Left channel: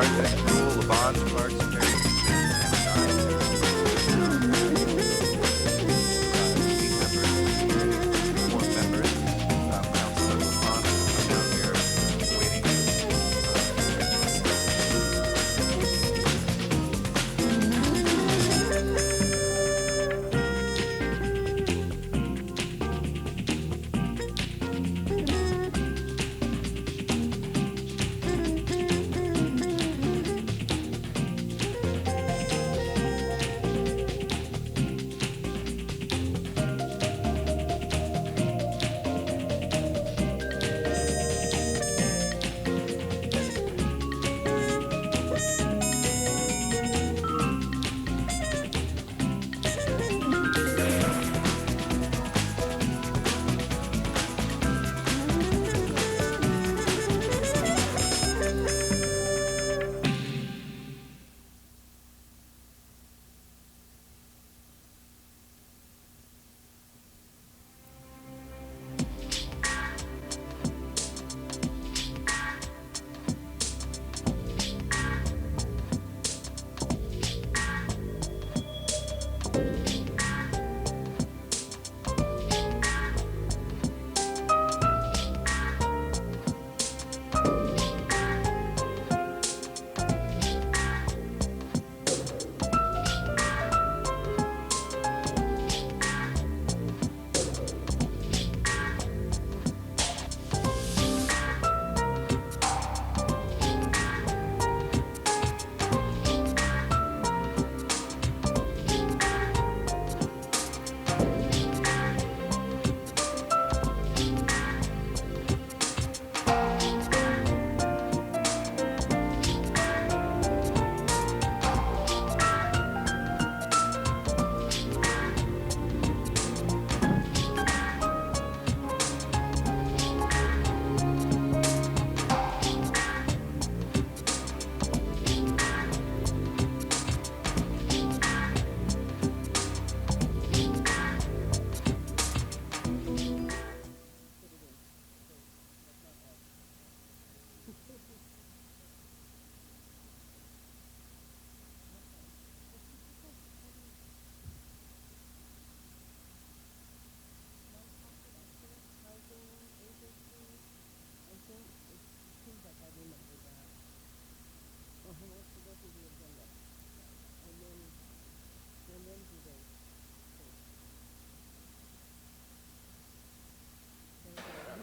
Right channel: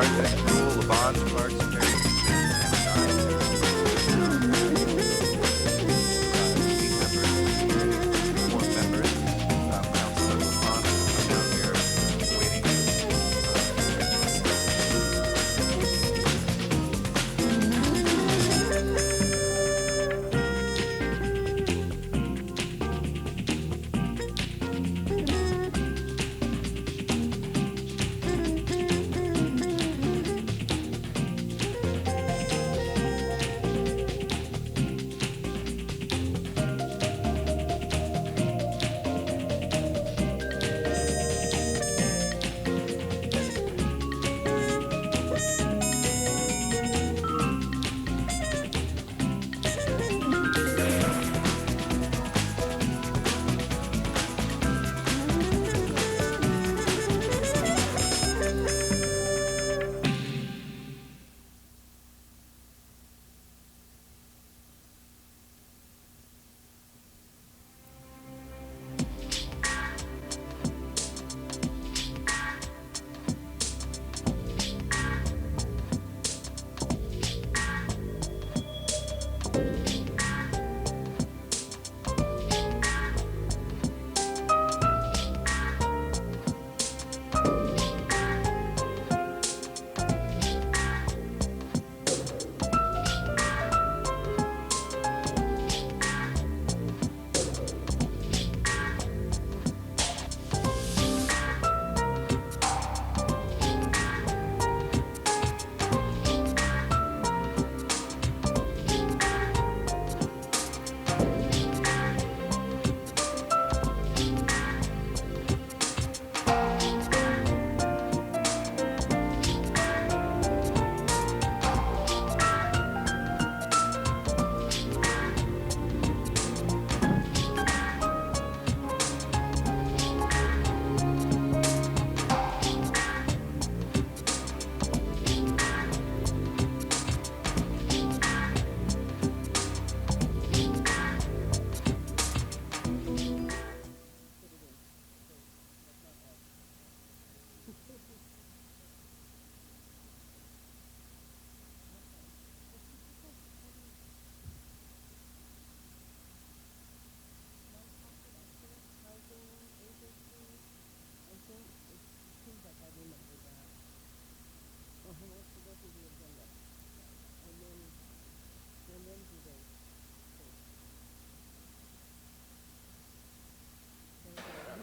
Cardenas, Rule, Labange, Parks, Perry,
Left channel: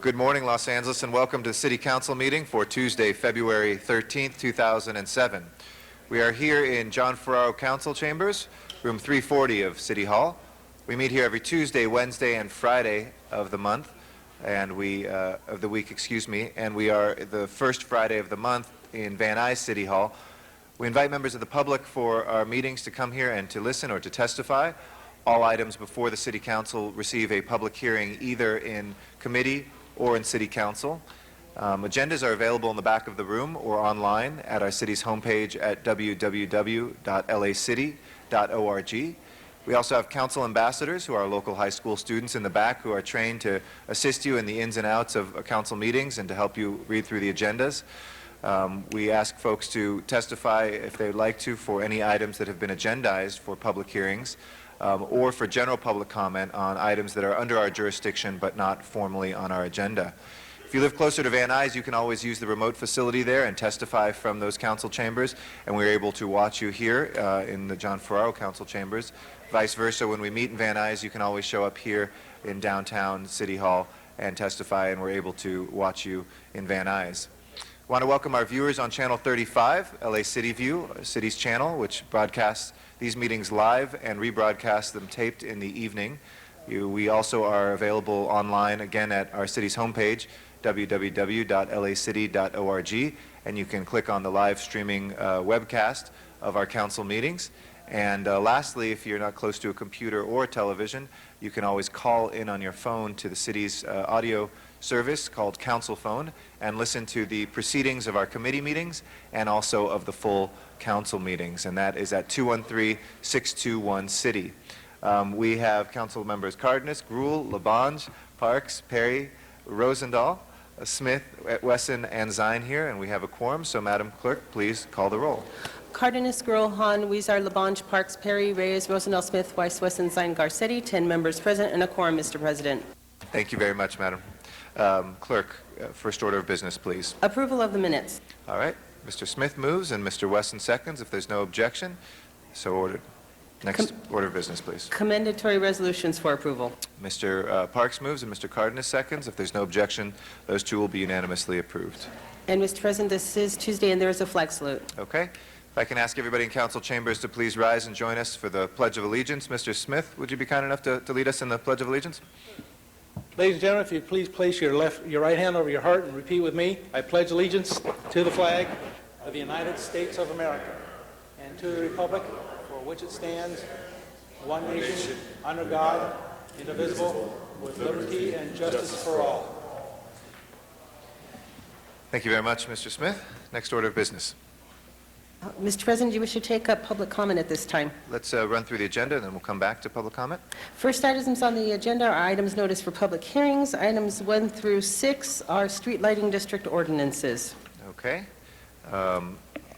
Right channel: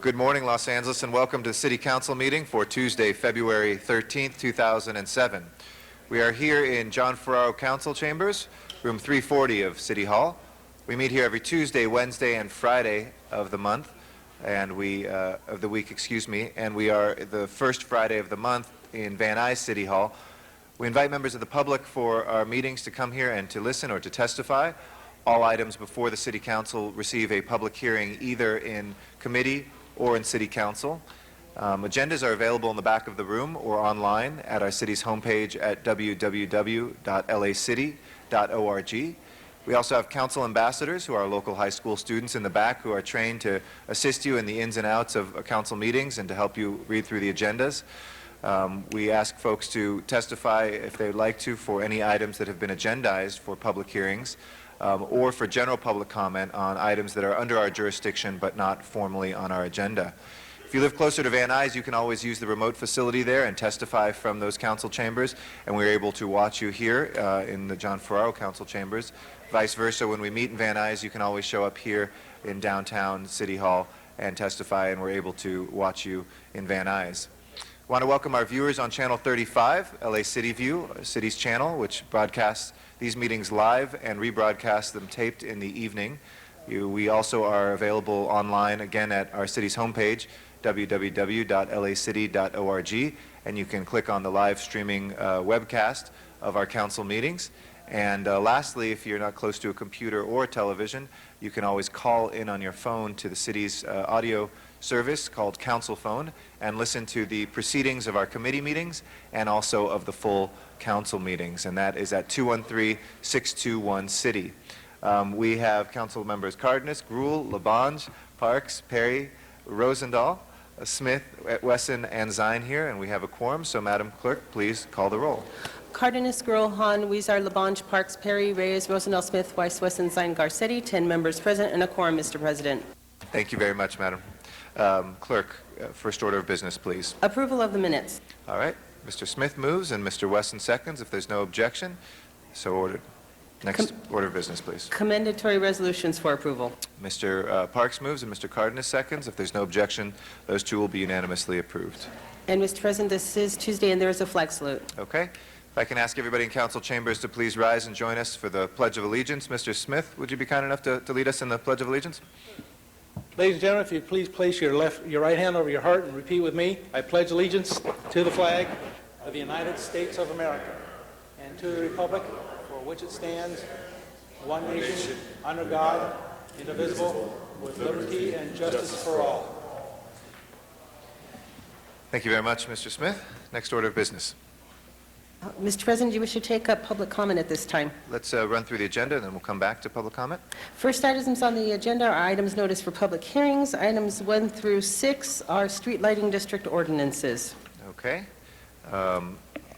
Good morning, Los Angeles, and welcome to the City Council meeting for Tuesday, February 13th, 2007. We are here in John Ferraro Council Chambers, room 340 of City Hall. We meet here every Tuesday, Wednesday, and Friday of the month, and of the week, and we are the first Friday of the month in Van Nuys City Hall. We invite members of the public for our meetings to come here and to listen or to testify. All items before the City Council receive a public hearing either in committee or in City Council. Agendas are available in the back of the room or online at our city's homepage at www.lacity.org. We also have council ambassadors who are local high school students in the back who are trained to assist you in the ins and outs of council meetings and to help you read through the agendas. We ask folks to testify if they'd like to for any items that have been agendized for public hearings or for general public comment on items that are under our jurisdiction but not formally on our agenda. If you live closer to Van Nuys, you can always use the remote facility there and testify from those council chambers, and we're able to watch you here in the John Ferraro Council Chambers. Vice versa, when we meet in Van Nuys, you can always show up here in downtown City Hall and testify, and we're able to watch you in Van Nuys. I want to welcome our viewers on Channel 35, LA City View, city's channel, which broadcasts these meetings live and rebroadcasts them taped in the evening. We also are available online again at our city's homepage, www.lacity.org, and you can click on the live streaming webcast of our council meetings. And lastly, if you're not close to a computer or a television, you can always call in on your phone to the city's audio service called Council Phone and listen to the proceedings of our committee meetings and also of the full council meetings, and that is at 213-621-CITY. We have council members Cardenas, Gruhl, Labange, Parks, Perry, Rosendahl, Smith, Wesson, and Zine here, and we have a quorum, so Madam Clerk, please call the roll. Cardenas, Gruel, Han, Weezer, Labange, Parks, Perry, Reyes, Rosendahl, Smith, Weiss, Wesson, Zine, Garcetti, 10 members present and a quorum, Mr. President. Thank you very much, Madam. Clerk, first order of business, please. Approval of the minutes. All right. Mr. Smith moves and Mr. Wesson seconds. If there's no objection, so ordered. Next order of business, please. Commendatory resolutions for approval. Mr. Parks moves and Mr. Cardenas seconds. If there's no objection, those two will be unanimously approved. And, Mr. President, this is Tuesday, and there is a flag salute. Okay. If I can ask everybody in council chambers to please rise and join us for the Pledge of Allegiance. Mr. Smith, would you be kind enough to lead us in the Pledge of Allegiance? Ladies and gentlemen, if you please place your right hand over your heart and repeat with me. I pledge allegiance to the flag of the United States of America and to the republic for which it stands, one nation, under God, indivisible, with liberty and justice for all. Thank you very much, Mr. Smith. Next order of business. Mr. President, do you wish to take up public comment at this time? Let's run through the agenda, and then we'll come back to public comment. First items on the agenda are items noticed for public hearings. Items 1 through 6 are street lighting district ordinances. Okay.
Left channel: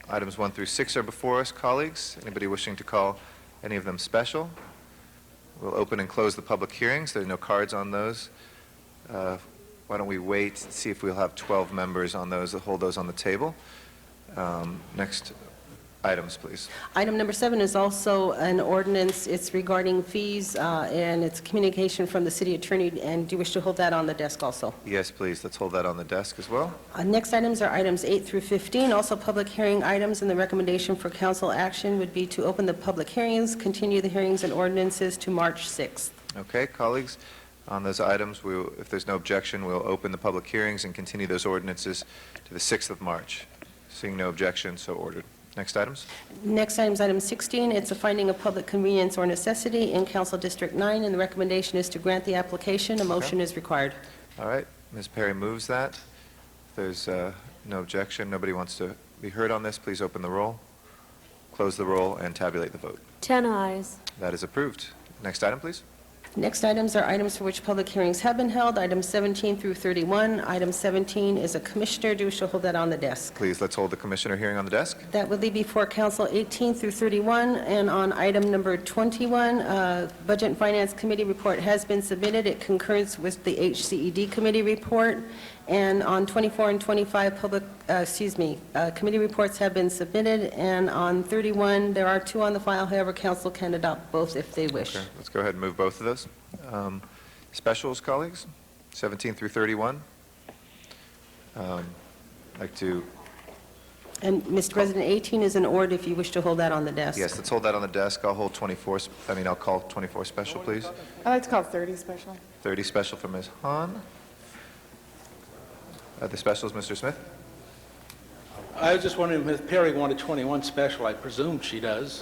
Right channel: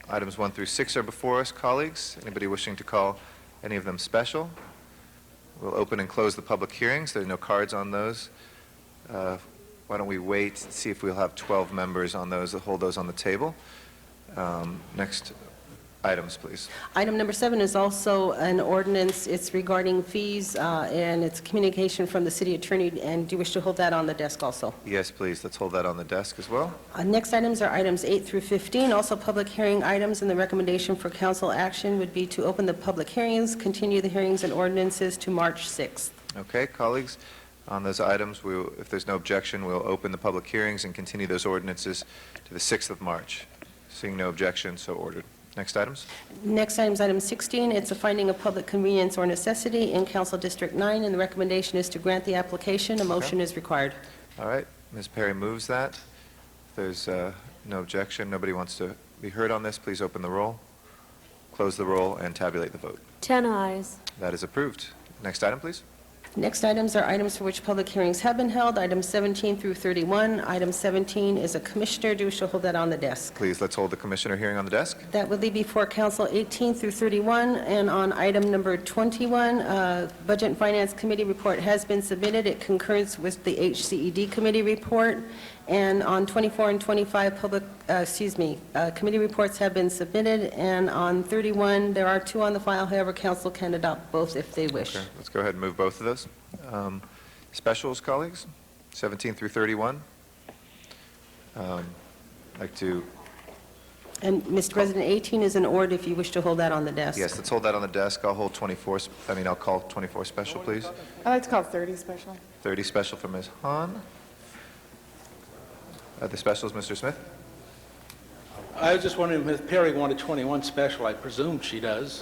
Items 1 through 6 are before us, colleagues. Anybody wishing to call any of them special? We'll open and close the public hearings. There are no cards on those. Why don't we wait and see if we'll have 12 members on those that hold those on the table. Next items, please. Item number 7 is also an ordinance. It's regarding fees, and it's communication from the city attorney. And do you wish to hold that on the desk also? Yes, please. Let's hold that on the desk as well. Next items are items 8 through 15, also public hearing items, and the recommendation for council action would be to open the public hearings, continue the hearings and ordinances to March 6th. Okay, colleagues, on those items, if there's no objection, we'll open the public hearings and continue those ordinances to the 6th of March. Seeing no objection, so ordered. Next items. Next item is item 16. It's a finding of public convenience or necessity in Council District 9, and the recommendation is to grant the application. A motion is required. All right. Ms. Perry moves that. If there's no objection, nobody wants to be heard on this, please open the roll, close the roll, and tabulate the vote. 10 ayes. That is approved. Next item, please. Next items are items for which public hearings have been held, items 17 through 31. Item 17 is a commissioner. Do you wish to hold that on the desk? Please, let's hold the commissioner hearing on the desk. That would leave before council 18 through 31, and on item number 21, Budget and Finance Committee report has been submitted. It concurs with the HCED committee report, and on 24 and 25, committee reports have been submitted, and on 31, there are 2 on the file. However, council can adopt both if they wish. Okay, let's go ahead and move both of those. Specials, colleagues, 17 through 31. I'd like to... And, Mr. President, 18 is an ord if you wish to hold that on the desk. Yes, let's hold that on the desk. I'll call 24 special, please. I'd like to call 30 special. 30 special for Ms. Hahn. The specials, Mr. Smith? I was just wondering if Ms. Perry wanted 21 special. I presume she does.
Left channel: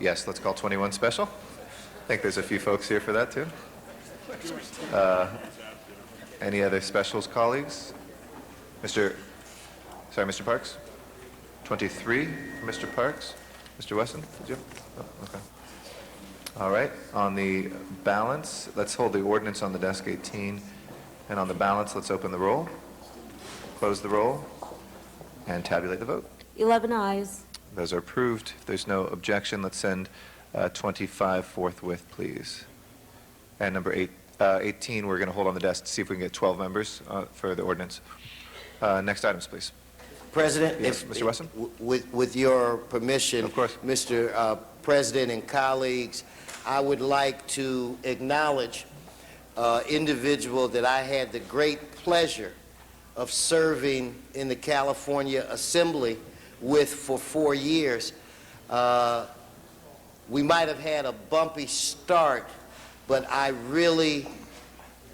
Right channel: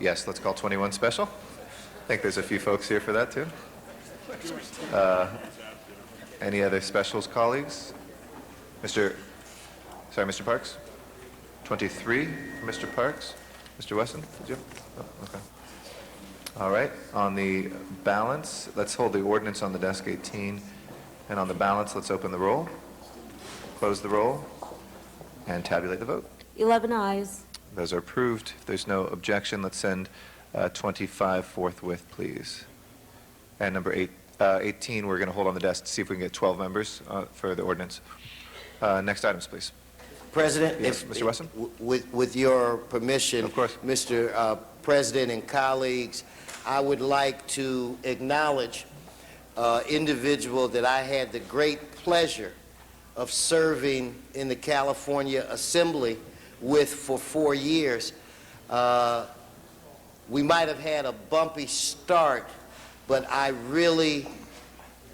Yes, let's call 21 special. I think there's a few folks here for that, too. Any other specials, colleagues? Mr. Parks? 23 for Mr. Parks. Mr. Wesson, did you? Oh, okay. All right. On the balance, let's hold the ordinance on the desk, 18. And on the balance, let's open the roll, close the roll, and tabulate the vote. 11 ayes. Those are approved. If there's no objection, let's send 25 forthwith, please. And number 18, we're going to hold on the desk to see if we can get 12 members for the ordinance. Next items, please. President, Yes, Mr. Wesson? With your permission, Of course. Mr. President and colleagues, I would like to acknowledge an individual that I had the great pleasure of serving in the California Assembly with for 4 years. We might have had a bumpy start, but I really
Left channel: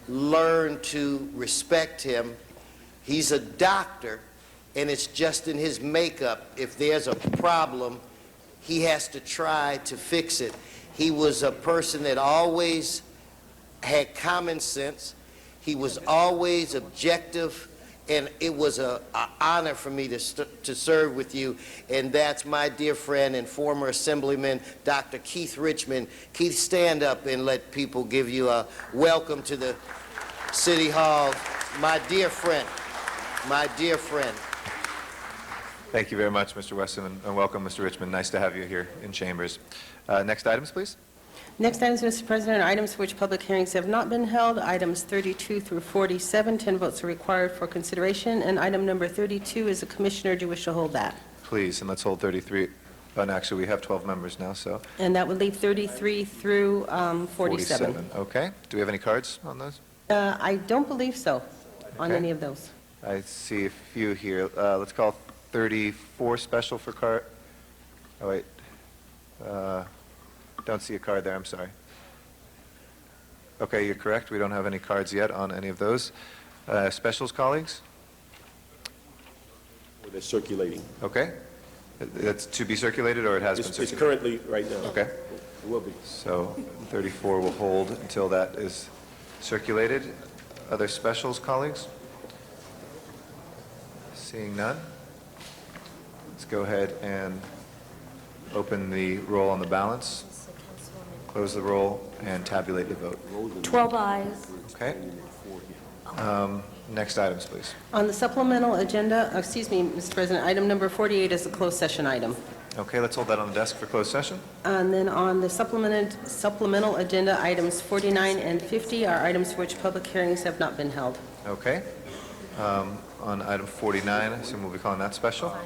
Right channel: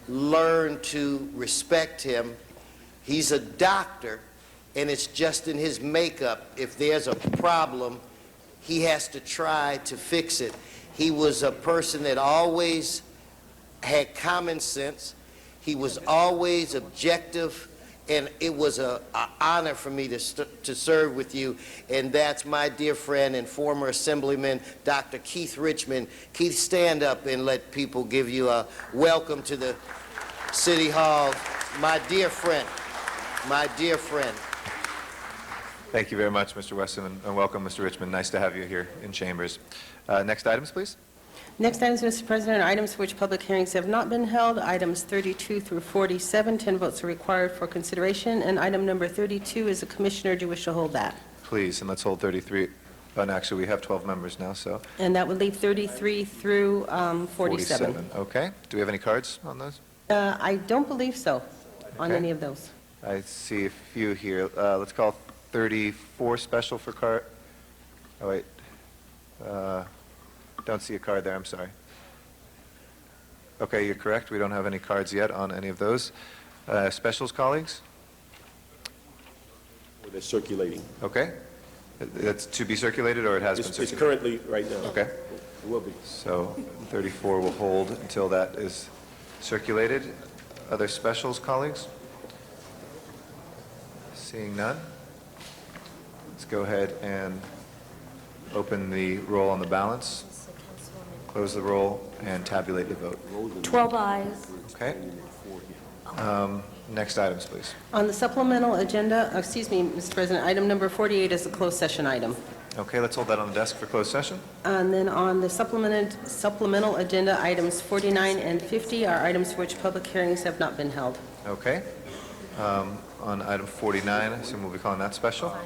learned to respect him. He's a doctor, and it's just in his makeup. If there's a problem, he has to try to fix it. He was a person that always had common sense. He was always objective, and it was an honor for me to serve with you. And that's my dear friend and former Assemblyman, Dr. Keith Richmond. Keith, stand up and let people give you a welcome to the City Hall. My dear friend. my dear friend. Thank you very much, Mr. Weston, and welcome, Mr. Richmond. Nice to have you here in Chambers. Next items, please. Next items, Mr. President, are items for which public hearings have not been held. Items 32 through 47, 10 votes are required for consideration. And item number 32 is a commissioner. Do you wish to hold that? Please, and let's hold 33. And actually, we have 12 members now, so And that would leave 33 through 47. Okay. Do we have any cards on those? I don't believe so on Okay. any of those. I see a few here. Let's call 34 special for card. Oh, wait. Don't see a card there, I'm sorry. Okay, you're correct. We don't have any cards yet on any of those. Specials, colleagues? They're circulating. Okay. That's to be circulated, or it has been It's circulated? currently, right now. Okay. It will be. So 34 will hold until that is circulated. Other specials, colleagues? Seeing none? Let's go ahead and open the roll on the balance, close the roll, and tabulate the vote. 12 ayes. Okay? Next items, please. On the supplemental agenda, excuse me, Mr. President, item number 48 is a closed session item. Okay, let's hold that on the desk for closed session. And then on the supplemental agenda, items 49 and 50 are items for which public hearings have not been held. Okay. On item 49, I assume we'll be calling that special.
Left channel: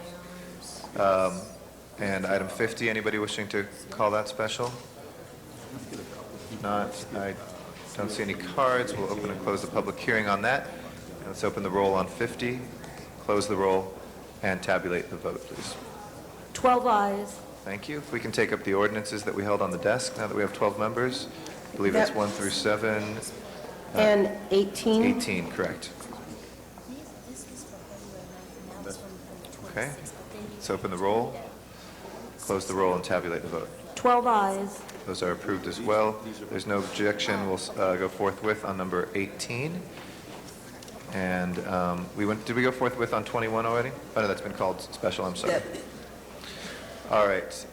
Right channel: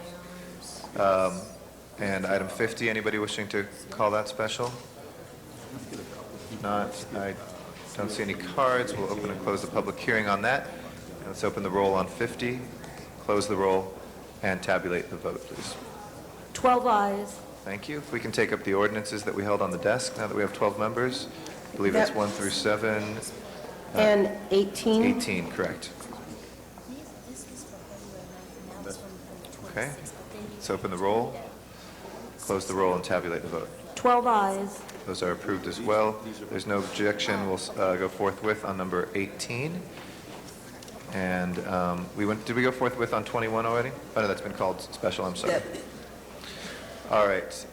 And item 50, anybody wishing to call that special? Not, I don't see any cards. We'll open and close the public hearing on that. And let's open the roll on 50, close the roll, and tabulate the vote, please. 12 ayes. Thank you. If we can take up the ordinances that we held on the desk, now that we have 12 members, I believe that's Yep. 1 through 7. And 18? 18, correct. Okay. Let's open the roll, close the roll, and tabulate the vote. 12 ayes. Those are approved as well. There's no objection. We'll go forthwith on number 18. And did we go forthwith on 21 already? Oh, no, that's been called special, I'm sorry. Yep. All right.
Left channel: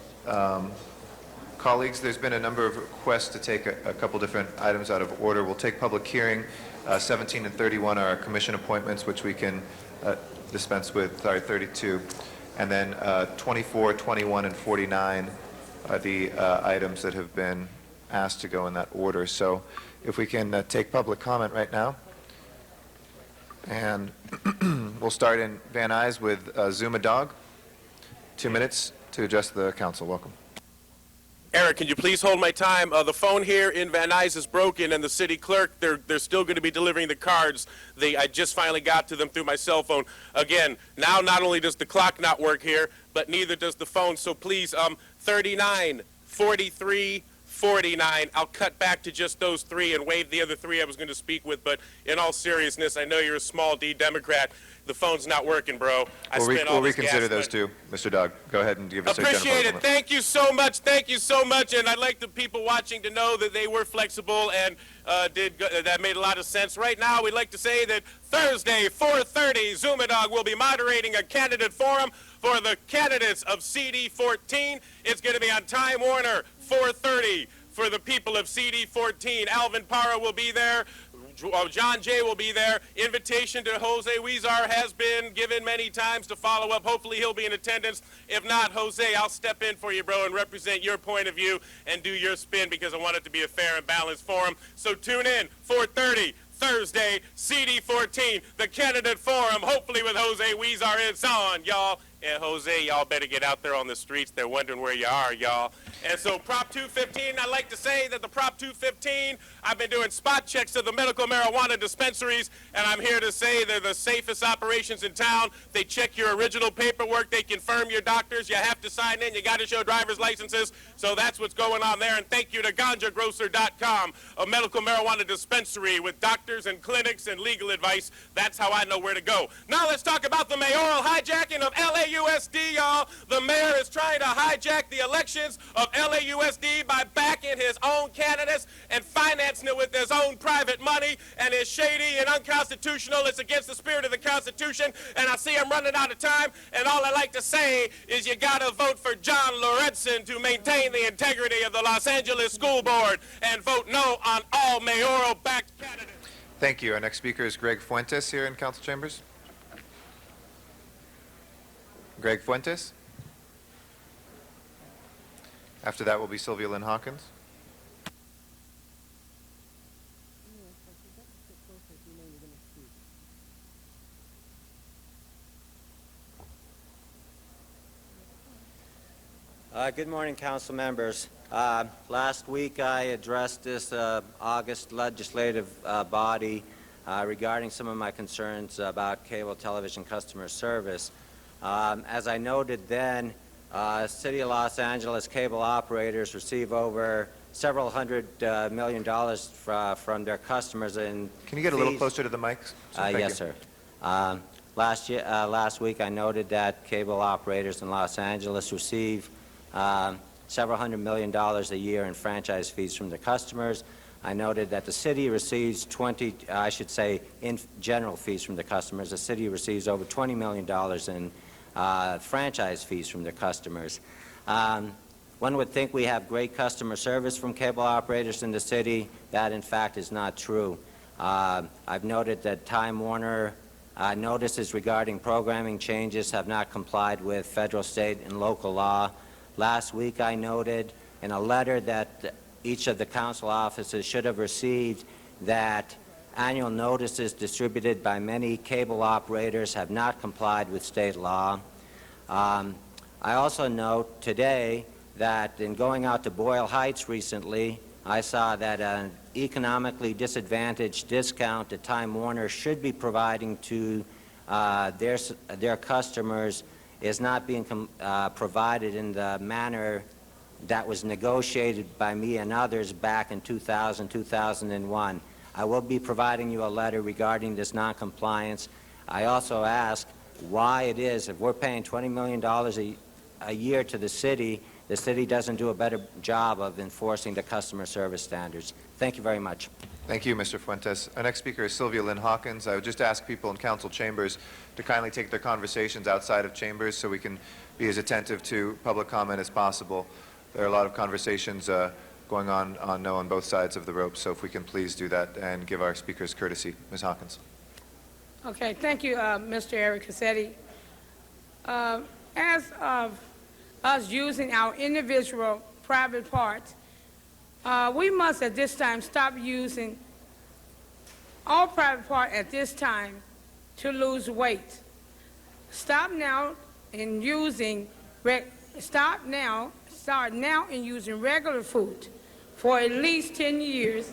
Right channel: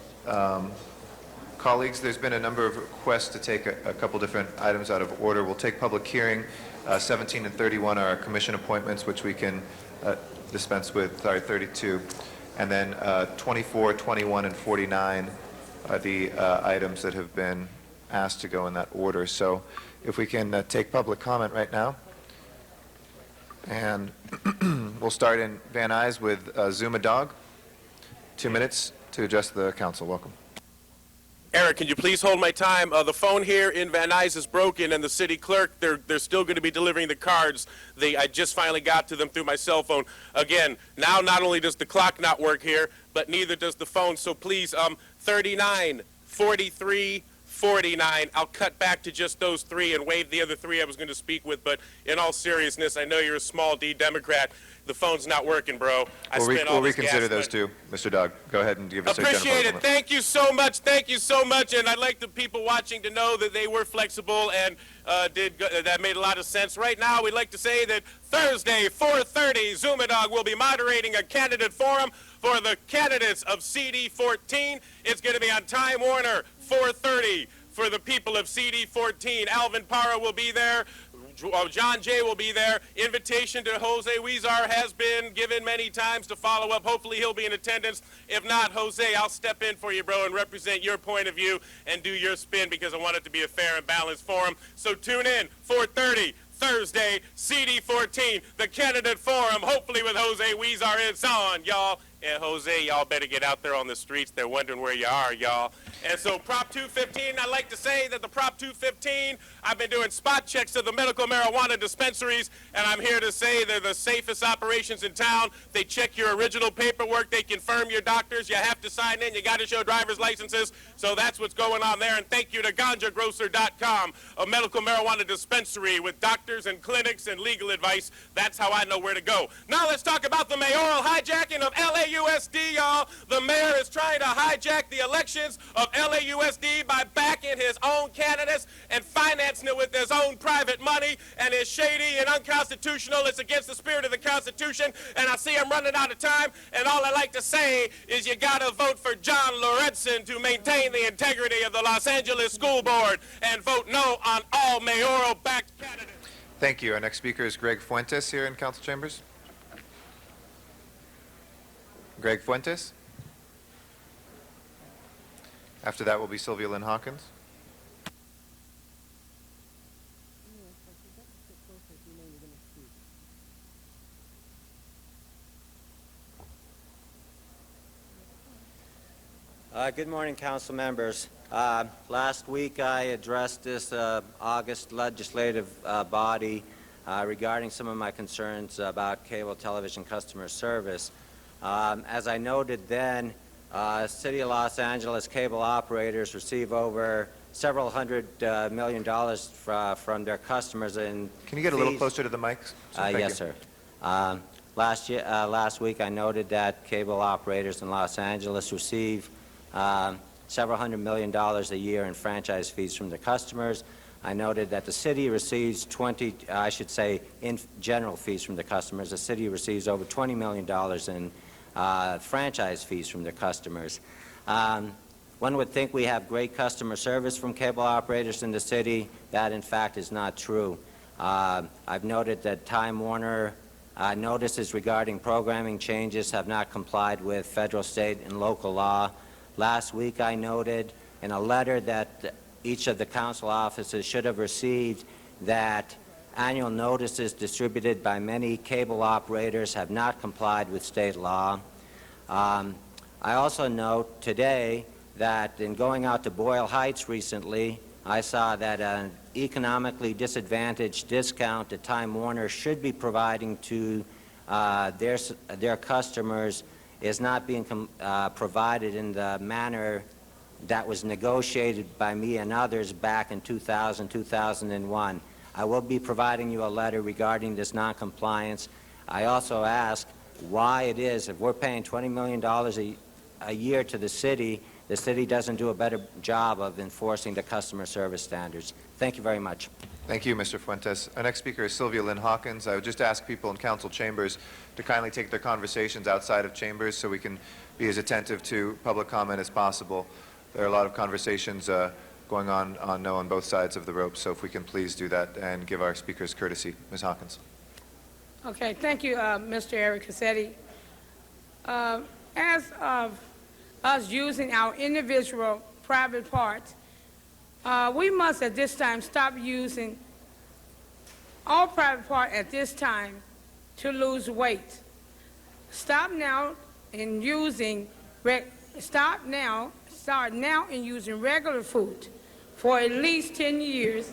Colleagues, there's been a number of requests to take a couple different items out of order. We'll take public hearing. 17 and 31 are commission appointments, which we can dispense with, 32. And then 24, 21, and 49 are the items that have been asked to go in that order. So if we can take public comment right now. And we'll start in Van Nuys with Zuma Dog. 2 minutes to address the council. Welcome. Eric, can you please hold my time? The phone here in Van Nuys is broken, and the city clerk, they're still going to be delivering the cards. I just finally got to them through my cell phone. Again, now not only does the clock not work here, but neither does the phone. So please, 39, 43, 49. I'll cut back to just those 3 and waive the other 3 I was going to speak with. But in all seriousness, I know you're a small D Democrat. The phone's not working, bro. We'll reconsider those two, Mr. Dog. Go ahead and give us a general Appreciate it. comment. Thank you so much. Thank you so much. And I'd like the people watching to know that they were flexible and that made a lot of sense. Right now, we'd like to say that Thursday, 4:30, Zuma Dog will be moderating a candidate forum for the candidates of CD14. It's going to be on Time Warner, 4:30. For the people of CD14, Alvin Parra will be there. John Jay will be there. Invitation to Jose Huizar has been given many times to follow up. Hopefully he'll be in attendance. If not, Jose, I'll step in for you, bro, and represent your point of view and do your spin because I want it to be a fair and balanced forum. So tune in, 4:30. Thursday, CD14, the candidate forum, hopefully with Jose Huizar. It's on, y'all. And Jose, y'all better get out there on the streets. They're wondering where you are, y'all. And so Prop 215, I'd like to say that the Prop 215, I've been doing spot checks to the medical marijuana dispensaries, and I'm here to say they're the safest operations in town. They check your original paperwork. They confirm your doctors. You have to sign in. You got to show driver's licenses. So that's what's going on there. And thank you to GanjaGrocer.com, a medical marijuana dispensary with doctors and clinics and legal advice. That's how I know where to go. Now let's talk about the mayoral hijacking of LAUSD, y'all. The mayor is trying to hijack the elections of LAUSD by backing his own candidates and financing it with his own private money, and it's shady and unconstitutional. It's against the spirit of the Constitution, and I see I'm running out of time, and all I like to say is you gotta vote for John Lorenzen to maintain the integrity of the Los Angeles School Board and vote no on all mayoral-backed candidates. Thank you. Our next speaker is Greg Fuentes here in Council Chambers. Greg Fuentes. After that will be Sylvia Lynn Hawkins. Good morning, council members. Last week I addressed this August legislative body regarding some of my concerns about cable television customer service. As I noted then, City of Los Angeles cable operators receive over several $100 million from their customers in Can you get a little fees. closer to the mic? Thank Yes, you. sir. Last week I noted that cable operators in Los Angeles receive several $100 million a year in franchise fees from their customers. I noted that the city receives in general fees from the customers. The city receives over $20 million in franchise fees from their customers. One would think we have great customer service from cable operators in the city. That, in fact, is not true. I've noted that Time Warner notices regarding programming changes have not complied with federal, state, and local law. Last week I noted in a letter that each of the council offices should have received that annual notices distributed by many cable operators have not complied with state law. I also note today that in going out to Boyle Heights recently, I saw that an economically disadvantaged discount that Time Warner should be providing to their customers is not being provided in the manner that was negotiated by me and others back in 2000, 2001. I will be providing you a letter regarding this noncompliance. I also ask why it is, if we're paying $20 million a year to the city doesn't do a better job of enforcing the customer service standards. Thank you very much. Thank you, Mr. Fuentes. Our next speaker is Sylvia Lynn Hawkins. I would just ask people in council chambers to kindly take their conversations outside of chambers so we can be as attentive to public comment as possible. There are a lot of conversations going on both sides of the rope, so if we can please do that and give our speakers courtesy. Ms. Hawkins. Okay, thank you, Mr. Eric Cassetti. As of us using our individual private parts, we must at this time stop using all private part at this time to lose weight. Start now in using regular food for at least 10 years.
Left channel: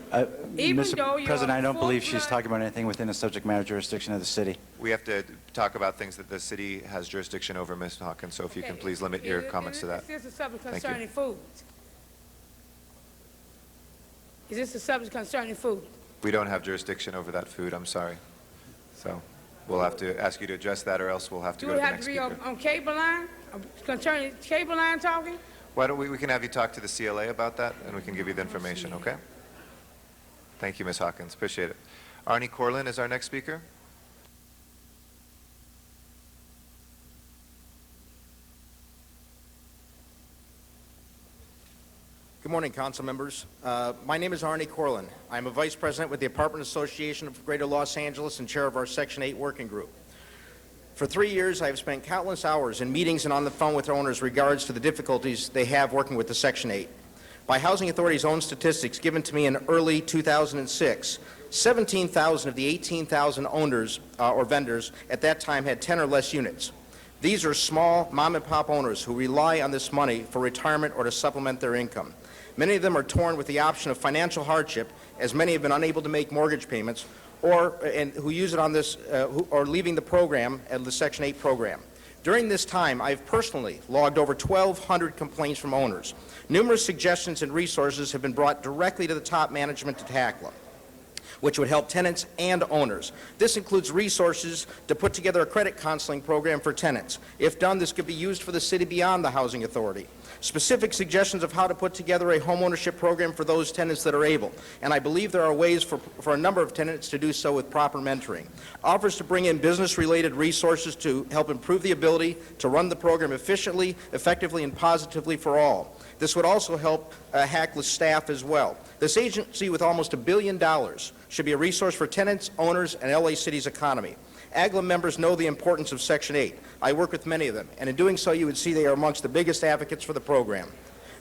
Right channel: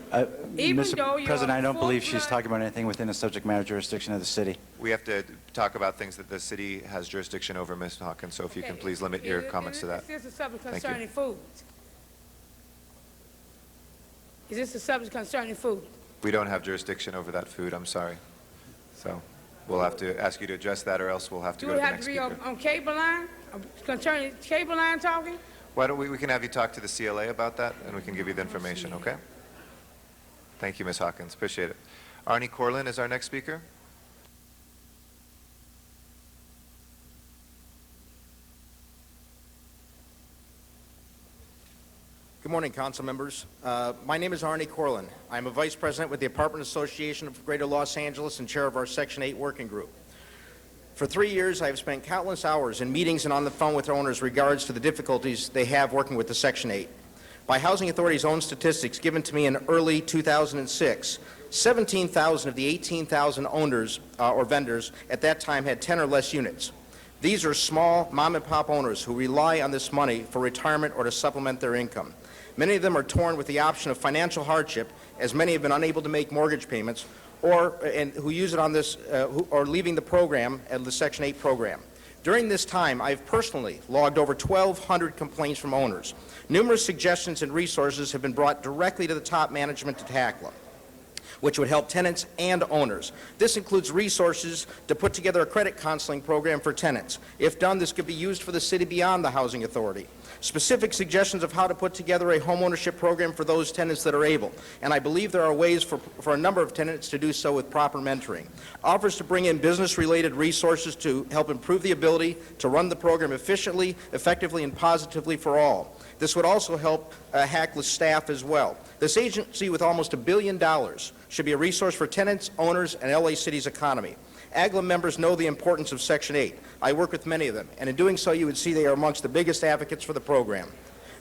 Even though Mr. President, I don't believe she's full-blood- talking about anything within the subject matter jurisdiction of the city. We have to talk about things that the city has jurisdiction over, Ms. Hawkins, so if you can please limit your comments to that. Is this a subject Thank you. concerning food? Is this a subject concerning food? We don't have jurisdiction over that food, I'm sorry. So we'll have to ask you to address that, or else we'll have to Do go to it the have next to be speaker. on cable line, concerning cable line talking? Why don't we can have you talk to the CLA about that, and we can give you the information, okay? Thank you, Ms. Hawkins, appreciate it. Arnie Corlin is our next speaker. Good morning, council members. My name is Arnie Corlin. I'm a vice president with the Apartment Association of Greater Los Angeles and chair of our Section 8 working group. For 3 years, I have spent countless hours in meetings and on the phone with owners regards to the difficulties they have working with the Section 8. By Housing Authority's own statistics given to me in early 2006, 17,000 of the 18,000 owners or vendors at that time had 10 or less units. These are small mom-and-pop owners who rely on this money for retirement or to supplement their income. Many of them are torn with the option of financial hardship, as many have been unable to make mortgage payments, and who use it on this, who are leaving the program, the Section 8 program. During this time, I've personally logged over 1,200 complaints from owners. Numerous suggestions and resources have been brought directly to the top management to tackle, which would help tenants and owners. This includes resources to put together a credit counseling program for tenants. If done, this could be used for the city beyond the Housing Authority. Specific suggestions of how to put together a homeownership program for those tenants that are able. And I believe there are ways for a number of tenants to do so with proper mentoring. Offers to bring in business-related resources to help improve the ability to run the program efficiently, effectively, and positively for all. This would also help HACLA's staff as well. This agency with almost $1 billion should be a resource for tenants, owners, and LA City's economy. AGLA members know the importance of Section 8. I work with many of them, and in doing so, you would see they are amongst the biggest advocates for the program.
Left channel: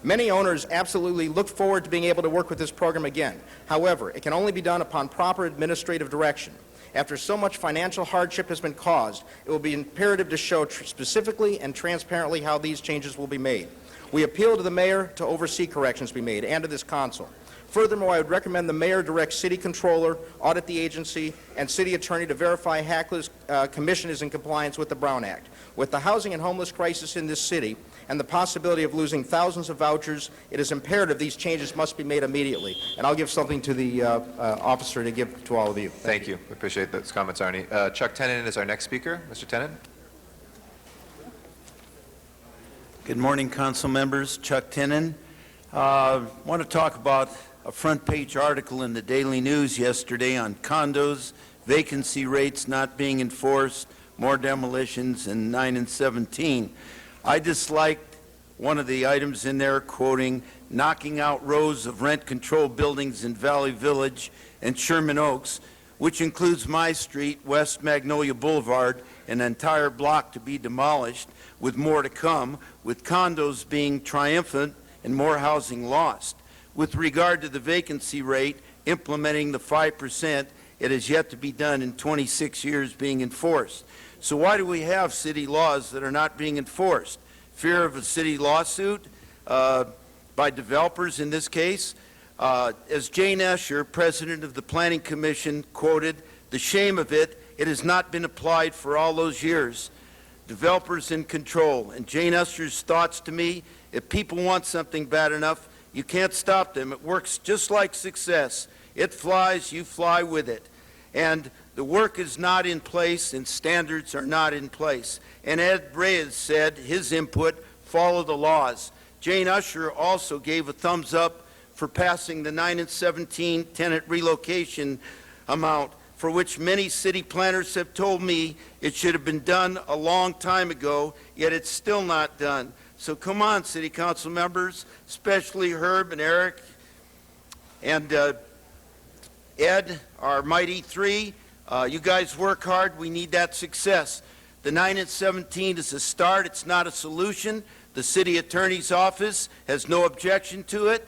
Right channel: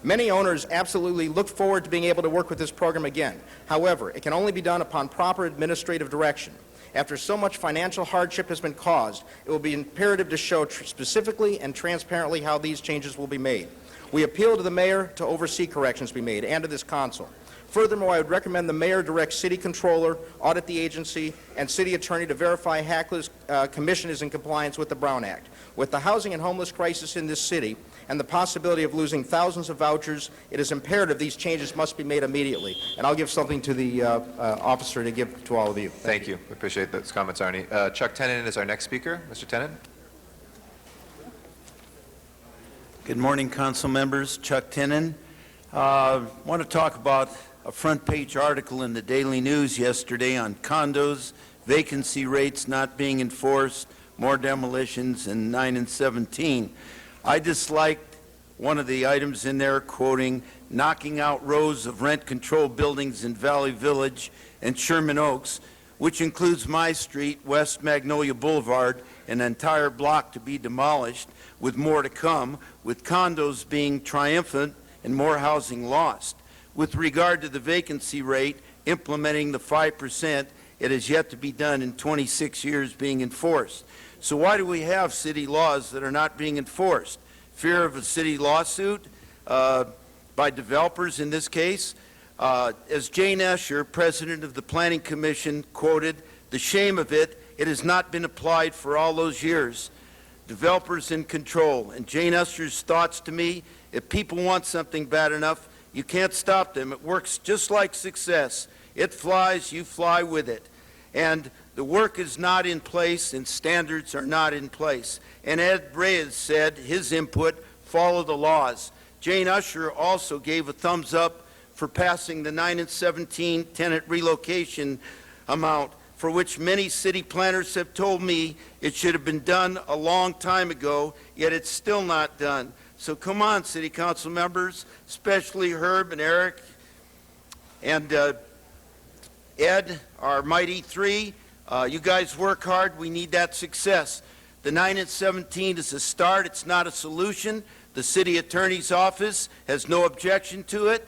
Many owners absolutely look forward to being able to work with this program again. However, it can only be done upon proper administrative direction. After so much financial hardship has been caused, it will be imperative to show specifically and transparently how these changes will be made. We appeal to the mayor to oversee corrections be made and to this council. Furthermore, I would recommend the mayor direct city controller, audit the agency, and city attorney to verify HACLA's commission is in compliance with the Brown Act. With the housing and homeless crisis in this city and the possibility of losing thousands of vouchers, it is imperative these changes must be made immediately. And I'll give something to the officer to give to all of you. Thank you. We appreciate those comments, Arnie. Chuck Tenen is our next speaker. Mr. Tenen? Good morning, council members. Chuck Tenen. I want to talk about a front-page article in the Daily News yesterday on condos, vacancy rates not being enforced, more demolitions in 9 and 17. I disliked one of the items in there quoting, knocking out rows of rent-controlled buildings in Valley Village and Sherman Oaks, which includes my street, West Magnolia Boulevard, an entire block to be demolished, with more to come, with condos being triumphant and more housing lost. With regard to the vacancy rate, implementing the 5%, it has yet to be done in 26 years being enforced. So why do we have city laws that are not being enforced? Fear of a city lawsuit by developers in this case? As Jane Escher, president of the Planning Commission, quoted, the shame of it, it has not been applied for all those years. Developers in control. And Jane Escher's thoughts to me, if people want something bad enough, you can't stop them. It works just like success. It flies, you fly with it. And the work is not in place and standards are not in place. And Ed Reyes said his input, follow the laws. Jane Escher also gave a thumbs up for passing the 9 and 17 tenant relocation amount, for which many city planners have told me it should have been done a long time ago, yet it's still not done. So come on, city council members, especially Herb and Eric and Ed, our mighty three. You guys work hard. We need that success. The 9 and 17 is a start. It's not a solution. The city attorney's office has no objection to it.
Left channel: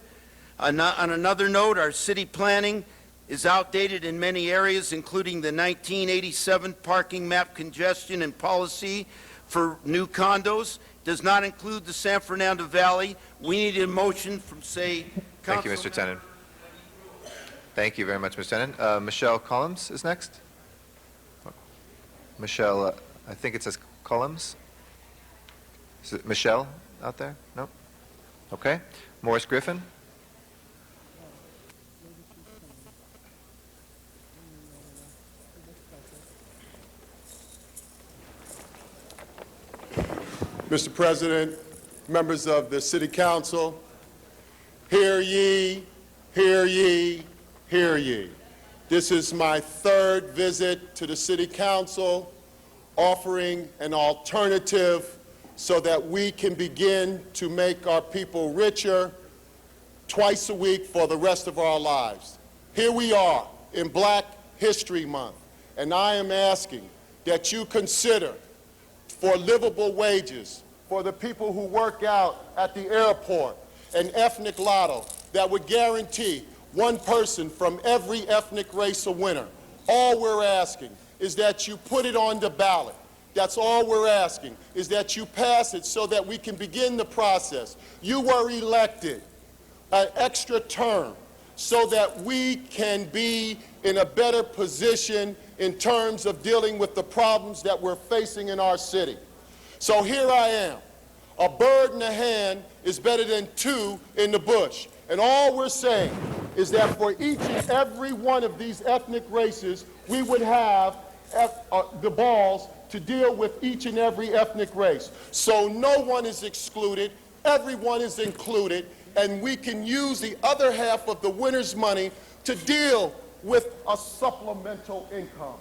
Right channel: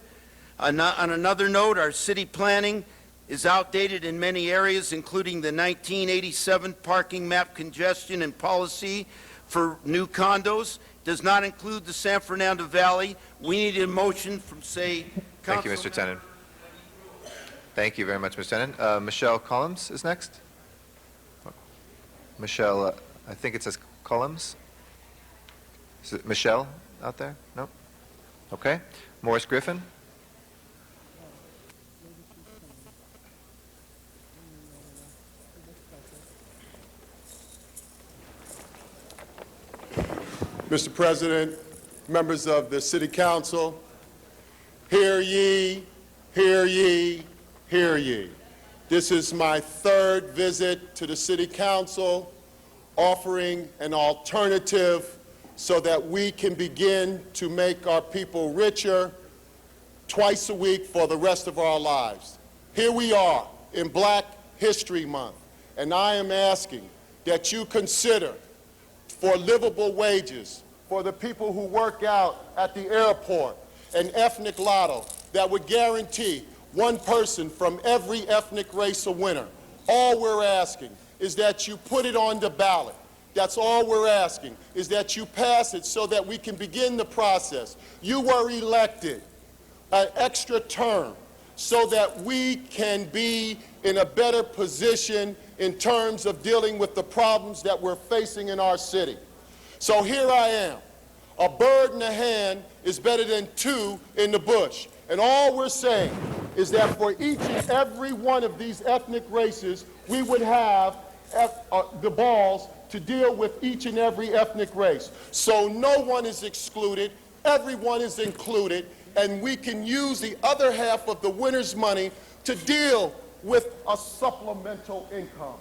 On another note, our city planning is outdated in many areas, including the 1987 parking map congestion and policy for new condos. Does not include the San Fernando Valley. We need a motion from, say, Thank you, Mr. Tenen. Thank you very much, Mr. Tenen. Michelle Collins is next. Michelle, I think it says Collins. Is it Michelle out there? No? Okay. Morris Griffin. Mr. President, members of the City Council, hear ye, hear ye, hear ye. This is my third visit to the City Council, offering an alternative so that we can begin to make our people richer twice a week for the rest of our lives. Here we are in Black History Month, and I am asking that you consider for livable wages for the people who work out at the airport, an ethnic lotto that would guarantee one person from every ethnic race a winner. All we're asking is that you put it on the ballot. That's all we're asking, is that you pass it so that we can begin the process. You were elected an extra term so that we can be in a better position in terms of dealing with the problems that we're facing in our city. So here I am. A bird in the hand is better than two in the bush. And all we're saying is that for each and every one of these ethnic races, we would have the balls to deal with each and every ethnic race. So no one is excluded, everyone is included, and we can use the other half of the winner's money to deal with a supplemental income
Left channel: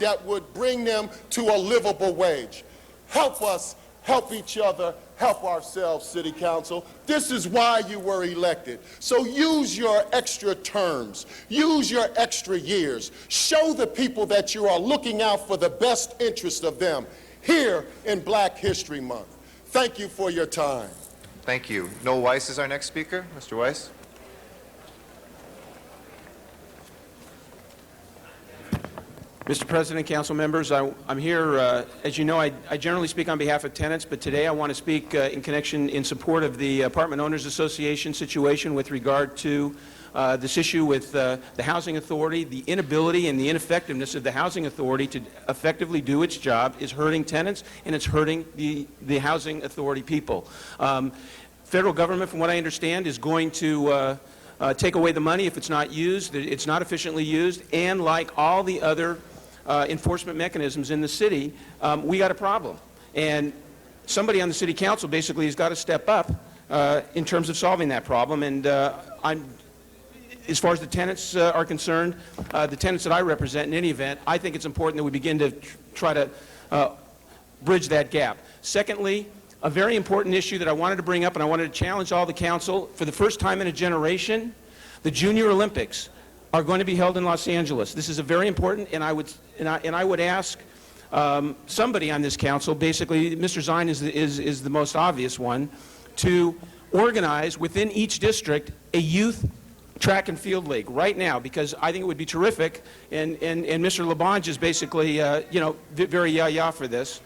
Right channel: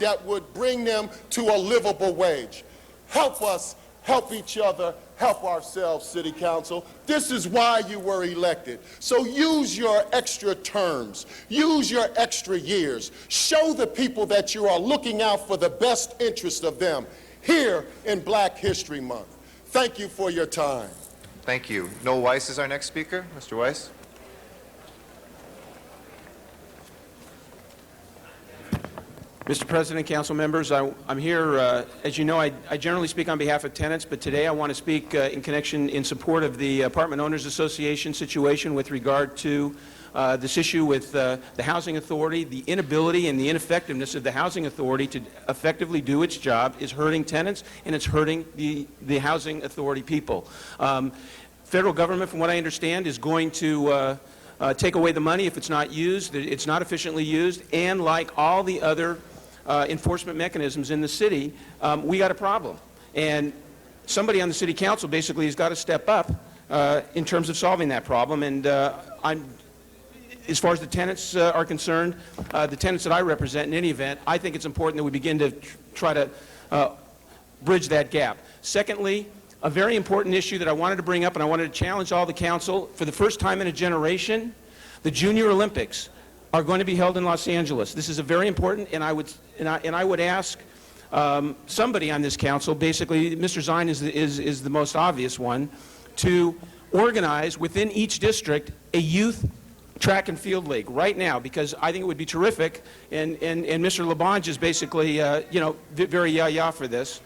that would bring them to a livable wage. Help us help each other, help ourselves, City Council. This is why you were elected. So use your extra terms. Use your extra years. Show the people that you are looking out for the best interest of them here in Black History Month. Thank you for your time. Thank you. Noel Weiss is our next speaker. Mr. Weiss. Mr. President, council members, I'm here, as you know, I generally speak on behalf of tenants, but today I want to speak in support of the Apartment Owners Association situation with regard to this issue with the Housing Authority. The inability and the ineffectiveness of the Housing Authority to effectively do its job is hurting tenants, and it's hurting the Housing Authority people. Federal government, from what I understand, is going to take away the money if it's not used, it's not efficiently used, and like all the other enforcement mechanisms in the city, we got a problem. And somebody on the city council basically has got to step up in terms of solving that problem. And as far as the tenants are concerned, the tenants that I represent in any event, I think it's important that we begin to try to bridge that gap. Secondly, a very important issue that I wanted to bring up, and I wanted to challenge all the council, for the first time in a generation, the Junior Olympics are going to be held in Los Angeles. This is a very important, and I would ask somebody on this council, basically Mr. Zine is the most obvious one, to organize within each district a youth track and field league right now, because I think it would be terrific, and Mr. LaBonge is basically, very yah-yah for this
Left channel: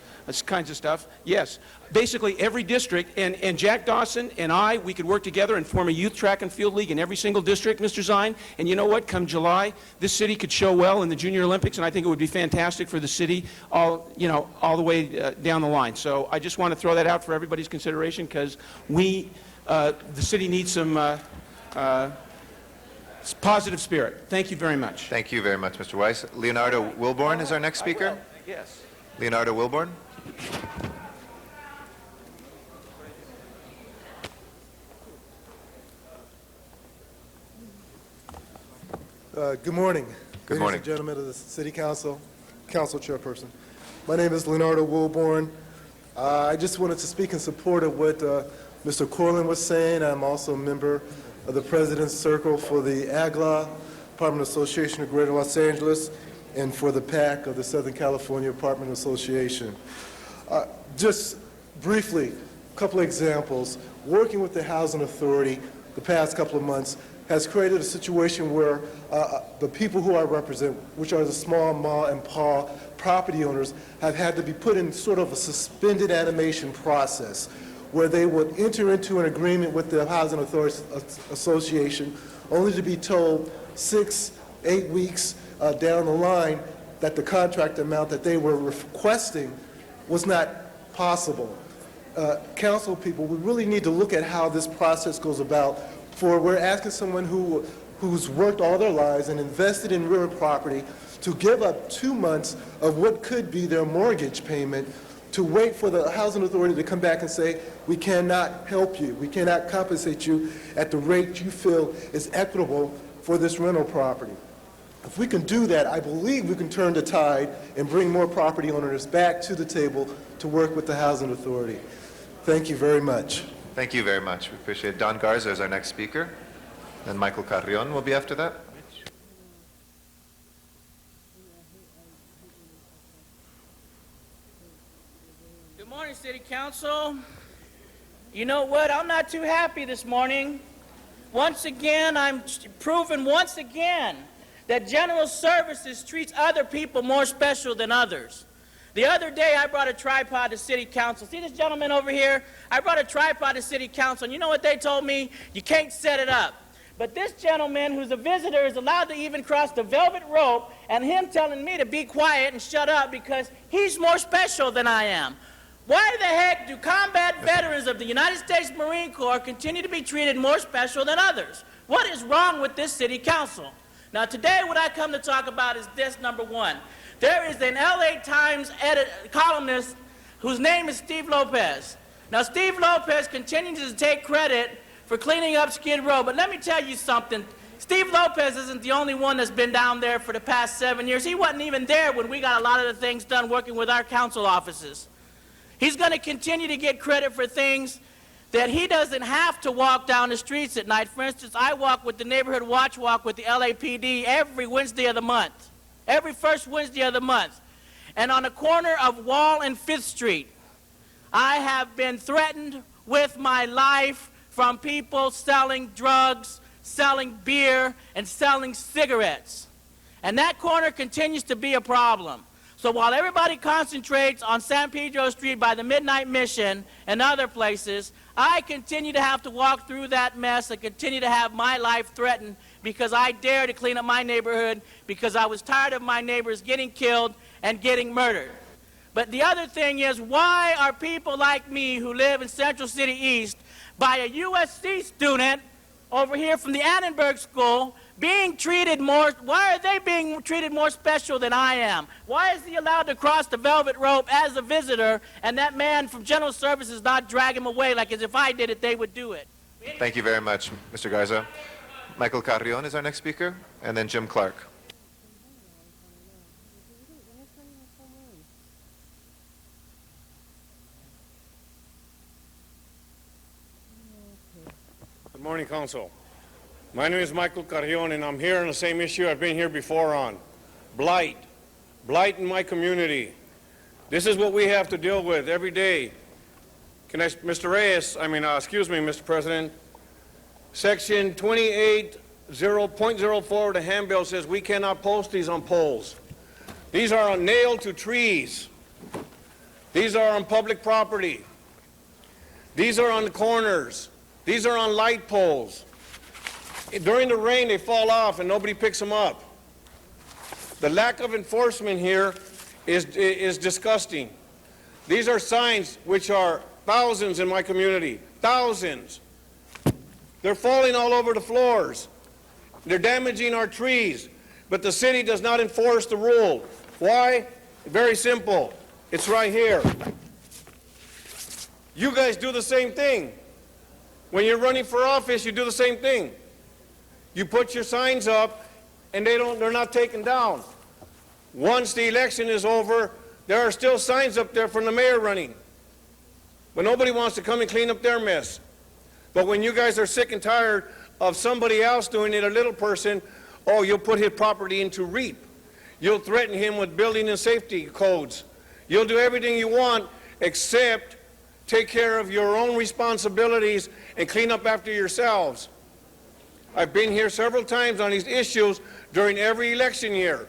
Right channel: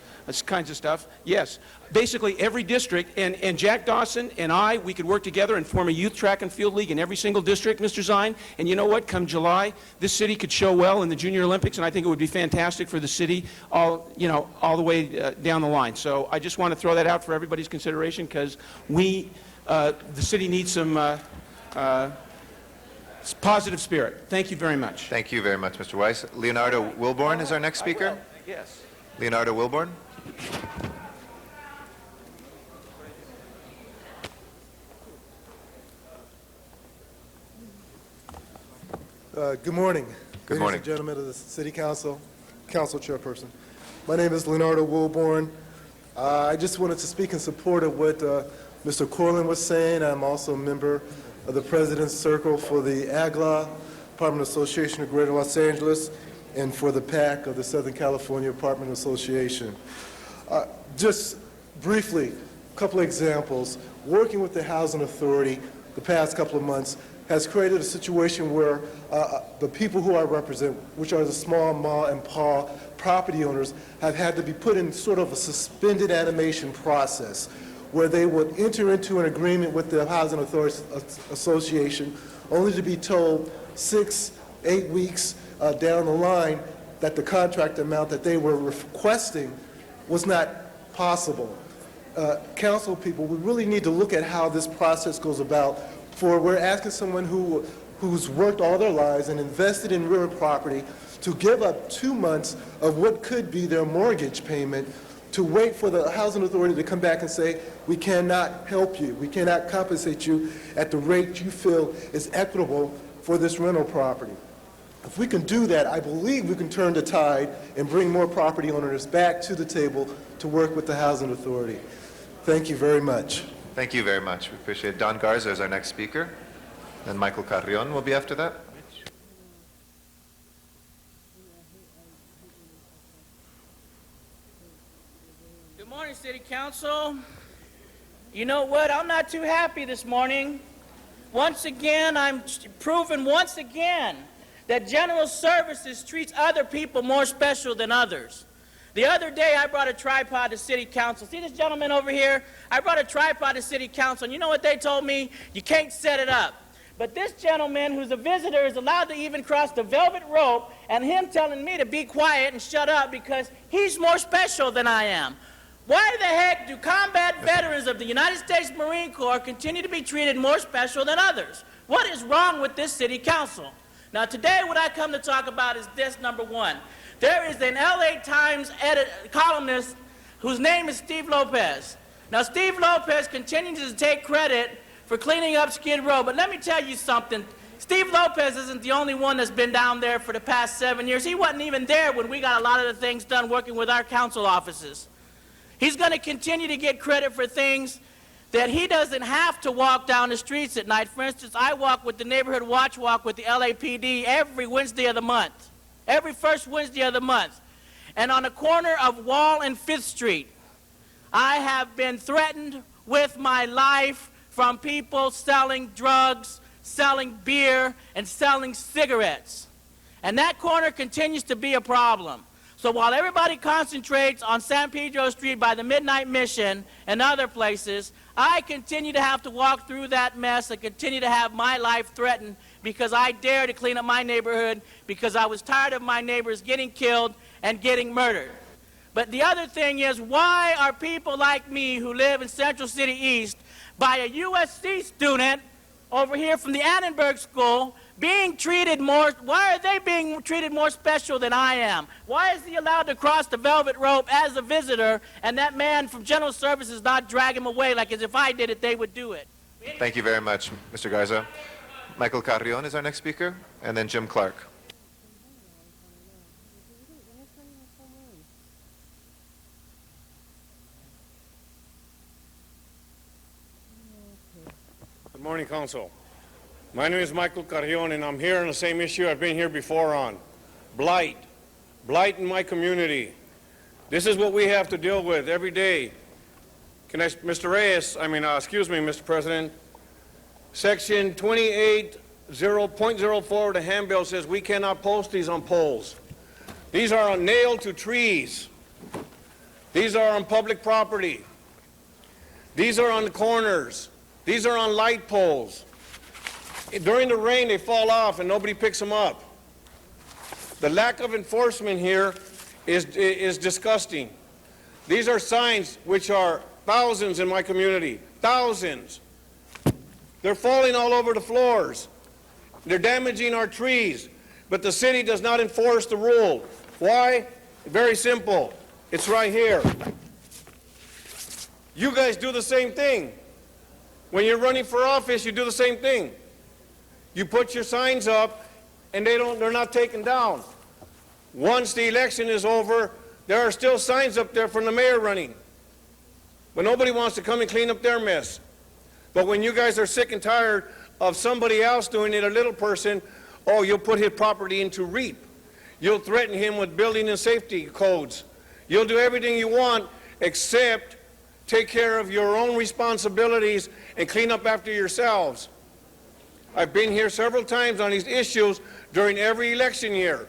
kinds of stuff. Yes, basically every district, and Jack Dawson and we could work together and form a youth track and field league in every single district, Mr. Zine, and you know what, come July, this city could show well in the Junior Olympics, and I think it would be fantastic for the city all the way down the line. So I just want to throw that out for everybody's consideration, because the city needs some positive spirit. Thank you very much. Thank you very much, Mr. Weiss. Leonardo Wilborn is our next speaker. Yes. Leonardo Wilborn. Good morning. Good morning. Ladies and gentlemen of the City Council, Council Chairperson. My name is Leonardo Wilborn. I just wanted to speak in support of what Mr. Corlin was saying. I'm also a member of the President's Circle for the AGLA, Apartment Association of Greater Los Angeles, and for the PAC of the Southern California Apartment Association. Just briefly, a couple of examples. Working with the Housing Authority the past couple of months has created a situation where the people who I represent, which are the small ma and pa property owners, have had to be put in sort of a suspended animation process where they would enter into an agreement with the Housing Authority Association only to be told 6-8 weeks down the line that the contract amount that they were requesting was not possible. Council people, we really need to look at how this process goes about. For we're asking someone who's worked all their lives and invested in real property to give up 2 months of what could be their mortgage payment to wait for the Housing Authority to come back and say, we cannot help you, we cannot compensate you at the rate you feel is equitable for this rental property. If we can do that, I believe we can turn the tide and bring more property owners back to the table to work with the Housing Authority. Thank you very much. Thank you very much. We appreciate it. Don Garza is our next speaker. Then Michael Carrion will be after that. Good morning, City Council. You know what? I'm not too happy this morning. Once again, I'm proving once again that General Services treats other people more special than others. The other day, I brought a tripod to City Council. See this gentleman over here? I brought a tripod to City Council, and you know what they told me? You can't set it up. But this gentleman, who's a visitor, is allowed to even cross the velvet rope, and him telling me to be quiet and shut up because he's more special than I am. Why the heck do combat veterans of the United States Marine Corps continue to be treated more special than others? What is wrong with this City Council? Now, today, what I come to talk about is this, number one. There is an LA Times columnist whose name is Steve Lopez. Now, Steve Lopez continues to take credit for cleaning up Skid Row, but let me tell you something. Steve Lopez isn't the only one that's been down there for the past 7 years. He wasn't even there when we got a lot of the things done working with our council offices. He's going to continue to get credit for things that he doesn't have to walk down the streets at night. For instance, I walk with the Neighborhood Watch Walk with the LAPD every Wednesday of the month, every first Wednesday of the month. And on the corner of Wall and 5th Street, I have been threatened with my life from people selling drugs, selling beer, and selling cigarettes. And that corner continues to be a problem. So while everybody concentrates on San Pedro Street by the Midnight Mission and other places, I continue to have to walk through that mess and continue to have my life threatened because I dare to clean up my neighborhood because I was tired of my neighbors getting killed and getting murdered. But the other thing is, why are people like me who live in Central City East by a USC student over here from the Annenberg School being treated more, why are they being treated more special than I am? Why is he allowed to cross the velvet rope as a visitor and that man from General Services not drag him away like as if I did it, they would do it? Thank you very much, Mr. Garza. Michael Carrion is our next speaker, and then Jim Clark. Good morning, Council. My name is Michael Carrion, and I'm here on the same issue I've been here before on. Blight. Blight in my community. This is what we have to deal with every day. Mr. Reyes, excuse me, Mr. President. Section 28.04 of the handbill says we cannot post these on poles. These are nailed to trees. These are on public property. These are on the corners. These are on light poles. During the rain, they fall off and nobody picks them up. The lack of enforcement here is disgusting. These are signs which are thousands in my community, thousands. They're falling all over the floors. They're damaging our trees, but the city does not enforce the rule. Why? Very simple. It's right here. You guys do the same thing. When you're running for office, you do the same thing. You put your signs up, and they're not taken down. Once the election is over, there are still signs up there from the mayor running. But nobody wants to come and clean up their mess. But when you guys are sick and tired of somebody else doing it, a little person, oh, you'll put his property into REAP. You'll threaten him with building and safety codes. You'll do everything you want except take care of your own responsibilities and clean up after yourselves. I've been here several times on these issues during every election year,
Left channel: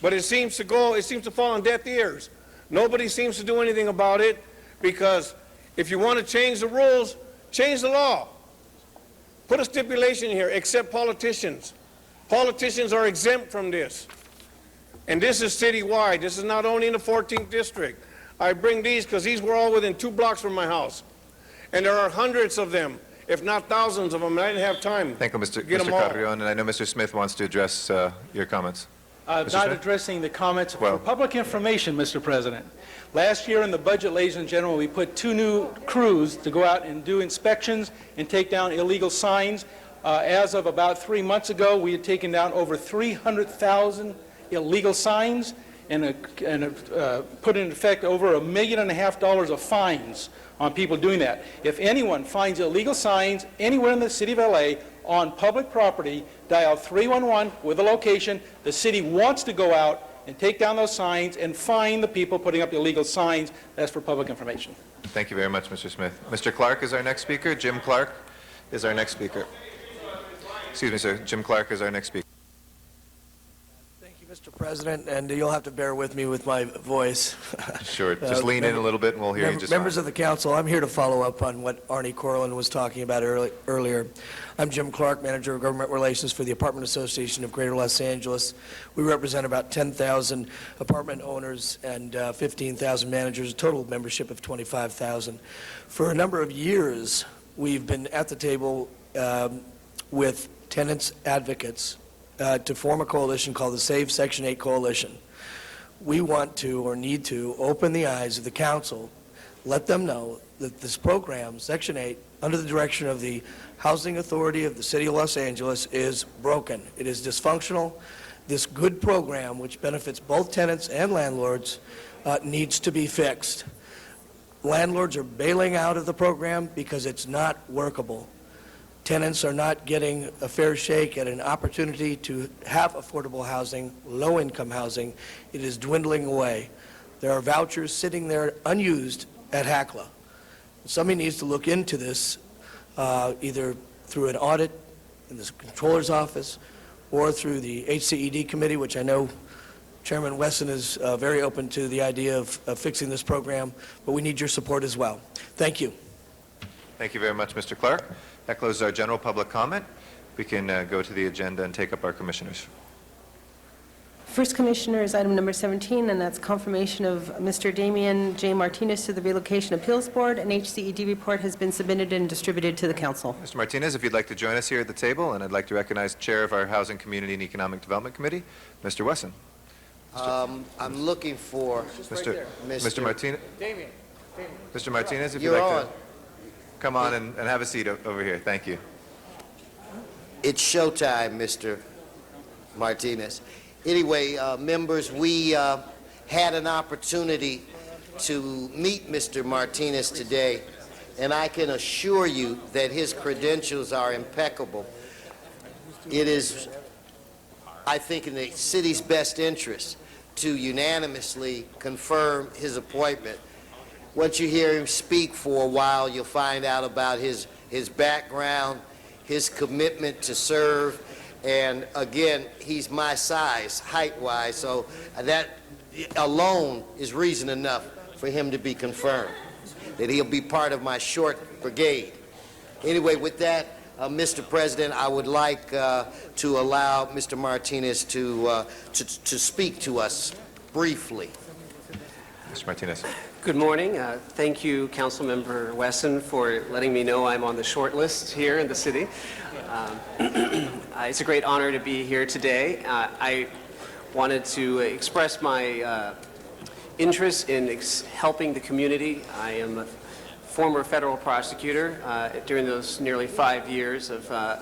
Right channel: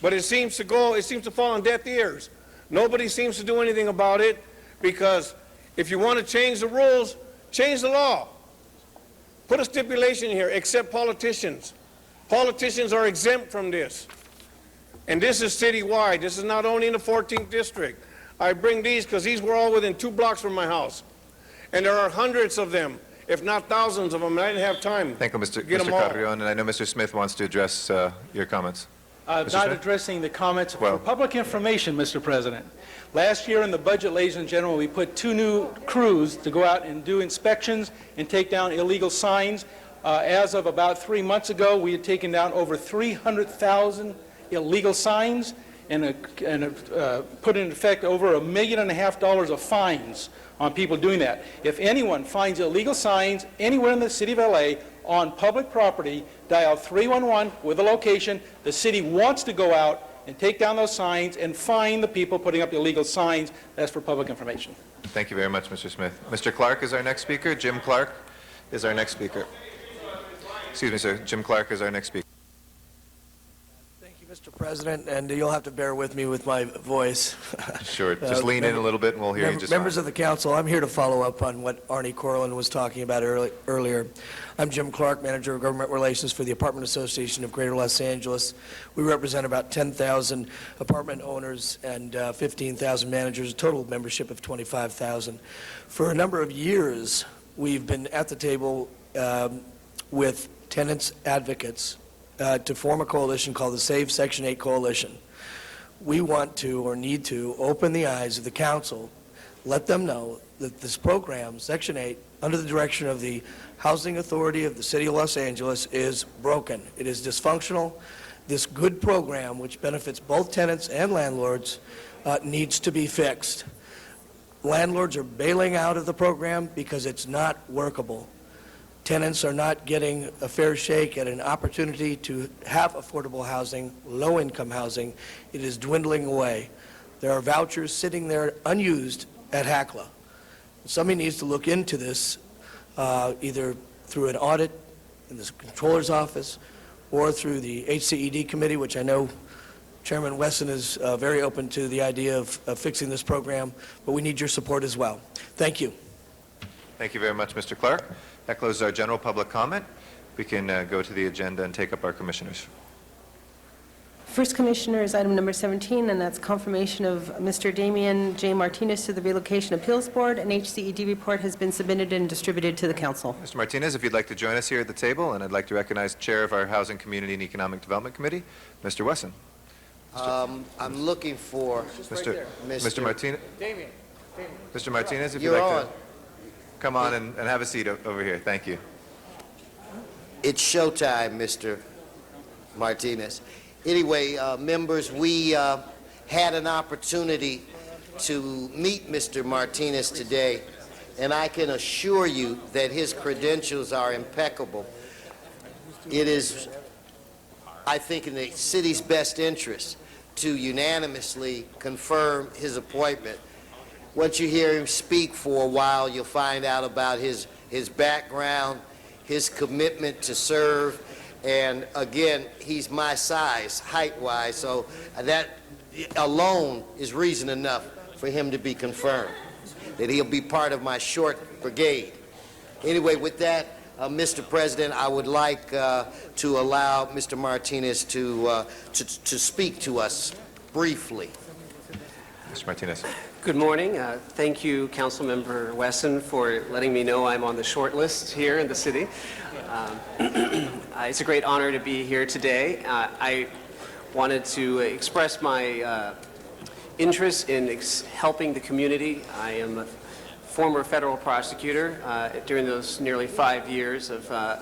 but it seems to fall on deaf ears. Nobody seems to do anything about it because if you want to change the rules, change the law. Put a stipulation here, except politicians. Politicians are exempt from this. And this is citywide. This is not only in the 14th district. I bring these because these were all within 2 blocks from my house. And there are hundreds of them, if not thousands of them, and I didn't have time. Thank you, Mr. Carrion, and I know Mr. Smith wants to address your comments. Not addressing the comments for public information, Mr. President. Last year in the budget, ladies and gentlemen, we put 2 new crews to go out and do inspections and take down illegal signs. As of about 3 months ago, we had taken down over 300,000 illegal signs and put in effect over $1.5 million of fines on people doing that. If anyone finds illegal signs anywhere in the city of LA on public property, dial 311 with a location. The city wants to go out and take down those signs and fine the people putting up illegal signs. That's for public information. Thank you very much, Mr. Smith. Mr. Clark is our next speaker. Jim Clark is our next speaker. Excuse me, sir. Jim Clark is our next speaker. Mr. President, and you'll have to bear with me with my voice. Sure. Just lean in a little bit and we'll hear you just Members fine. of the council, I'm here to follow up on what Arnie Corlin was talking about earlier. I'm Jim Clark, Manager of Government Relations for the Apartment Association of Greater Los Angeles. We represent about 10,000 apartment owners and 15,000 managers, a total membership of 25,000. For a number of years, we've been at the table with tenants advocates to form a coalition called the Save Section 8 Coalition. We want to, or need to, open the eyes of the council, let them know that this program, Section 8, under the direction of the Housing Authority of the City of Los Angeles, is broken. It is dysfunctional. This good program, which benefits both tenants and landlords, needs to be fixed. landlords are bailing out of the program because it's not workable. Tenants are not getting a fair shake at an opportunity to have affordable housing, low-income housing. It is dwindling away. There are vouchers sitting there unused at HACLA. Somebody needs to look into this, either through an audit in the Controller's Office or through the HCED committee, which I know Chairman Wesson is very open to the idea of fixing this program, but we need your support as well. Thank you. Thank you very much, Mr. Clark. That closes our general public comment. We can go to the agenda and take up our commissioners. First commissioner is item number 17, and that's confirmation of Mr. Damian J. Martinez to the Relocation Appeals Board. An HCED report has been submitted and distributed to the council. Mr. Martinez, if you'd like to join us here at the table, and I'd like to recognize Chair of our Housing, Community, and Economic Development Committee, Mr. Wesson. I'm looking for Mr. Martinez. Damien. Mr. Martinez, if you'd You're like on. to come on and have a seat over here. Thank you. It's showtime, Mr. Martinez. Anyway, members, we had an opportunity to meet Mr. Martinez today, and I can assure you that his credentials are impeccable. It is, I think, in the city's best interest to unanimously confirm his appointment. Once you hear him speak for a while, you'll find out about his background, his commitment to serve, and again, he's my size, height-wise, so that alone is reason enough for him to be confirmed, that he'll be part of my short brigade. Anyway, with that, Mr. President, I would like to allow Mr. Martinez to speak to us briefly. Mr. Martinez. Good morning. Thank you, Councilmember Wesson, for letting me know I'm on the short list here in the city. It's a great honor to be here today. I wanted to express my interest in helping the community. I am a former federal prosecutor. During those nearly 5 years of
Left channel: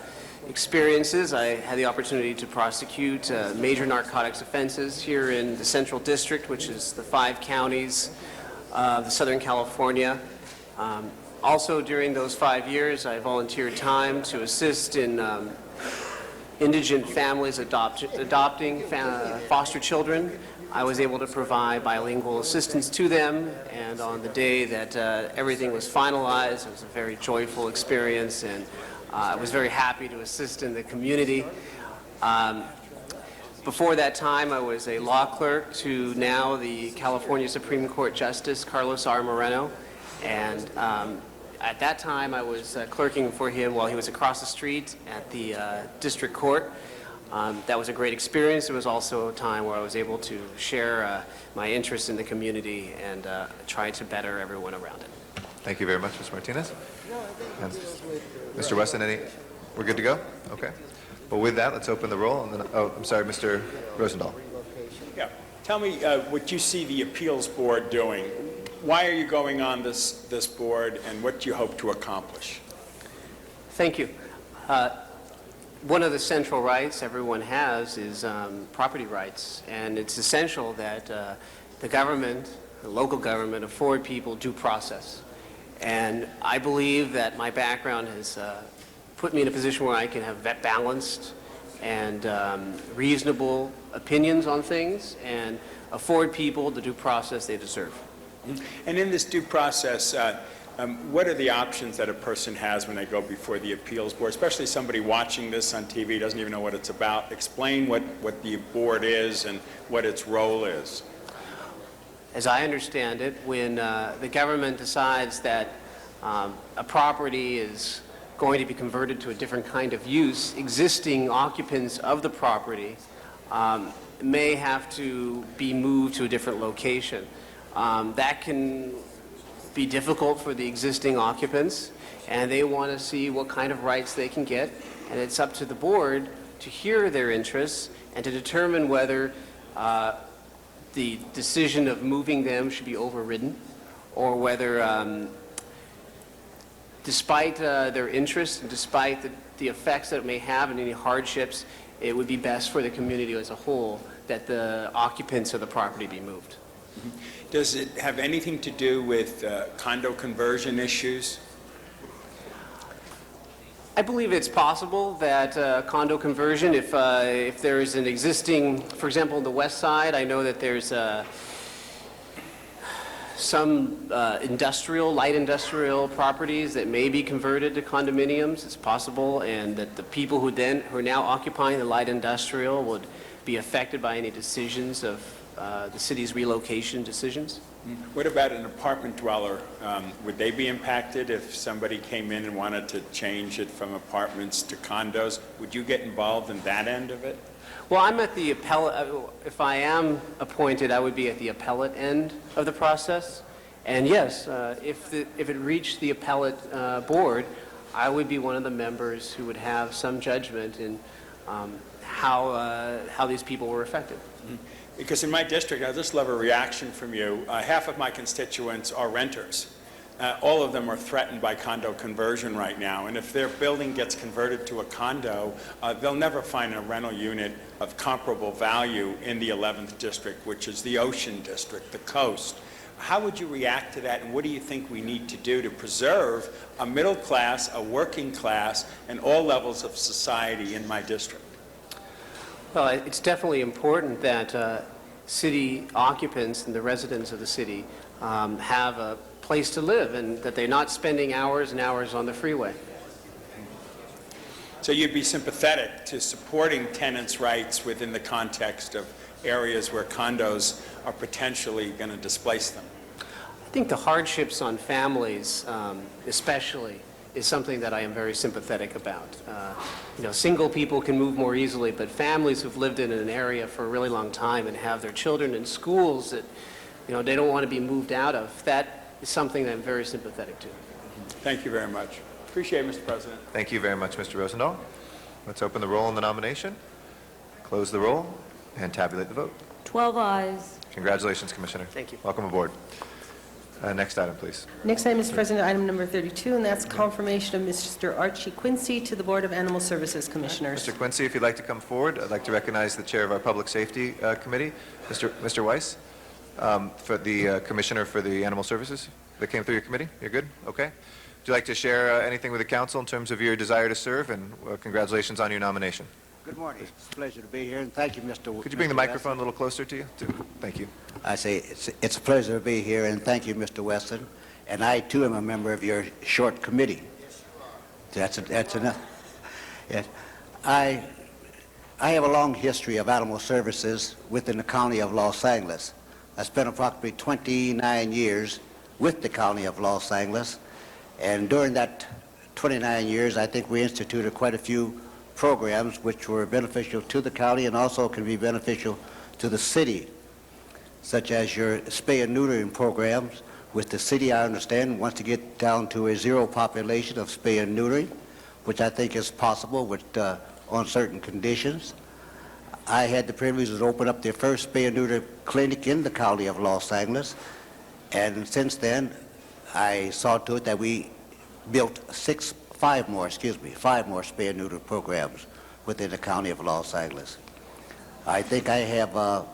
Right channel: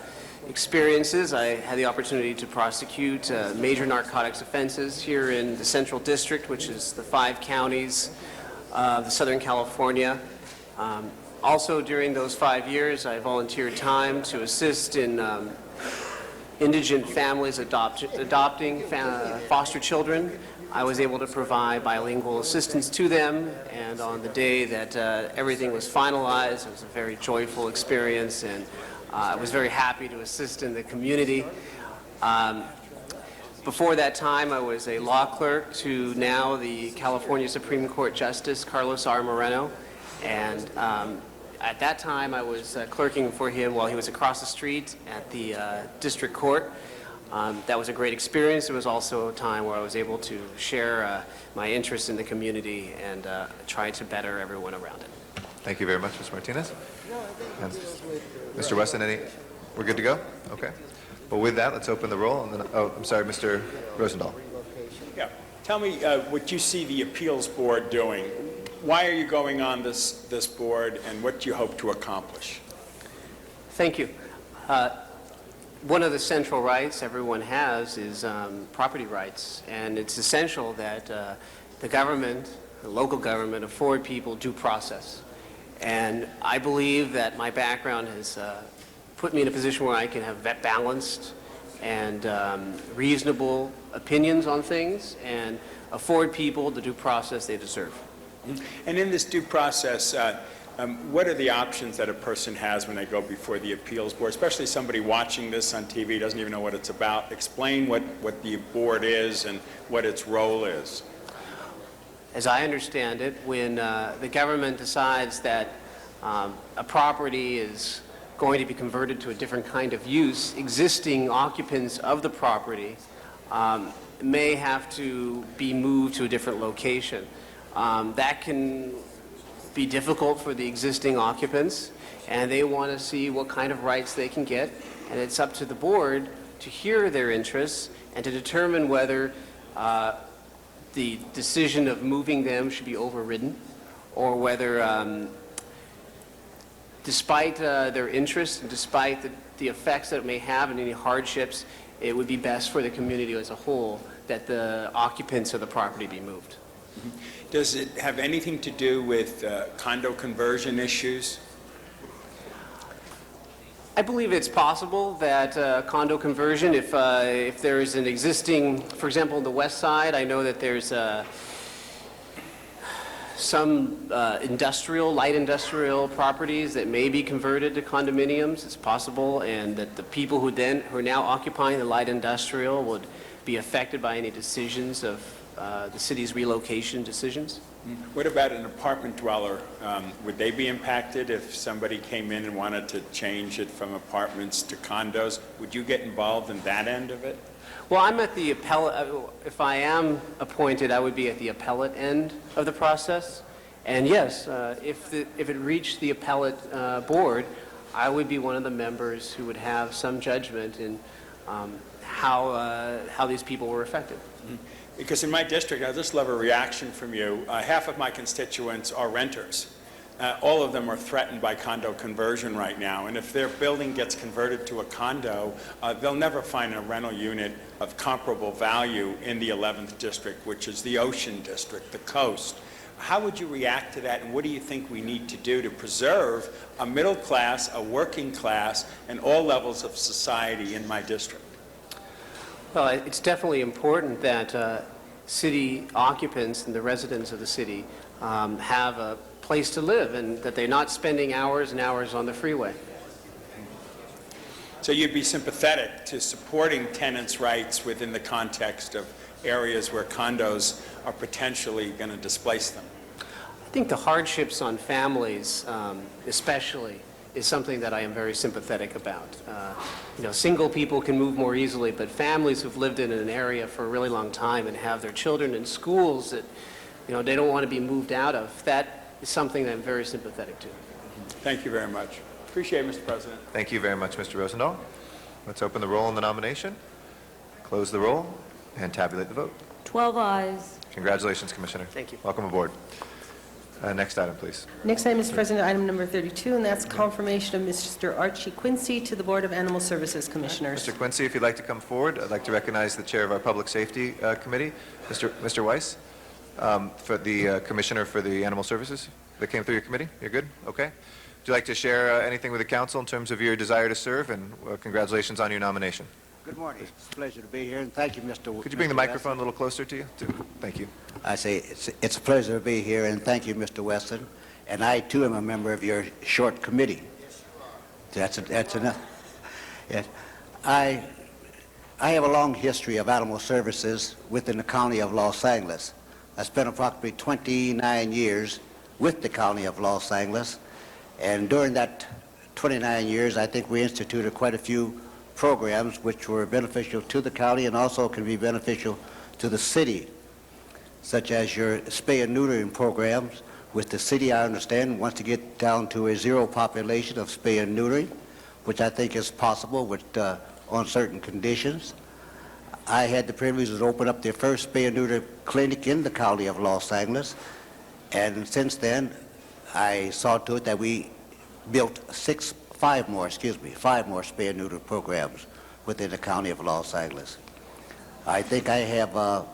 experiences, I had the opportunity to prosecute major narcotics offenses here in the Central District, which is the 5 counties of Southern California. Also, during those 5 years, I volunteered time to assist in indigent families adopting foster children. I was able to provide bilingual assistance to them, and on the day that everything was finalized, it was a very joyful experience, and I was very happy to assist in the community. Before that time, I was a law clerk to now the California Supreme Court Justice Carlos R. Moreno, and at that time I was clerking for him while he was across the street at the district court. That was a great experience. It was also a time where I was able to share my interest in the community and try to better everyone around it. Thank you very much, Mr. Martinez. And Mr. Wesson, we're good to go? Okay. Well, with that, let's open the roll. And then, I'm sorry, Mr. Rosendahl. Yeah. Tell me what you see the appeals board doing. Why are you going on this board, and what do you hope to accomplish? Thank you. One of the central rights everyone has is property rights, and it's essential that the government, the local government, afford people due process. And I believe that my background has put me in a position where I can have balanced and reasonable opinions on things and afford people the due process they deserve. And in this due process, what are the options that a person has when they go before the appeals board, especially somebody watching this on TV doesn't even know what it's about? Explain what the board is and what its role is. As I understand it, when the government decides that a property is going to be converted to a different kind of use, existing occupants of the property may have to be moved to a different location. That can be difficult for the existing occupants, and they want to see what kind of rights they can get, and it's up to the board to hear their interests and to determine whether the decision of moving them should be overridden, or whether despite their interests and despite the effects that it may have and any hardships, it would be best for the community as a whole that the occupants of the property be moved. Does it have anything to do with condo conversion issues? I believe it's possible that condo conversion, if there is an existing, for example, on the west side, I know that there's some light industrial properties that may be converted to condominiums. It's possible, and that the people who are now occupying the light industrial would be affected by any decisions of the city's relocation decisions. What about an apartment dweller? Would they be impacted if somebody came in and wanted to change it from apartments to condos? Would you get involved in that end of it? Well, I'm at the appellate, if I am appointed, I would be at the appellate end of the process. And yes, if it reached the appellate board, I would be one of the members who would have some judgment in how these people were affected. Because in my district, I just love a reaction from you. Half of my constituents are renters. All of them are threatened by condo conversion right now, and if their building gets converted to a condo, they'll never find a rental unit of comparable value in the 11th district, which is the Ocean District, the coast. How would you react to that, and what do you think we need to do to preserve a middle class, a working class, and all levels of society in my district? Well, it's definitely important that city occupants and the residents of the city have a place to live, and that they're not spending hours and hours on the freeway. So you'd be sympathetic to supporting tenants' rights within the context of areas where condos are potentially going to displace them? I think the hardships on families, especially, is something that I am very sympathetic about. Single people can move more easily, but families who've lived in an area for a really long time and have their children in schools that, they don't want to be moved out of, that is something that I'm very sympathetic to. Thank you very much. Appreciate it, Mr. President. Thank you very much, Mr. Rosendahl. Let's open the roll on the nomination, close the roll, and tabulate the vote. 12 ayes. Congratulations, Commissioner. Thank you. Welcome aboard. Next item, please. Next item, Mr. President, item number 32, and that's confirmation of Mr. Archie Quincy to the Board of Animal Services Commissioners. Mr. Quincy, if you'd like to come forward, I'd like to recognize the chair of our Public Safety Committee, Mr. Weiss, for the Commissioner for the Animal Services that came through your committee. You're good? Okay. Would you like to share anything with the council in terms of your desire to serve, and congratulations on your nomination? Good morning. It's a pleasure to be here, and thank you, Mr. Could you bring the microphone a little closer to you? Thank you. I say it's a pleasure to be here, and thank you, Mr. Weston. And I, too, am a member of your short committee. That's enough. Yes. I have a long history of animal services within the County of Los Angeles. I spent approximately 29 years with the County of Los Angeles, and during that 29 years, I think we instituted quite a few programs which were beneficial to the county and also can be beneficial to the city, such as your spay and neutering programs. With the city, I understand, wants to get down to a zero population of spay and neutering, which I think is possible with, on certain conditions. I had the privilege to open up the first spay and neuter clinic in the County of Los Angeles, and since then, I saw to it that we built five more spay and neuter programs within the County of Los Angeles. I think I have a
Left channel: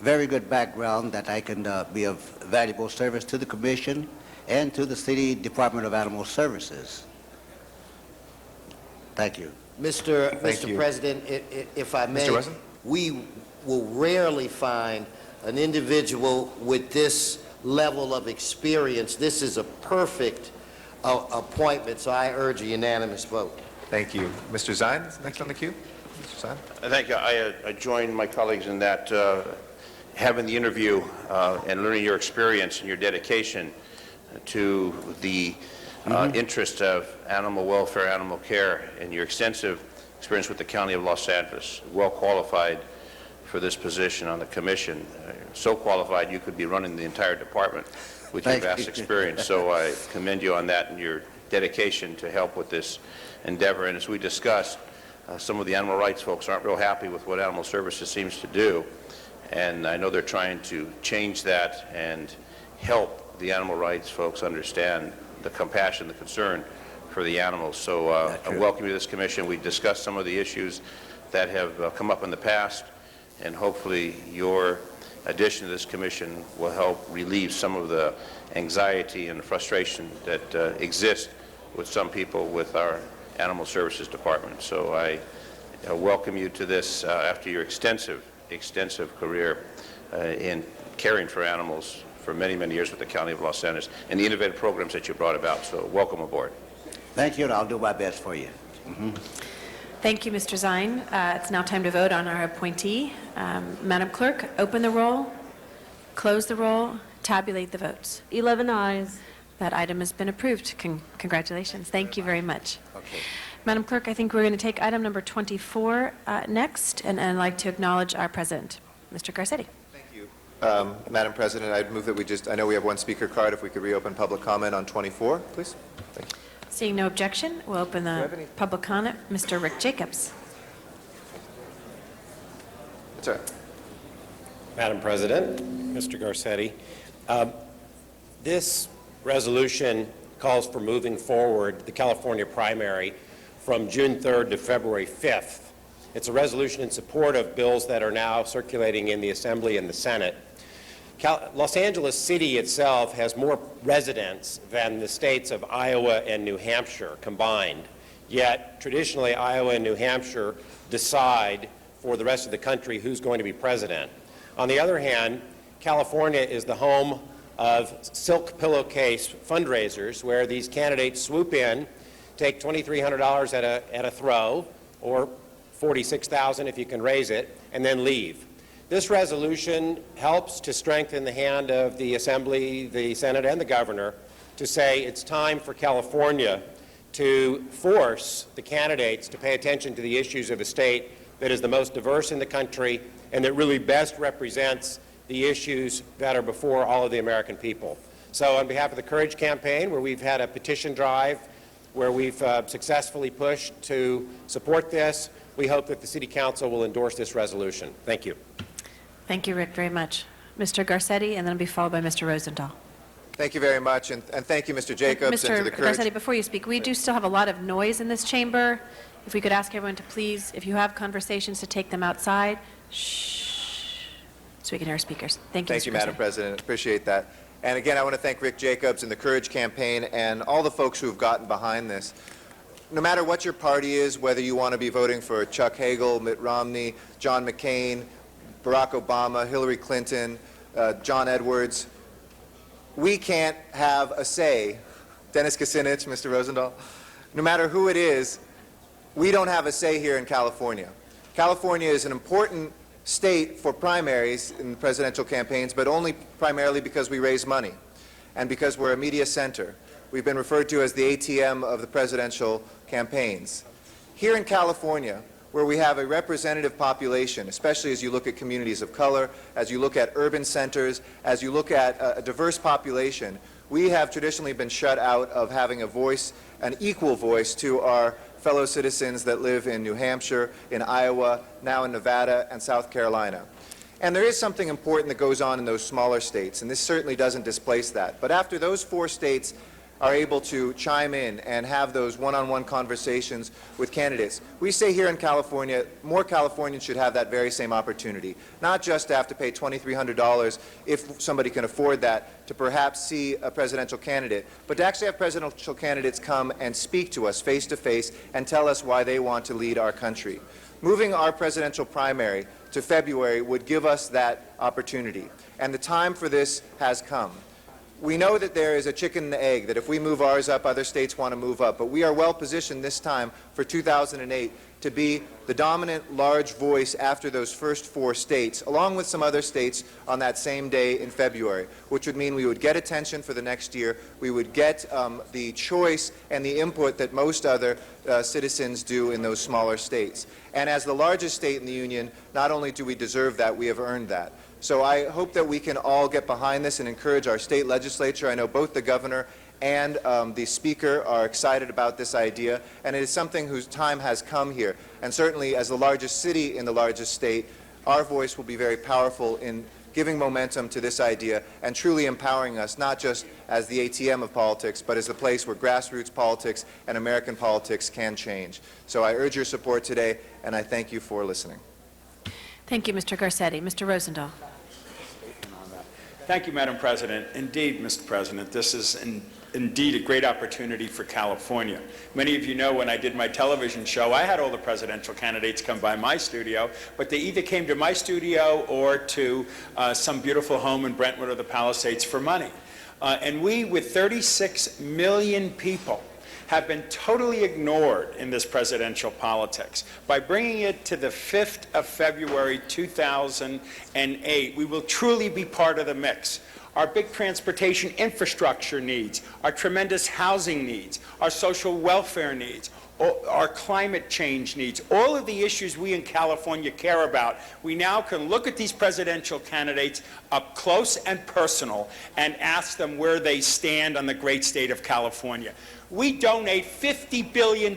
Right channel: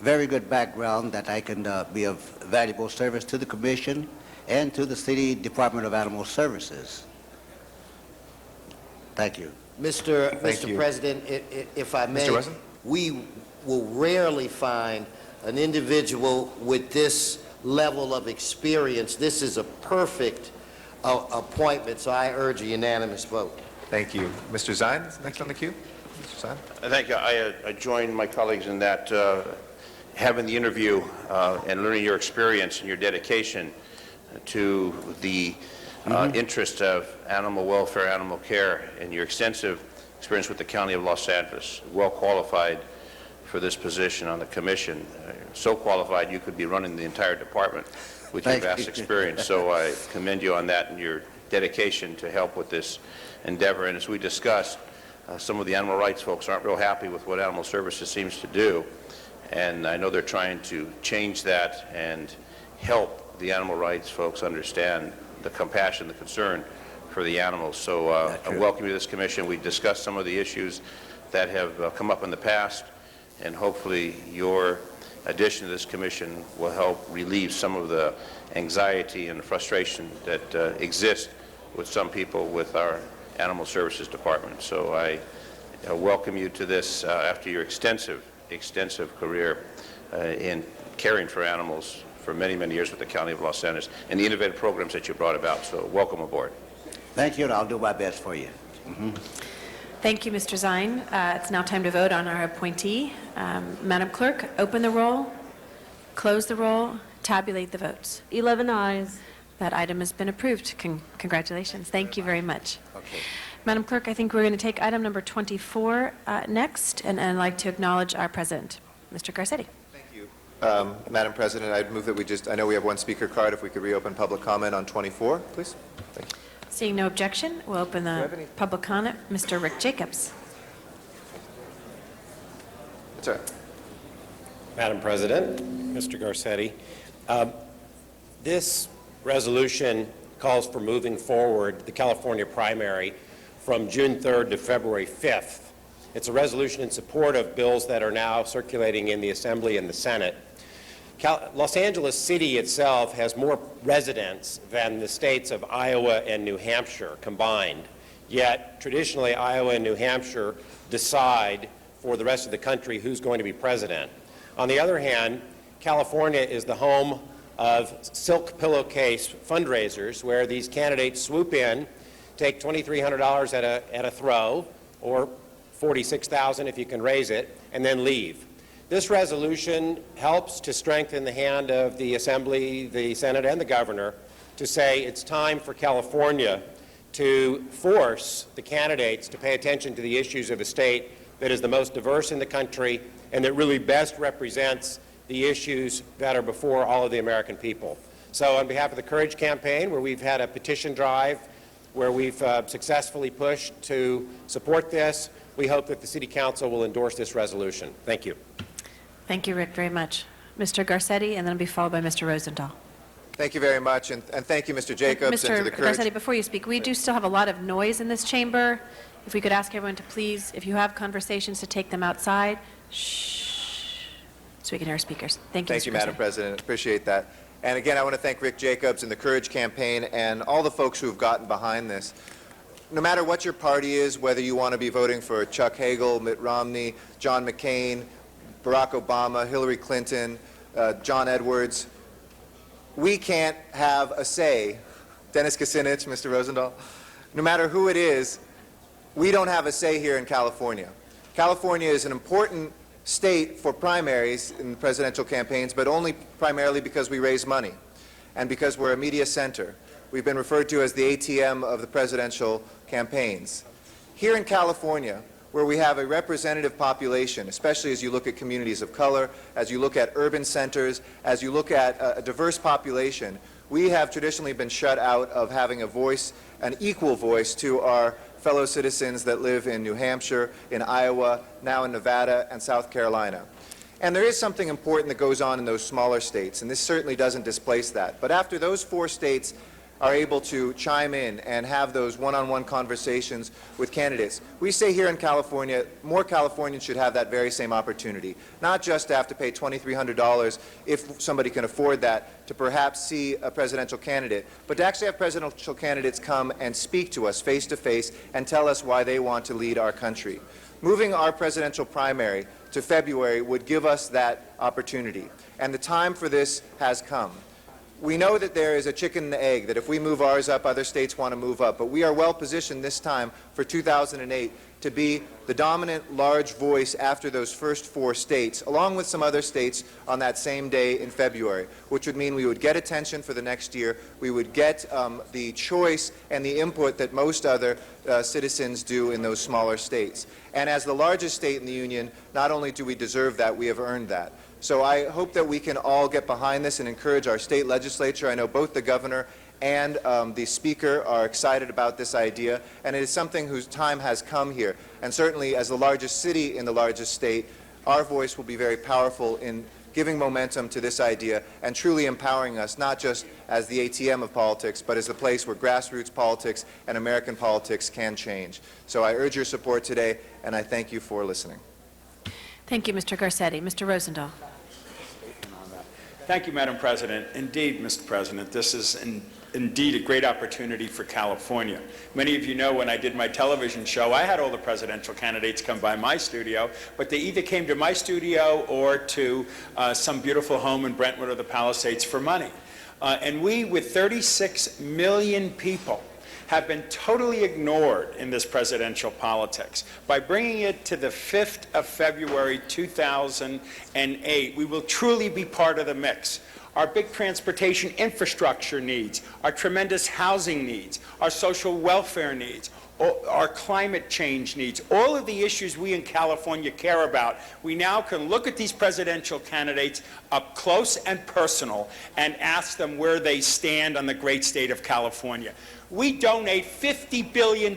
very good background that I can be of valuable service to the Commission and to the City Department of Animal Services. Thank you. Mr. President, if I may, we will rarely find an individual with this level of experience. This is a perfect appointment, so I urge a unanimous vote. Thank you. Mr. Zine, next on the queue. Mr. Zine. Thank you. I join my colleagues in that having the interview and learning your experience and your dedication to the interest of animal welfare, animal care, and your extensive experience with the County of Los Angeles, well qualified for this position on the commission. So qualified you could be running the entire department with your vast experience. So I commend you on that and your dedication to help with this endeavor. And as we discussed, some of the animal rights folks aren't real happy with what Animal Services seems to do. And I know they're trying to change that and help the animal rights folks understand the compassion, the concern for the animals. So I welcome you to this commission. We discussed some of the issues that have come up in the past, and hopefully your addition to this commission will help relieve some of the anxiety and frustration that exists with some people with our Animal Services Department. So I welcome you to this after your extensive career in caring for animals for many, many years with the County of Los Angeles and the innovative programs that you brought about. So welcome aboard. Thank you, and I'll do my best for you. Thank you, Mr. Zine. It's now time to vote on our appointee. Madam Clerk, open the roll, close the roll, tabulate the votes. 11 ayes. That item has been approved. Congratulations. Thank you very much. Okay. Madam Clerk, I think we're going to take item number 24 next, and I'd like to acknowledge our president, Mr. Garcetti. Thank you. Madam President, I'd move that I know we have one speaker card, if we could reopen public comment on 24, please. Thank you. Seeing no objection, we'll open the public comment. Mr. Rick Jacobs. That's all right. Madam President, Mr. Garcetti, this resolution calls for moving forward the California primary from June 3rd to February 5th. It's a resolution in support of bills that are now circulating in the Assembly and the Senate. Los Angeles City itself has more residents than the states of Iowa and New Hampshire combined. Yet, traditionally, Iowa and New Hampshire decide for the rest of the country who's going to be president. On the other hand, California is the home of silk pillowcase fundraisers where these candidates swoop in, take $2,300 at a throw, or $46,000 if you can raise it, and then leave. This resolution helps to strengthen the hand of the Assembly, the Senate, and the Governor to say it's time for California to force the candidates to pay attention to the issues of a state that is the most diverse in the country and that really best represents the issues that are before all of the American people. So on behalf of the Courage Campaign, where we've had a petition drive, where we've successfully pushed to support this, we hope that the City Council will endorse this resolution. Thank you. Thank you, Rick, very much. Mr. Garcetti, and then it'll be followed by Mr. Rosendahl. Thank you very much, and thank you, Mr. Jacobs, and to the Mr. Courage. Garcetti, before you speak, we do still have a lot of noise in this chamber. If we could ask everyone to please, if you have conversations, to take them outside. Shh, so we can hear our speakers. Thank you, Thank Mr. you, Madam President. Appreciate that. And again, I want to thank Rick Jacobs and the Courage Campaign and all the folks who have gotten behind this. No matter what your party is, whether you want to be voting for Chuck Hagel, Mitt Romney, John McCain, Barack Obama, Hillary Clinton, John Edwards, we can't have a say. Dennis Kucinich, Mr. Rosendahl. No matter who it is, we don't have a say here in California. California is an important state for primaries in presidential campaigns, but only primarily because we raise money and because we're a media center. We've been referred to as the ATM of the presidential campaigns. Here in California, where we have a representative population, especially as you look at communities of color, as you look at urban centers, as you look at a diverse population, we have traditionally been shut out of having a voice, an equal voice to our fellow citizens that live in New Hampshire, in Iowa, now in Nevada and South Carolina. And there is something important that goes on in those smaller states, and this certainly doesn't displace that. But after those 4 states are able to chime in and have those one-on-one conversations with candidates, we say here in California, more Californians should have that very same opportunity, not just to have to pay $2,300 if somebody can afford that to perhaps see a presidential candidate, but to actually have presidential candidates come and speak to us face to face and tell us why they want to lead our country. Moving our presidential primary to February would give us that opportunity, and the time for this has come. We know that there is a chicken and the egg, that if we move ours up, other states want to move up. But we are well positioned this time for 2008 to be the dominant large voice after those first 4 states, along with some other states on that same day in February, which would mean we would get attention for the next year. We would get the choice and the input that most other citizens do in those smaller states. And as the largest state in the union, not only do we deserve that, we have earned that. So I hope that we can all get behind this and encourage our state legislature. I know both the governor and the speaker are excited about this idea, and it is something whose time has come here. And certainly as the largest city in the largest state, our voice will be very powerful in giving momentum to this idea and truly empowering us, not just as the ATM of politics, but as the place where grassroots politics and American politics can change. So I urge your support today, and I thank you for listening. Thank you, Mr. Garcetti. Mr. Rosendahl. Thank you, Madam President. Indeed, Mr. President, this is indeed a great opportunity for California. Many of you know when I did my television show, I had all the presidential candidates come by my studio, but they either came to my studio or to some beautiful home in Brentwood or the Palisades for money. And we, with 36 million people, have been totally ignored in this presidential politics. By bringing it to the 5th of February 2008, we will truly be part of the mix. Our big transportation infrastructure needs, our tremendous housing needs, our social welfare needs, our climate change needs, all of the issues we in California care about, we now can look at these presidential candidates up close and personal and ask them where they stand on the great state of California. We donate $50 billion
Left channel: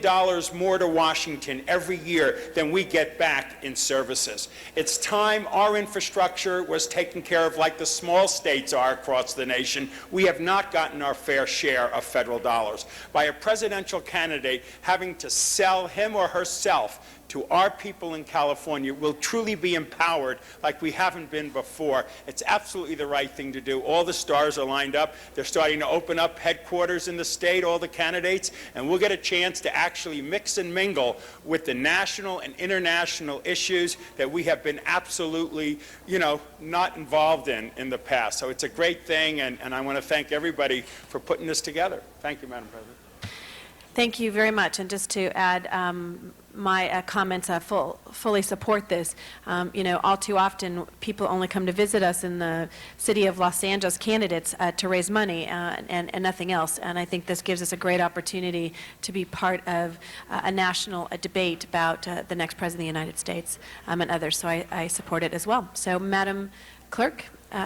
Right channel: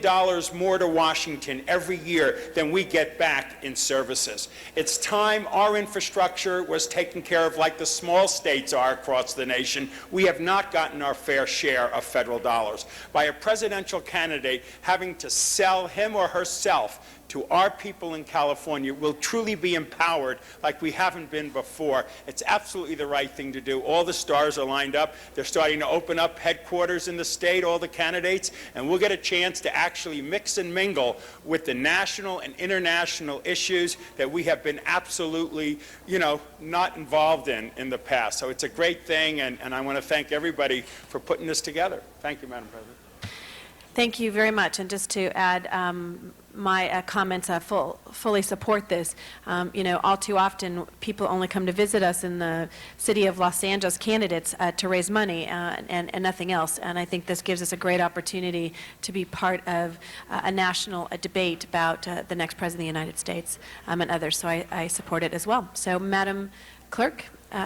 more to Washington every year than we get back in services. It's time our infrastructure was taken care of like the small states are across the nation. We have not gotten our fair share of federal dollars. By a presidential candidate having to sell him or herself to our people in California, will truly be empowered like we haven't been before. It's absolutely the right thing to do. All the stars are lined up. They're starting to open up headquarters in the state, all the candidates, and we'll get a chance to actually mix and mingle with the national and international issues that we have been absolutely, not involved in the past. So it's a great thing, and I want to thank everybody for putting this together. Thank you, Madam President. Thank you very much. And just to add my comments, fully support this. All too often, people only come to visit us in the city of Los Angeles, candidates, to raise money and nothing else. And I think this gives us a great opportunity to be part of a national debate about the next President of the United States and others. So I support it as well. So, Madam Clerk,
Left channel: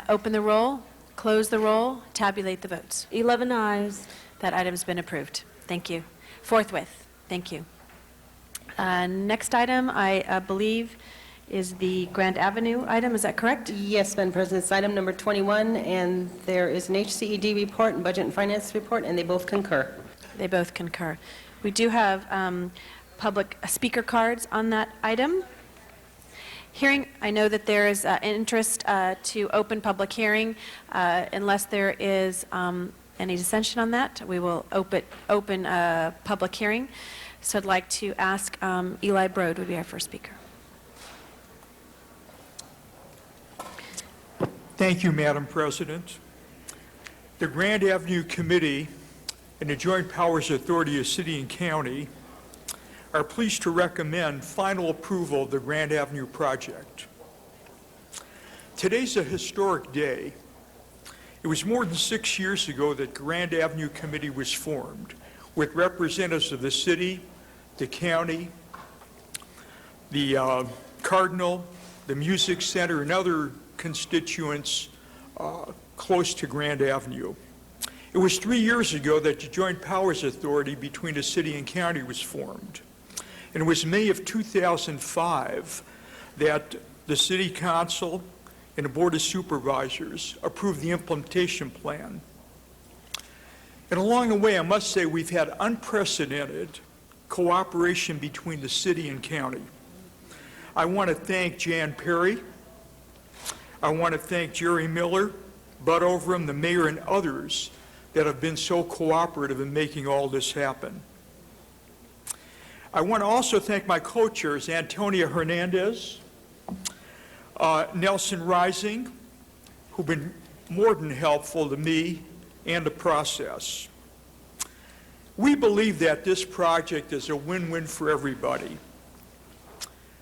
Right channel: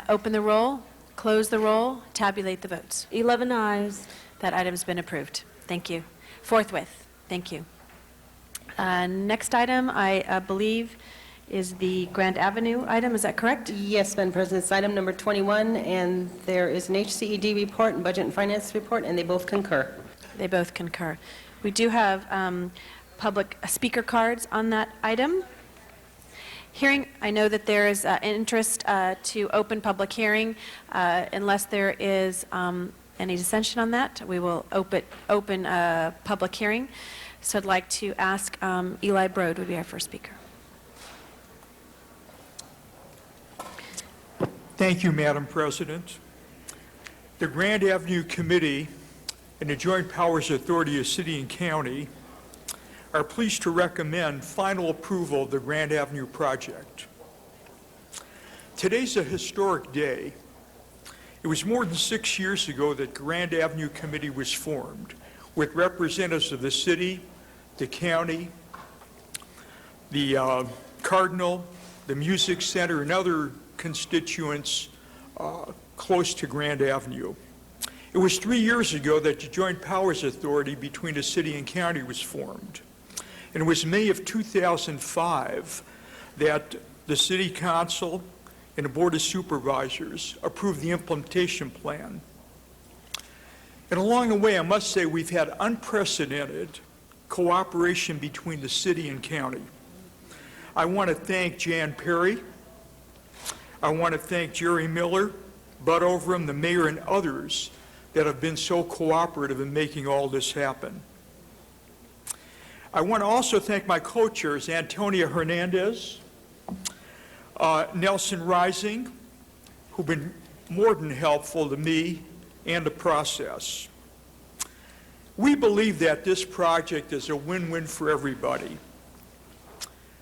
open the roll, close the roll, tabulate the votes. 11 ayes. That item's been approved. Thank you. Forthwith. Thank you. Next item, I believe, is the Grand Avenue item. Is that correct? Yes, Madam President. It's item number 21, and there is an HCED report and Budget and Finance report, and they both concur. They both concur. We do have public speaker cards on that item. Hearing, I know that there is interest to open public hearing. Unless there is any dissension on that, we will open a public hearing. So I'd like to ask Eli Broad would be our first speaker. Thank you, Madam President. The Grand Avenue Committee and the Joint Powers Authority of City and County are pleased to recommend final approval of the Grand Avenue project. Today's a historic day. It was more than 6 years ago that Grand Avenue Committee was formed, with representatives of the city, the county, the Cardinal, the Music Center, and other constituents close to Grand Avenue. It was 3 years ago that the Joint Powers Authority between the city and county was formed. And it was May of 2005 that the City Council and the Board of Supervisors approved the implementation plan. And along the way, I must say we've had unprecedented cooperation between the city and county. I want to thank Jan Perry. I want to thank Jerry Miller, Bud Overham, the mayor, and others that have been so cooperative in making all this happen. I want to also thank my co-chairs, Antonia Hernandez, Nelson Rising, who've been more than helpful to me and the process. We believe that this project is a win-win for everybody.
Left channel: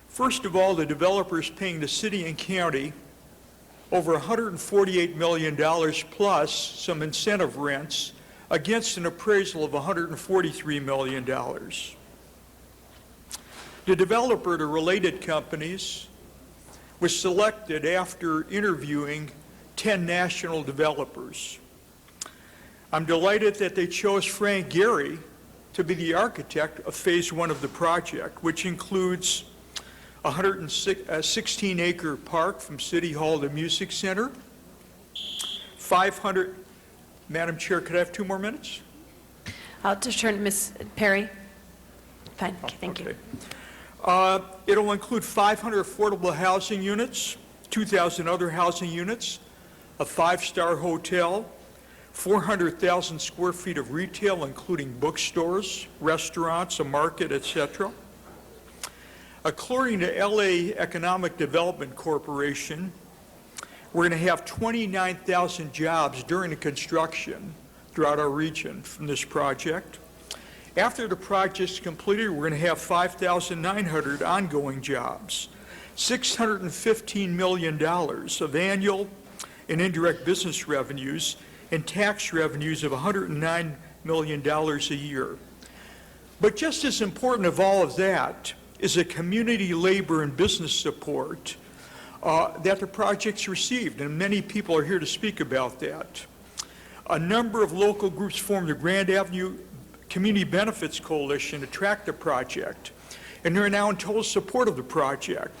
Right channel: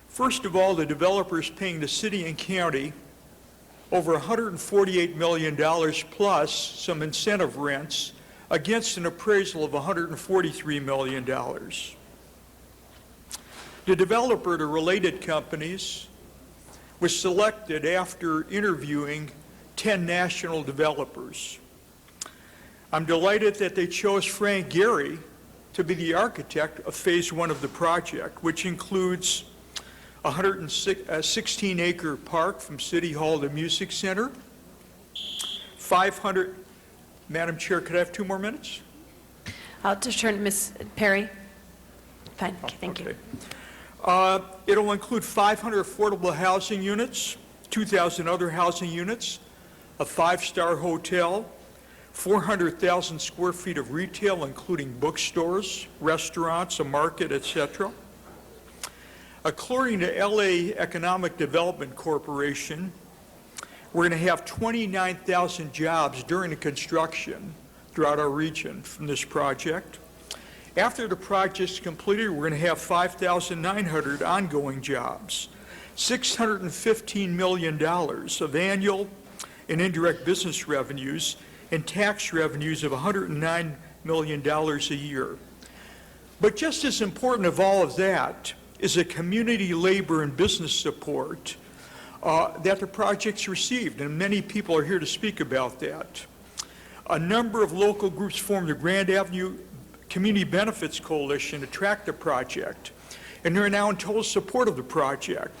First of all, the developer is paying the city and county over $148 million plus some incentive rents against an appraisal of $143 million. The developer, the related companies, was selected after interviewing 10 national developers. I'm delighted that they chose Frank Gehry to be the architect of phase one of the project, which includes a 116-acre park from City Hall to Music Center, 500, Madam Chair, could I have 2 more minutes? I'll just turn to Ms. Perry. Fine, okay, thank you. It'll include 500 affordable housing units, 2,000 other housing units, a 5-star hotel, 400,000 square feet of retail, including bookstores, restaurants, a market, etc. According to LA Economic Development Corporation, we're going to have 29,000 jobs during the construction throughout our region from this project. After the project's completed, we're going to have 5,900 ongoing jobs, $615 million of annual and indirect business revenues, and tax revenues of $109 million a year. But just as important of all of that is the community labor and business support that the project's received, and many people are here to speak about that. A number of local groups formed the Grand Avenue Community Benefits Coalition to track the project, and they're now in total support of the project.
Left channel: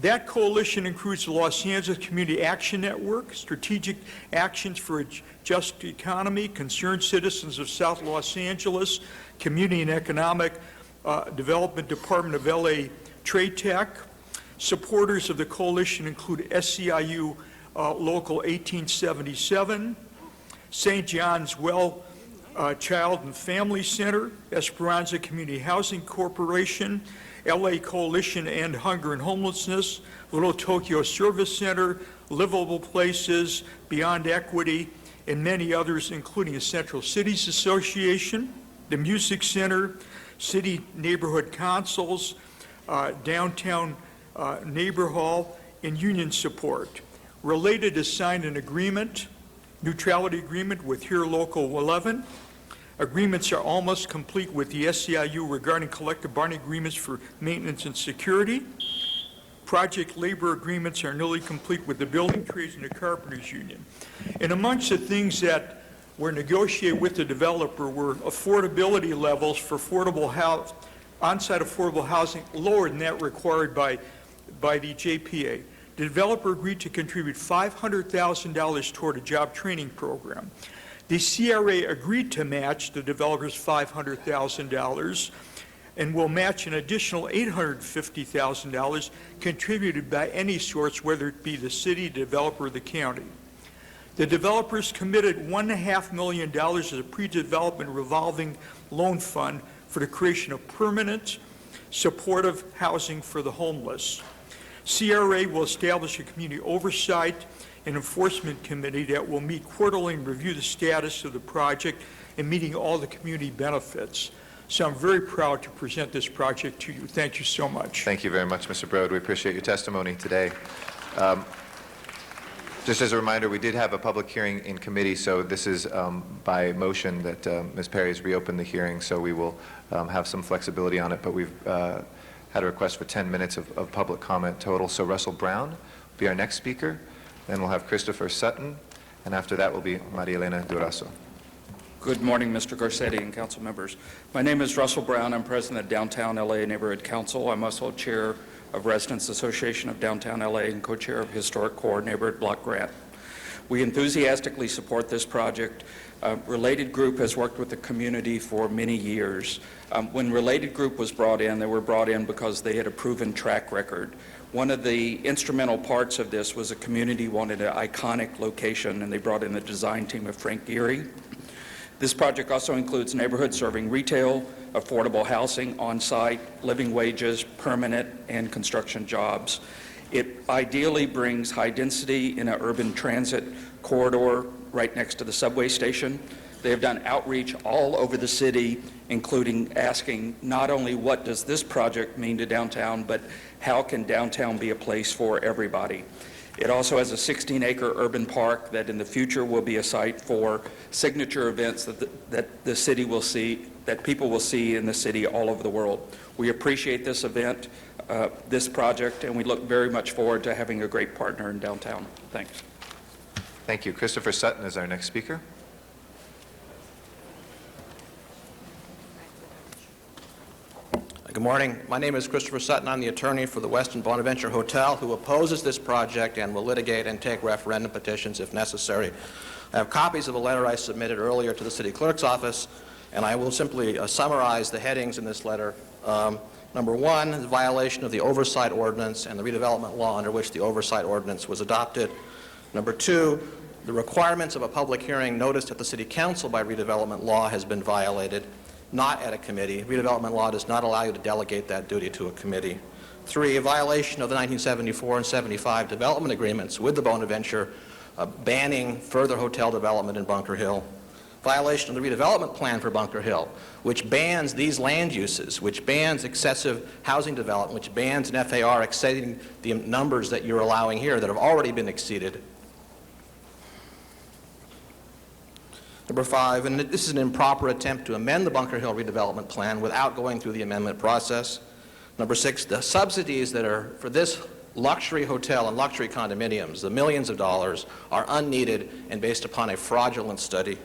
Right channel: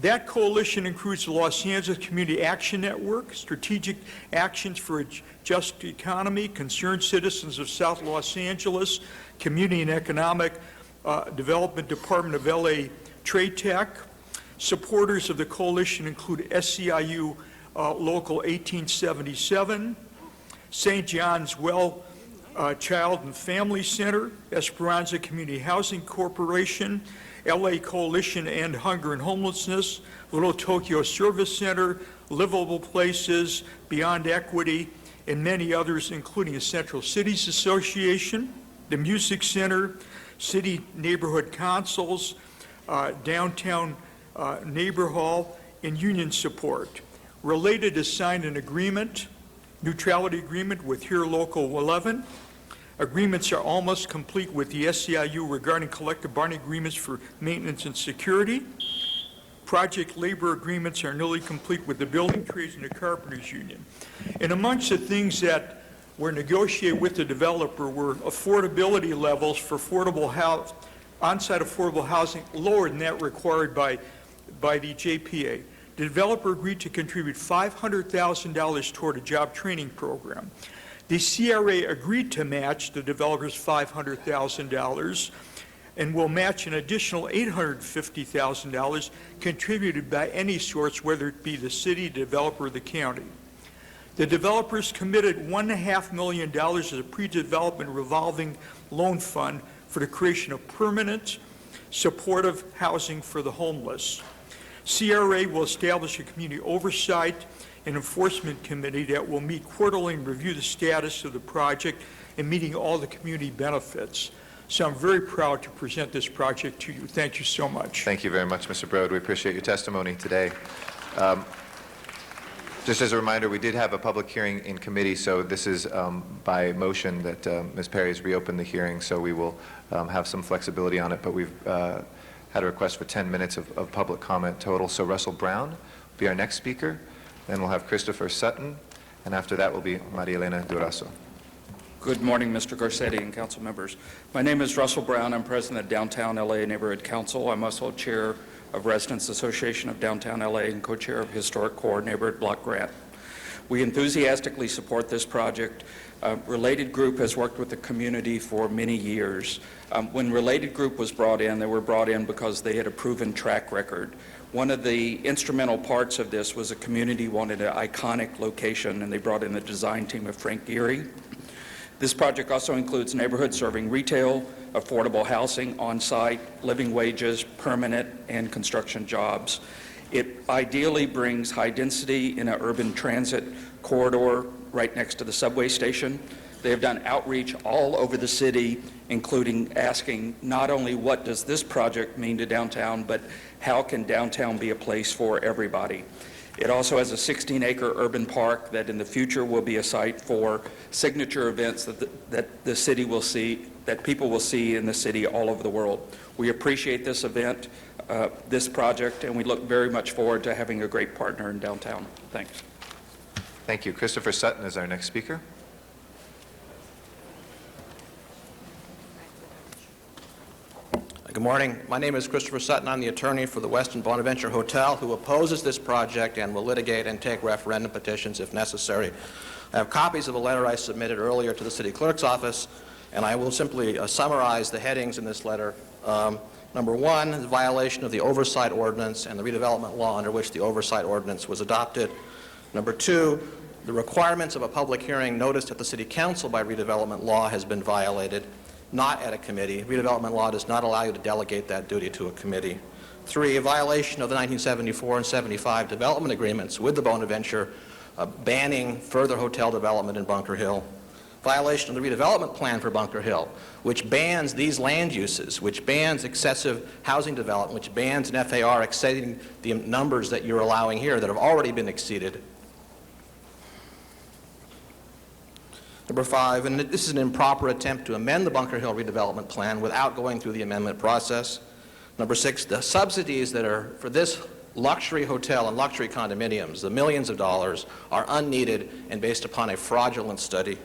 That coalition includes the Los Angeles Community Action Network, Strategic Actions for a Just Economy, Concerned Citizens of South Los Angeles, Community and Economic Development Department of LA Trade Tech. Supporters of the coalition include SEIU Local 1877, St. John's Well Child and Family Center, Esperanza Community Housing Corporation, LA Coalition to End Hunger and Homelessness, Little Tokyo Service Center, Livable Places, Beyond Equity, and many others, including the Central Cities Association, the Music Center, City Neighborhood Councils, Downtown Neighbor Hall, and union support. Related is signed an agreement, neutrality agreement with Here Local 11. Agreements are almost complete with the SEIU regarding collective bargaining agreements for maintenance and security. Project labor agreements are nearly complete with the building trades and the carpenters union. And amongst the things that were negotiated with the developer were affordability levels for on-site affordable housing lower than that required by the JPA. The developer agreed to contribute $500,000 toward a job training program. The CRA agreed to match the developer's $500,000 and will match an additional $850,000 contributed by any source, whether it be the city, the developer, or the county. The developers committed $1.5 million as a pre-development revolving loan fund for the creation of permanent, supportive housing for the homeless. CRA will establish a community oversight and enforcement committee that will meet quarterly and review the status of the project and meeting all the community benefits. So I'm very proud to present this project to you. Thank you so much. Thank you very much, Mr. Broad. We appreciate your testimony today. Just as a reminder, we did have a public hearing in committee, so this is by motion that Ms. Perry has reopened the hearing, so we will have some flexibility on it, but we've had a request for 10 minutes of public comment total. So Russell Brown will be our next speaker, then we'll have Christopher Sutton, and after that will be Maria Elena Durazo. Good morning, Mr. Garcetti and council members. My name is Russell Brown. I'm president of Downtown LA Neighborhood Council. I'm also chair of Residents Association of Downtown LA and co-chair of Historic Core Neighborhood Block Grant. We enthusiastically support this project. Related Group has worked with the community for many years. When Related Group was brought in, they were brought in because they had a proven track record. One of the instrumental parts of this was a community wanted an iconic location, and they brought in the design team of Frank Geary. This project also includes neighborhoods serving retail, affordable housing, on-site, living wages, permanent, and construction jobs. It ideally brings high density in an urban transit corridor right next to the subway station. They have done outreach all over the city, including asking not only what does this project mean to downtown, but how can downtown be a place for everybody. It also has a 16-acre urban park that in the future will be a site for signature events that the city will see, that people will see in the city all over the world. We appreciate this event, this project, and we look very much forward to having a great partner in downtown. Thanks. Thank you. Christopher Sutton is our next speaker. Good morning. My name is Christopher Sutton. I'm the attorney for the Westin Bonaventure Hotel, who opposes this project and will litigate and take referendum petitions if necessary. I have copies of a letter I submitted earlier to the city clerk's office, and I will simply summarize the headings in this letter. Number one, the violation of the oversight ordinance and the redevelopment law under which the oversight ordinance was adopted. Number two, the requirements of a public hearing noticed at the City Council by redevelopment law has been violated, not at a committee. Redevelopment law does not allow you to delegate that duty to a committee. Three, a violation of the 1974 and 75 development agreements with the Bonaventure banning further hotel development in Bunker Hill. Violation of the redevelopment plan for Bunker Hill, which bans these land uses, which bans excessive housing development, which bans an FAR exceeding the numbers that you're allowing here that have already been exceeded. Number five, and this is an improper attempt to amend the Bunker Hill redevelopment plan without going through the amendment process. Number six, the subsidies that are for this luxury hotel and luxury condominiums, the millions of dollars, are unneeded and based upon a fraudulent study.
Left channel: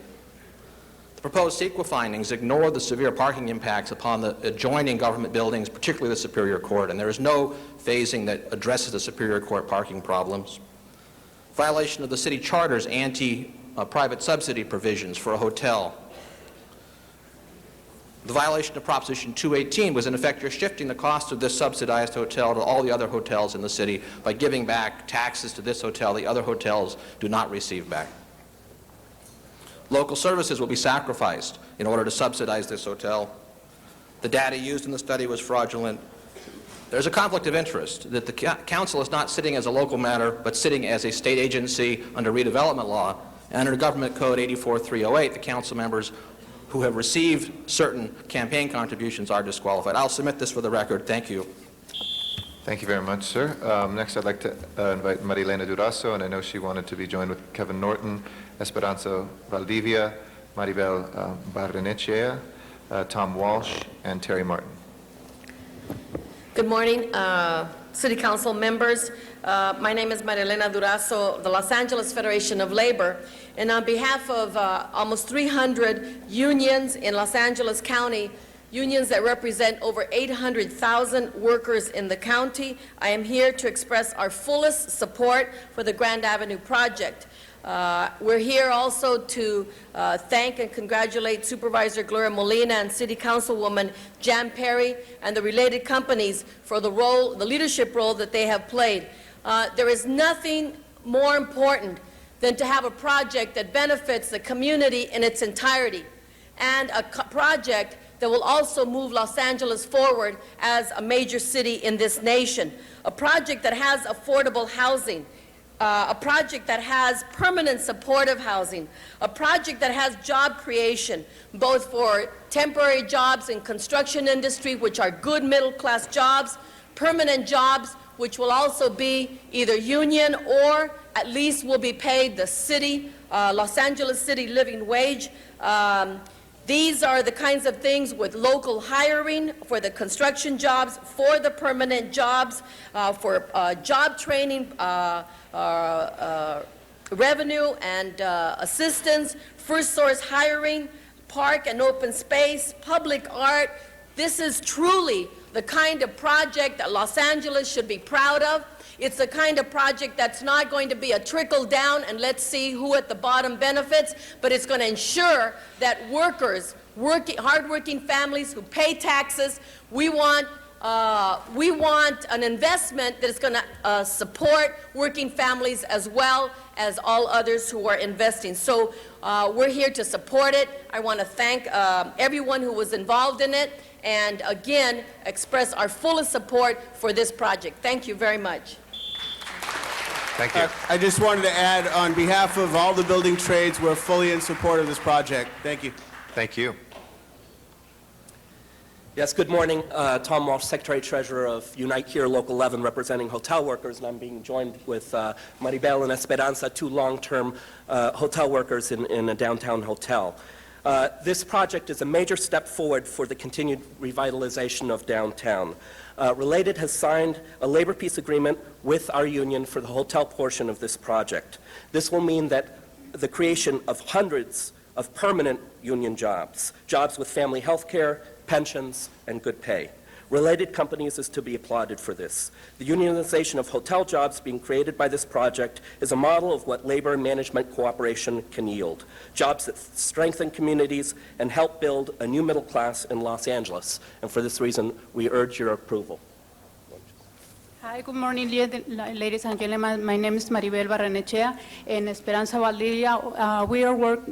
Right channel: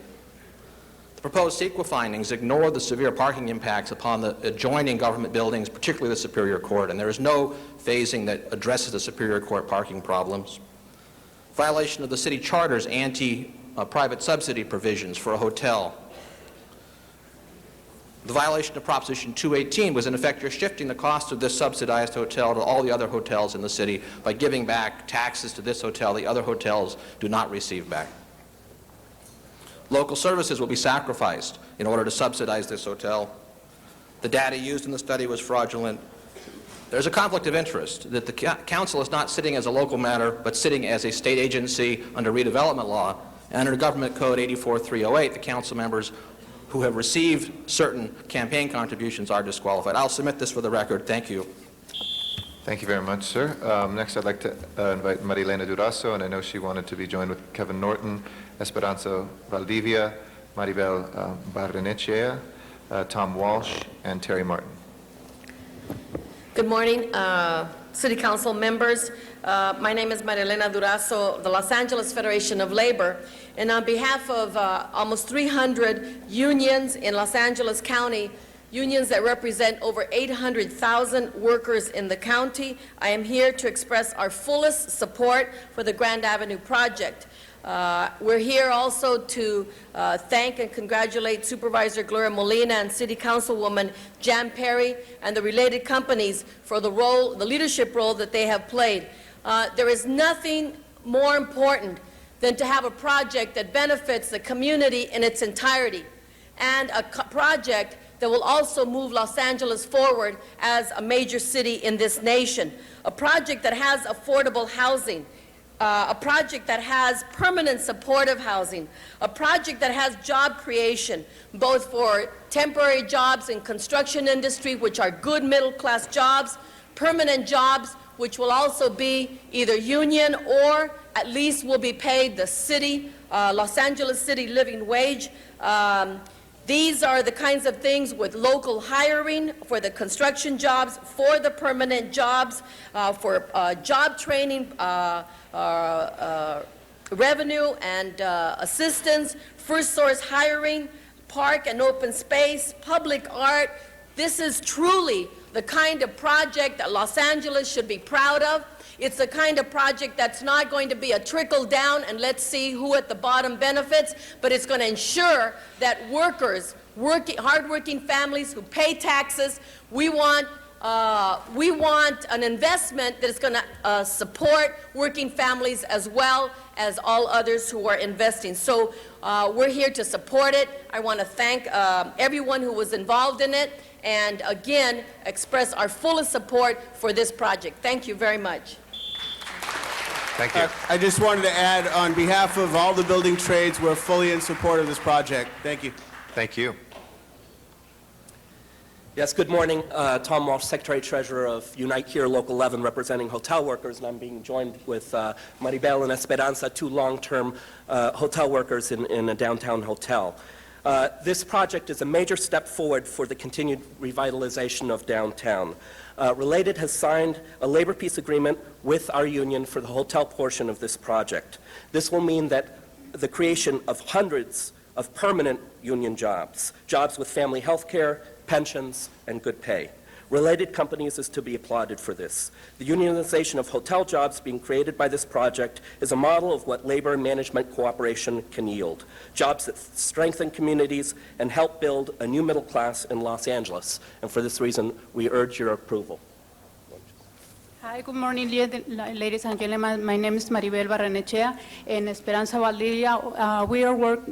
The proposed CEQA findings ignore the severe parking impacts upon the adjoining government buildings, particularly the Superior Court, and there is no phasing that addresses the Superior Court parking problems. Violation of the city charter's anti-private subsidy provisions for a hotel. The violation of Proposition 218 was, in effect, you're shifting the cost of this subsidized hotel to all the other hotels in the city by giving back taxes to this hotel the other hotels do not receive back. Local services will be sacrificed in order to subsidize this hotel. The data used in the study was fraudulent. There's a conflict of interest that the council is not sitting as a local matter, but sitting as a state agency under redevelopment law. And under Government Code 84308, the council members who have received certain campaign contributions are disqualified. I'll submit this for the record. Thank you. Thank you very much, sir. Next, I'd like to invite Marilena Durazo, and I know she wanted to be joined with Kevin Norton, Esperanza Valdivia, Maribel Barrenechea, Tom Walsh, and Terry Martin. Good morning, City Council members. My name is Marilena Durazo, the Los Angeles Federation of Labor, and on behalf of almost 300 unions in Los Angeles County, unions that represent over 800,000 workers in the county, I am here to express our fullest support for the Grand Avenue project. We're here also to thank and congratulate Supervisor Gloria Molina and City Councilwoman Jan Perry and the related companies for the leadership role that they have played. There is nothing more important than to have a project that benefits the community in its entirety, and a project that will also move Los Angeles forward as a major city in this nation. A project that has affordable housing, a project that has permanent supportive housing, a project that has job creation, both for temporary jobs in construction industry, which are good middle-class jobs, permanent jobs, which will also be either union or at least will be paid the city, Los Angeles City living wage. These are the kinds of things with local hiring for the construction jobs, for the permanent jobs, for job training, revenue and assistance, first source hiring, park and open space, public art. This is truly the kind of project that Los Angeles should be proud of. It's the kind of project that's not going to be a trickle down and let's see who at the bottom benefits, but it's going to ensure that workers, hardworking families who pay taxes, we want an investment that is going to support working families as well as all others who are investing. So we're here to support it. I want to thank everyone who was involved in it, and again, express our fullest support for this project. Thank you very much. Thank you. I just wanted to add, on behalf of all the building trades, we're fully in support of this project. Thank you. Thank you. Yes, good morning. Tom Walsh, Secretary-Treasurer of Unite Here Local 11, representing hotel workers, and I'm being joined with Maribel and Esperanza, two long-term hotel workers in a downtown hotel. This project is a major step forward for the continued revitalization of downtown. Related has signed a labor peace agreement with our union for the hotel portion of this project. This will mean that the creation of hundreds of permanent union jobs, jobs with family health care, pensions, and good pay. Related companies is to be applauded for this. The unionization of hotel jobs being created by this project is a model of what labor and management cooperation can yield. Jobs that strengthen communities and help build a new middle class in Los Angeles. And for this reason, we urge your approval. Hi, good morning, ladies and gentlemen. My name is Maribel Barrenechea in Esperanza Valdivia.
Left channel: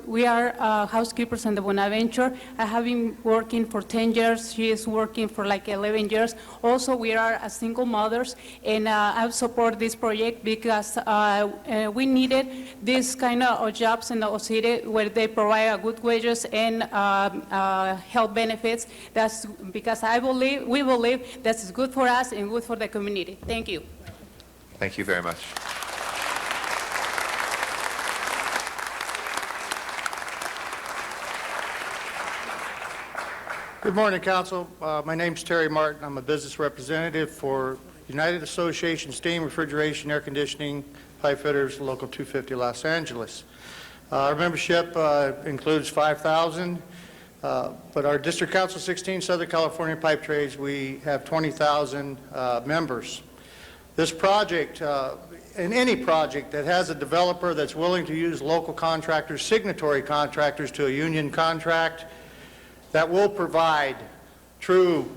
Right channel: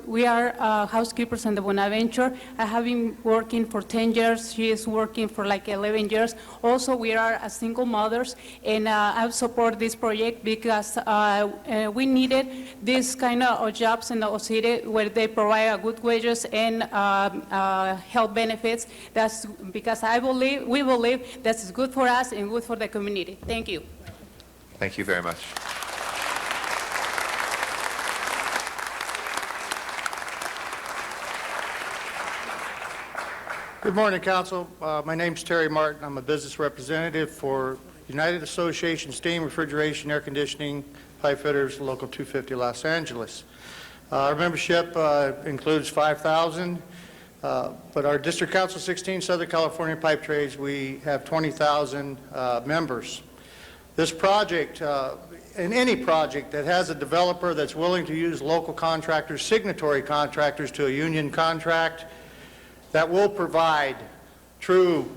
We are housekeepers in the Bonaventure. I have been working for 10 years. She is working for like 11 years. Also, we are single mothers, and I support this project because we needed this kind of jobs in the city where they provide good wages and health benefits. That's because we believe that's good for us and good for the community. Thank you. Thank you very much. Good morning, Council. My name's Terry Martin. I'm a business representative for United Association Steam, Refrigeration, Air Conditioning, Pipe Fitters, Local 250, Los Angeles. Our membership includes 5,000, but our District Council 16, Southern California Pipe Trades, we have 20,000 members. This project, and any project that has a developer that's willing to use local contractors, signatory contractors to a union contract, that will provide true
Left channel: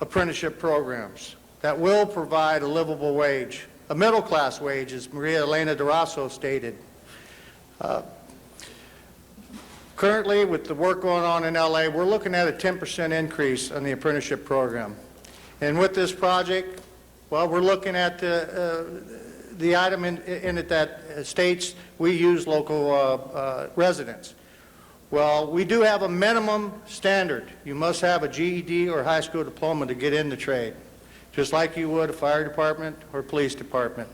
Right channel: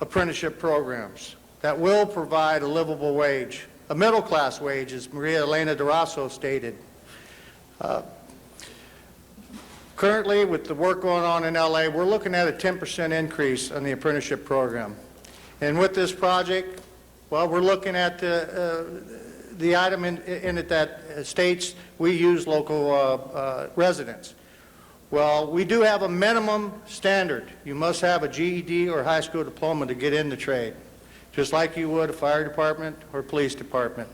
apprenticeship programs, that will provide a livable wage, a middle-class wage, as Maria Elena Durazo stated. Currently, with the work going on in LA, we're looking at a 10% increase on the apprenticeship program. And with this project, well, we're looking at the item in it that states we use local residents. Well, we do have a minimum standard. You must have a GED or high school diploma to get in the trade, just like you would a fire department or police department.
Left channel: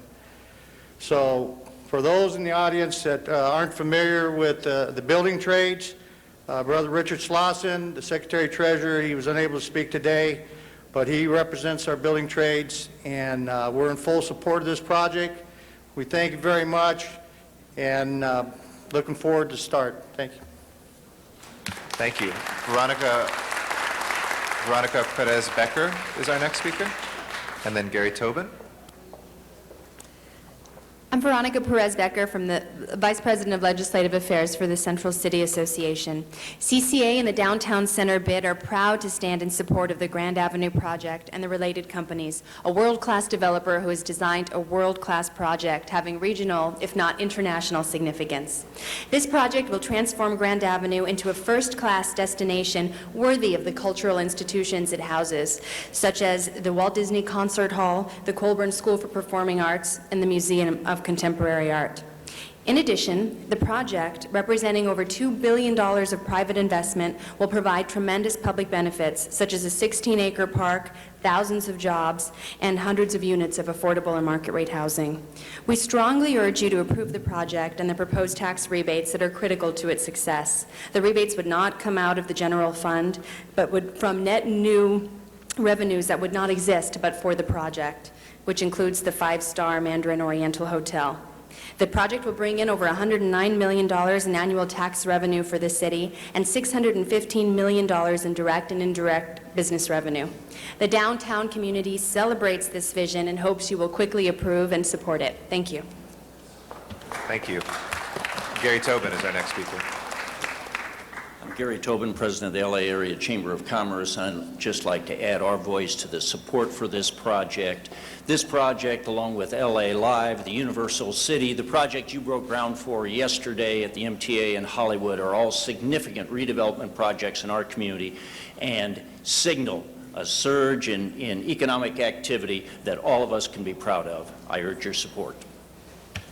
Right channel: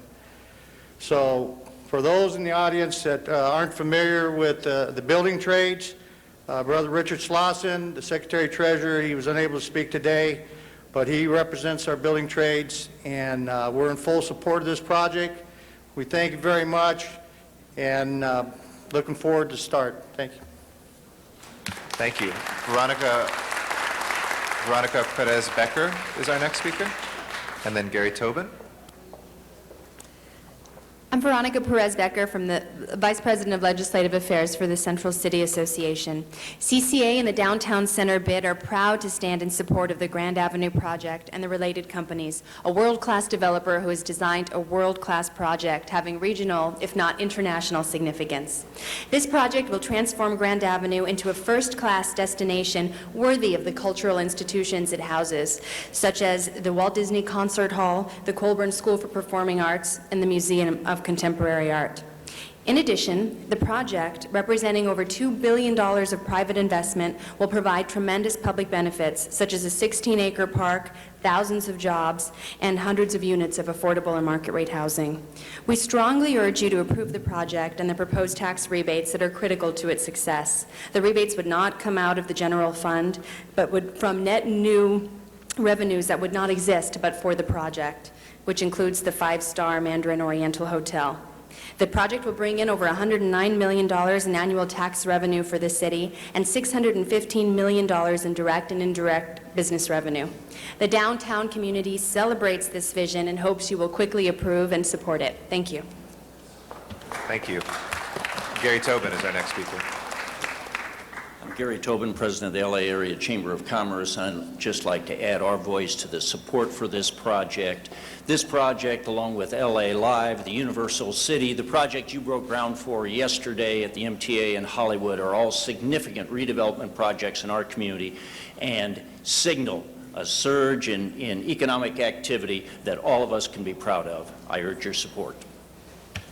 So for those in the audience that aren't familiar with the building trades, Brother Richard Slauson, the Secretary-Treasurer, he was unable to speak today, but he represents our building trades, and we're in full support of this project. We thank you very much, and looking forward to start. Thank you. Thank you. Veronica Perez-Becker is our next speaker, and then Gary Tobin. I'm Veronica Perez-Becker from the Vice President of Legislative Affairs for the Central City Association. CCA and the Downtown Center BID are proud to stand in support of the Grand Avenue project and the related companies, a world-class developer who has designed a world-class project having regional, if not international, significance. This project will transform Grand Avenue into a first-class destination worthy of the cultural institutions it houses, such as the Walt Disney Concert Hall, the Colburn School for Performing Arts, and the Museum of Contemporary Art. In addition, the project, representing over $2 billion of private investment, will provide tremendous public benefits, such as a 16-acre park, thousands of jobs, and hundreds of units of affordable and market-rate housing. We strongly urge you to approve the project and the proposed tax rebates that are critical to its success. The rebates would not come out of the general fund, but would from net new revenues that would not exist but for the project, which includes the five-star Mandarin Oriental Hotel. The project will bring in over $109 million in annual tax revenue for the city and $615 million in direct and indirect business revenue. The downtown community celebrates this vision and hopes you will quickly approve and support it. Thank you. Thank you. Gary Tobin is our next speaker. I'm Gary Tobin, President of the LA Area Chamber of Commerce. I'd just like to add our voice to the support for this project. This project, along with LA Live, the Universal City, the project you broke ground for yesterday at the MTA in Hollywood, are all significant redevelopment projects in our community and signal a surge in economic activity that all of us can be proud of. I urge your support.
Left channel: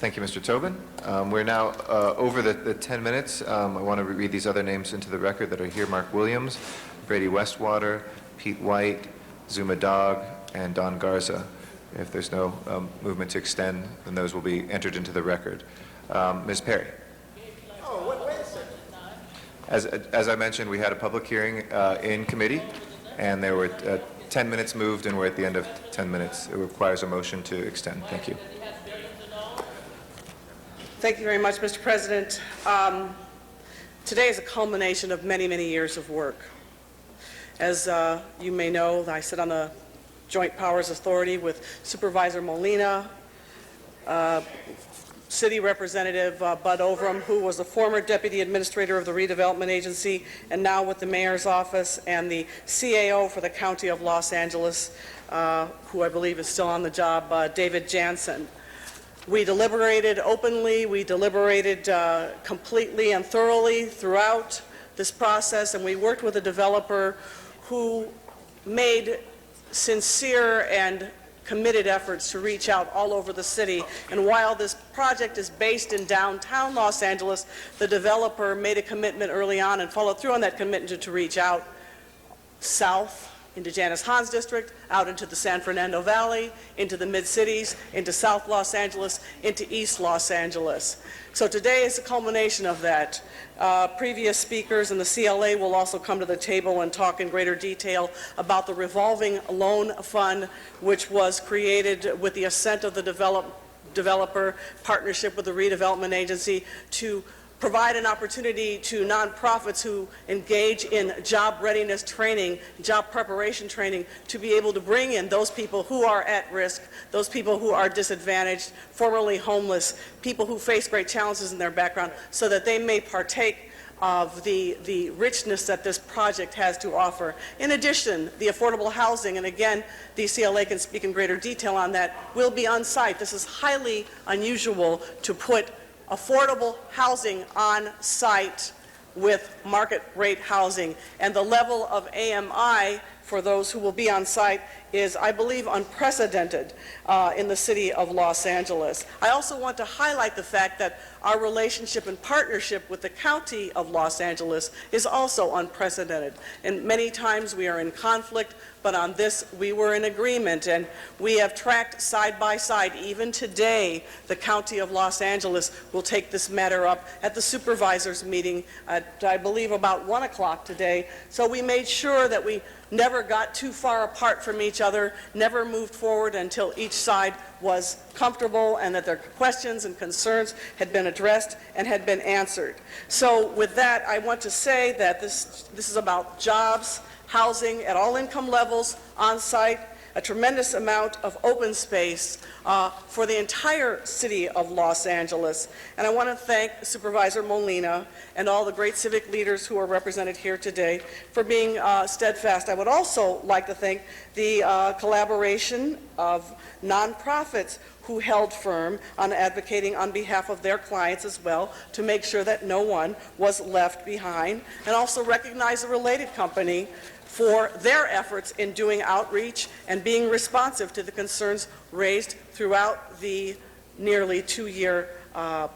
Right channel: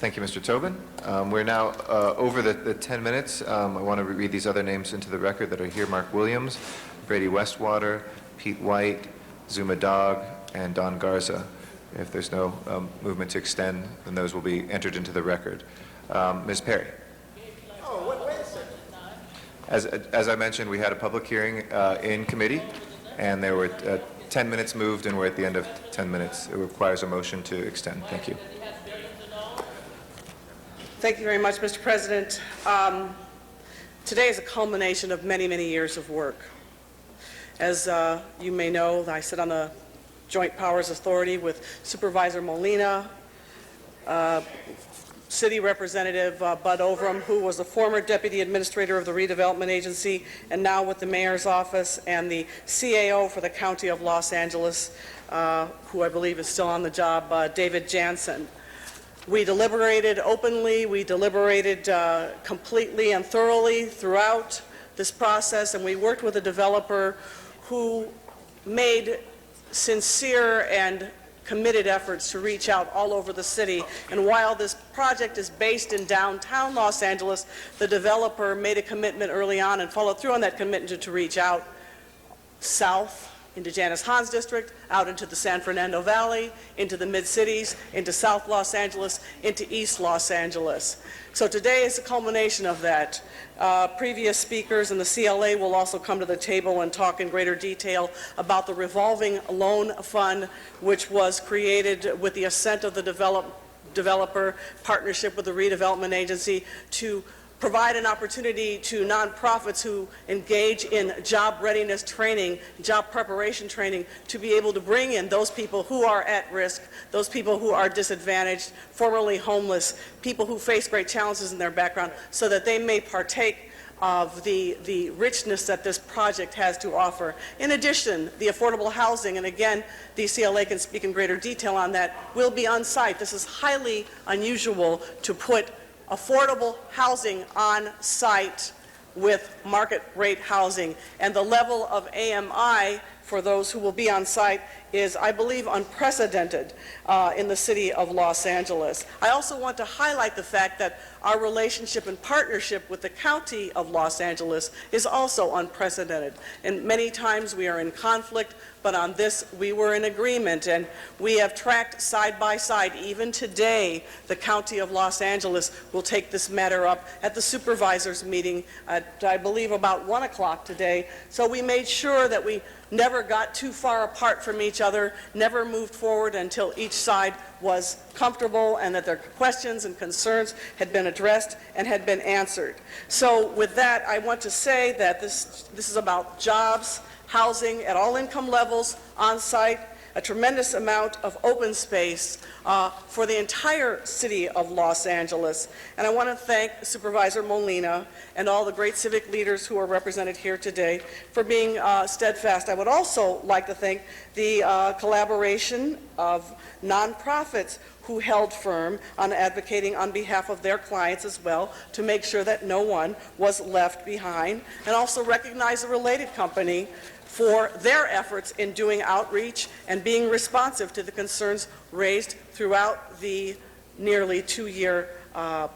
Thank you, Mr. Tobin. We're now over the 10 minutes. I want to read these other names into the record that are here. Mark Williams, Brady Westwater, Pete White, Zuma Dog, and Don Garza. If there's no movement to extend, then those will be entered into the record. Ms. Perry. Oh, wait a second. As I mentioned, we had a public hearing in committee, and there were 10 minutes moved, and we're at the end of 10 minutes. It requires a motion to extend. Thank you. Thank you very much, Mr. President. Today is a culmination of many, many years of work. As you may know, I sit on the Joint Powers Authority with Supervisor Molina, City Representative Bud Overham, who was the former Deputy Administrator of the Redevelopment Agency and now with the Mayor's Office, and the CAO for the County of Los Angeles, who I believe is still on the job, David Jansen. We deliberated openly, we deliberated completely and thoroughly throughout this process, and we worked with a developer who made sincere and committed efforts to reach out all over the city. And while this project is based in downtown Los Angeles, the developer made a commitment early on and followed through on that commitment to reach out south into Janice Hans District, out into the San Fernando Valley, into the mid-cities, into South Los Angeles, into East Los Angeles. So today is the culmination of that. Previous speakers in the CLA will also come to the table and talk in greater detail about the revolving loan fund, which was created with the assent of the developer, partnership with the redevelopment agency, to provide an opportunity to nonprofits who engage in job readiness training, job preparation training, to be able to bring in those people who are at risk, those people who are disadvantaged, formerly homeless, people who face great challenges in their background, so that they may partake of the richness that this project has to offer. In addition, the affordable housing, and again, the CLA can speak in greater detail on that, will be on site. This is highly unusual to put affordable housing on site with market rate housing, and the level of AMI for those who will be on site is, I believe, unprecedented in the city of Los Angeles. I also want to highlight the fact that our relationship and partnership with the County of Los Angeles is also unprecedented. And many times we are in conflict, but on this we were in agreement, and we have tracked side by side. Even today, the County of Los Angeles will take this matter up at the supervisors meeting at, I believe, about 1 o'clock today. So we made sure that we never got too far apart from each other, never moved forward until each side was comfortable and that their questions and concerns had been addressed and had been answered. So with that, I want to say that this is about jobs, housing at all income levels, on site, a tremendous amount of open space for the entire city of Los Angeles. And I want to thank Supervisor Molina and all the great civic leaders who are represented here today for being steadfast. I would also like to thank the collaboration of nonprofits who held firm on advocating on behalf of their clients as well, to make sure that no one was left behind, and also recognize a related company for their efforts in doing outreach and being responsive to the concerns raised throughout the nearly 2-year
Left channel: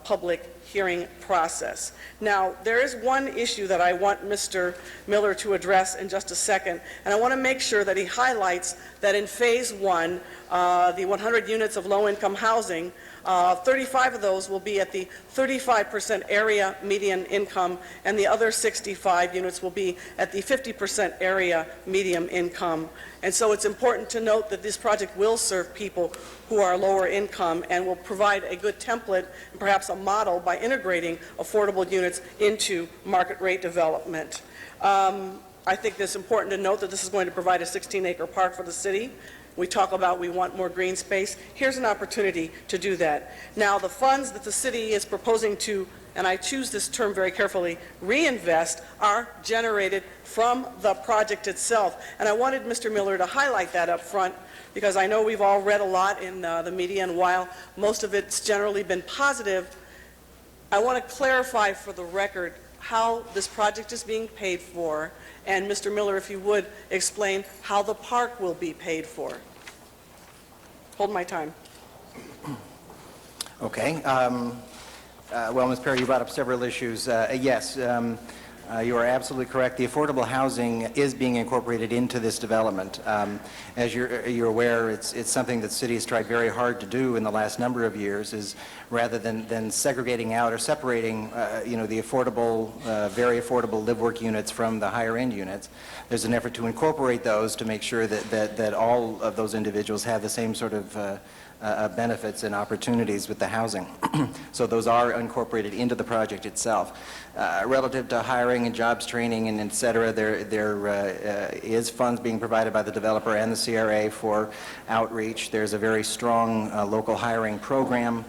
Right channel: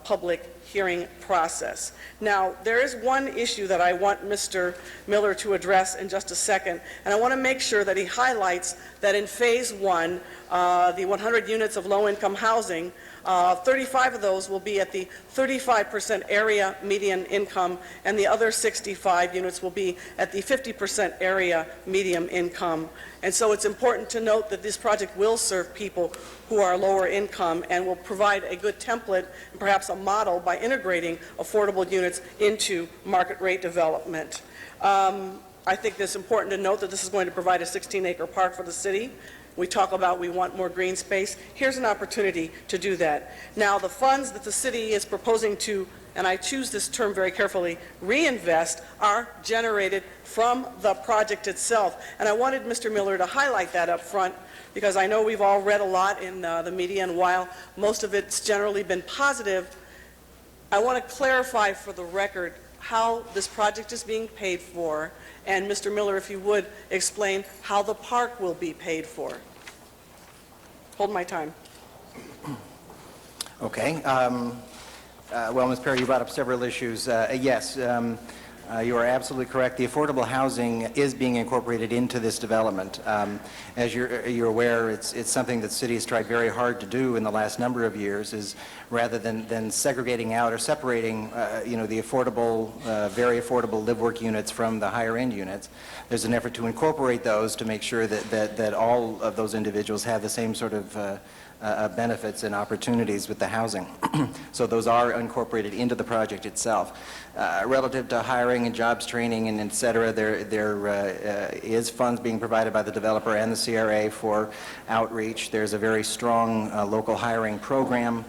public hearing process. Now, there is one issue that I want Mr. Miller to address in just a second, and I want to make sure that he highlights that in Phase 1, the 100 units of low-income housing, 35 of those will be at the 35% area median income, and the other 65 units will be at the 50% area median income. And so it's important to note that this project will serve people who are lower income and will provide a good template and perhaps a model by integrating affordable units into market rate development. I think it's important to note that this is going to provide a 16-acre park for the city. We talk about we want more green space. Here's an opportunity to do that. Now, the funds that the city is proposing to, and I choose this term very carefully, reinvest, are generated from the project itself. And I wanted Mr. Miller to highlight that up front, because I know we've all read a lot in the media, and while most of it's generally been positive, I want to clarify for the record how this project is being paid for. And Mr. Miller, if you would, explain how the park will be paid for. Hold my time. Okay. Well, Ms. Perry, you brought up several issues. Yes, you are absolutely correct. The affordable housing is being incorporated into this development. As you're aware, it's something that the city has tried very hard to do in the last number of years, is rather than segregating out or separating, the affordable, very affordable live-work units from the higher-end units. There's an effort to incorporate those to make sure that all of those individuals have the same sort of benefits and opportunities with the housing. So those are incorporated into the project itself. Relative to hiring and jobs training and et cetera, there is funds being provided by the developer and the CRA for outreach. There's a very strong local hiring program,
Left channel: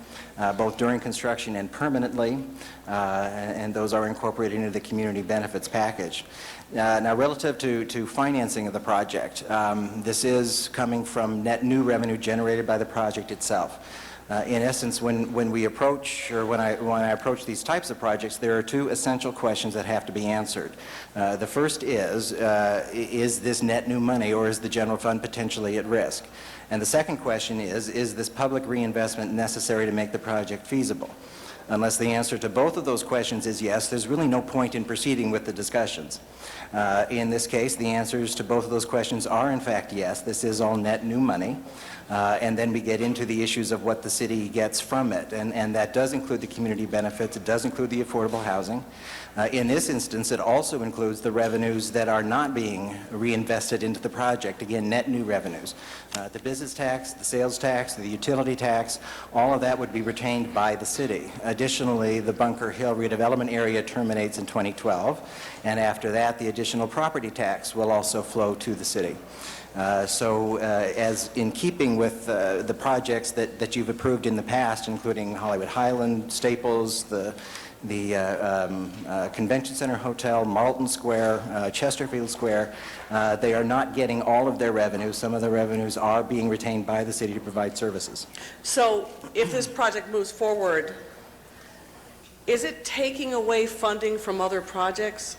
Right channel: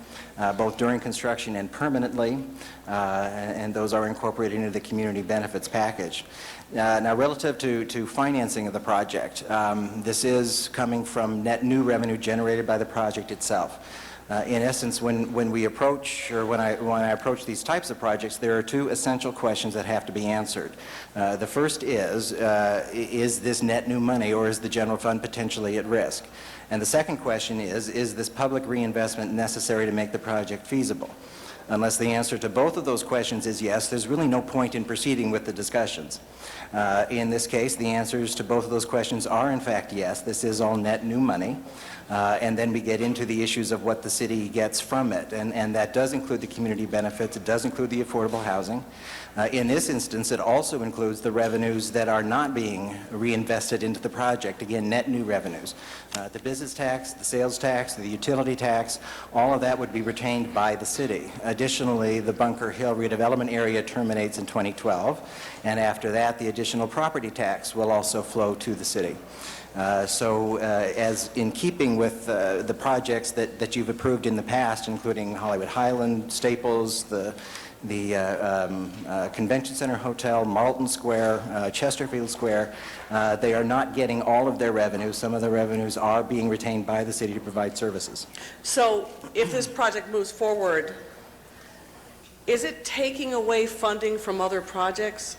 both during construction and permanently, and those are incorporated into the community benefits package. Now, relative to financing of the project, this is coming from net new revenue generated by the project itself. In essence, when we approach, or when I approach these types of projects, there are two essential questions that have to be answered. The first is this net new money, or is the general fund potentially at risk? And the second question is this public reinvestment necessary to make the project feasible? Unless the answer to both of those questions is yes, there's really no point in proceeding with the discussions. In this case, the answers to both of those questions are in fact yes. This is all net new money. And then we get into the issues of what the city gets from it. And that does include the community benefits. It does include the affordable housing. In this instance, it also includes the revenues that are not being reinvested into the project. Again, net new revenues. The business tax, the sales tax, the utility tax, all of that would be retained by the city. Additionally, the Bunker Hill redevelopment area terminates in 2012. And after that, the additional property tax will also flow to the city. As in keeping with the projects that you've approved in the past, including Hollywood Highland, Staples, the Convention Center Hotel, Marlton Square, Chesterfield Square, they are not getting all of their revenue. Some of the revenues are being retained by the city to provide services. So if this project moves forward, is it taking away funding from other projects?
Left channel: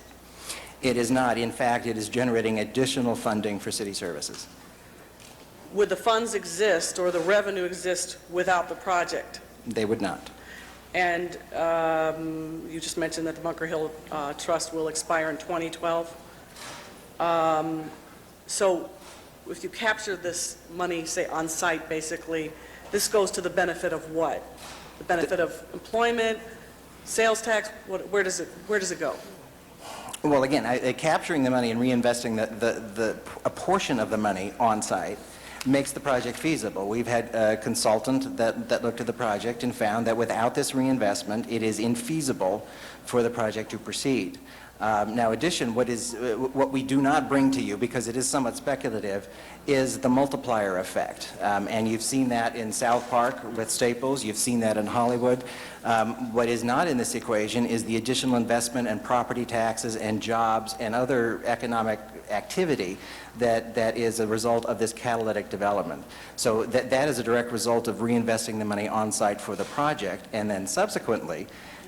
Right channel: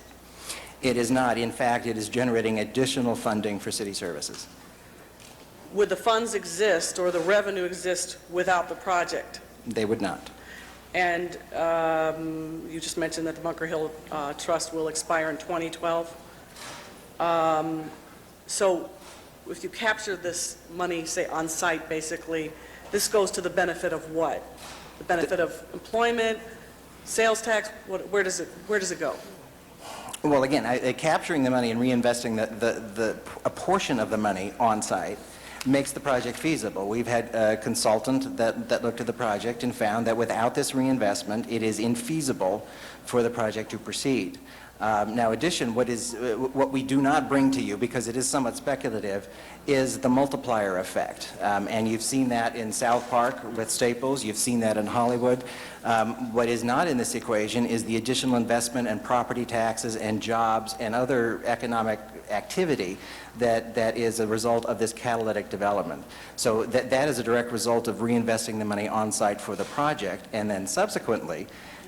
It is not. In fact, it is generating additional funding for city services. Would the funds exist or the revenue exist without the project? They would not. And you just mentioned that the Bunker Hill Trust will expire in 2012. So if you capture this money, say, on site, basically, this goes to the benefit of what? The benefit of employment, sales tax? Where does it go? Well, again, capturing the money and reinvesting a portion of the money on site makes the project feasible. We've had a consultant that looked at the project and found that without this reinvestment, it is infeasible for the project to proceed. Now, what we do not bring to you, because it is somewhat speculative, is the multiplier effect. And you've seen that in South Park with Staples. You've seen that in Hollywood. What is not in this equation is the additional investment and property taxes and jobs and other economic activity that is a result of this catalytic development. So that is a direct result of reinvesting the money on site for the project, and then subsequently,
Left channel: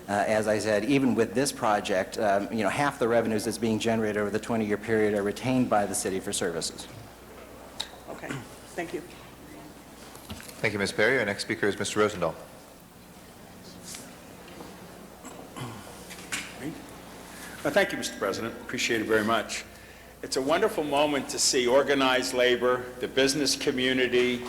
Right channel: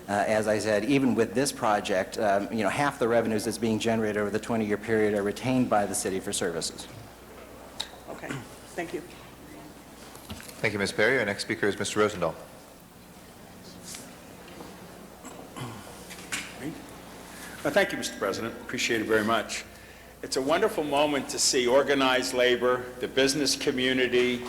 as I said, even with this project, half the revenues that's being generated over the 20-year period are retained by the city for services. Okay, thank you. Thank you, Ms. Perry. Our next speaker is Mr. Rosendahl. Thank you, Mr. President. Appreciate it very much. It's a wonderful moment to see organized labor, the business community,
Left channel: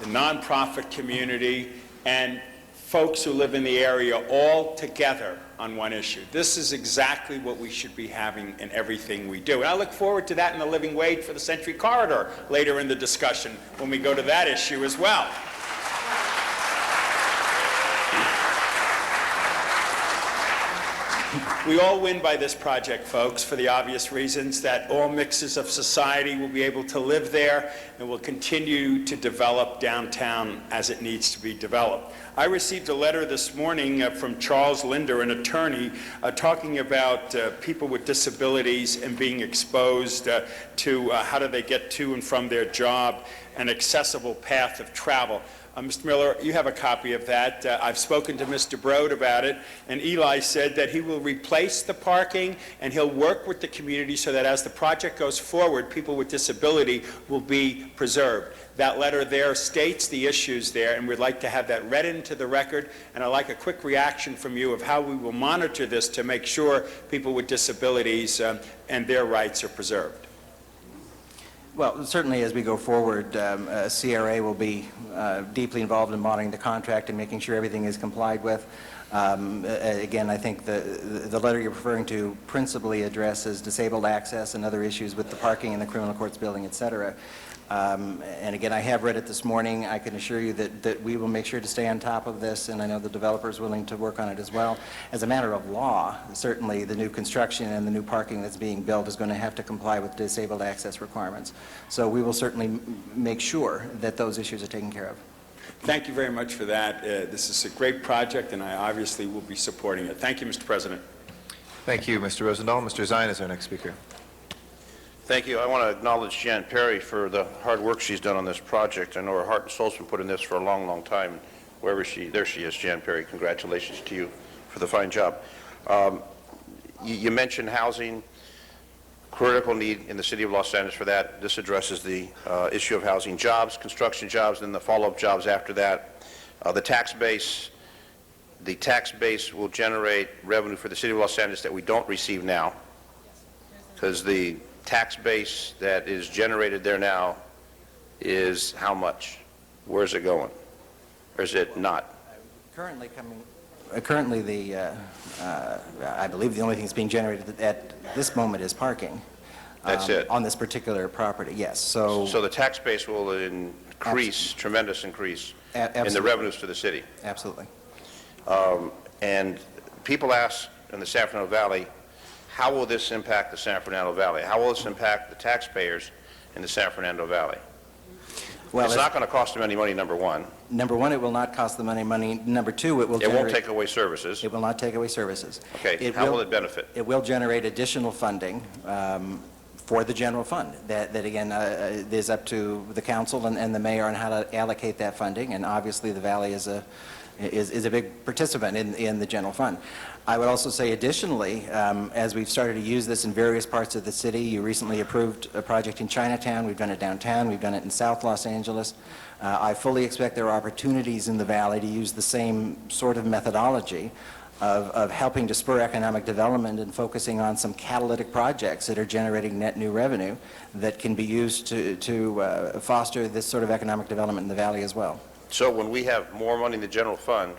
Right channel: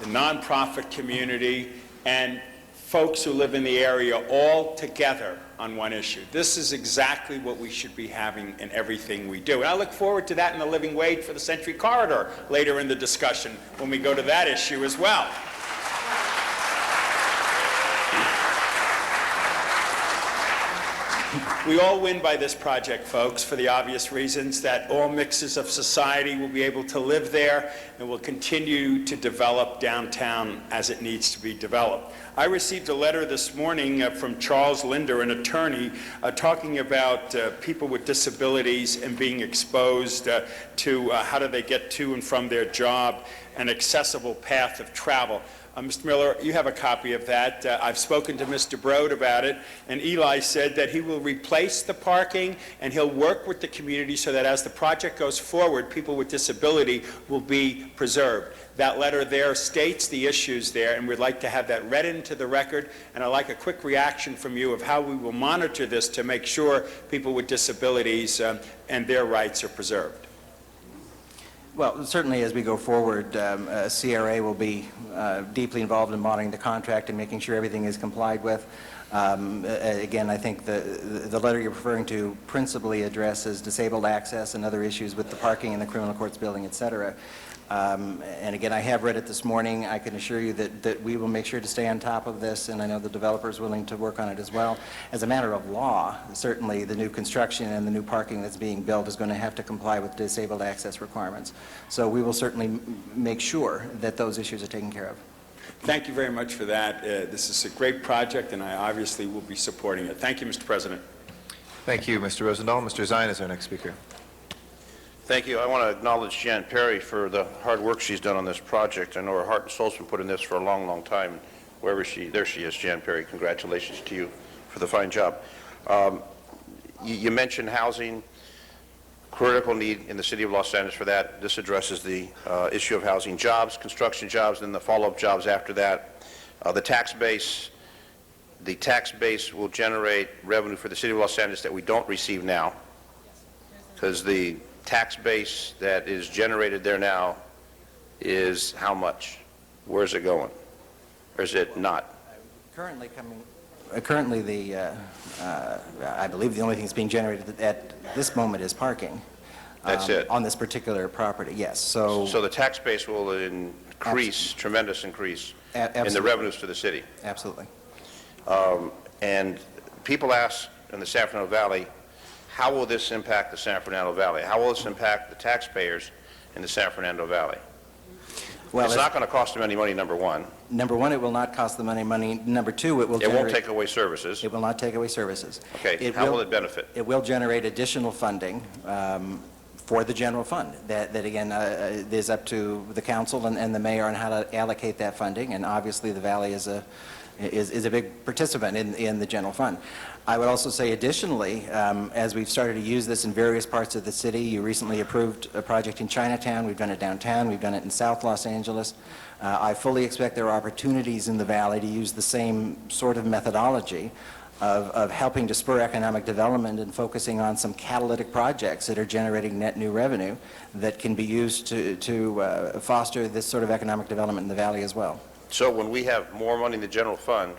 the nonprofit community, and folks who live in the area all together on one issue. This is exactly what we should be having in everything we do. And I look forward to that in the living wage for the Century Corridor later in the discussion when we go to that issue as well. We all win by this project, folks, for the obvious reasons that all mixes of society will be able to live there and will continue to develop downtown as it needs to be developed. I received a letter this morning from Charles Linder, an attorney, talking about people with disabilities and being exposed to how do they get to and from their job, an accessible path of travel. Mr. Miller, you have a copy of that. I've spoken to Mr. Broad about it, and Eli said that he will replace the parking and he'll work with the community so that as the project goes forward, people with disability will be preserved. That letter there states the issues there, and we'd like to have that read into the record, and I'd like a quick reaction from you of how we will monitor this to make sure people with disabilities and their rights are preserved. Well, certainly as we go forward, CRA will be deeply involved in monitoring the contract and making sure everything is complied with. Again, I think the letter you're referring to principally addresses disabled access and other issues with the parking in the criminal courts building, et cetera. And again, I have read it this morning. I can assure you that we will make sure to stay on top of this, and I know the developer is willing to work on it as well. As a matter of law, certainly the new construction and the new parking that's being built is going to have to comply with disabled access requirements. So we will certainly make sure that those issues are taken care of. Thank you very much for that. This is a great project, and I obviously will be supporting it. Thank you, Mr. President. Thank you, Mr. Rosendahl. Mr. Zine is our next speaker. Thank you. I want to acknowledge Jan Perry for the hard work she's done on this project. I know her heart and soul's been put in this for a long, long time. There she is, Jan Perry. Congratulations to you for the fine job. You mentioned housing, critical need in the city of Los Angeles for that. This addresses the issue of housing, jobs, construction jobs, and the follow-up jobs after that. The tax base will generate revenue for the city of Los Angeles that we don't receive now, because the tax base that is generated there now is how much? Where's it going? Or is it not? Currently, I believe the only thing that's being generated at this moment is parking. That's it? On this particular property, yes. So the tax base will increase, tremendous increase in the revenues to the city. Absolutely. And people ask in the San Fernando Valley, how will this impact the San Fernando Valley? How will this impact the taxpayers in the San Fernando Valley? Well, it's not going to cost them any money, number one. Number one, it will not cost them any money. Number two, it will It won't take away services. It will not take away services. Okay, how will it benefit? It will generate additional funding for the general fund. That again, is up to the council and the mayor on how to allocate that funding, and obviously the Valley is a big participant in the general fund. I would also say additionally, as we've started to use this in various parts of the city, you recently approved a project in Chinatown, we've done it downtown, we've done it in South Los Angeles. I fully expect there are opportunities in the Valley to use the same sort of methodology of helping to spur economic development and focusing on some catalytic projects that are generating net new revenue that can be used to foster this sort of economic development in the Valley as well. So when we have more money in the general fund,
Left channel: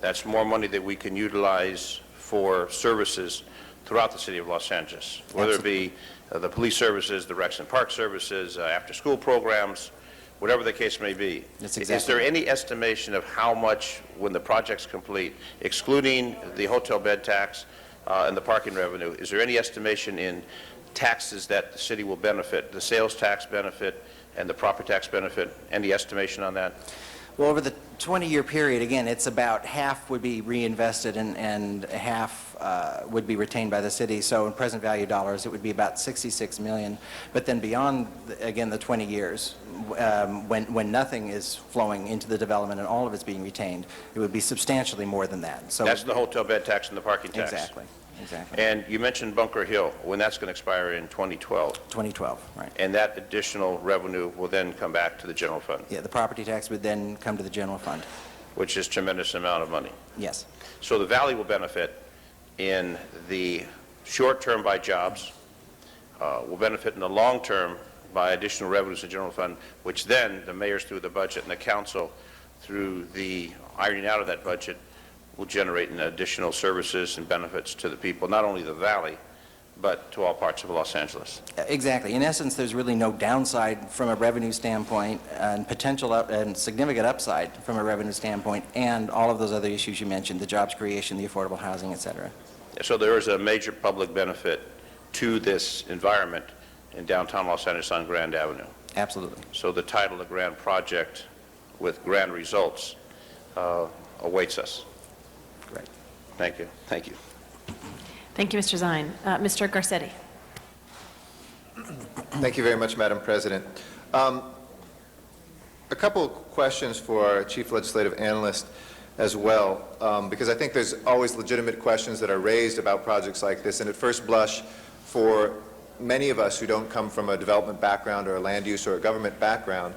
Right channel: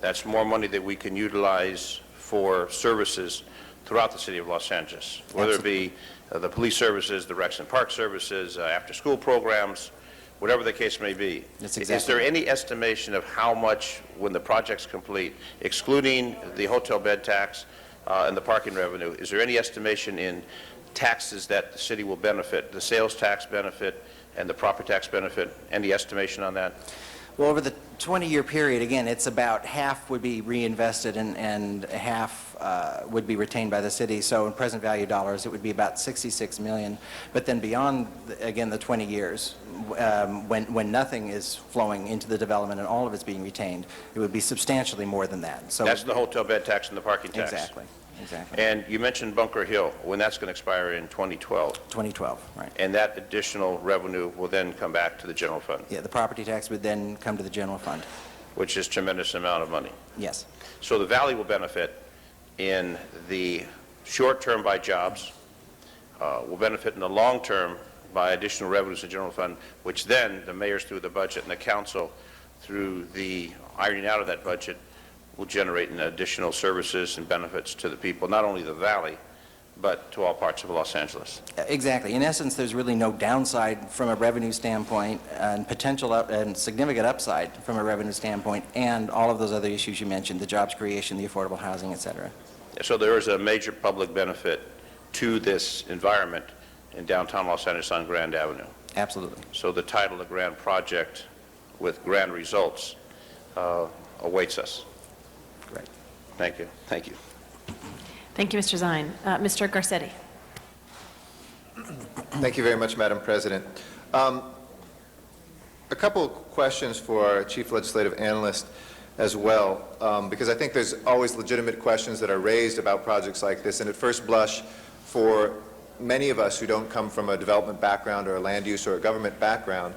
that's more money that we can utilize for services throughout the city of Los Angeles, whether it be the police services, the Rex and Park services, after-school programs, whatever the case may be. Is there any estimation of how much, when the project's complete, excluding the hotel bed tax and the parking revenue, is there any estimation in taxes that the city will benefit, the sales tax benefit and the property tax benefit? Any estimation on that? Well, over the 20-year period, again, it's about half would be reinvested and half would be retained by the city. So in present value dollars, it would be about $66 million. But then beyond, again, the 20 years, when nothing is flowing into the development and all of it's being retained, it would be substantially more than that. So that's the hotel bed tax and the parking tax. Exactly. And you mentioned Bunker Hill, when that's going to expire in 2012. 2012, right. And that additional revenue will then come back to the general fund. Yeah, the property tax would then come to the general fund. Which is a tremendous amount of money. Yes. So the Valley will benefit in the short term by jobs, will benefit in the long term by additional revenues to the general fund, which then the mayors through the budget and the council through the ironing out of that budget will generate in additional services and benefits to the people, not only the Valley, but to all parts of Los Angeles. Exactly. In essence, there's really no downside from a revenue standpoint and potential and significant upside from a revenue standpoint, and all of those other issues you mentioned, the jobs creation, the affordable housing, et cetera. So there is a major public benefit to this environment in downtown Los Angeles on Grand Avenue. Absolutely. So the title, The Grand Project with Grand Results, awaits us. Great. Thank you. Thank you. Thank you, Mr. Zine. Mr. Garcetti. Thank you very much, Madam President. A couple of questions for our Chief Legislative Analyst as well, because I think there's always legitimate questions that are raised about projects like this, and at first blush, for many of us who don't come from a development background or a land use or a government background,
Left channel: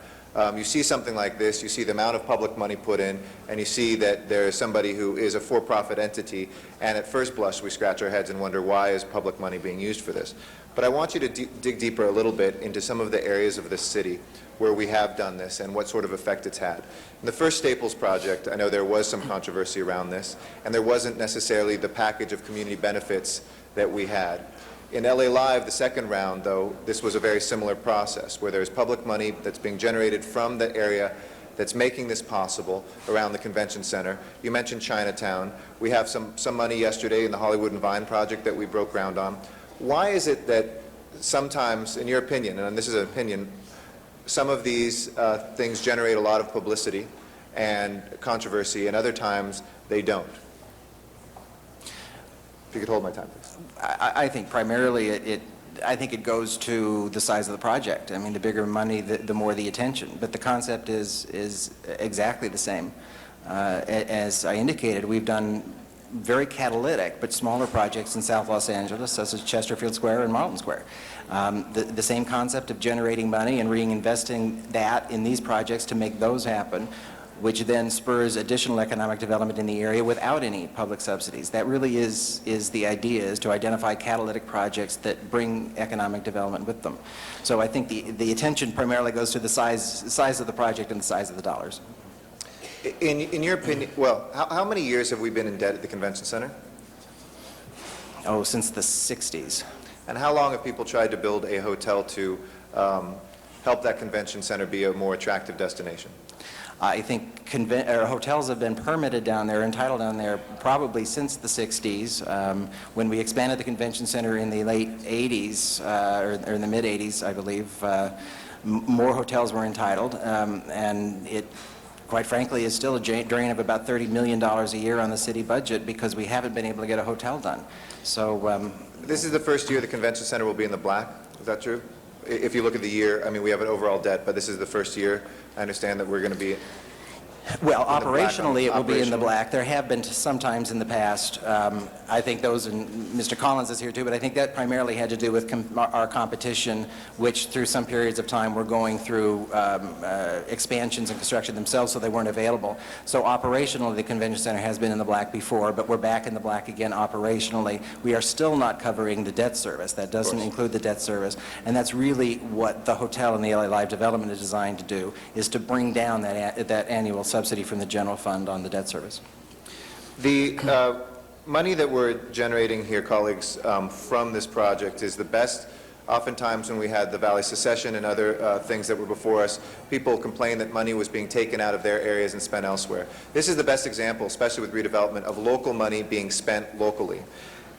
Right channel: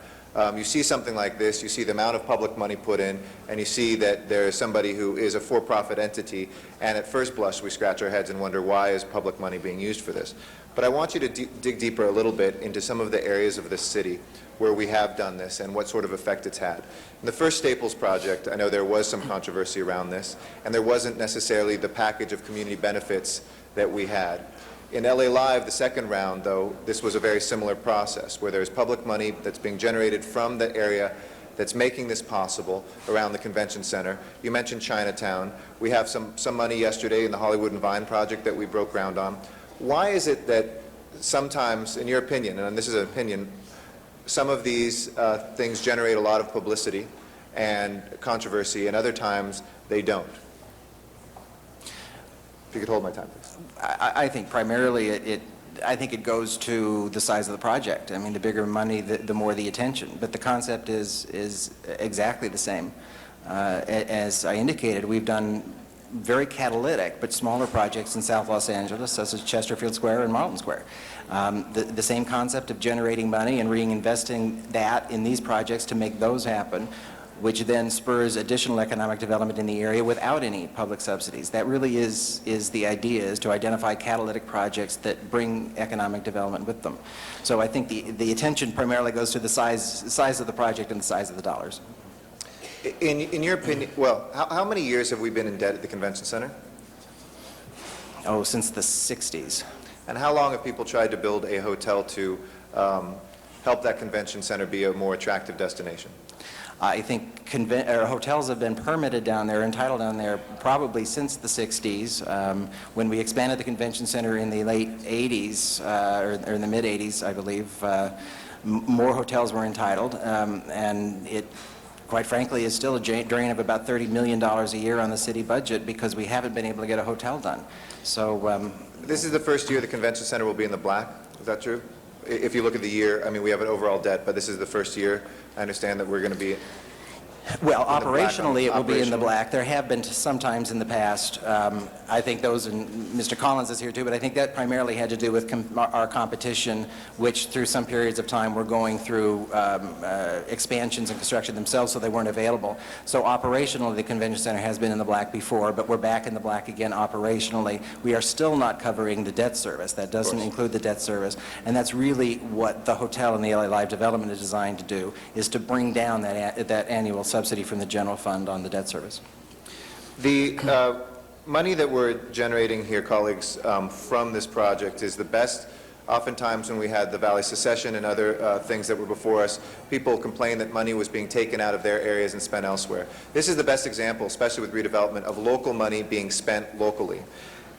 you see something like this, you see the amount of public money put in, and you see that there is somebody who is a for-profit entity, and at first blush we scratch our heads and wonder, why is public money being used for this? But I want you to dig deeper a little bit into some of the areas of this city where we have done this and what sort of effect it's had. In the first Staples project, I know there was some controversy around this, and there wasn't necessarily the package of community benefits that we had. In LA Live, the second round, though, this was a very similar process, where there's public money that's being generated from the area that's making this possible around the convention center. You mentioned Chinatown. We have some money yesterday in the Hollywood and Vine project that we broke ground on. Why is it that sometimes, in your opinion, and this is an opinion, some of these things generate a lot of publicity and controversy, and other times they don't? If you could hold my time, please. I think primarily I think it goes to the size of the project. I mean, the bigger money, the more the attention. But the concept is exactly the same. As I indicated, we've done very catalytic but smaller projects in South Los Angeles, such as Chesterfield Square and Marlton Square. The same concept of generating money and reinvesting that in these projects to make those happen, which then spurs additional economic development in the area without any public subsidies. That really is the idea, is to identify catalytic projects that bring economic development with them. So I think the attention primarily goes to the size of the project and the size of the dollars. In your opinion, well, how many years have we been in debt at the convention center? Oh, since the 60s. And how long have people tried to build a hotel to help that convention center be a more attractive destination? I think hotels have been permitted down there, entitled down there, probably since the 60s. When we expanded the convention center in the late 80s, or in the mid-80s, I believe, more hotels were entitled, and it, quite frankly, is still a drain of about $30 million a year on the city budget because we haven't been able to get a hotel done. So this is the first year the convention center will be in the black. Is that true? If you look at the year, I mean, we have an overall debt, but this is the first year. I understand that we're going to be... Well, operationally, it will be in the black. There have been sometimes in the past. I think those, and Mr. Collins is here too, but I think that primarily had to do with our competition, which through some periods of time were going through expansions and construction themselves, so they weren't available. So operationally, the convention center has been in the black before, but we're back in the black again operationally. We are still not covering the debt service. That doesn't include the debt service, and that's really what the hotel and the LA Live development is designed to do, is to bring down that annual subsidy from the general fund on the debt service. The money that we're generating here, colleagues, from this project is the best. Oftentimes when we had the Valley Secession and other things that were before us, people complained that money was being taken out of their areas and spent elsewhere. This is the best example, especially with redevelopment, of local money being spent locally.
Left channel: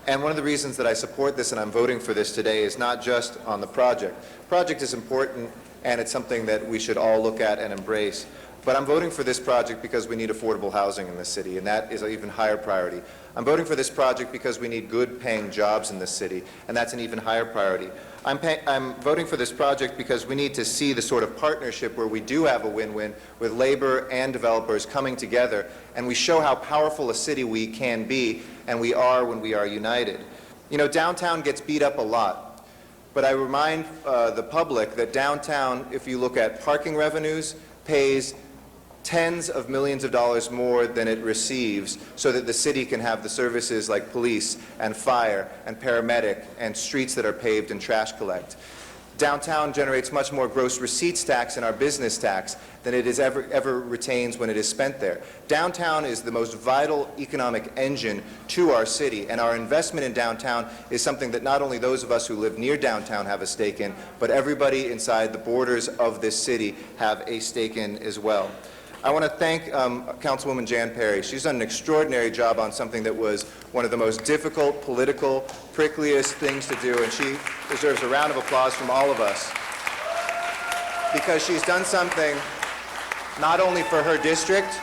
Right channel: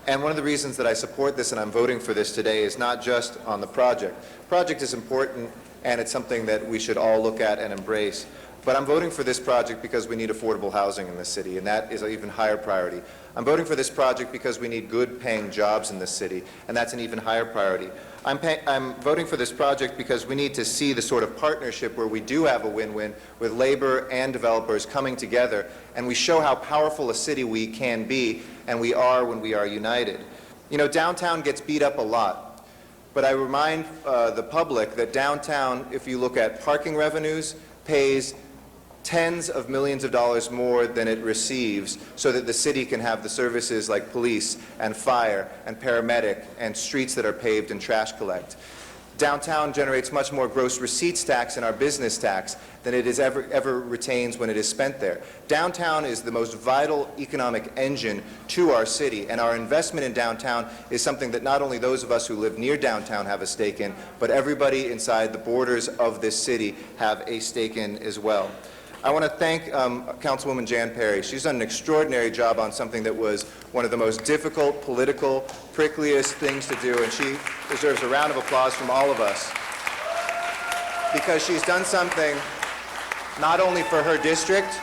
And one of the reasons that I support this and I'm voting for this today is not just on the project. The project is important and it's something that we should all look at and embrace. But I'm voting for this project because we need affordable housing in this city, and that is an even higher priority. I'm voting for this project because we need good paying jobs in this city, and that's an even higher priority. I'm voting for this project because we need to see the sort of partnership where we do have a win-win with labor and developers coming together, and we show how powerful a city we can be, and we are when we are united. You know, downtown gets beat up a lot, but I remind the public that downtown, if you look at parking revenues, pays tens of millions of dollars more than it receives so that the city can have the services like police and fire and paramedic and streets that are paved and trash collect. Downtown generates much more gross receipts tax in our business tax than it is ever retains when it is spent there. Downtown is the most vital economic engine to our city, and our investment in downtown is something that not only those of us who live near downtown have a stake in, but everybody inside the borders of this city have a stake in as well. I want to thank Councilwoman Jan Perry. She's done an extraordinary job on something that was one of the most difficult, political, prickliest things to do, and she deserves a round of applause from all of us because she's done something not only for her district,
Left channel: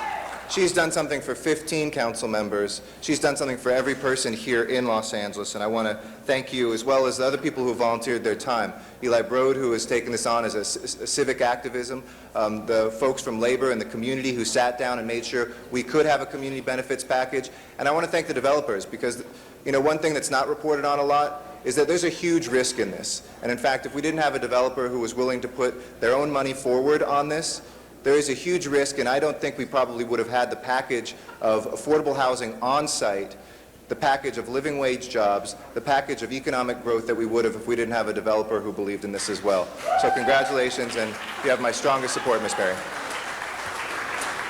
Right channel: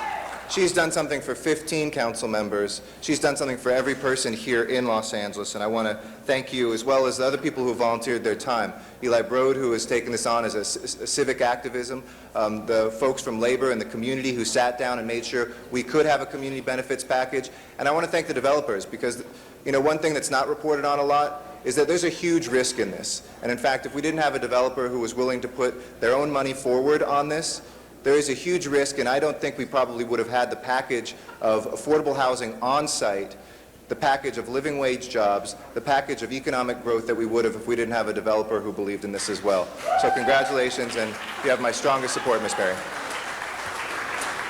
she's done something for 15 council members. She's done something for every person here in Los Angeles, and I want to thank you as well as the other people who volunteered their time. Eli Brode, who has taken this on as a civic activism, the folks from labor and the community who sat down and made sure we could have a community benefits package. And I want to thank the developers because, you know, one thing that's not reported on a lot is that there's a huge risk in this. And in fact, if we didn't have a developer who was willing to put their own money forward on this, there is a huge risk, and I don't think we probably would have had the package of affordable housing on site, the package of living wage jobs, the package of economic growth that we would have if we didn't have a developer who believed in this as well. So congratulations, and you have my strongest support, Ms. Perry.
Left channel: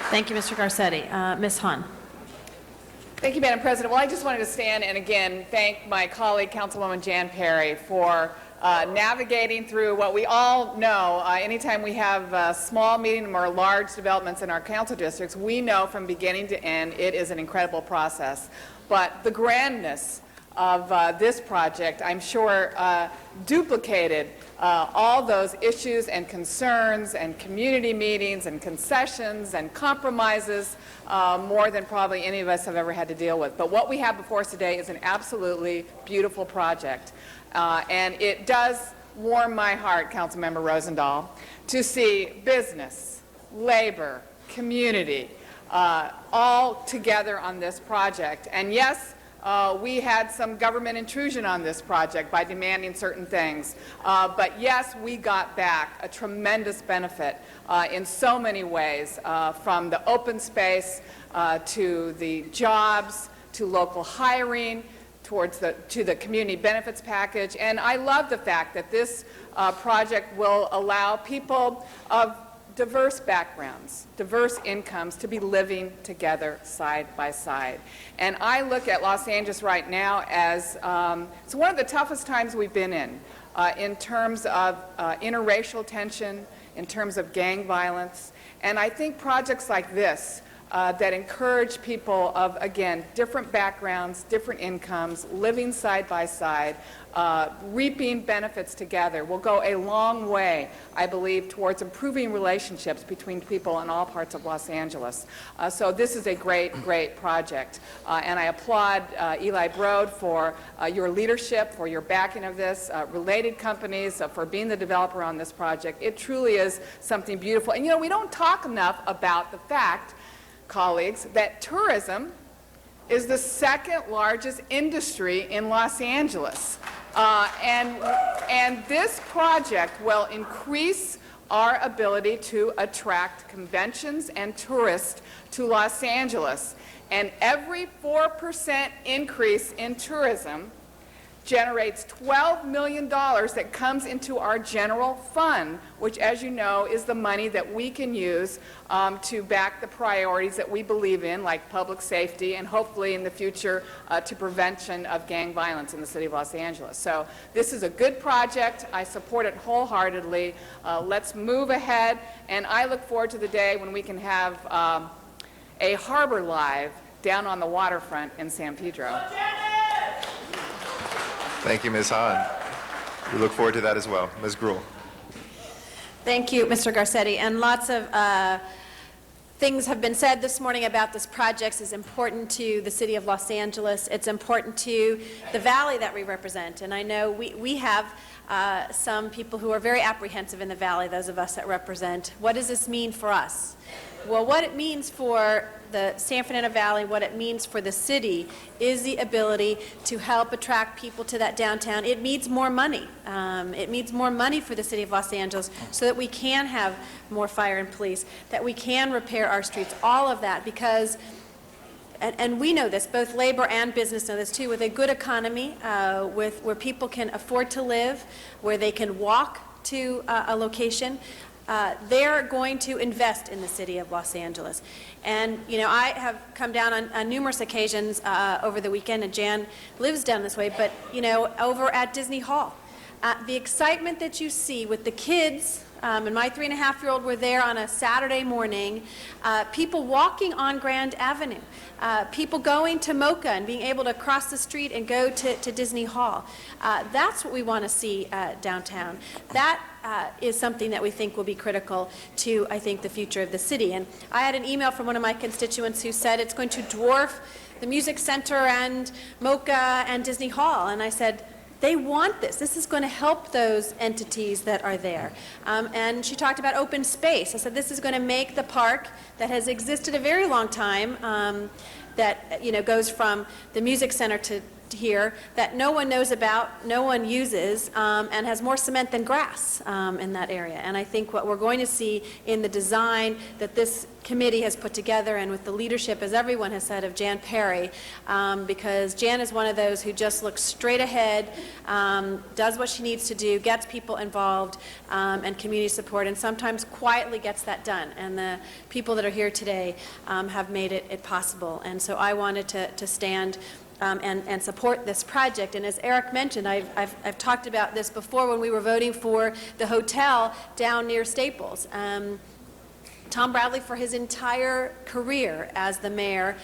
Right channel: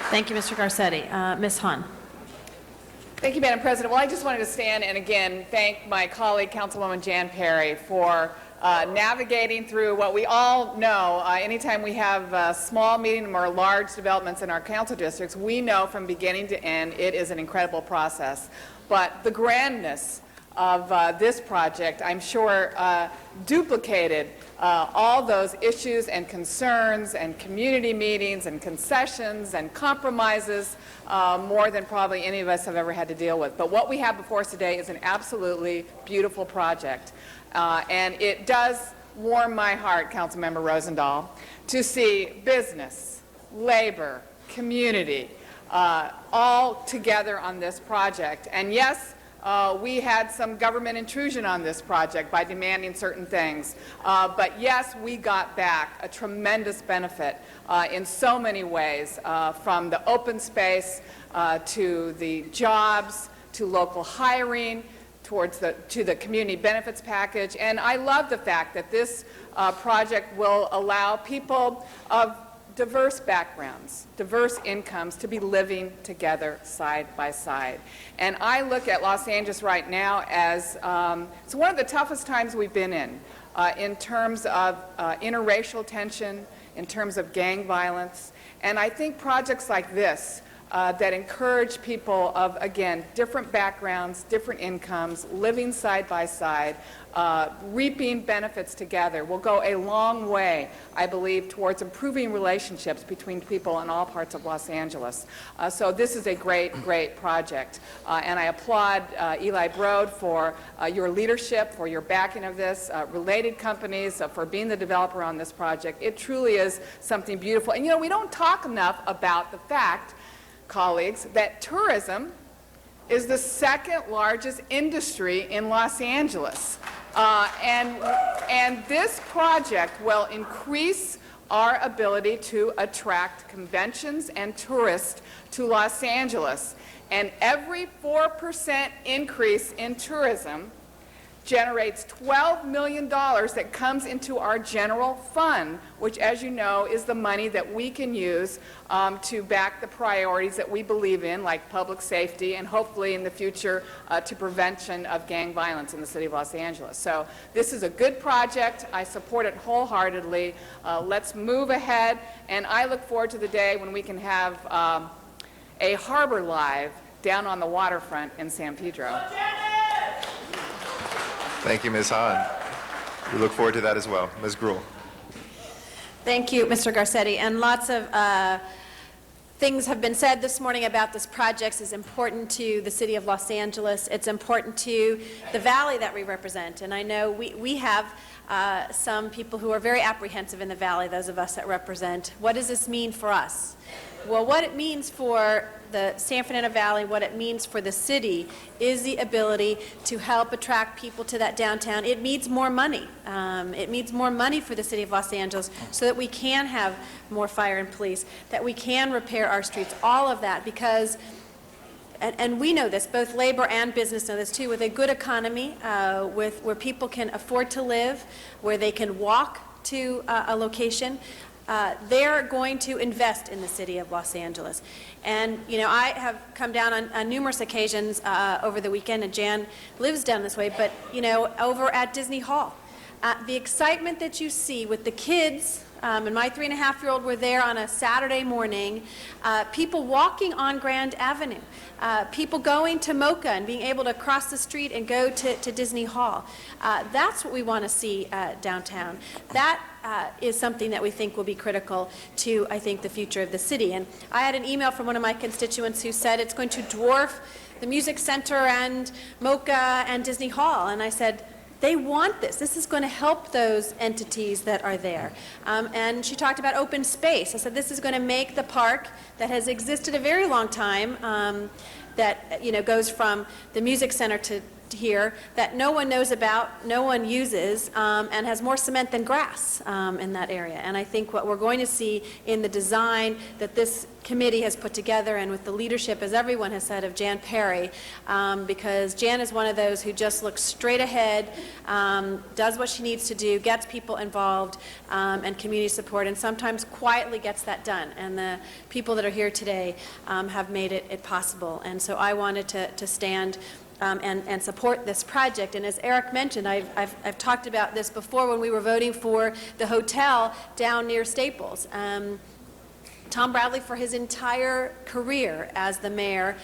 Thank you, Mr. Garcetti. Ms. Han. Thank you, Madam President. Well, I just wanted to stand and again thank my colleague, Councilwoman Jan Perry, for navigating through what we all know. Anytime we have small, medium, or large developments in our council districts, we know from beginning to end it is an incredible process. But the grandness of this project, I'm sure, duplicated all those issues and concerns and community meetings and concessions and compromises more than probably any of us have ever had to deal with. But what we have before us today is an absolutely beautiful project. And it does warm my heart, Councilmember Rosendahl, to see business, labor, community, all together on this project. And yes, we had some government intrusion on this project by demanding certain things. But yes, we got back a tremendous benefit in so many ways, from the open space to the jobs, to local hiring, to the community benefits package. And I love the fact that this project will allow people of diverse backgrounds, diverse incomes to be living together side by side. And I look at Los Angeles right now as it's one of the toughest times we've been in terms of interracial tension, in terms of gang violence. And I think projects like this that encourage people of, again, different backgrounds, different incomes, living side by side, reaping benefits together will go a long way, I believe, towards improving relationships between people in all parts of Los Angeles. So this is a great, great project. And I applaud Eli Broad for your leadership, for your backing of this, related companies for being the developer on this project. It truly is something beautiful. And you know, we don't talk enough about the fact, colleagues, that tourism is the second largest industry in Los Angeles. And this project will increase our ability to attract conventions and tourists to Los Angeles. And every 4% increase in tourism generates $12 million that comes into our general fund, which, as you know, is the money that we can use to back the priorities that we believe in, like public safety and hopefully in the future to prevention of gang violence in the city of Los Angeles. So this is a good project. I support it wholeheartedly. Let's move ahead, and I look forward to the day when we can have a harbor live down on the waterfront in San Pedro. Thank you, Ms. Hahn. We look forward to that as well. Ms. Gruhl. Thank you, Mr. Garcetti. And lots of things have been said this morning about this project. It's important to the city of Los Angeles. It's important to the valley that we represent. And I know we have some people who are very apprehensive in the valley, those of us that represent. What does this mean for us? Well, what it means for the San Fernando Valley, what it means for the city, is the ability to help attract people to that downtown. It needs more money. It needs more money for the city of Los Angeles so that we can have more fire and police, that we can repair our streets, all of that, because, and we know this, both labor and business know this too, with a good economy, where people can afford to live, where they can walk to a location, they're going to invest in the city of Los Angeles. And, you know, I have come down on numerous occasions over the weekend, and Jan lives down this way, but, you know, over at Disney Hall. The excitement that you see with the kids, and my 3.5-year-old were there on a Saturday morning, people walking on Grand Avenue, people going to Mocha and being able to cross the street and go to Disney Hall. That's what we want to see downtown. That is something that we think will be critical to, I think, the future of the city. And I had an email from one of my constituents who said it's going to dwarf the Music Center and Mocha and Disney Hall. And I said, they want this. This is going to help those entities that are there. And she talked about open space. I said, this is going to make the park that has existed a very long time, that, you know, goes from the Music Center to here that no one knows about, no one uses, and has more cement than grass in that area. And I think what we're going to see in the design that this committee has put together, and with the leadership, as everyone has said, of Jan Perry, because Jan is one of those who just looks straight ahead, does what she needs to do, gets people involved, and community support, and sometimes quietly gets that done. And the people that are here today have made it possible. And so I wanted to stand and support this project. And as Eric mentioned, I've talked about this before when we were voting for the hotel down near Staples. Tom Bradley, for his entire career as the mayor,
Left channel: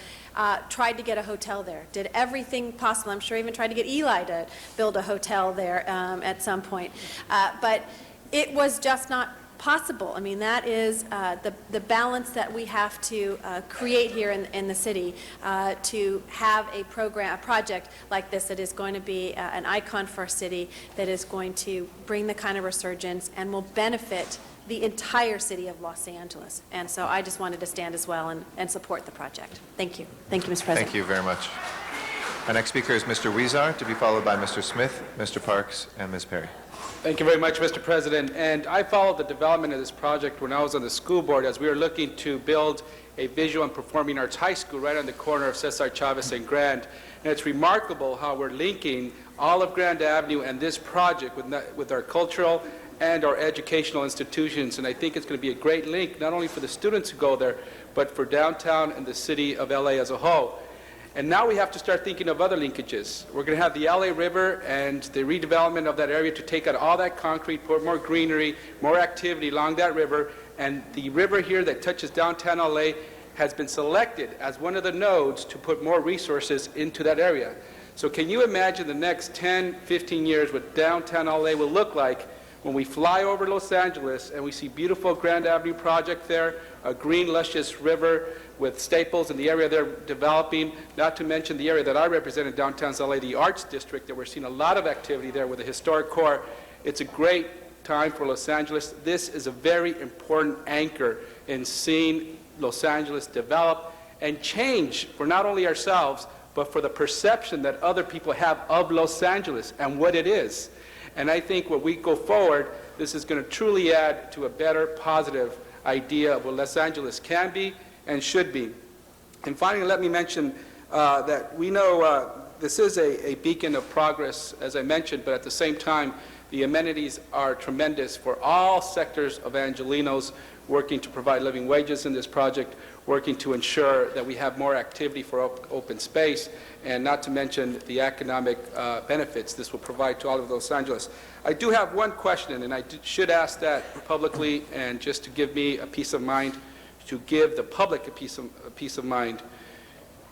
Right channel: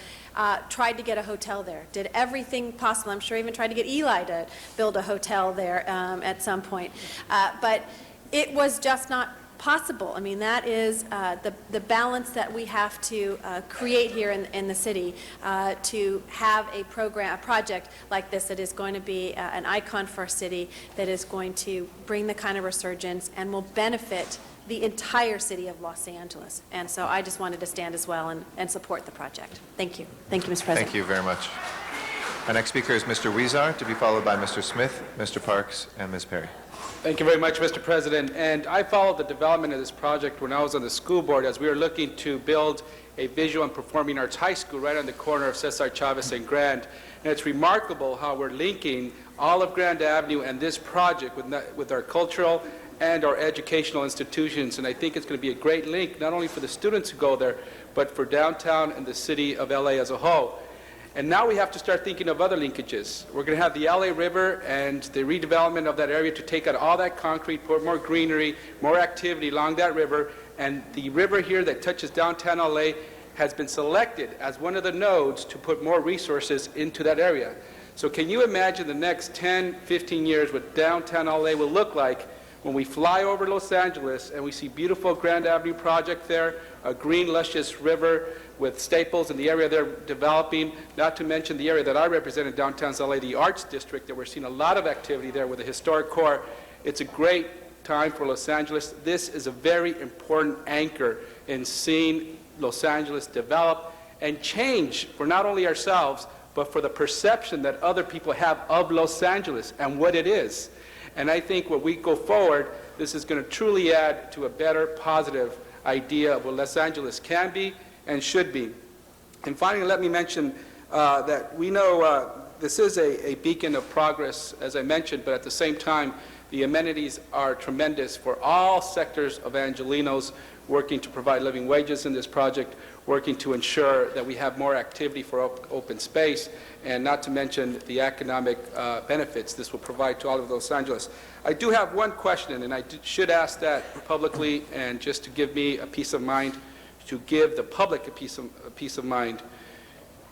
tried to get a hotel there, did everything possible. I'm sure even tried to get Eli to build a hotel there at some point. But it was just not possible. I mean, that is the balance that we have to create here in the city to have a project like this that is going to be an icon for our city, that is going to bring the kind of resurgence and will benefit the entire city of Los Angeles. And so I just wanted to stand as well and support the project. Thank you. Thank you, Mr. President. Thank you very much. Our next speaker is Mr. Weezer, to be followed by Mr. Smith, Mr. Parks, and Ms. Perry. Thank you very much, Mr. President. And I followed the development of this project when I was on the school board, as we were looking to build a visual and performing arts high school right on the corner of Cesar Chavez and Grand. And it's remarkable how we're linking all of Grand Avenue and this project with our cultural and our educational institutions. And I think it's going to be a great link, not only for the students who go there, but for downtown and the city of LA as a whole. And now we have to start thinking of other linkages. We're going to have the LA River and the redevelopment of that area to take out all that concrete, put more greenery, more activity along that river. And the river here that touches downtown LA has been selected as one of the nodes to put more resources into that area. So can you imagine the next 10, 15 years what downtown LA will look like when we fly over Los Angeles and we see beautiful Grand Avenue project there, a green, luscious river with Staples in the area they're developing, not to mention the area that I represent in downtown LA, the Arts District, that we're seeing a lot of activity there with the historic core. It's a great time for Los Angeles. This is a very important anchor in seeing Los Angeles develop and change for not only ourselves, but for the perception that other people have of Los Angeles and what it is. And I think when we go forward, this is going to truly add to a better, positive idea of what Los Angeles can be and should be. And finally, let me mention that we know this is a beacon of progress, as I mentioned, but at the same time, the amenities are tremendous for all sectors of Angelenos, working to provide living wages in this project, working to ensure that we have more activity for open space, and not to mention the economic benefits this will provide to all of Los Angeles. I do have one question, and I should ask that publicly, and just to give me a peace of mind, to give the public a peace of mind.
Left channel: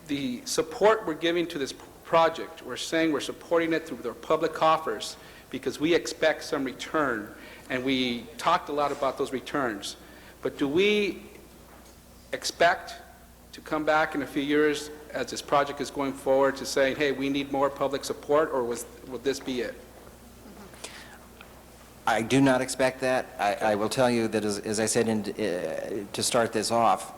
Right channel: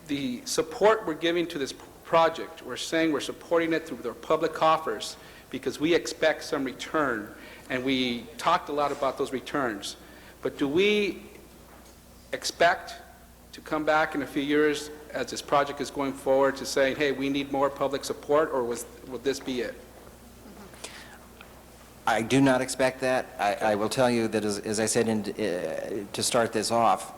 The support we're giving to this project, we're saying we're supporting it through their public coffers because we expect some return, and we talked a lot about those returns. But do we expect to come back in a few years as this project is going forward to saying, hey, we need more public support, or will this be it? I do not expect that. I will tell you that, as I said to start this off,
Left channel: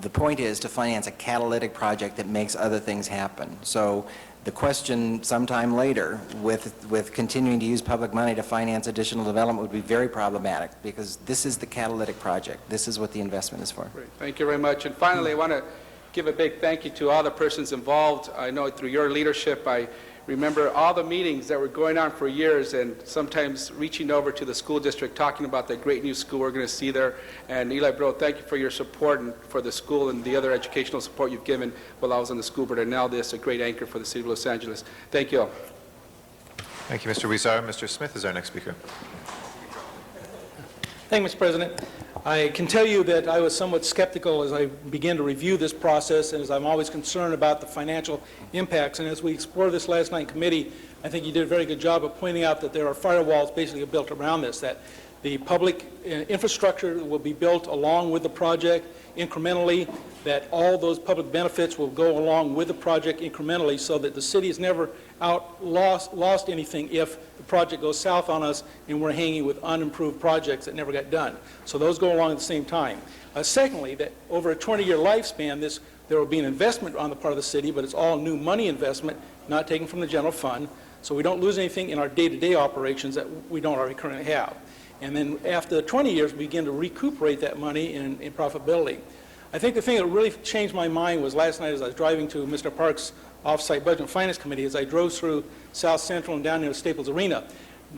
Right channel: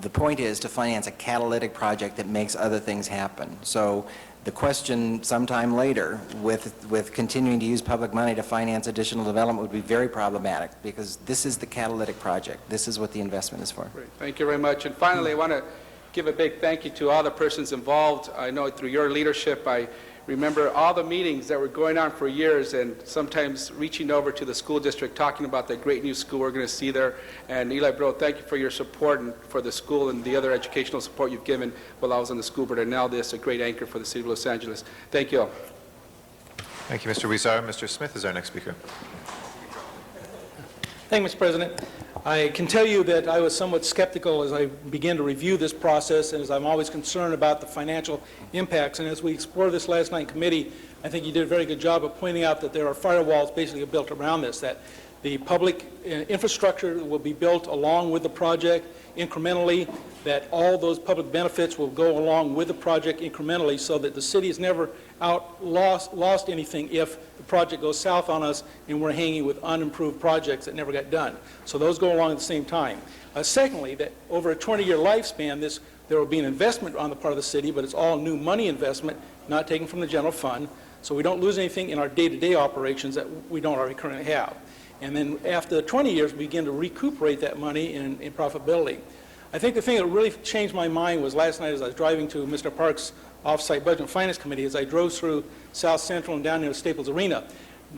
the point is to finance a catalytic project that makes other things happen. So the question sometime later with continuing to use public money to finance additional development would be very problematic, because this is the catalytic project. This is what the investment is for. Great. Thank you very much. And finally, I want to give a big thank you to all the persons involved. I know through your leadership, I remember all the meetings that were going on for years, and sometimes reaching over to the school district, talking about the great new school we're going to see there. And Eli Bro, thank you for your support and for the school and the other educational support you've given while I was on the school board. And now this is a great anchor for the city of Los Angeles. Thank you all. Thank you, Mr. Weezer. Mr. Smith is our next speaker. Thank you, Mr. President. I can tell you that I was somewhat skeptical as I began to review this process, and as I'm always concerned about the financial impacts. And as we explored this last night in committee, I think you did a very good job of pointing out that there are firewalls basically built around this, that the public infrastructure will be built along with the project incrementally, that all those public benefits will go along with the project incrementally so that the city has never lost anything if the project goes south on us and we're hanging with unimproved projects that never got done. So those go along at the same time. Secondly, that over a 20-year lifespan, there will be an investment on the part of the city, but it's all new money investment, not taken from the general fund, so we don't lose anything in our day-to-day operations that we don't already currently have. And then after the 20 years, we begin to recuperate that money in profitability. I think the thing that really changed my mind was last night as I was driving to Mr. Park's off-site Budget and Finance Committee, as I drove through South Central and down near Staples Arena,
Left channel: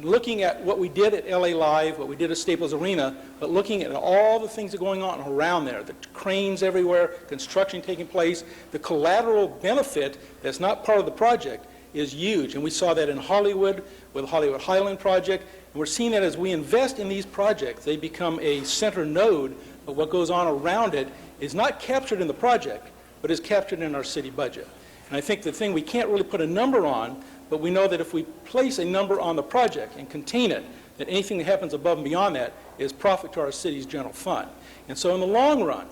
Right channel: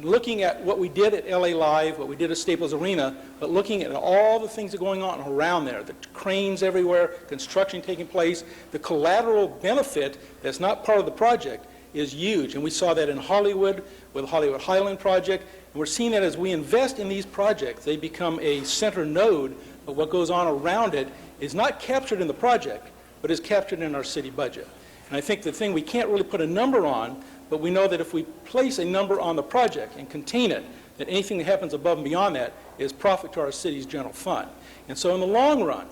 looking at what we did at LA Live, what we did at Staples Arena, but looking at all the things that are going on around there, the cranes everywhere, construction taking place, the collateral benefit that's not part of the project is huge. And we saw that in Hollywood with the Hollywood Highland project. And we're seeing that as we invest in these projects, they become a center node, but what goes on around it is not captured in the project, but is captured in our city budget. And I think the thing we can't really put a number on, but we know that if we place a number on the project and contain it, that anything that happens above and beyond that is profit to our city's general fund. And so in the long run,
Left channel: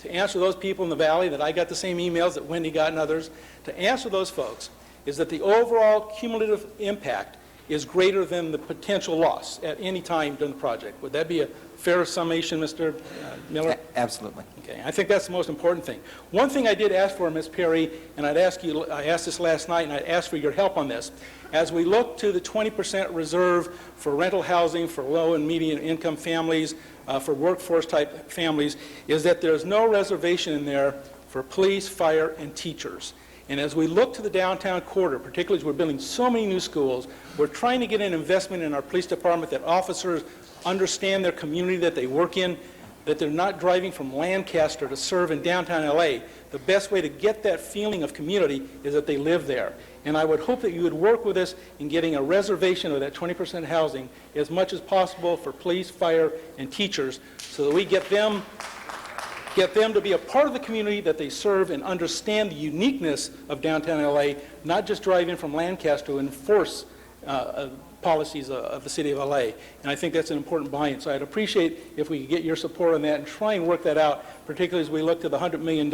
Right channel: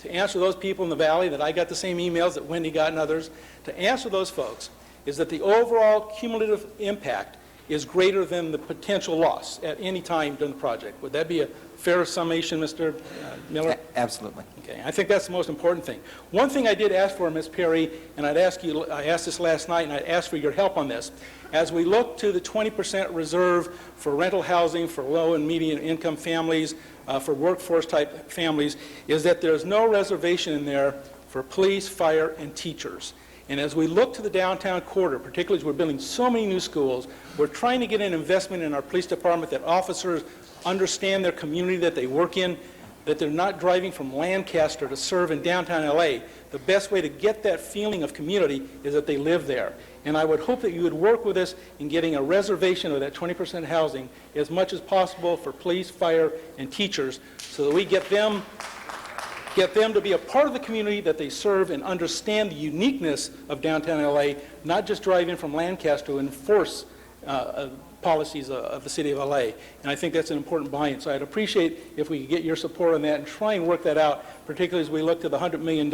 to answer those people in the valley that I got the same emails that Wendy got and others, to answer those folks is that the overall cumulative impact is greater than the potential loss at any time during the project. Would that be a fair summation, Mr. Miller? Absolutely. Okay, I think that's the most important thing. One thing I did ask for, Ms. Perry, and I asked this last night, and I'd ask for your help on this. As we look to the 20% reserve for rental housing for low and medium income families, for workforce type families, is that there's no reservation in there for police, fire, and teachers. And as we look to the downtown corridor, particularly as we're building so many new schools, we're trying to get an investment in our police department that officers understand their community that they work in, that they're not driving from Lancaster to serve in downtown LA. The best way to get that feeling of community is that they live there. And I would hope that you would work with us in getting a reservation of that 20% housing as much as possible for police, fire, and teachers so that we get them to be a part of the community that they serve and understand the uniqueness of downtown LA, not just drive in from Lancaster to enforce policies of the city of LA. And I think that's an important buy-in. So I'd appreciate if we could get your support on that and try and work that out, particularly as we look to the $100 million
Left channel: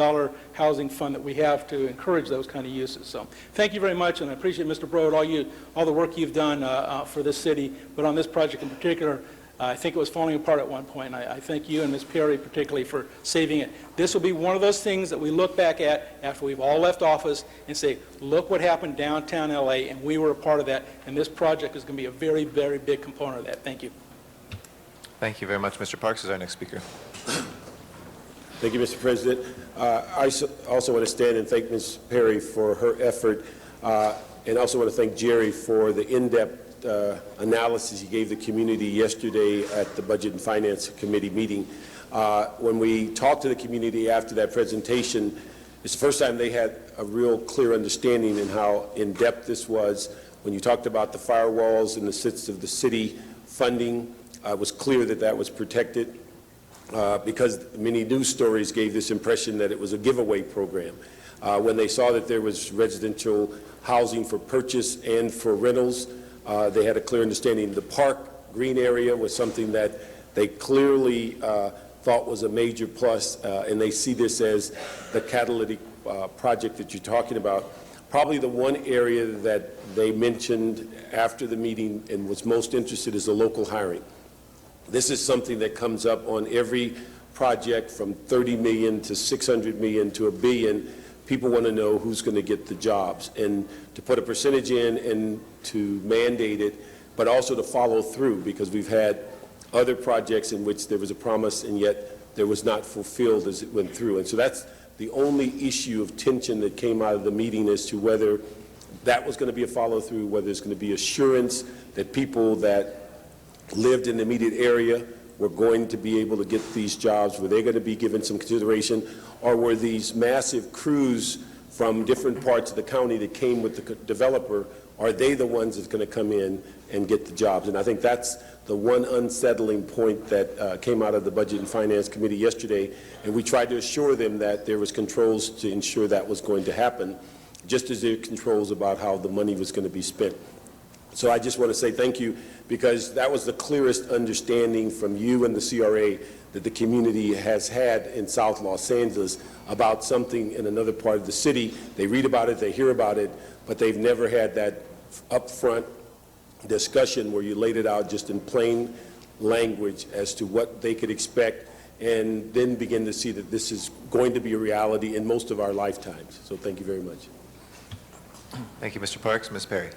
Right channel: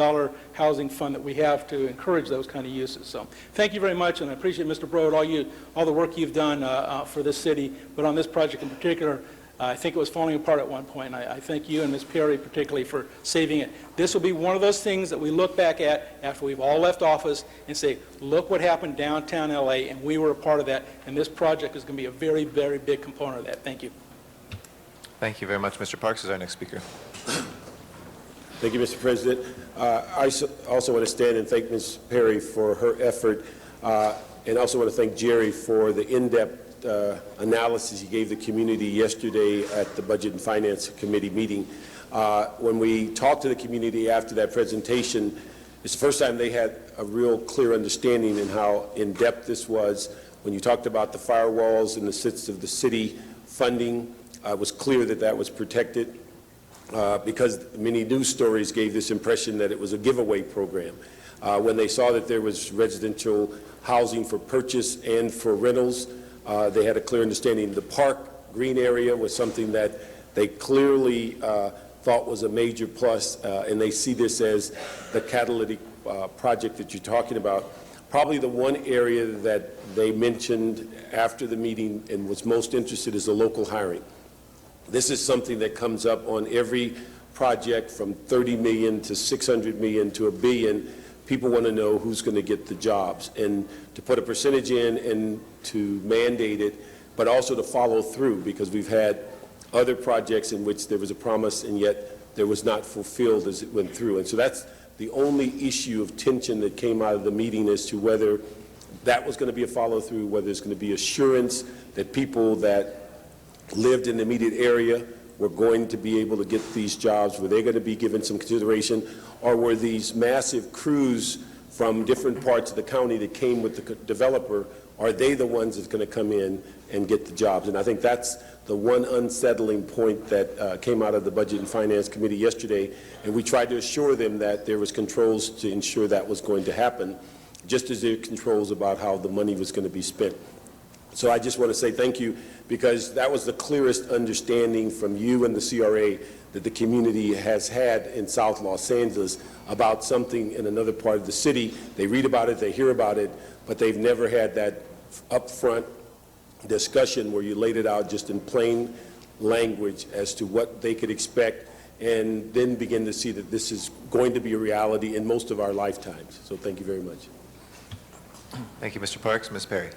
housing fund that we have to encourage those kind of uses. So thank you very much, and I appreciate, Mr. Broad, all the work you've done for this city, but on this project in particular, I think it was falling apart at one point, and I thank you and Ms. Perry particularly for saving it. This will be one of those things that we look back at after we've all left office and say, look what happened downtown LA, and we were a part of that, and this project is going to be a very, very big component of that. Thank you. Thank you very much. Mr. Parks is our next speaker. Thank you, Mr. President. I also want to stand and thank Ms. Perry for her effort, and also want to thank Jerry for the in-depth analysis he gave the community yesterday at the Budget and Finance Committee meeting. When we talked to the community after that presentation, it's the first time they had a real clear understanding in how in-depth this was. When you talked about the firewalls and the sits of the city funding, it was clear that that was protected because many news stories gave this impression that it was a giveaway program. When they saw that there was residential housing for purchase and for rentals, they had a clear understanding. The park green area was something that they clearly thought was a major plus, and they see this as the catalytic project that you're talking about. Probably the one area that they mentioned after the meeting and was most interested is the local hiring. This is something that comes up on every project from 30 million to 600 million to $1 billion. People want to know who's going to get the jobs, and to put a percentage in and to mandate it, but also to follow through, because we've had other projects in which there was a promise and yet there was not fulfilled as it went through. And so that's the only issue of tension that came out of the meeting as to whether that was going to be a follow-through, whether there's going to be assurance that people that lived in the immediate area were going to be able to get these jobs, were they going to be given some consideration, or were these massive crews from different parts of the county that came with the developer, are they the ones that's going to come in and get the jobs? And I think that's the one unsettling point that came out of the Budget and Finance Committee yesterday, and we tried to assure them that there was controls to ensure that was going to happen, just as there are controls about how the money was going to be spent. So I just want to say thank you, because that was the clearest understanding from you and the CRA that the community has had in South Los Angeles about something in another part of the city. They read about it, they hear about it, but they've never had that upfront discussion where you laid it out just in plain language as to what they could expect, and then begin to see that this is going to be a reality in most of our lifetimes. So thank you very much. Thank you, Mr. Parks. Ms. Perry.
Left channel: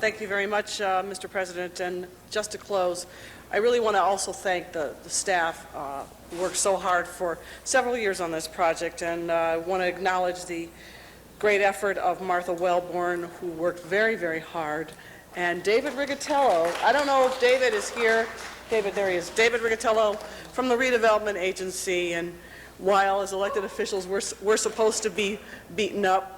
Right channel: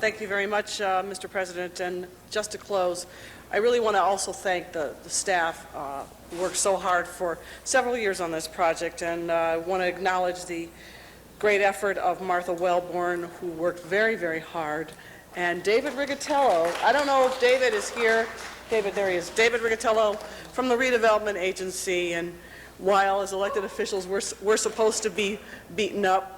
Thank you very much, Mr. President. And just to close, I really want to also thank the staff who worked so hard for several years on this project, and I want to acknowledge the great effort of Martha Wellborn, who worked very, very hard, and David Rigatello. I don't know if David is here. David, there he is. David Rigatello from the Redevelopment Agency, and while as elected officials we're supposed to be beaten up,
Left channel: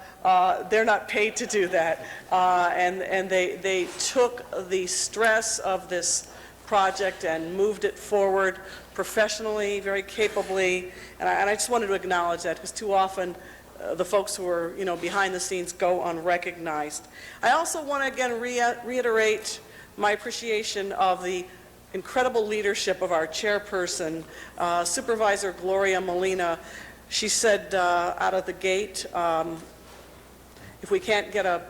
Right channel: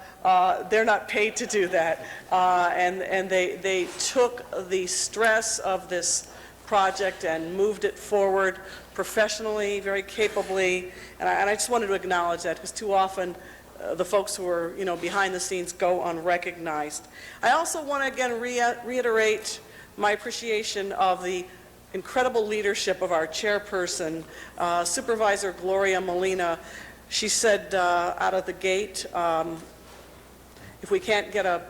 they're not paid to do that, and they took the stress of this project and moved it forward professionally, very capably, and I just wanted to acknowledge that, because too often the folks who are, behind the scenes go unrecognized. I also want to again reiterate my appreciation of the incredible leadership of our chairperson, Supervisor Gloria Molina. She said out of the gate, if we can't get a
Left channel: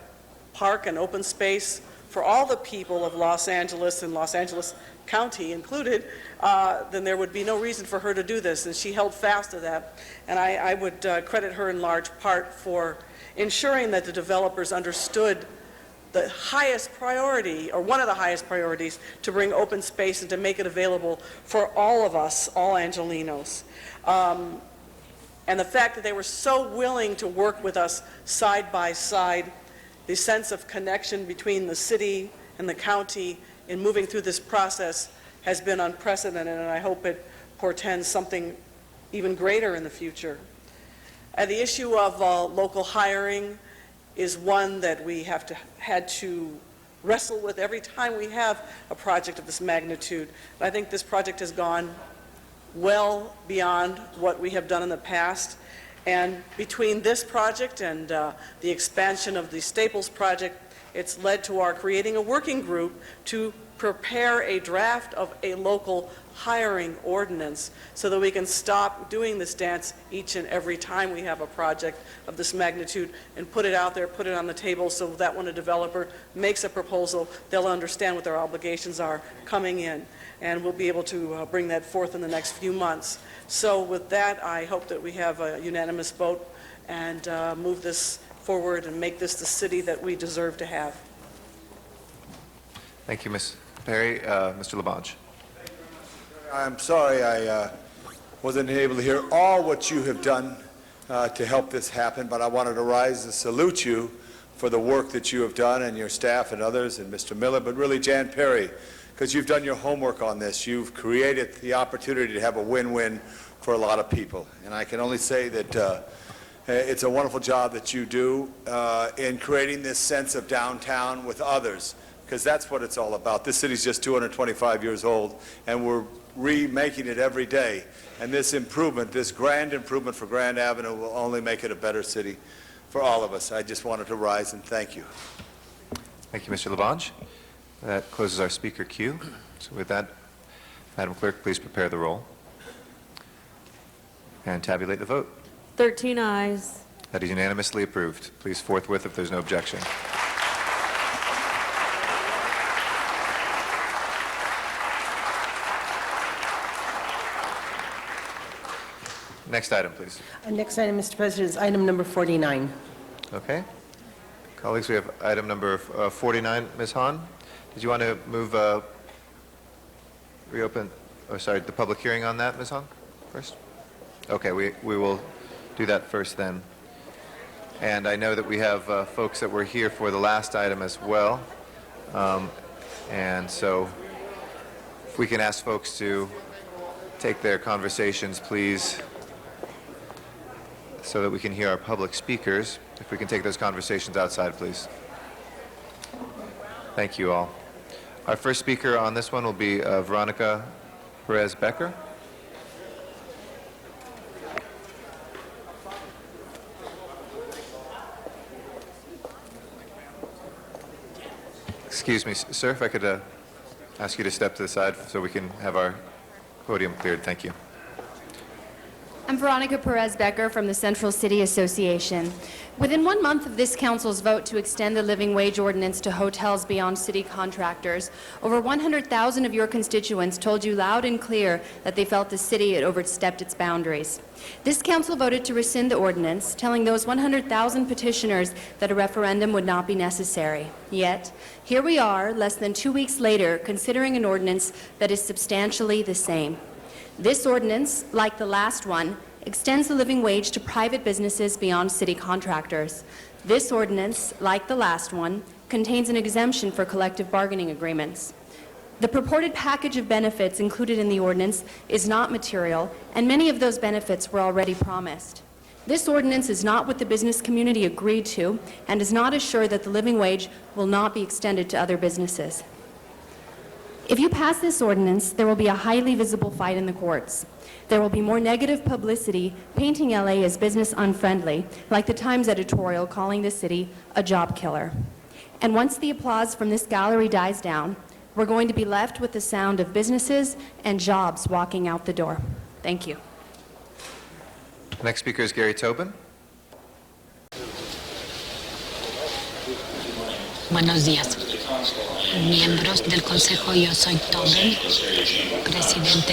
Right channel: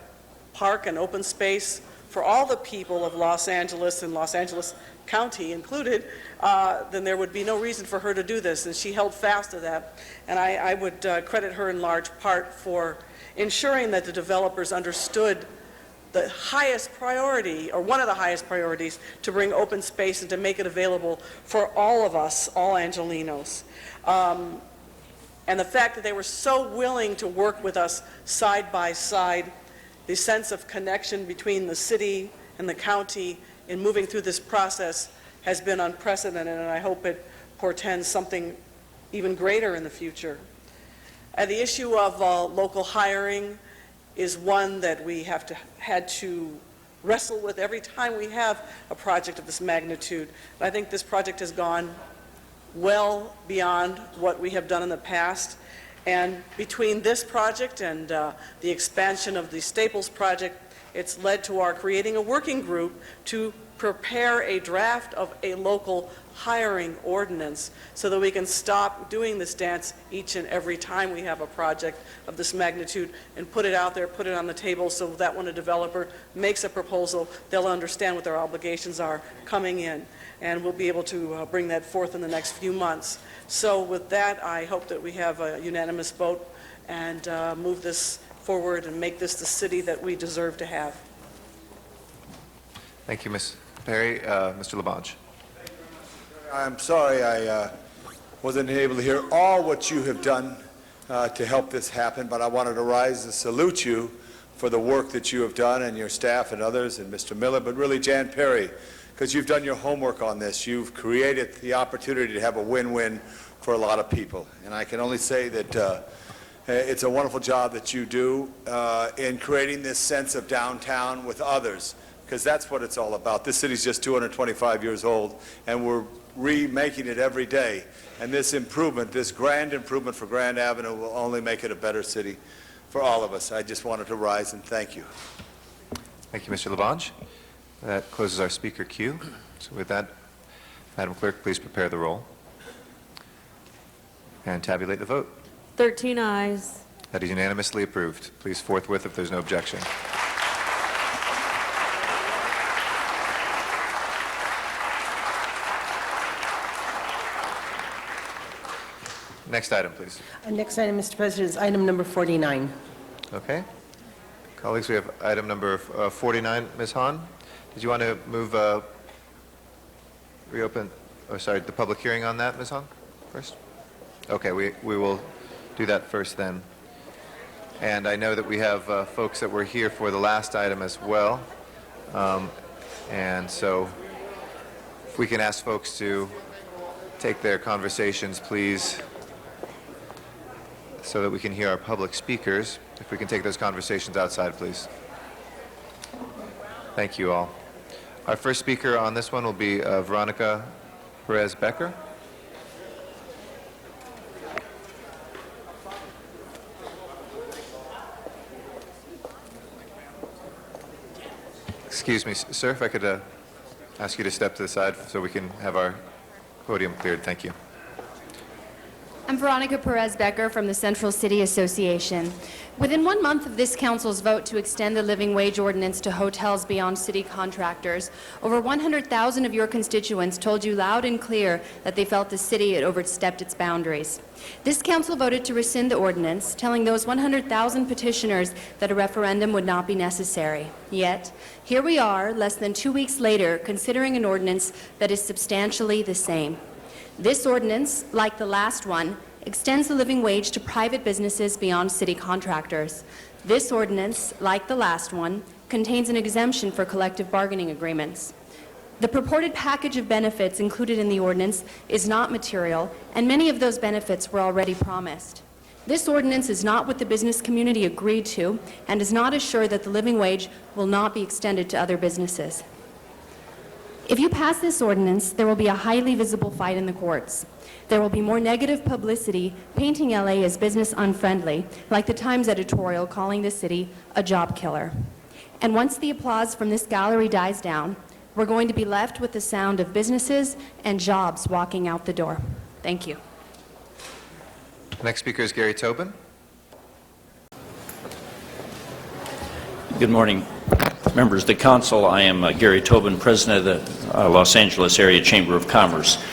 park and open space for all the people of Los Angeles and Los Angeles County included, then there would be no reason for her to do this, and she held fast to that. And I would credit her in large part for ensuring that the developers understood the highest priority, or one of the highest priorities, to bring open space and to make it available for all of us, all Angelenos. And the fact that they were so willing to work with us side by side, the sense of connection between the city and the county in moving through this process has been unprecedented, and I hope it portends something even greater in the future. The issue of local hiring is one that we had to wrestle with every time we have a project of this magnitude. I think this project has gone well beyond what we have done in the past, and between this project and the expansion of the Staples project, it's led to our creating a working group to prepare a draft of a local hiring ordinance so that we can stop doing this dance each and every time we have a project of this magnitude, and put it out there, put it on the table, so that when a developer makes a proposal, they'll understand what their obligations are coming in, and we'll be able to bring that forth in the next few months. So with that, I hope that we have a unanimous vote and move this forward and make this the city that we deserve to have. Thank you, Ms. Perry. Mr. Labange. I'm sorry I wasn't able to hear all what you have done to help this happen, but I wanted to rise and salute you for the work that you have done, and your staff and others, and Mr. Miller, but really Jan Perry, because you've done your homework on this. You've created the opportunity to have a win-win for a lot of people, and I can only say that it's a wonderful job that you do in creating this sense of downtown with others, because that's what it's all about. This city's just 225 years old, and we're remaking it every day. And this improvement, this grand improvement for Grand Avenue, will only make it a better city for all of us. I just wanted to rise and thank you. Thank you, Mr. Labange. That closes our speaker queue. So with that, Madam Clerk, please prepare the roll and tabulate the vote. 13 ayes. That is unanimously approved. Please forthwith if there's no objection. Next item, please. Next item, Mr. President, is item number 49. Okay. Colleagues, we have item number 49. Ms. Hahn, did you want to move, reopen, or sorry, the public hearing on that, Ms. Hahn, first? Okay, we will do that first then. And I know that we have folks that were here for the last item as well. And so if we can ask folks to take their conversations, please, so that we can hear our public speakers. If we can take those conversations outside, please. Thank you all. Our first speaker on this one will be Veronica Perez-Becker. Excuse me, sir, if I could ask you to step to the side so we can have our podium cleared. Thank you. I'm Veronica Perez Becker from the Central City Association. Within 1 month of this council's vote to extend the living wage ordinance to hotels beyond city contractors, over 100,000 of your constituents told you loud and clear that they felt the city had overstepped its boundaries. This council voted to rescind the ordinance, telling those 100,000 petitioners that a referendum would not be necessary. Yet, here we are, less than 2 weeks later, considering an ordinance that is substantially the same. This ordinance, like the last one, extends the living wage to private businesses beyond city contractors. This ordinance, like the last one, contains an exemption for collective bargaining agreements. The purported package of benefits included in the ordinance is not material, and many of those benefits were already promised. This ordinance is not what the business community agreed to and does not assure that the living wage will not be extended to other businesses. If you pass this ordinance, there will be a highly visible fight in the courts. There will be more negative publicity painting LA as business unfriendly, like the Times editorial calling the city a job killer. And once the applause from this gallery dies down, we're going to be left with the sound of businesses and jobs walking out the door. Thank you. Next speaker is Gary Tobin. Good morning, members of the council. I am Gary Tobin, president of the Los Angeles Area Chamber of Commerce.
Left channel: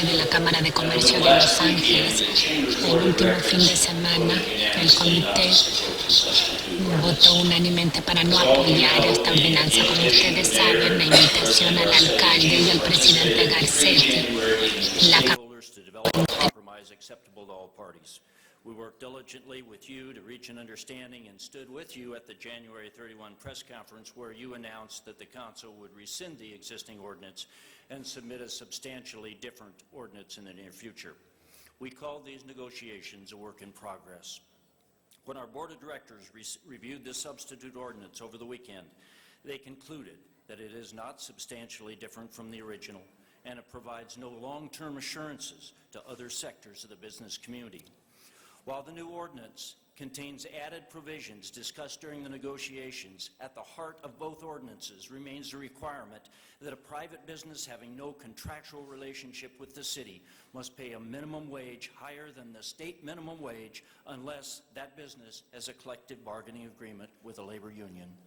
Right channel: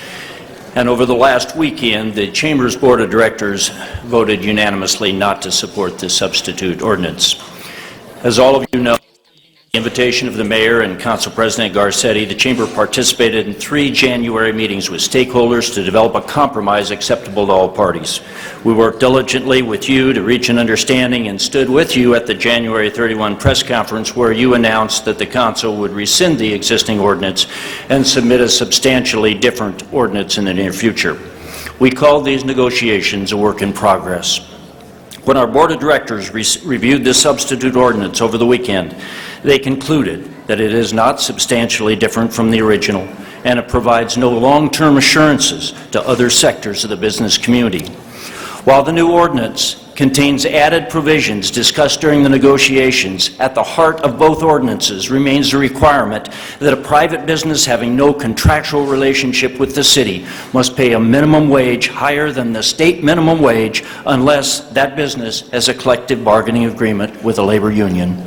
And over the last weekend, the Chamber's board of directors voted unanimously not to support the substitute ordinance. As all of you know, the invitation of the mayor and council president Garcetti, the Chamber participated in 3 January meetings with stakeholders to develop a compromise acceptable to all parties. We worked diligently with you to reach an understanding and stood with you at the January 31 press conference where you announced that the council would rescind the existing ordinance and submit a substantially different ordinance in the near future. We called these negotiations a work in progress. When our board of directors reviewed this substitute ordinance over the weekend, they concluded that it is not substantially different from the original and it provides no long-term assurances to other sectors of the business community. While the new ordinance contains added provisions discussed during the negotiations, at the heart of both ordinances remains the requirement that a private business having no contractual relationship with the city must pay a minimum wage higher than the state minimum wage unless that business has a collective bargaining agreement with a labor union.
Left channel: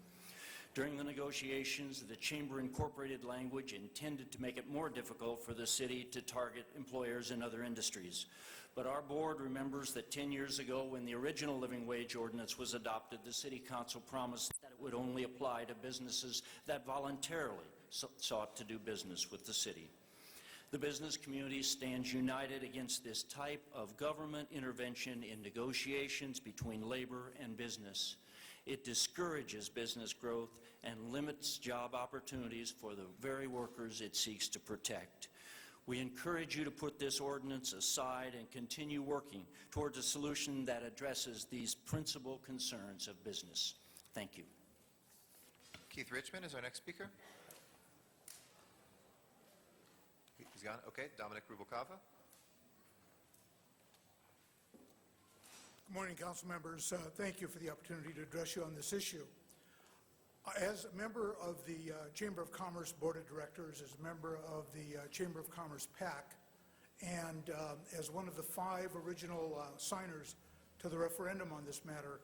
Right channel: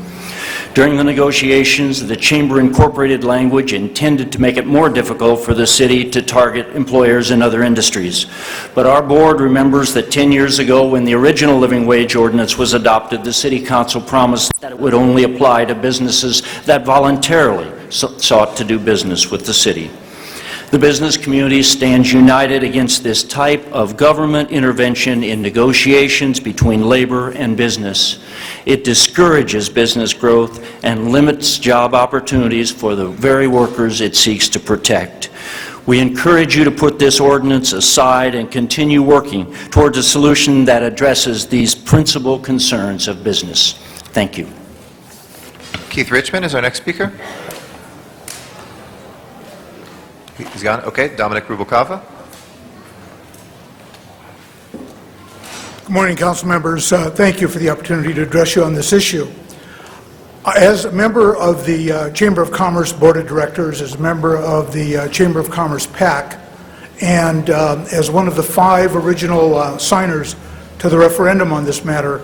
During the negotiations, the Chamber incorporated language intended to make it more difficult for the city to target employers in other industries. But our board remembers that 10 years ago, when the original living wage ordinance was adopted, the City Council promised that it would only apply to businesses that voluntarily sought to do business with the city. The business community stands united against this type of government intervention in negotiations between labor and business. It discourages business growth and limits job opportunities for the very workers it seeks to protect. We encourage you to put this ordinance aside and continue working towards a solution that addresses these principal concerns of business. Thank you. Keith Richmond is our next speaker. He's gone. Okay, Dominic Rubalcava. Good morning, council members. Thank you for the opportunity to address you on this issue. As a member of the Chamber of Commerce Board of Directors, as a member of the Chamber of Commerce PAC, and as one of the 5 original signers to the referendum on this matter,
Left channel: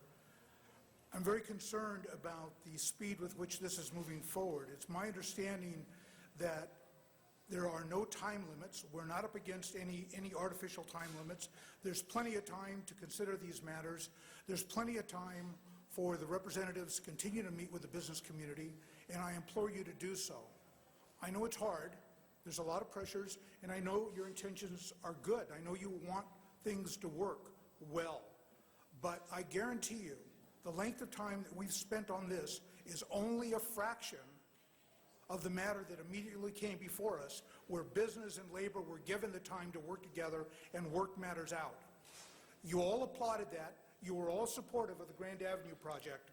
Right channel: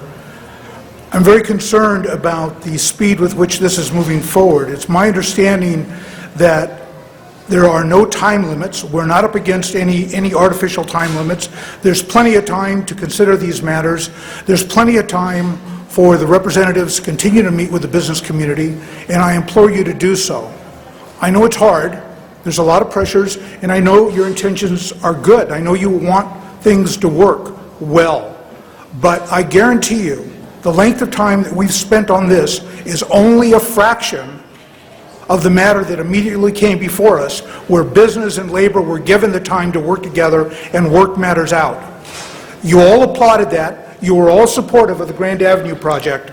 I'm very concerned about the speed with which this is moving forward. It's my understanding that there are no time limits. We're not up against any artificial time limits. There's plenty of time to consider these matters. There's plenty of time for the representatives to continue to meet with the business community, and I implore you to do so. I know it's hard. There's a lot of pressures, and I know your intentions are good. I know you want things to work well. But I guarantee you, the length of time that we've spent on this is only a fraction of the matter that immediately came before us, where business and labor were given the time to work together and work matters out. You all applauded that. You were all supportive of the Grand Avenue project.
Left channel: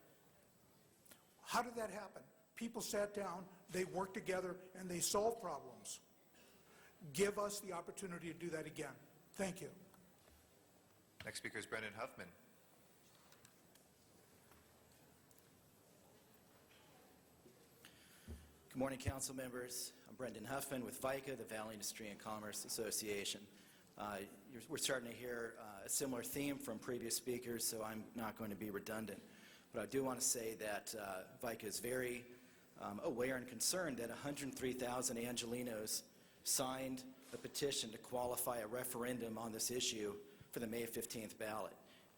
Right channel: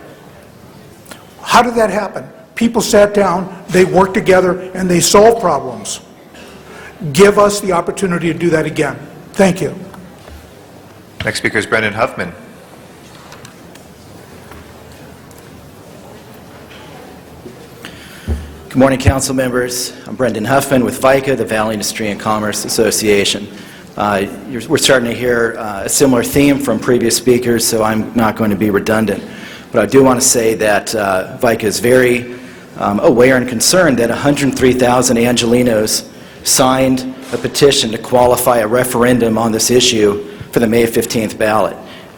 How did that happen? People sat down, they worked together, and they solved problems. Give us the opportunity to do that again. Thank you. Next speaker is Brendan Huffman. Good morning, council members. I'm Brendan Huffman with VICA, the Valley Industry and Commerce Association. We're starting to hear a similar theme from previous speakers, so I'm not going to be redundant. But I do want to say that VICA is very aware and concerned that 103,000 Angelenos signed a petition to qualify a referendum on this issue for the May 15th ballot.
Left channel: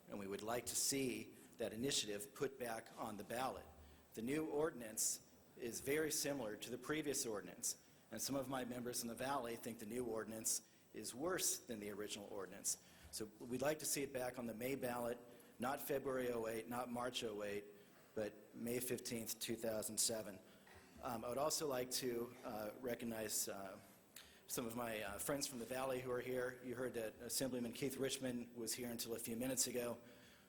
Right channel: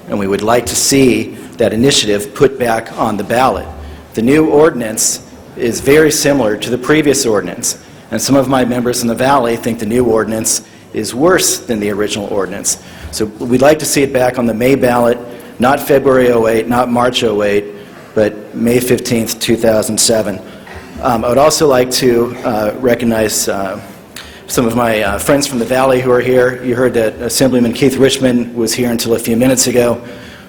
And we would like to see that initiative put back on the ballot. The new ordinance is very similar to the previous ordinance, and some of my members in the Valley think the new ordinance is worse than the original ordinance. So we'd like to see it back on the May ballot, not February 08, not March 08, but May 15th, 2007. I would also like to recognize some of my friends from the Valley who are here. You heard that Assemblyman Keith Richmond was here until a few minutes ago.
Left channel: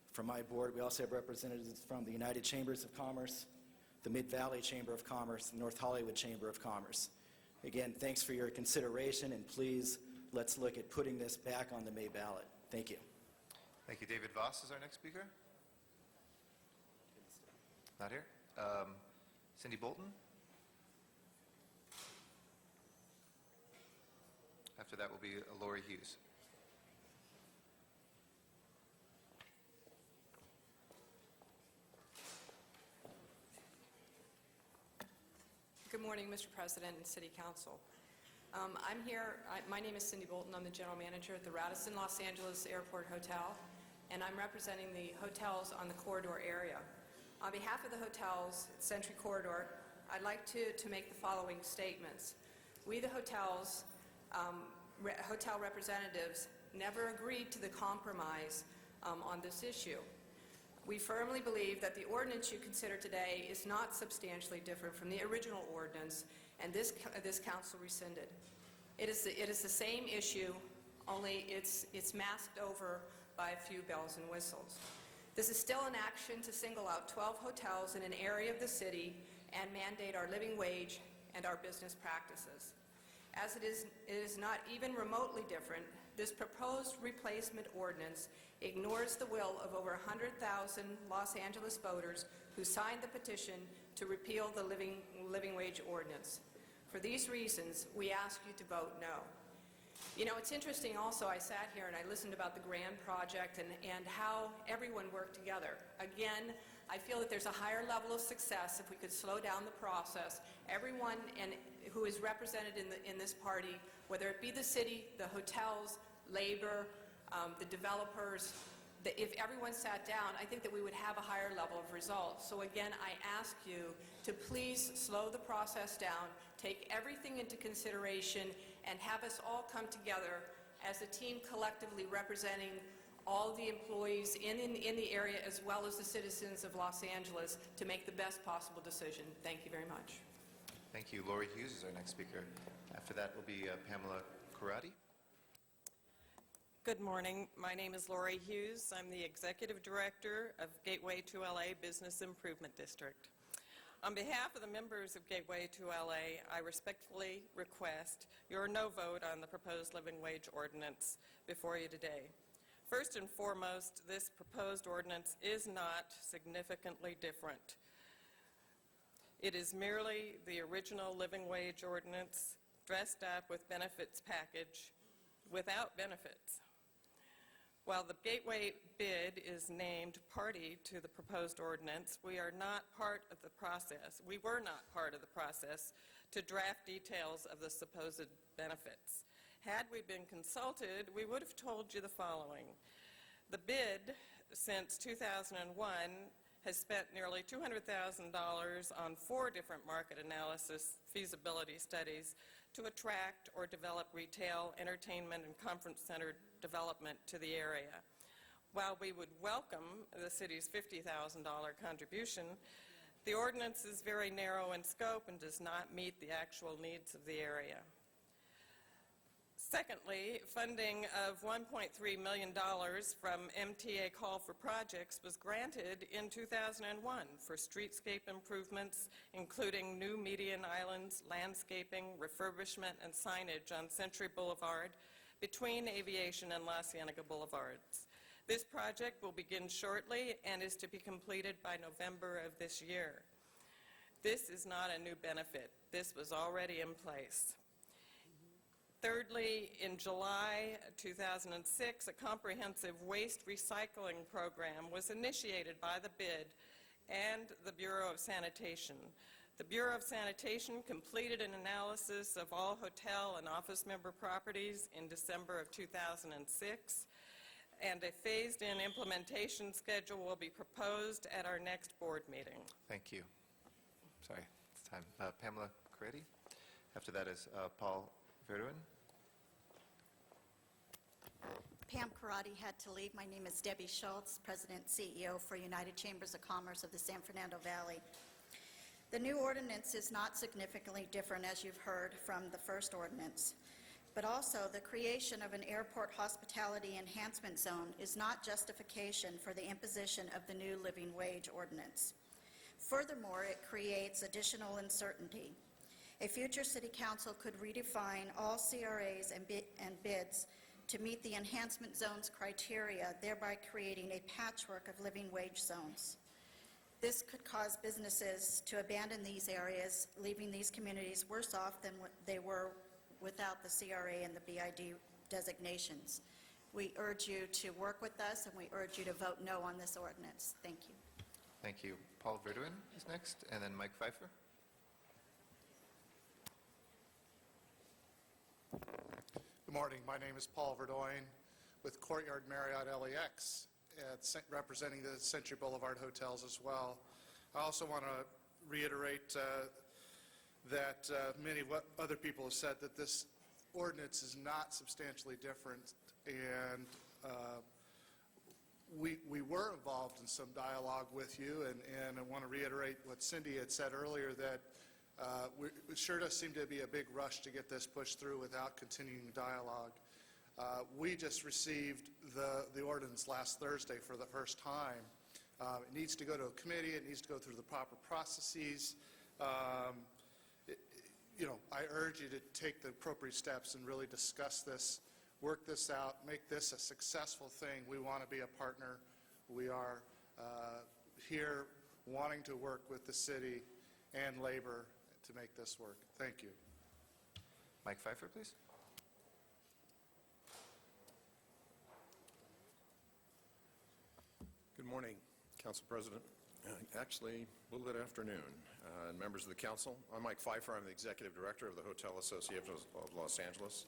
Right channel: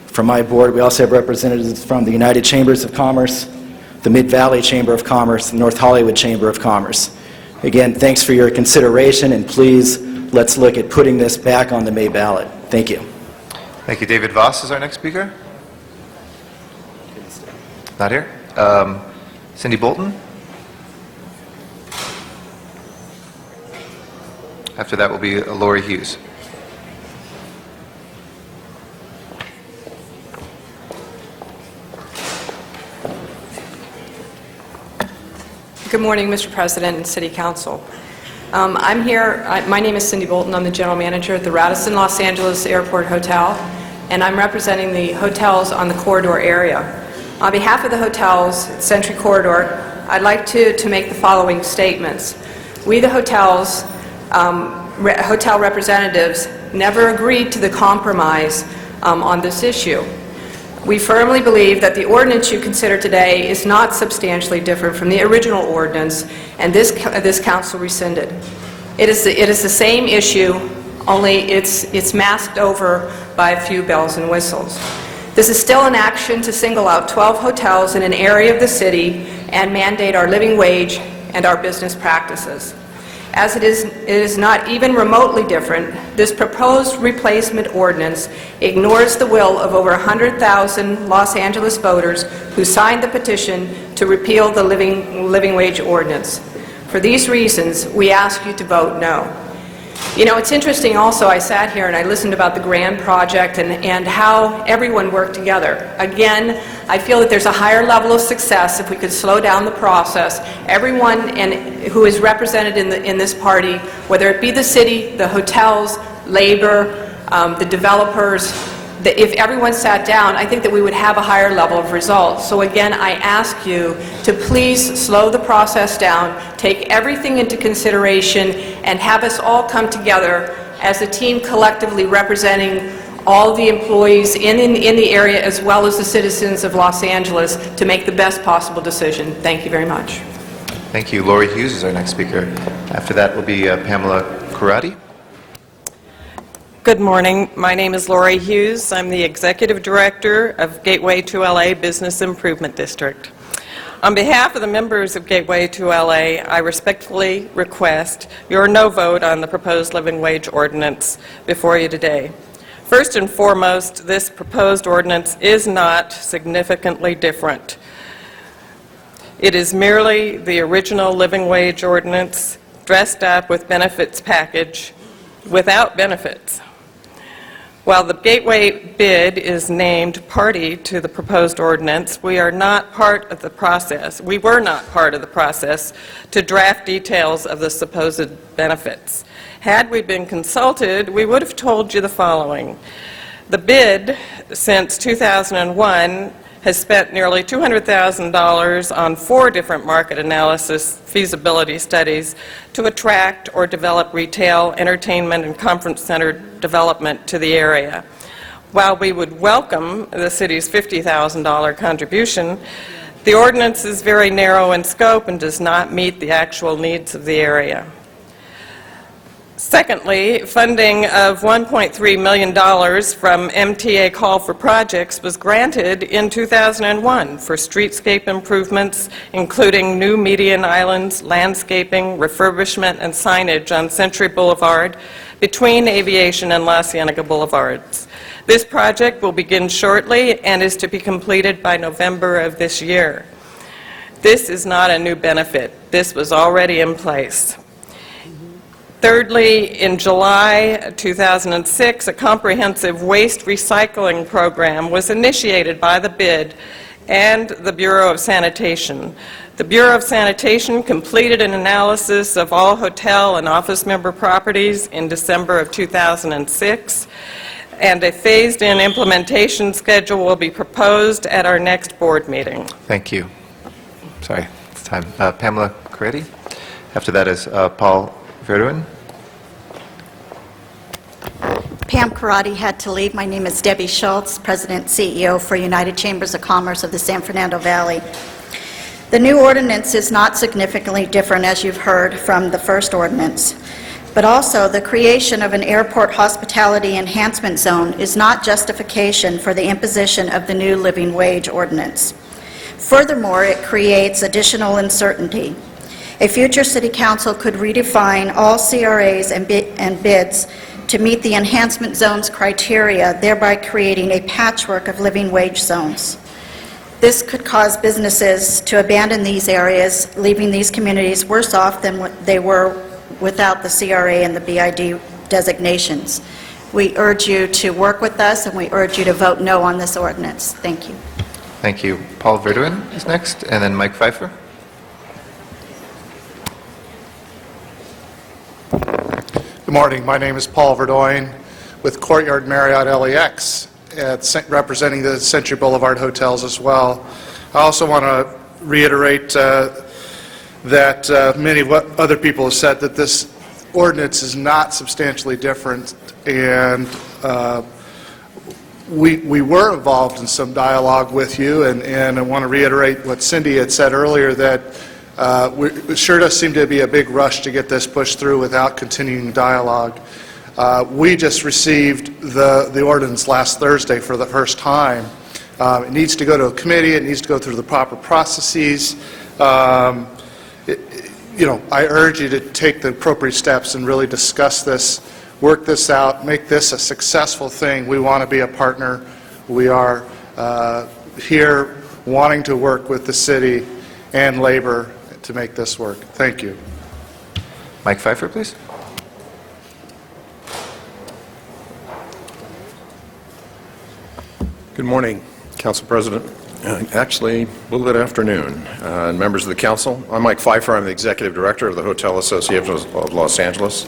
From my board, we also have representatives from the United Chambers of Commerce, the Mid-Valley Chamber of Commerce, the North Hollywood Chamber of Commerce. Again, thanks for your consideration, and please, let's look at putting this back on the May ballot. Thank you. Thank you. David Voss is our next speaker. Not here. Cindy Bolton. After that will be Lori Hughes. Good morning, Mr. President and City Council. I'm here, my name is Cindy Bolton. I'm the General Manager at the Radisson Los Angeles Airport Hotel, and I'm representing the hotels on the corridor area. On behalf of the hotels, Century Corridor, I'd like to make the following statements. We, the hotels, hotel representatives, never agreed to the compromise on this issue. We firmly believe that the ordinance you consider today is not substantially different from the original ordinance, and this council rescinded. It is the same issue, only it's masked over by a few bells and whistles. This is still an action to single out 12 hotels in an area of the city and mandate our living wage and our business practices. As it is not even remotely different, this proposed replacement ordinance ignores the will of over 100,000 Los Angeles voters who signed the petition to repeal the living wage ordinance. For these reasons, we ask you to vote no. You know, it's interesting also, I sat here and I listened about the Grand Project and how everyone worked together. Again, I feel that there's a higher level of success if we could slow down the process. Everyone who is represented in this party, whether it be the city, the hotels, labor, the developers, if everyone sat down, I think that we would have a higher level of results. So again, I ask you to please slow the process down, take everything into consideration, and have us all come together as a team collectively representing all the employees in the area as well as the citizens of Los Angeles to make the best possible decision. Thank you very much. Thank you. Lori Hughes is our next speaker. After that will be Pamela Kurati. Good morning. My name is Lori Hughes. I'm the Executive Director of Gateway to LA Business Improvement District. On behalf of the members of Gateway to LA, I respectfully request your no vote on the proposed living wage ordinance before you today. First and foremost, this proposed ordinance is not significantly different. It is merely the original living wage ordinance dressed up with benefits package without benefits. While the Gateway bid is named party to the proposed ordinance, we are not part of the process. We were not part of the process to draft details of the supposed benefits. Had we been consulted, we would have told you the following. The bid, since 2001, has spent nearly $200,000 on 4 different market analysis feasibility studies to attract or develop retail, entertainment, and conference center development to the area. While we would welcome the city's $50,000 contribution, the ordinance is very narrow in scope and does not meet the actual needs of the area. Secondly, funding of $1.3 million from MTA Call for Projects was granted in 2001 for streetscape improvements, including new median islands, landscaping, refurbishment, and signage on Century Boulevard between Aviation and La Cienega Boulevards. This project will begin shortly and is to be completed by November of this year. This is not a new benefit. This was already in place. Thirdly, in July 2006, a comprehensive waste recycling program was initiated by the BID and the Bureau of Sanitation. The Bureau of Sanitation completed an analysis of all hotel and office member properties in December of 2006, and a phased-in implementation schedule will be proposed at our next board meeting. Thank you. Sorry, it's time. Pamela Coretti. After that is Paul Verduin. Pam Karate had to leave. My name is Debbie Schultz, President and CEO for United Chambers of Commerce of the San Fernando Valley. The new ordinance is not significantly different, as you've heard from the first ordinance, but also the creation of an airport hospitality enhancement zone is not justification for the imposition of the new living wage ordinance. Furthermore, it creates additional uncertainty. A future City Council could redefine all CRAs and bids to meet the enhancement zone's criteria, thereby creating a patchwork of living wage zones. This could cause businesses to abandon these areas, leaving these communities worse off than what they were without the CRA and the BID designations. We urge you to work with us, and we urge you to vote no on this ordinance. Thank you. Thank you. Paul Verduin is next, and then Mike Pfeiffer. Good morning. My name is Paul Verdoin with Courtyard Marriott LAX, representing the Century Boulevard hotels as well. I also want to reiterate that many of what other people have said, that this ordinance is not substantially different, and we were involved in some dialogue with you, and I want to reiterate what Cindy had said earlier, that it sure does seem to be a big rush to get this pushed through without continuing dialogue. We just received the ordinance last Thursday for the first time. It needs to go to a committee. It needs to go through the proper processes. I urge you to take the appropriate steps and really discuss this, work this out, make this a successful thing. We want to be a partner. We are here wanting to work with the city and labor to make this work. Thank you. Mike Pfeiffer, please. Good morning, Council President. Actually, a little bit afternoon. And members of the Council, I'm Mike Pfeiffer. I'm the Executive Director of the Hotel Association of Los Angeles.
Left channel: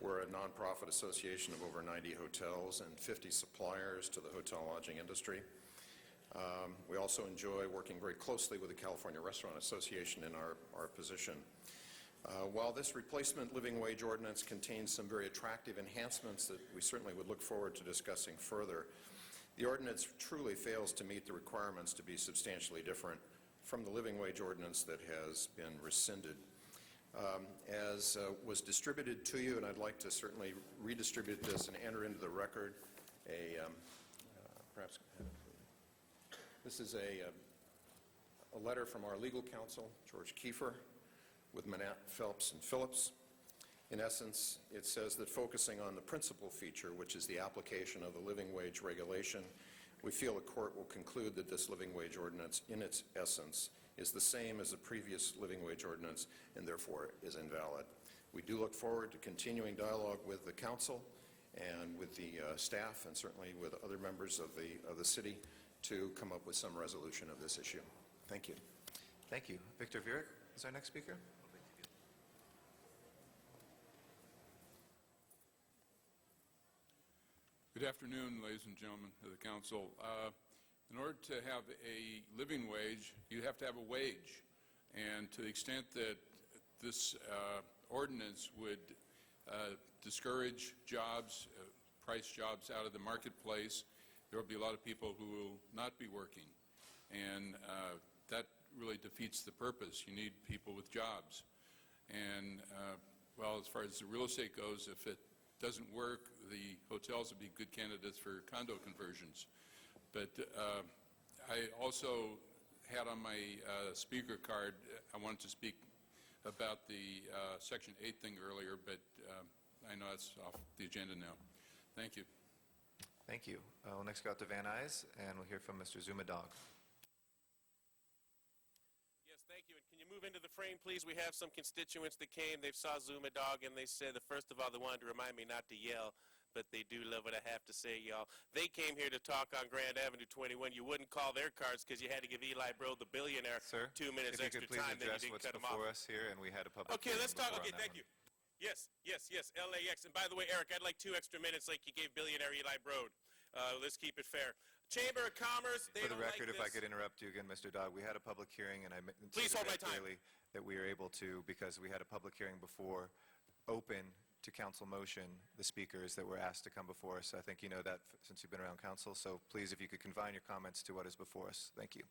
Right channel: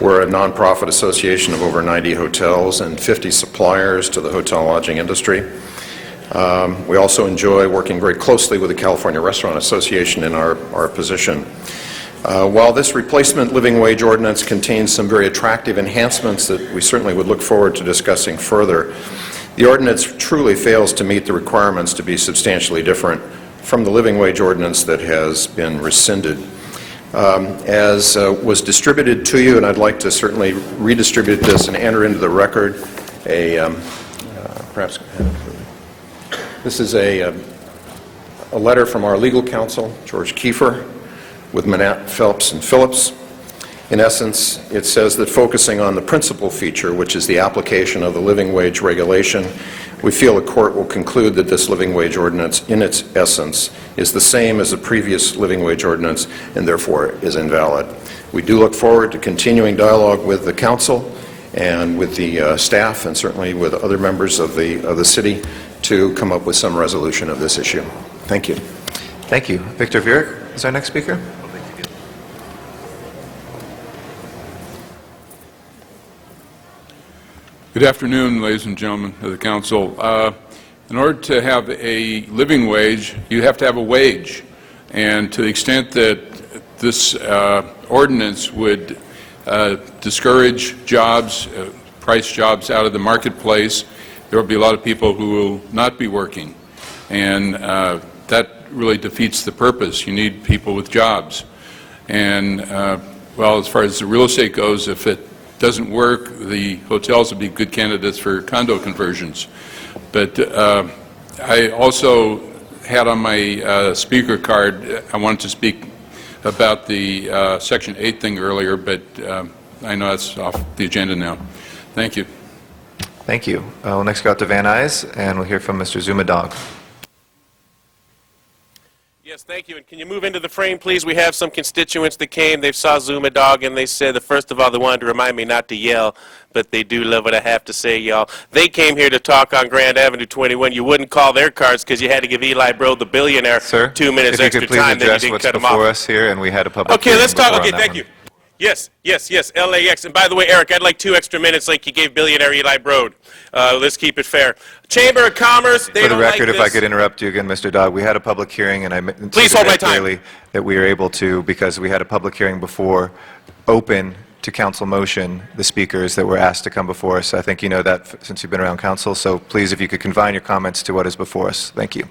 We're a nonprofit association of over 90 hotels and 50 suppliers to the hotel lodging industry. We also enjoy working very closely with the California Restaurant Association in our position. While this replacement living wage ordinance contains some very attractive enhancements that we certainly would look forward to discussing further, the ordinance truly fails to meet the requirements to be substantially different from the living wage ordinance that has been rescinded. As was distributed to you, and I'd like to certainly redistribute this and enter into the record this is a letter from our legal counsel, George Kiefer, with Manat, Phelps, and Phillips. In essence, it says that focusing on the principal feature, which is the application of the living wage regulation, we feel the court will conclude that this living wage ordinance, in its essence, is the same as the previous living wage ordinance and therefore is invalid. We do look forward to continuing dialogue with the council and with the staff, and certainly with other members of the city, to come up with some resolution of this issue. Thank you. Thank you. Victor Viereck is our next speaker. Good afternoon, ladies and gentlemen of the council. In order to have a living wage, you have to have a wage. And to the extent that this ordinance would discourage jobs, price jobs out of the marketplace, there will be a lot of people who will not be working. And that really defeats the purpose. You need people with jobs. And, well, as far as the real estate goes, if it doesn't work, the hotels would be good candidates for condo conversions. But I also had on my speaker card, I wanted to speak about the Section 8 thing earlier, but I know that's off the agenda now. Thank you. Thank you. We'll next go out to Van Nuys, and we'll hear from Mr. Zumadog. Yes, thank you. And can you move into the frame, please? We have some constituents that came. They saw Zuma Dog, and they said that, first of all, they wanted to remind me not to yell, but they do love what I have to say, y'all. They came here to talk on Grand Avenue 21. You wouldn't call their cards because you had to give Eli Broad, the billionaire, 2 minutes extra time, then you didn't cut him off. Before us here, and we had a public Okay, hearing let's talk. before Okay, on that thank one. you. Yes, LAX. And by the way, Eric, I'd like 2 extra minutes like you gave billionaire Eli Broad. Let's keep it fair. Chamber of Commerce, they For the don't record, like if I this. could interrupt you again, Mr. Dodd, we had a public hearing, and I meant Please hold my time. clearly that we were able to, because we had a public hearing before, open to council motion the speakers that were asked to come before us. I think you know that since you've been around council, so please, if you could confine your comments to what is before us. Thank you.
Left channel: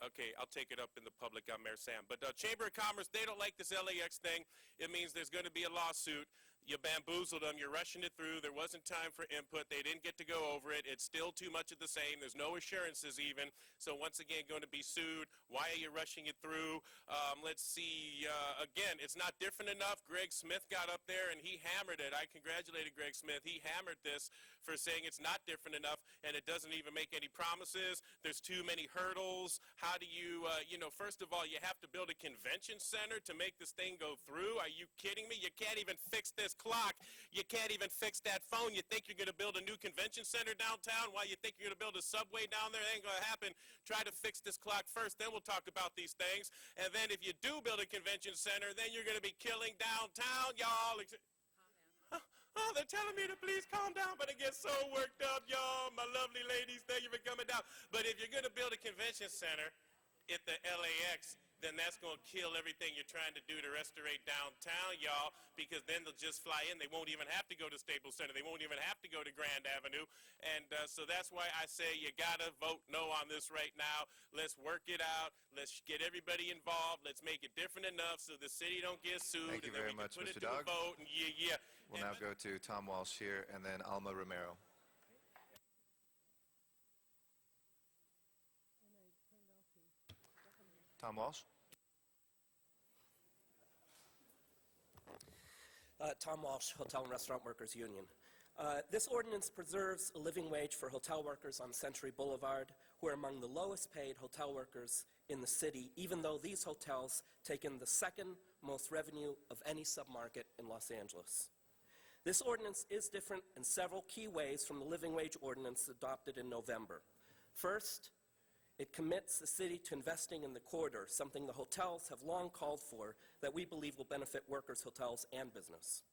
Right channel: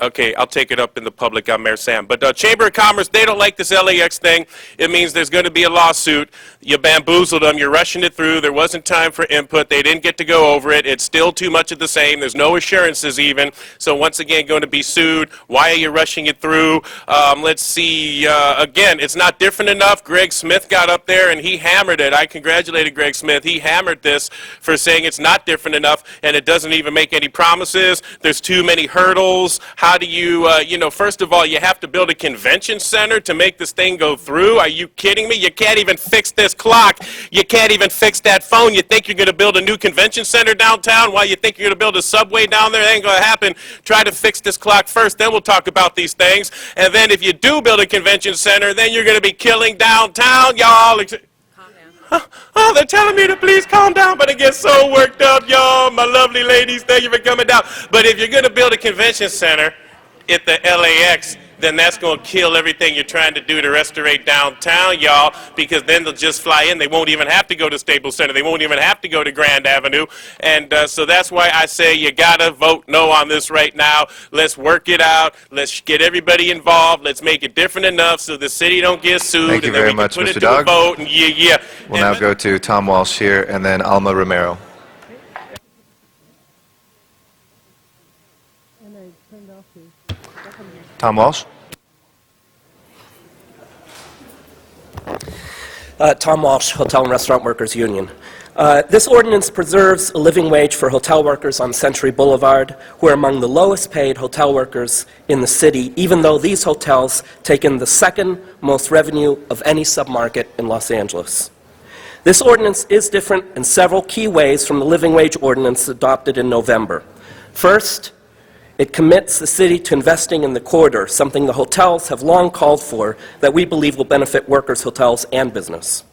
Okay, I'll take it up in the public. I'm Mayor Sam. But Chamber of Commerce, they don't like this LAX thing. It means there's going to be a lawsuit. You bamboozled them. You're rushing it through. There wasn't time for input. They didn't get to go over it. It's still too much of the same. There's no assurances even. So once again, going to be sued. Why are you rushing it through? Let's see. Again, it's not different enough. Greg Smith got up there and he hammered it. I congratulated Greg Smith. He hammered this for saying it's not different enough and it doesn't even make any promises. There's too many hurdles. How do you, first of all, you have to build a convention center to make this thing go through. Are you kidding me? You can't even fix this clock. You can't even fix that phone. You think you're going to build a new convention center downtown while you think you're going to build a subway down there? That ain't going to happen. Try to fix this clock first, then we'll talk about these things. And then if you do build a convention center, then you're going to be killing downtown, y'all. Oh, they're telling me to please calm down, but I get so worked up, y'all. My lovely ladies, thank you for coming down. But if you're going to build a convention center at the LAX, then that's going to kill everything you're trying to do to restore downtown, y'all, because then they'll just fly in. They won't even have to go to Staples Center. They won't even have to go to Grand Avenue. And so that's why I say you got to vote no on this right now. Let's work it out. Let's get everybody involved. Let's make it different enough so the city don't get sued. Thank you and then very we much, can put Mr. it to a Dog. vote. And We'll now go to Tom Walsh here, and then Alma Romero. Tom Walsh? Tom Walsh, Hotel and Restaurant Workers Union. This ordinance preserves a living wage for hotel workers on Century Boulevard, who are among the lowest paid hotel workers in the city, even though these hotels take in the second most revenue of any submarket in Los Angeles. This ordinance is different in several key ways from the living wage ordinance adopted in November. First, it commits the city to investing in the corridor, something the hotels have long called for that we believe will benefit workers, hotels, and business.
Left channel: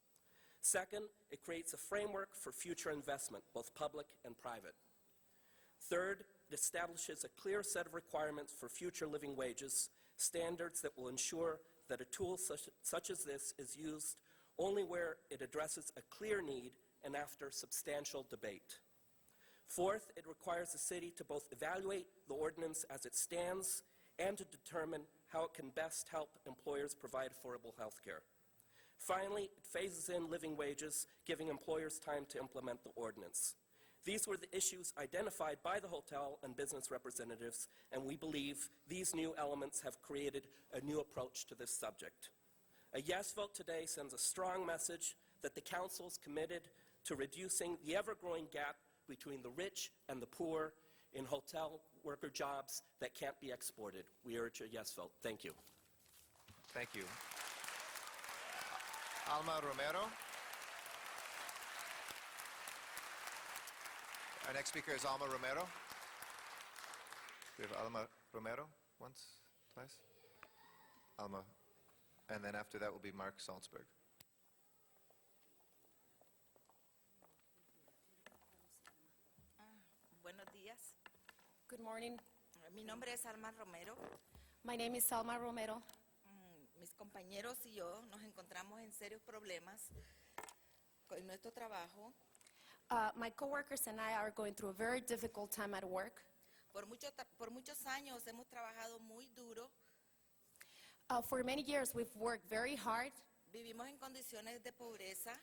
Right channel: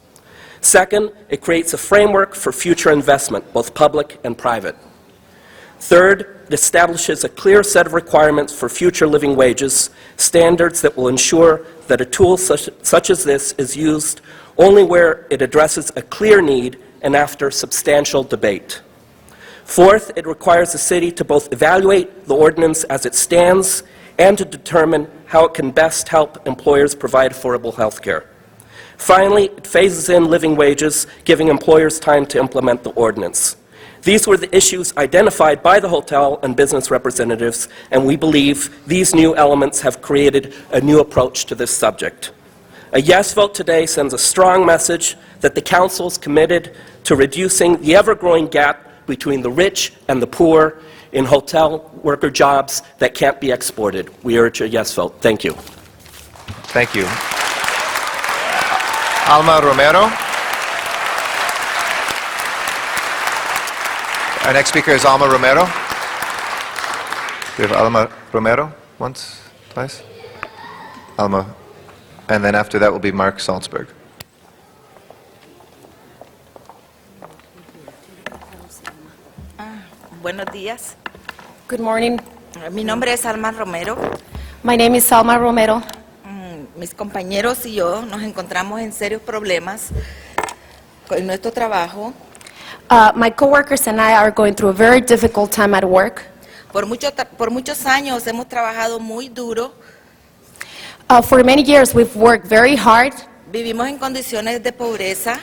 Second, it creates a framework for future investment, both public and private. Third, it establishes a clear set of requirements for future living wages, standards that will ensure that a tool such as this is used only where it addresses a clear need and after substantial debate. Fourth, it requires the city to both evaluate the ordinance as it stands and to determine how it can best help employers provide affordable health care. Finally, it phases in living wages, giving employers time to implement the ordinance. These were the issues identified by the hotel and business representatives, and we believe these new elements have created a new approach to this subject. A yes vote today sends a strong message that the council is committed to reducing the ever-growing gap between the rich and the poor in hotel worker jobs that can't be exported. We urge a yes vote. Thank you. Thank you. Alma Romero. Our next speaker is Alma Romero. We have Alma Romero once, twice. Alma. And then after that will be Mark Salzberg. Buenos días. Good morning. Mi nombre es Alma Romero. My name is Salma Romero. Mis compañeros y yo nos encontramos en serios problemas con nuestro trabajo. My coworkers and I are going through a very difficult time at work. Por muchos años hemos trabajado muy duro. For many years we've worked very hard. Vivimos en condiciones de pobreza.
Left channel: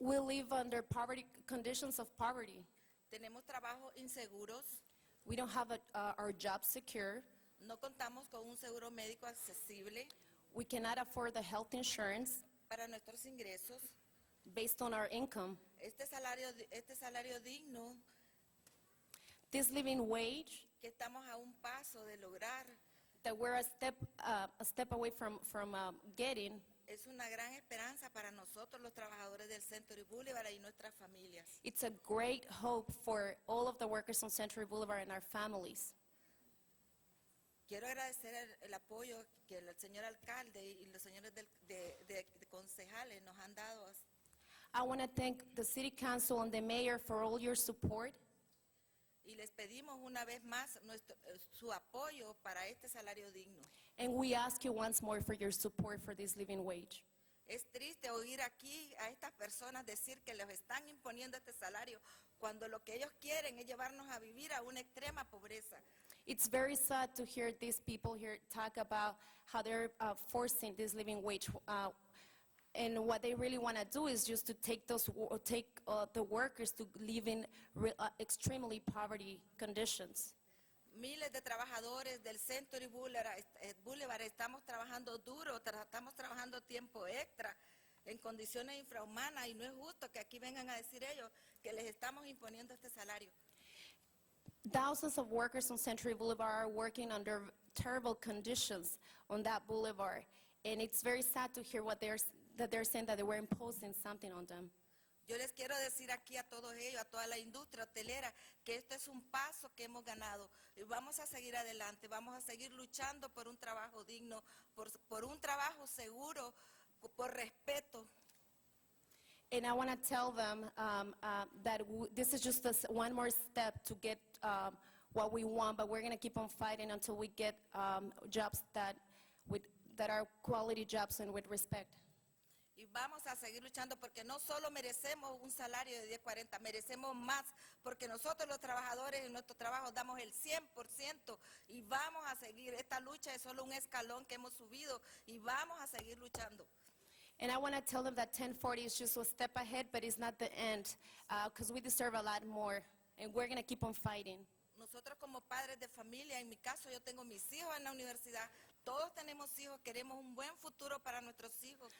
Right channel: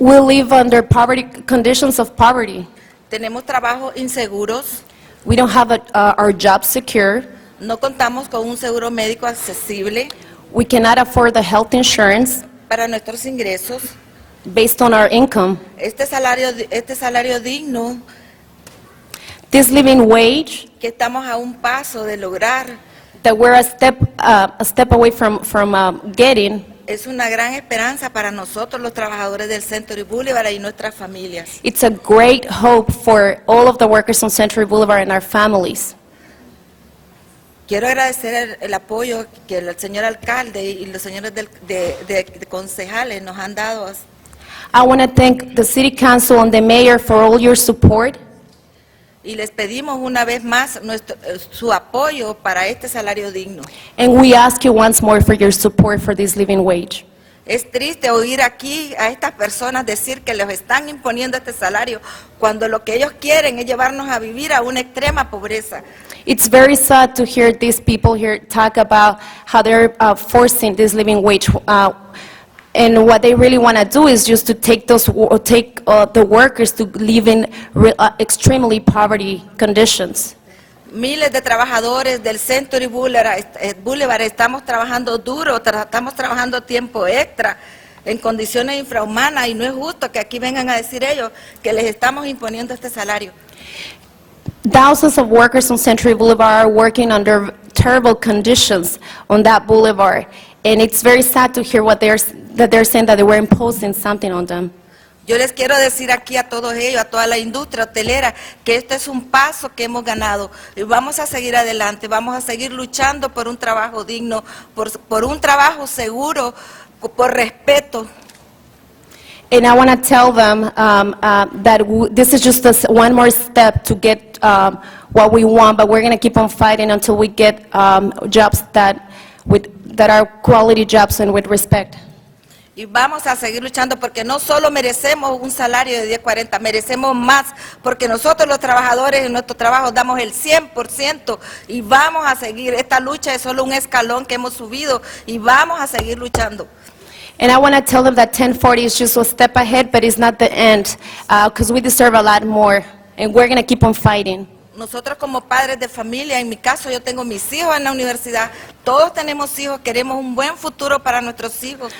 We live under conditions of poverty. Tenemos trabajos inseguros. We don't have our jobs secure. No contamos con un seguro médico accesible. We cannot afford the health insurance para nuestros ingresos. Based on our income. Este salario digno. This living wage Que estamos a un paso de lograr. that we're a step away from getting. Es una gran esperanza para nosotros los trabajadores del Century Boulevard y nuestras familias. It's a great hope for all of the workers on Century Boulevard and our families. Quiero agradecer el apoyo que el señor alcalde y los señores de concejales nos han dado. I want to thank the City Council and the Mayor for all your support. Y les pedimos una vez más su apoyo para este salario digno. And we ask you once more for your support for this living wage. Es triste oír aquí a estas personas decir que les están imponiendo este salario cuando lo que ellos quieren es llevarnos a vivir a una extrema pobreza. It's very sad to hear these people here talk about how they're forcing this living wage. And what they really want to do is just to take the workers to live in extremely poverty conditions. Miles de trabajadores del Century Boulevard estamos trabajando duro, estamos trabajando tiempo extra en condiciones infrahumanas y no es justo que aquí vengan a decir ellos que les estamos imponiendo este salario. Thousands of workers on Century Boulevard are working under terrible conditions on that boulevard. And it's very sad to hear that they're saying that they were imposing something on them. Yo les quiero decir aquí a todos ellos, a toda la industria hotelera, que este es un paso que hemos ganado y vamos a seguir adelante, vamos a seguir luchando por un trabajo digno, por un trabajo seguro, por respeto. And I want to tell them that this is just one more step to get what we want, but we're going to keep on fighting until we get jobs that are quality jobs and with respect. Y vamos a seguir luchando porque no solo merecemos un salario de 10.40, merecemos más, porque nosotros los trabajadores en nuestro trabajo damos el 100% y vamos a seguir. Esta lucha es solo un escalón que hemos subido y vamos a seguir luchando. And I want to tell them that 1040 is just a step ahead, but it's not the end, because we deserve a lot more, and we're going to keep on fighting. Nosotros como padres de familia, en mi caso yo tengo mis hijos en la universidad, todos tenemos hijos, queremos un buen futuro para nuestros hijos.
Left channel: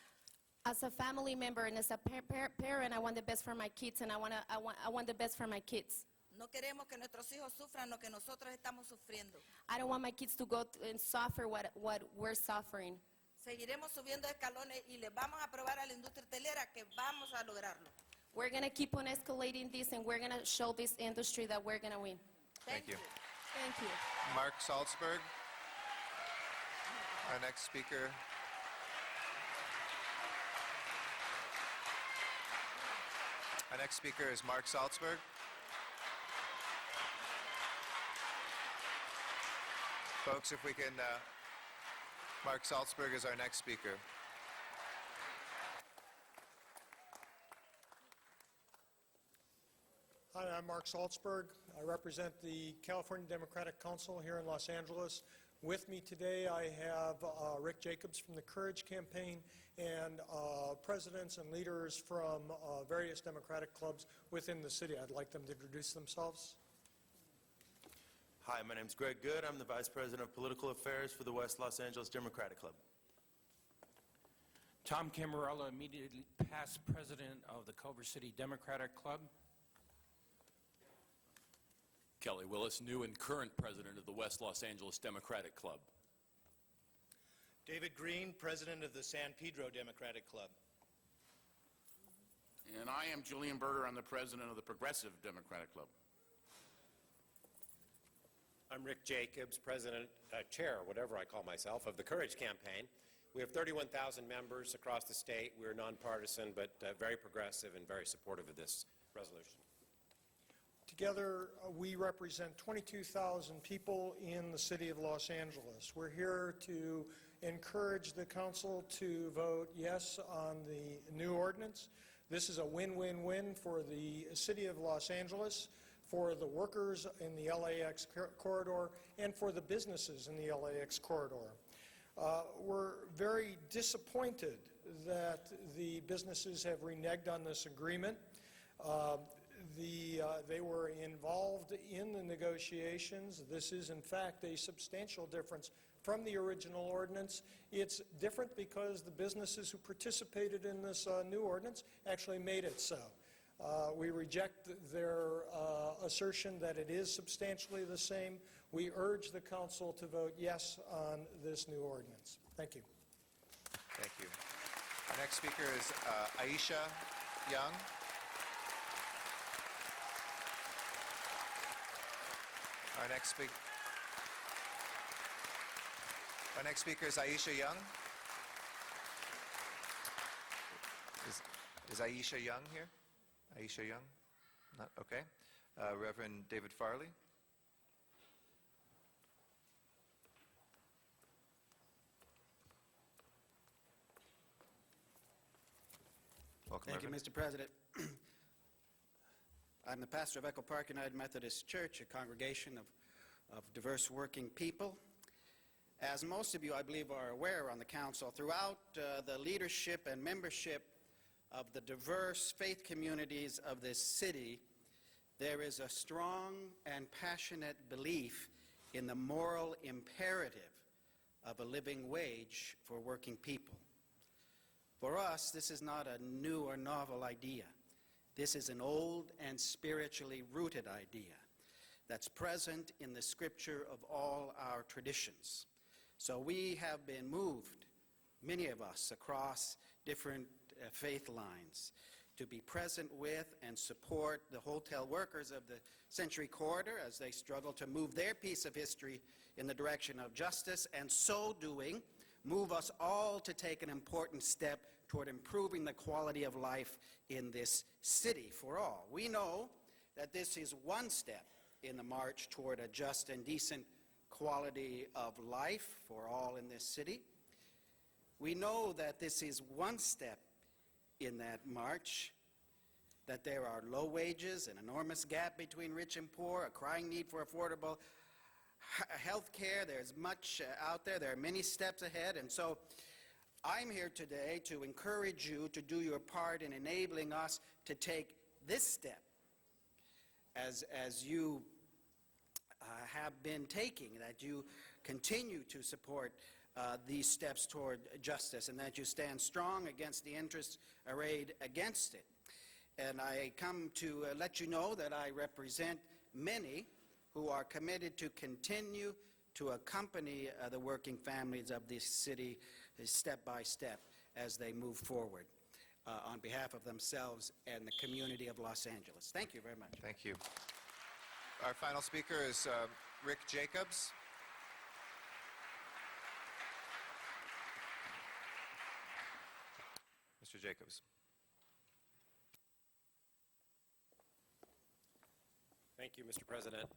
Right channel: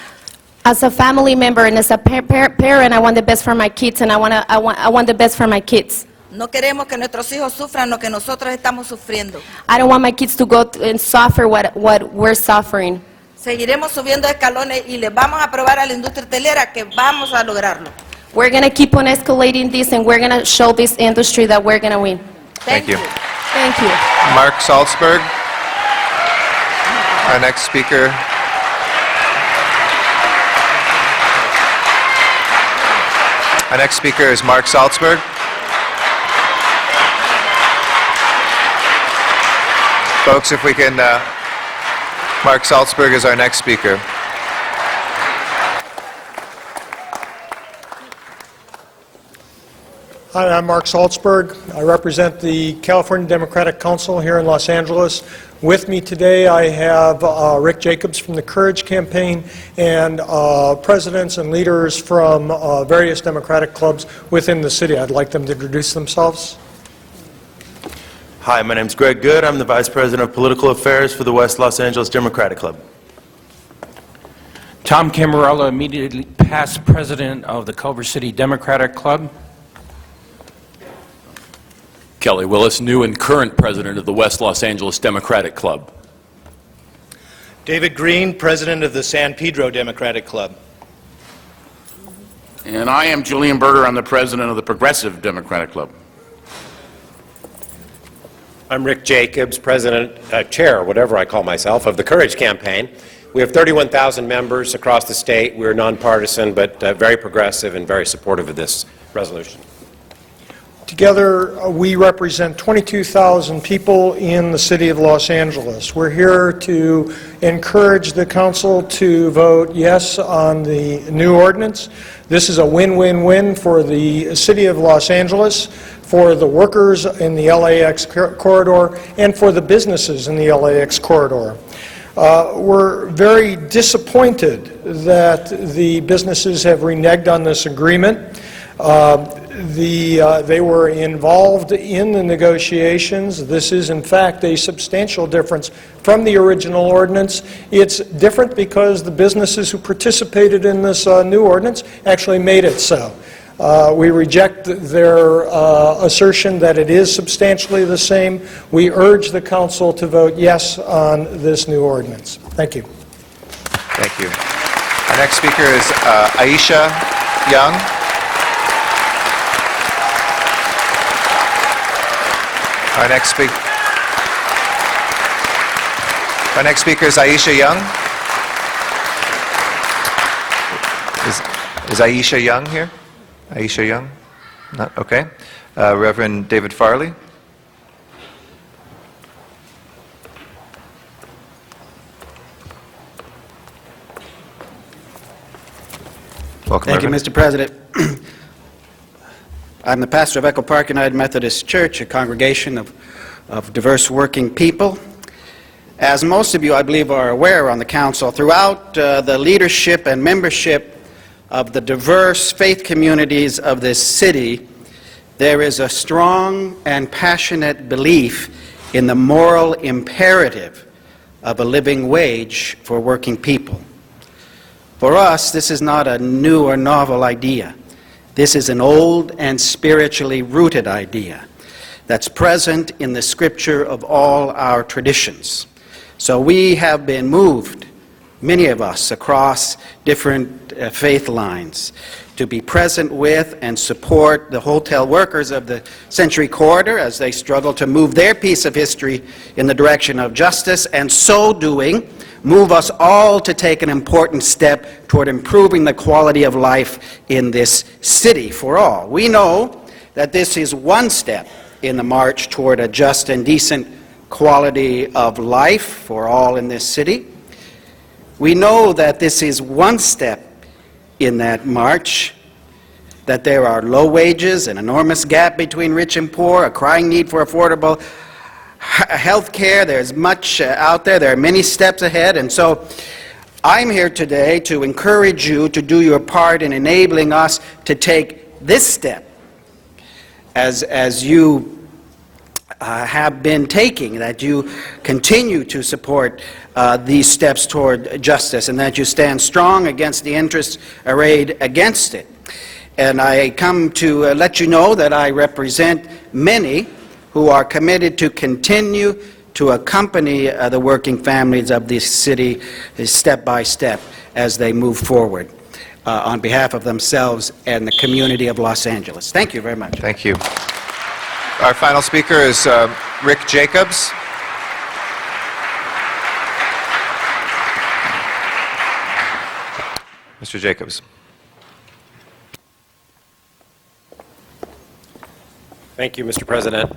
As a family member and as a parent, I want the best for my kids, and I want the best for my kids. No queremos que nuestros hijos sufran lo que nosotros estamos sufriendo. I don't want my kids to go and suffer what we're suffering. Seguiremos subiendo escalones y les vamos a probar a la industria hotelera que vamos a lograrlo. We're going to keep on escalating this, and we're going to show this industry that we're going to win. Thank you. Thank you. Mark Salzberg, our next speaker. Our next speaker is Mark Salzberg. Folks, if we can, Mark Salzberg is our next speaker. Hi, I'm Mark Salzberg. I represent the California Democratic Council here in Los Angeles. With me today, I have Rick Jacobs from the Courage Campaign and presidents and leaders from various Democratic clubs within the city. I'd like them to introduce themselves. Hi, my name's Greg Good. I'm the Vice President of Political Affairs for the West Los Angeles Democratic Club. Tom Camarella, immediately past President of the Culver City Democratic Club. Kelly Willis, new and current president of the West Los Angeles Democratic Club. David Green, president of the San Pedro Democratic Club. And I am Julian Berger. I'm the president of the Progressive Democratic Club. I'm Rick Jacobs, president, chair, whatever I call myself, of the Courage Campaign. We have 31,000 members across the state. We're nonpartisan, but very progressive and very supportive of this resolution. Together, we represent 22,000 people in the city of Los Angeles. We're here to encourage the council to vote yes on the new ordinance. This is a win-win-win for the city of Los Angeles, for the workers in the LAX corridor, and for the businesses in the LAX corridor. We're very disappointed that the businesses have reneged on this agreement. They were involved in the negotiations. This is, in fact, a substantial difference from the original ordinance. It's different because the businesses who participated in this new ordinance actually made it so. We reject their assertion that it is substantially the same. We urge the council to vote yes on this new ordinance. Thank you. Thank you. Our next speaker is Aisha Young. Our next speaker is Aisha Young. Is Aisha Young here? Aisha Young? Not okay. Reverend David Farley. Welcome, Thank you, Reverend. Mr. President. I'm the pastor of Echo Park United Methodist Church, a congregation of diverse working people. As most of you, I believe, are aware on the council, throughout the leadership and membership of the diverse faith communities of this city, there is a strong and passionate belief in the moral imperative of a living wage for working people. For us, this is not a new or novel idea. This is an old and spiritually rooted idea that's present in the scripture of all our traditions. So we have been moved, many of us across different faith lines, to be present with and support the hotel workers of the Century Corridor as they struggle to move their piece of history in the direction of justice, and so doing, move us all to take an important step toward improving the quality of life in this city for all. We know that this is one step in the march toward a just and decent quality of life for all in this city. We know that this is one step in that march, that there are low wages, an enormous gap between rich and poor, a crying need for affordable health care. There's much out there. There are many steps ahead. And so I'm here today to encourage you to do your part in enabling us to take this step as you have been taking, that you continue to support these steps toward justice, and that you stand strong against the interests arrayed against it. And I come to let you know that I represent many who are committed to continue to accompany the working families of this city step by step as they move forward on behalf of themselves and the community of Los Angeles. Thank you very much. Thank you. Our final speaker is Rick Jacobs. Mr. Jacobs. Thank you, Mr. President.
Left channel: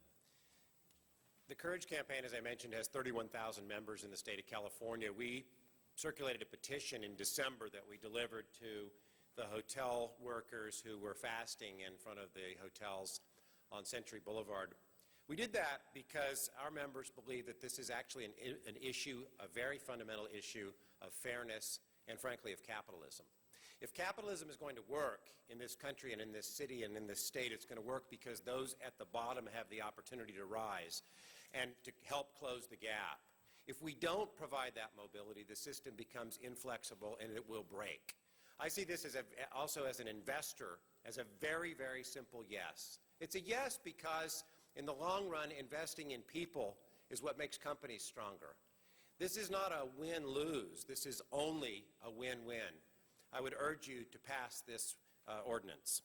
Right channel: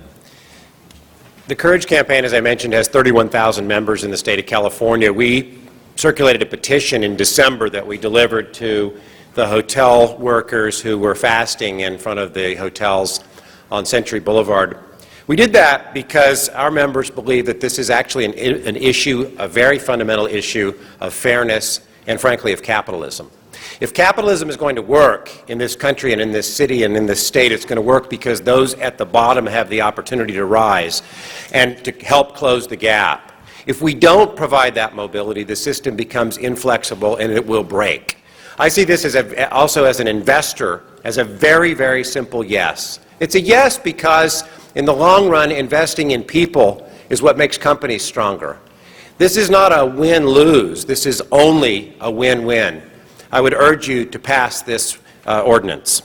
The Courage Campaign, as I mentioned, has 31,000 members in the state of California. We circulated a petition in December that we delivered to the hotel workers who were fasting in front of the hotels on Century Boulevard. We did that because our members believe that this is actually an issue, a very fundamental issue of fairness and, frankly, of capitalism. If capitalism is going to work in this country and in this city and in this state, it's going to work because those at the bottom have the opportunity to rise and to help close the gap. If we don't provide that mobility, the system becomes inflexible and it will break. I see this as also as an investor as a very, very simple yes. It's a yes because in the long run, investing in people is what makes companies stronger. This is not a win-lose. This is only a win-win. I would urge you to pass this ordinance.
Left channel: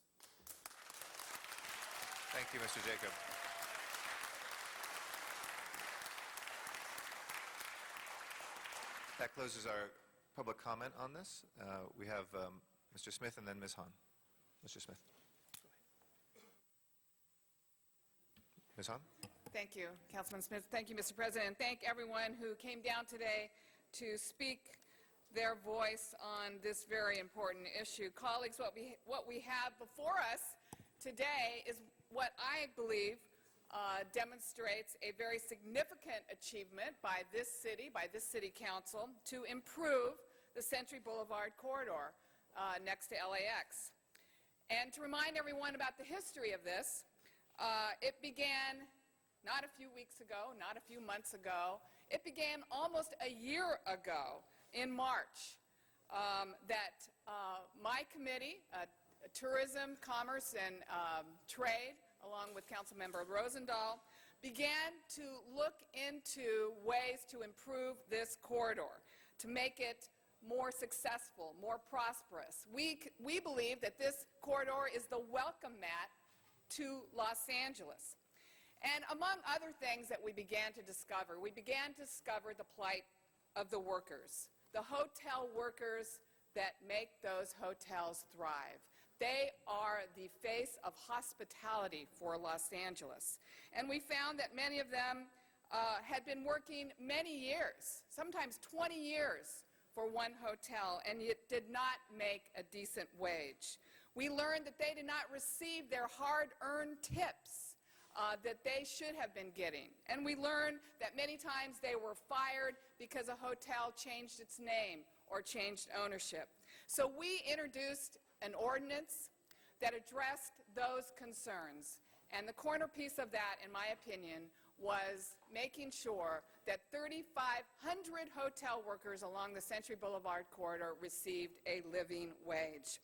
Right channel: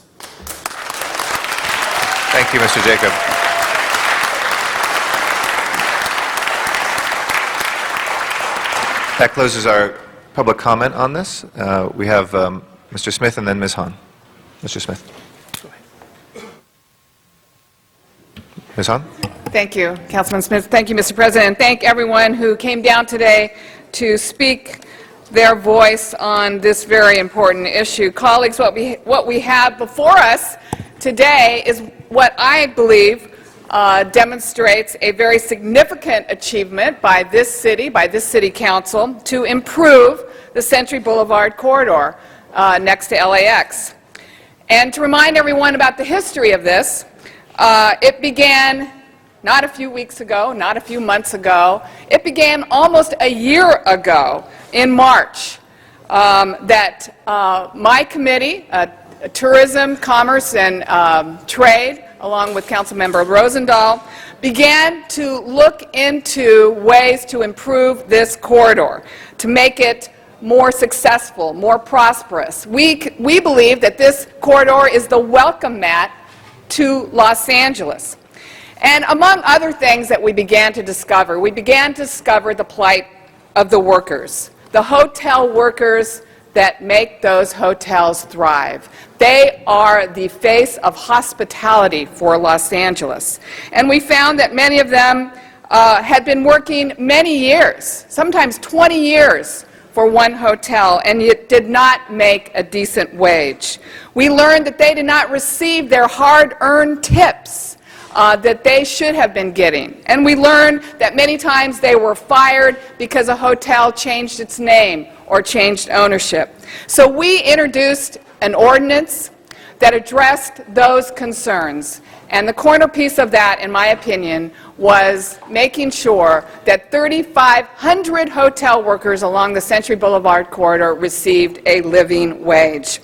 Thank you, Mr. Jacob. That closes our public comment on this. We have Mr. Smith and then Ms. Hahn. Mr. Smith. Ms. Hahn? Thank you, Councilman Smith. Thank you, Mr. President. Thank everyone who came down today to speak their voice on this very important issue. Colleagues, what we have before us today is what I believe demonstrates a very significant achievement by this city council, to improve the Century Boulevard corridor next to LAX. And to remind everyone about the history of this, it began not a few weeks ago, not a few months ago. It began almost a year ago in March that my committee, Tourism, Commerce, and Trade, along with Councilmember Rosendahl, began to look into ways to improve this corridor, to make it more successful, more prosperous. We believe that this corridor is the welcome mat to Los Angeles. And among other things that we began to discover the plight of the workers, the hotel workers that make those hotels thrive. They are the face of hospitality for Los Angeles. And we found that many of them had been working many years, sometimes 20 years, for one hotel, and yet did not make a decent wage. We learned that they did not receive their hard-earned tips that they should have been getting. And we learned that many times they were fired because a hotel changed its name or changed ownership. So we introduced an ordinance that addressed those concerns. And the corner piece of that, in my opinion, was making sure that 3,500 hotel workers along the Century Boulevard corridor received a living wage.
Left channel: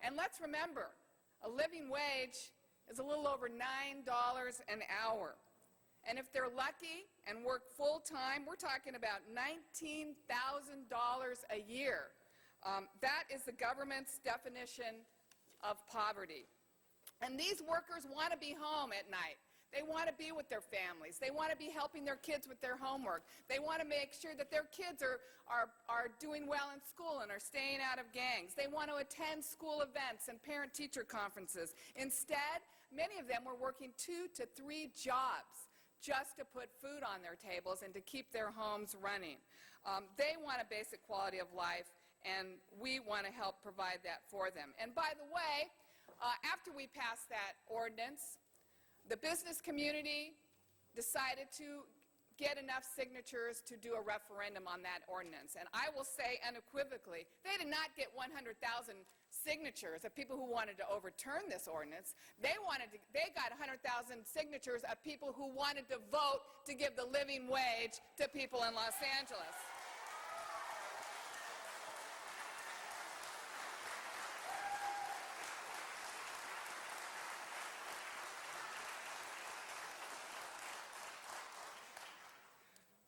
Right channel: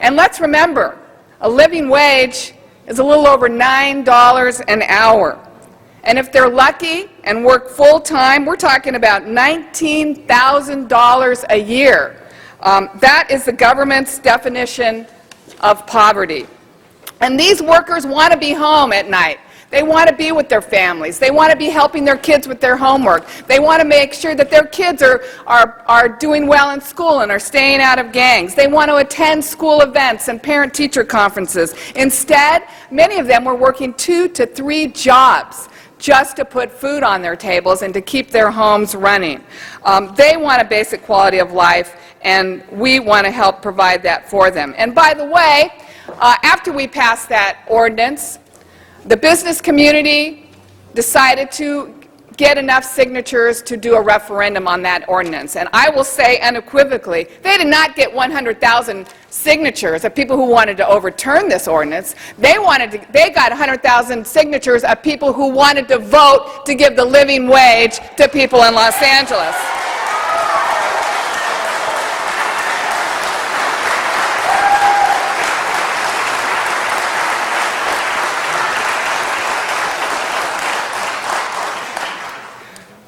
And let's remember, a living wage is a little over $9 an hour. And if they're lucky and work full-time, we're talking about $19,000 a year. That is the government's definition of poverty. And these workers want to be home at night. They want to be with their families. They want to be helping their kids with their homework. They want to make sure that their kids are doing well in school and are staying out of gangs. They want to attend school events and parent-teacher conferences. Instead, many of them were working 2 to 3 jobs just to put food on their tables and to keep their homes running. They want a basic quality of life, and we want to help provide that for them. And by the way, after we passed that ordinance, the business community decided to get enough signatures to do a referendum on that ordinance. And I will say unequivocally, they did not get 100,000 signatures of people who wanted to overturn this ordinance. They got 100,000 signatures of people who wanted to vote to give the living wage to people in Los Angeles.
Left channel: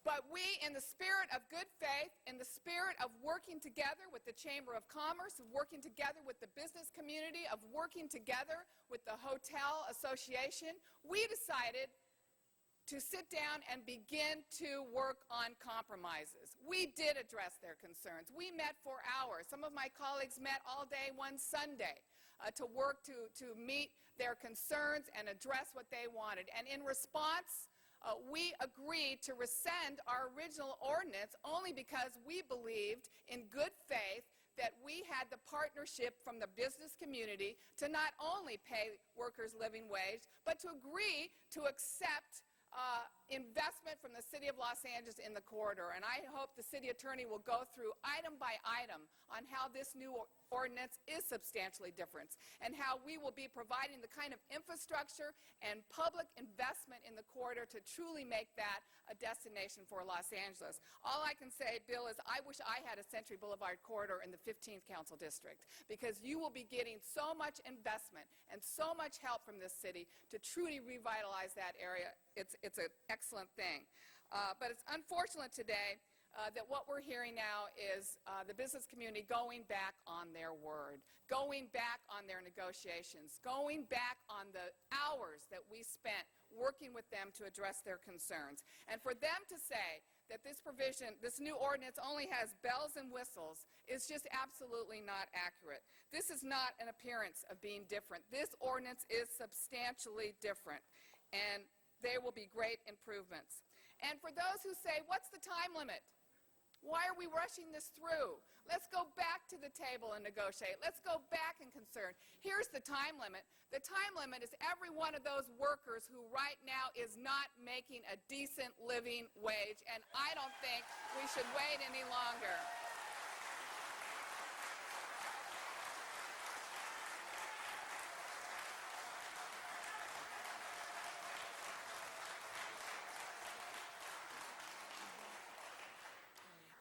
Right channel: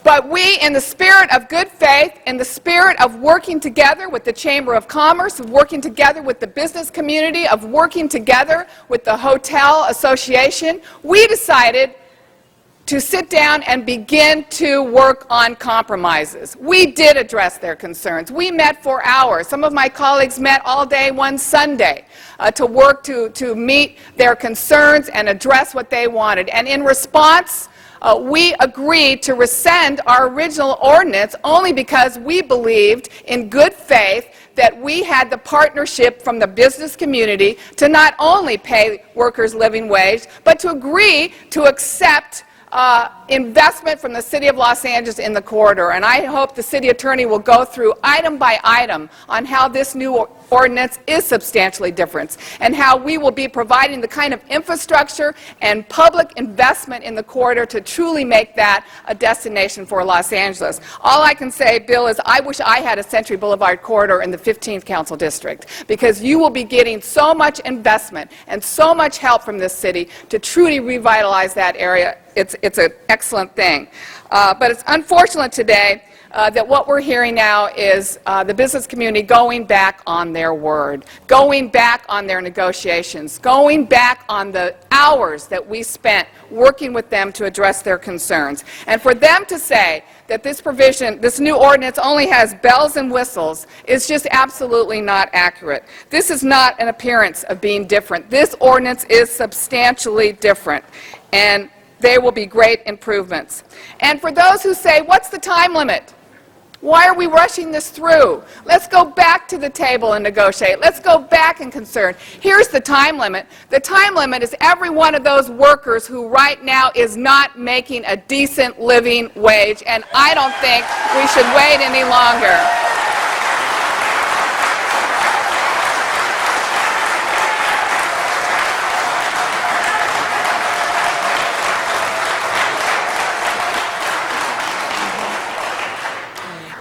But we, in the spirit of good faith, in the spirit of working together with the Chamber of Commerce, of working together with the business community, of working together with the Hotel Association, we decided to sit down and begin to work on compromises. We did address their concerns. We met for hours. Some of my colleagues met all day one Sunday to work to meet their concerns and address what they wanted. And in response, we agreed to rescind our original ordinance only because we believed in good faith that we had the partnership from the business community to not only pay workers living wage, but to agree to accept investment from the City of Los Angeles in the corridor. And I hope the City Attorney will go through item by item on how this new ordinance is substantially different and how we will be providing the kind of infrastructure and public investment in the corridor to truly make that a destination for Los Angeles. All I can say, Bill, is I wish I had a Century Boulevard corridor in the 15th Council District, because you will be getting so much investment and so much help from this city to truly revitalize that area. It's an excellent thing. But it's unfortunate today that what we're hearing now is the business community going back on their word, going back on their negotiations, going back on the hours that we spent working with them to address their concerns. And for them to say that this provision, this new ordinance only has bells and whistles is just absolutely not accurate. This is not an appearance of being different. This ordinance is substantially different, and there will be great improvements. And for those who say, what's the time limit? Why are we rushing this through? Let's go back to the table and negotiate. Let's go back and concern. Here's the time limit. The time limit is every one of those workers who right now is not making a decent living wage, and I don't think we should wait any longer.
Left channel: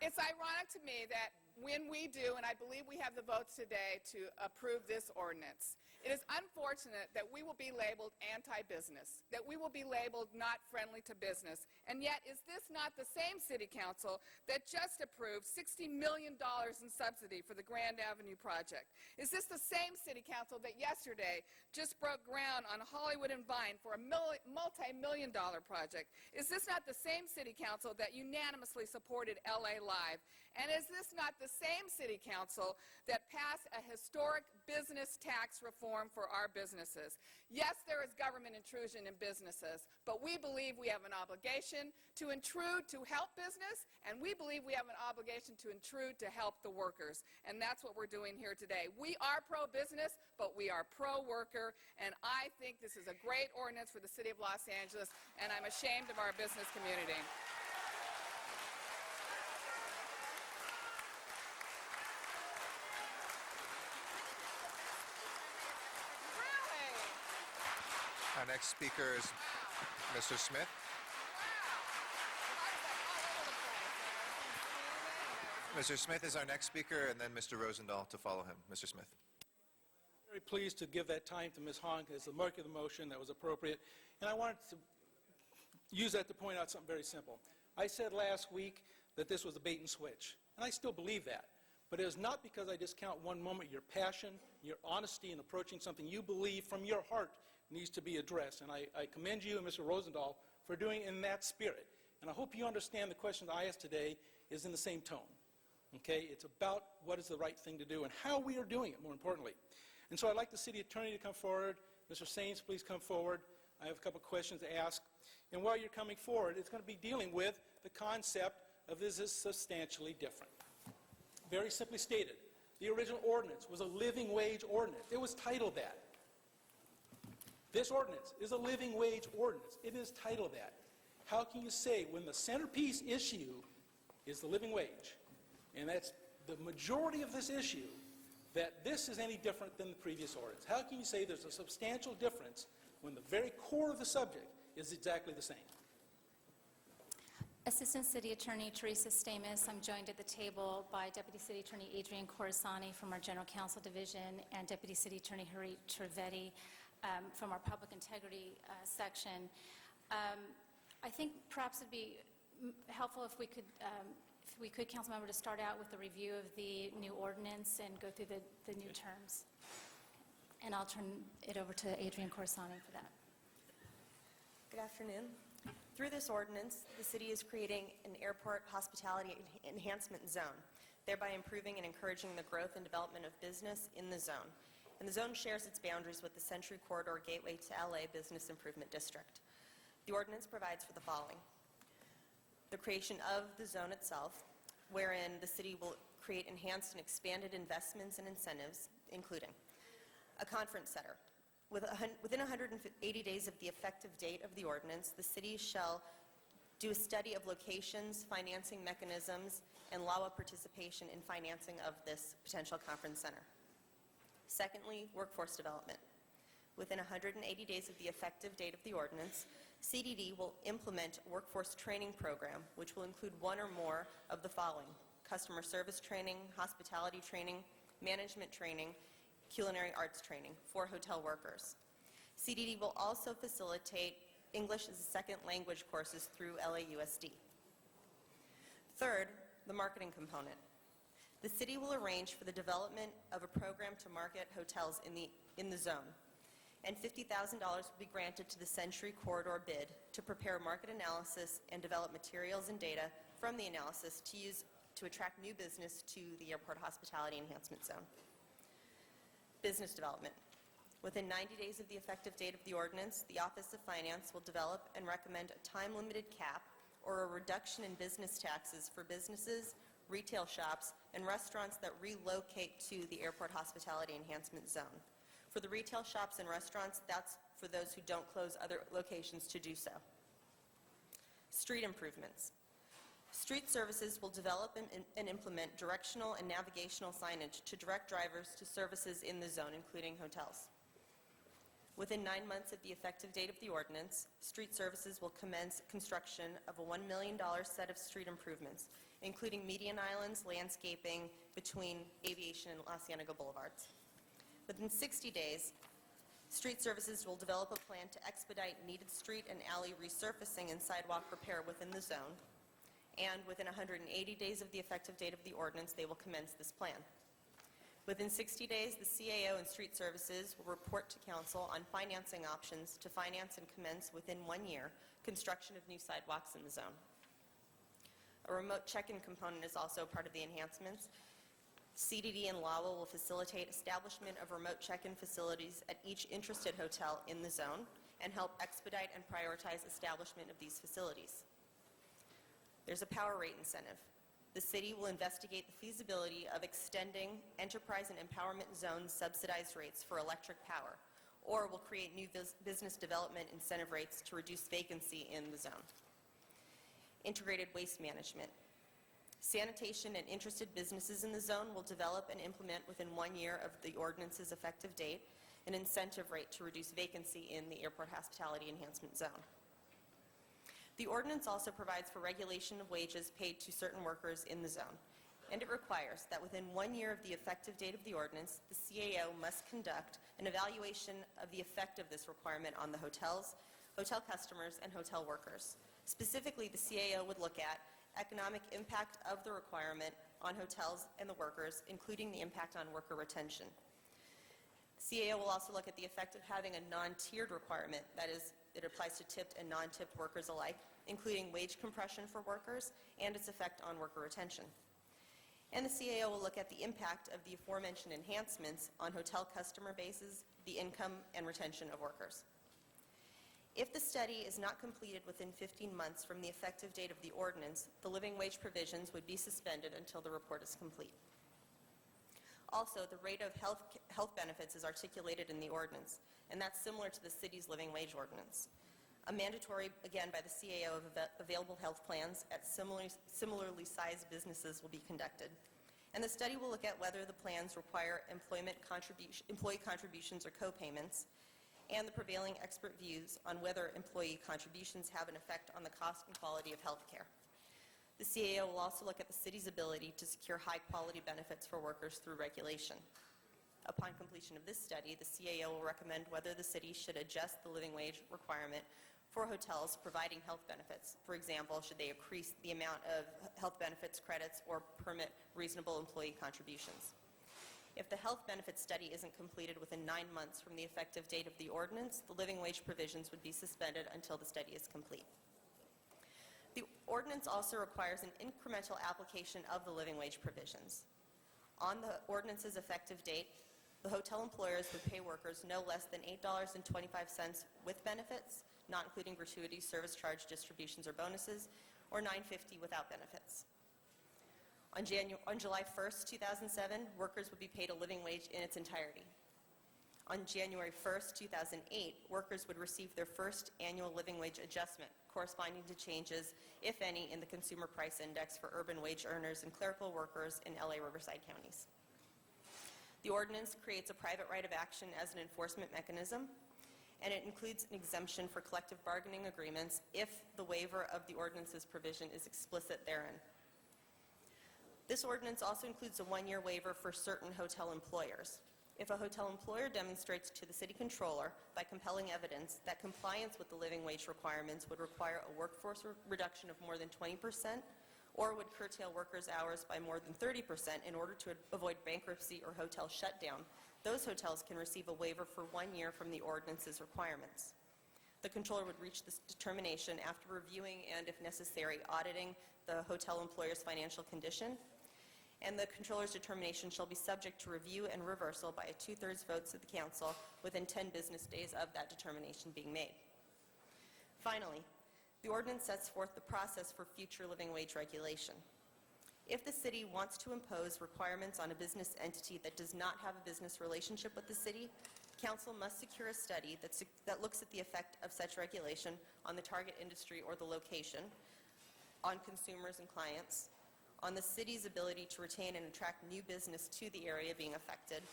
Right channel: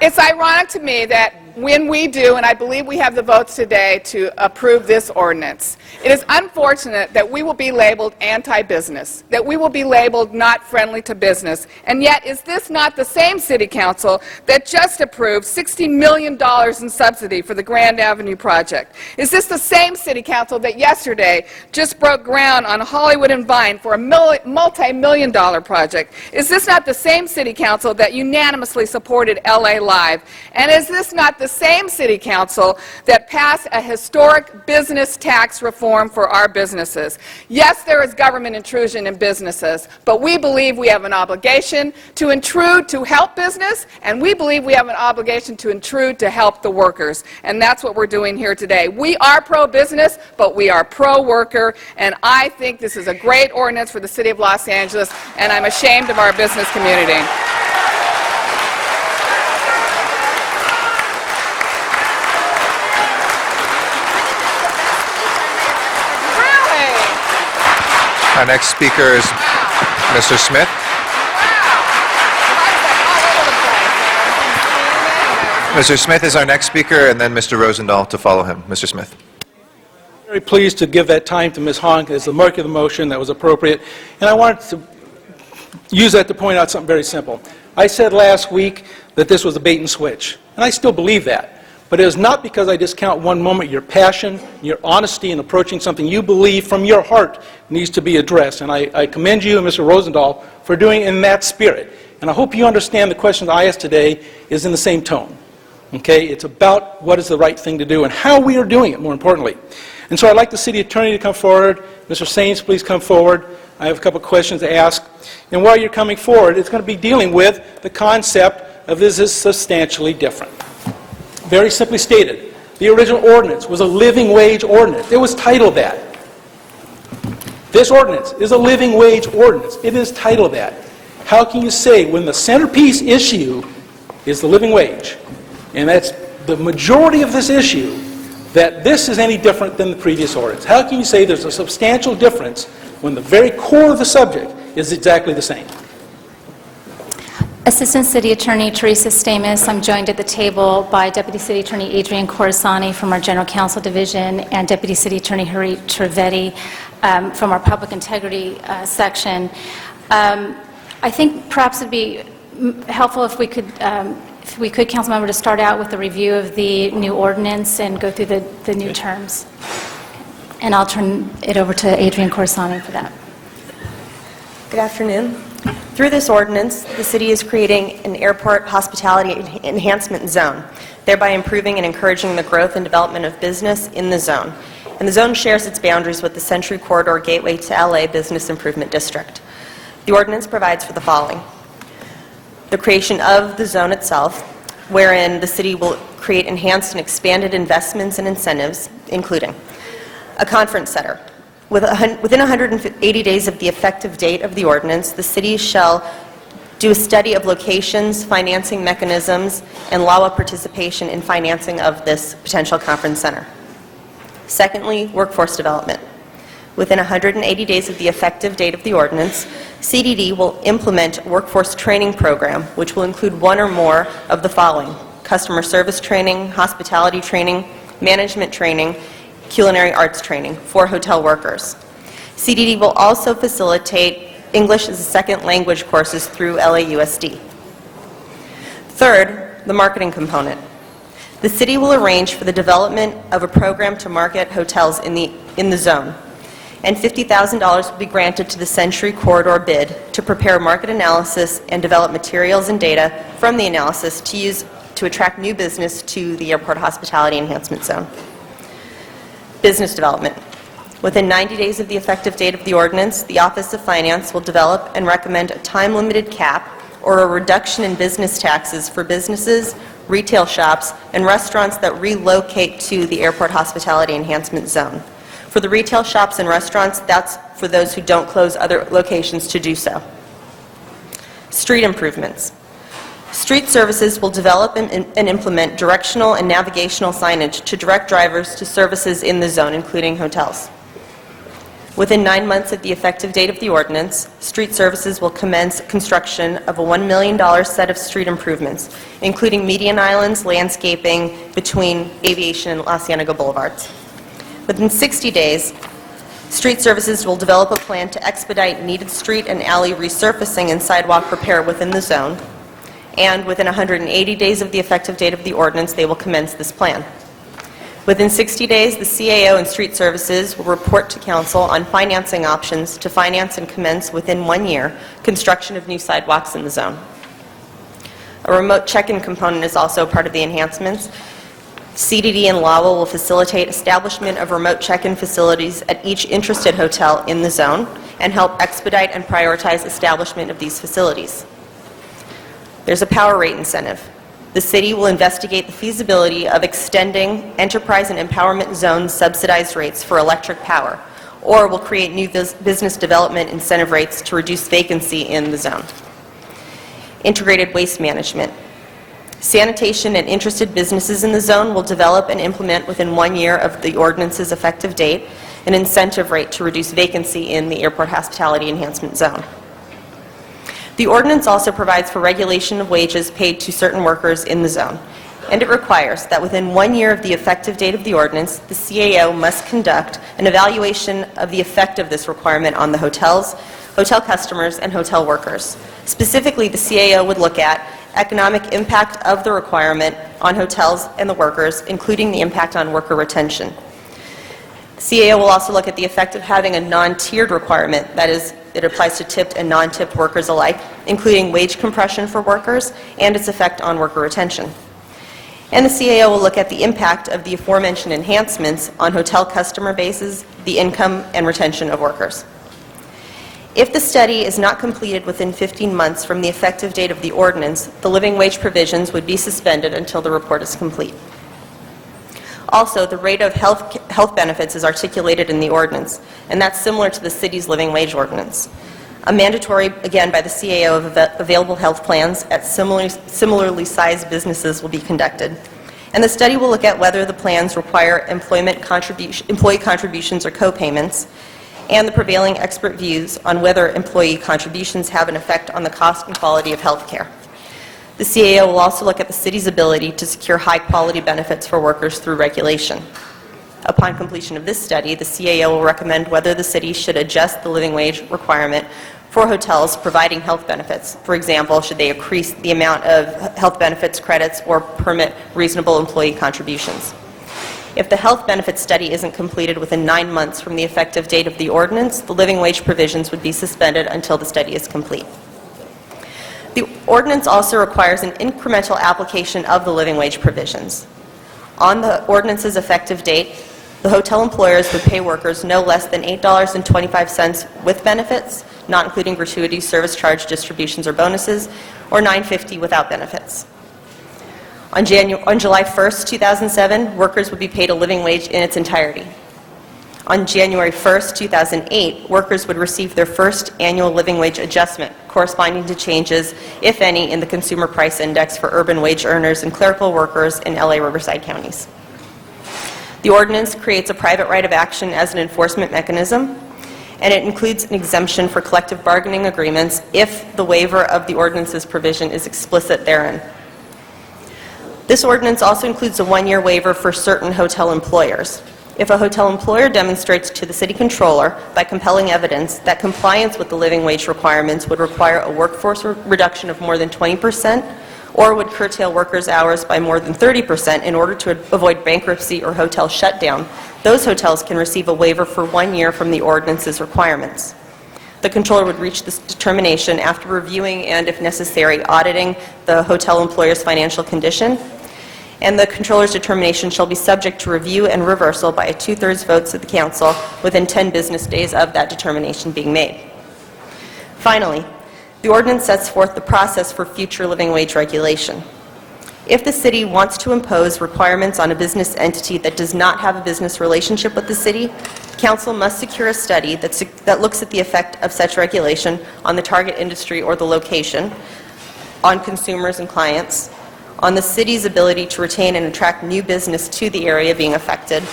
It's ironic to me that when we do, and I believe we have the votes today to approve this ordinance, it is unfortunate that we will be labeled anti-business, that we will be labeled not friendly to business. And yet, is this not the same City Council that just approved $60 million in subsidy for the Grand Avenue project? Is this the same City Council that yesterday just broke ground on Hollywood and Vine for a multi-million-dollar project? Is this not the same City Council that unanimously supported LA Live? And is this not the same City Council that passed a historic business tax reform for our businesses? Yes, there is government intrusion in businesses, but we believe we have an obligation to intrude to help business, and we believe we have an obligation to intrude to help the workers. And that's what we're doing here today. We are pro-business, but we are pro-worker, and I think this is a great ordinance for the City of Los Angeles, and I'm ashamed of our business community. Our next speaker is Mr. Smith. Mr. Smith is our next speaker, and then Mr. Rosendahl to follow him. Mr. Smith. Very pleased to give that time to Ms. Hong as the mark of the motion. That was appropriate. And I wanted to use that to point out something very simple. I said last week that this was a bait and switch, and I still believe that. But it is not because I discount one moment your passion, your honesty in approaching something you believe from your heart needs to be addressed. And I commend you and Mr. Rosendahl for doing it in that spirit. And I hope you understand the question I asked today is in the same tone. Okay? It's about what is the right thing to do and how we are doing it, more importantly. And so I'd like the city attorney to come forward. Mr. Sainz, please come forward. I have a couple questions to ask. And while you're coming forward, it's going to be dealing with the concept of this is substantially different. Very simply stated, the original ordinance was a living wage ordinance. It was titled that. This ordinance is a living wage ordinance. It is titled that. How can you say when the centerpiece issue is the living wage, and that's the majority of this issue, that this is any different than the previous ordinance? How can you say there's a substantial difference when the very core of the subject is exactly the same? Assistant City Attorney Teresa Stamus. I'm joined at the table by Deputy City Attorney Adrian Corsani from our General Counsel Division and Deputy City Attorney Harit Trivedi from our Public Integrity section. I think perhaps it'd be helpful if we could, Councilmember, to start out with a review of the new ordinance and go through the new terms. And I'll turn it over to Adrian Corsani for that. Good afternoon. Through this ordinance, the city is creating an airport hospitality enhancement zone, thereby improving and encouraging the growth and development of business in the zone. And the zone shares its boundaries with the Century Corridor Gateway to LA Business Improvement District. The ordinance provides for the following: the creation of the zone itself, wherein the city will create enhanced and expanded investments and incentives, including a conference center. Within 180 days of the effective date of the ordinance, the city shall do a study of locations, financing mechanisms, and LAWA participation in financing of this potential conference center. Secondly, workforce development. Within 180 days of the effective date of the ordinance, CDD will implement a workforce training program, which will include one or more of the following: customer service training, hospitality training, management training, culinary arts training for hotel workers. CDD will also facilitate English as a second language courses through LAUSD. Third, the marketing component. The city will arrange for the development of a program to market hotels in the zone, and $50,000 will be granted to the Century Corridor bid to prepare market analysis and develop materials and data from the analysis to use to attract new business to the Airport Hospitality Enhancement Zone. Business development. Within 90 days of the effective date of the ordinance, the Office of Finance will develop and recommend a time-limited cap or a reduction in business taxes for businesses, retail shops, and restaurants that relocate to the Airport Hospitality Enhancement Zone. For the retail shops and restaurants, that's for those who don't close other locations to do so. Street improvements. Street services will develop and implement directional and navigational signage to direct drivers to services in the zone, including hotels. Within 9 months of the effective date of the ordinance, Street Services will commence construction of a $1 million set of street improvements, including median islands, landscaping between Aviation and La Cienega Boulevards. Within 60 days, Street Services will develop a plan to expedite needed street and alley resurfacing and sidewalk repair within the zone, and within 180 days of the effective date of the ordinance, they will commence this plan. Within 60 days, the CAO and Street Services will report to Council on financing options to finance and commence within 1 year construction of new sidewalks in the zone. A remote check-in component is also part of the enhancements. CDD and LAWA will facilitate establishment of remote check-in facilities at each interested hotel in the zone and help expedite and prioritize establishment of these facilities. There's a power rate incentive. The city will investigate the feasibility of extending enterprise and empowerment zone subsidized rates for electric power, or will create new business development incentive rates to reduce vacancy in the zone. Integrated waste management. Sanitation and interested businesses in the zone will develop and implement within 1 year of the ordinance's effective date an incentive rate to reduce vacancy in the airport hospitality enhancement zone. The ordinance also provides for regulation of wages paid to certain workers in the zone, and it requires that within 1 year of the effective date of the ordinance, the CAO must conduct an evaluation of the effect of this requirement on the hotels, hotel customers, and hotel workers. Specifically, the CAO would look at economic impact of the requirement on hotels and the workers, including the impact on worker retention. The CAO will also look at the effect of having a non-tiered requirement, that is, it applies to tipped and non-tipped workers alike, including wage compression for workers and its effect on worker retention. And the CAO will look at the impact of the aforementioned enhancements on hotel customer bases, the income and retention of workers. If the study is not completed within 15 months from the effective date of the ordinance, the living wage provisions would be suspended until the report is complete. Also, the rate of health benefits is articulated in the ordinance, and that's similar to the city's living wage ordinance. A mandatory, again, by the CAO of available health plans at similarly sized businesses will be conducted. And the study will look at whether the plans require employee contributions or co-payments, and the prevailing expert views on whether employee contributions have an effect on the cost and quality of health care. The CAO will also look at the city's ability to secure high-quality benefits for workers through regulation. Upon completion of this study, the CAO will recommend whether the city should adjust the living wage requirement for hotels providing health benefits. For example, should they increase the amount of health benefits credits or permit reasonable employee contributions. If the health benefits study isn't completed within 9 months from the effective date of the ordinance, the living wage provisions would be suspended until the study is complete. The ordinance also requires an incremental application of the living wage provisions. On the ordinance's effective date, the hotel employers would pay workers no less than $8.25 with benefits, not including gratuities, service charge, distributions, or bonuses, or $9.50 without benefits. On July 1st, 2007, workers would be paid a living wage in its entirety. On January 1st, 2008, workers would receive their first annual living wage adjustment corresponding to changes, if any, in the Consumer Price Index for urban wage earners and clerical workers in LA Riverside counties. The ordinance creates a private right of action as an enforcement mechanism, and it includes an exemption for collective bargaining agreements if the waiver of the ordinance's provision is explicit therein. This ordinance also includes a 1-year waiver for certain hotel employers. If a hotel employer demonstrates to the city controller by compelling evidence that compliance with the living wage requirements would require a workforce reduction of more than 20% or would curtail workers' hours by more than 30% in order to avoid bankruptcy or hotel shutdown, those hotels can receive a waiver for 1 year from the ordinance's requirements. The controller would reach this determination after reviewing and, if necessary, auditing the hotel employer's financial condition, and the controller's determination shall be subject to review and reversal by a 2/3 votes of the council within 10 business days of that determination being made. Finally, the ordinance sets forth the process for future living wage regulation. If the city wants to impose requirements on a business entity that does not have a business relationship with the city, council must secure a study that looks at the effect of such regulation on the target industry or the location, on consumers and clients, on the city's ability to retain and attract new business to the area being affected,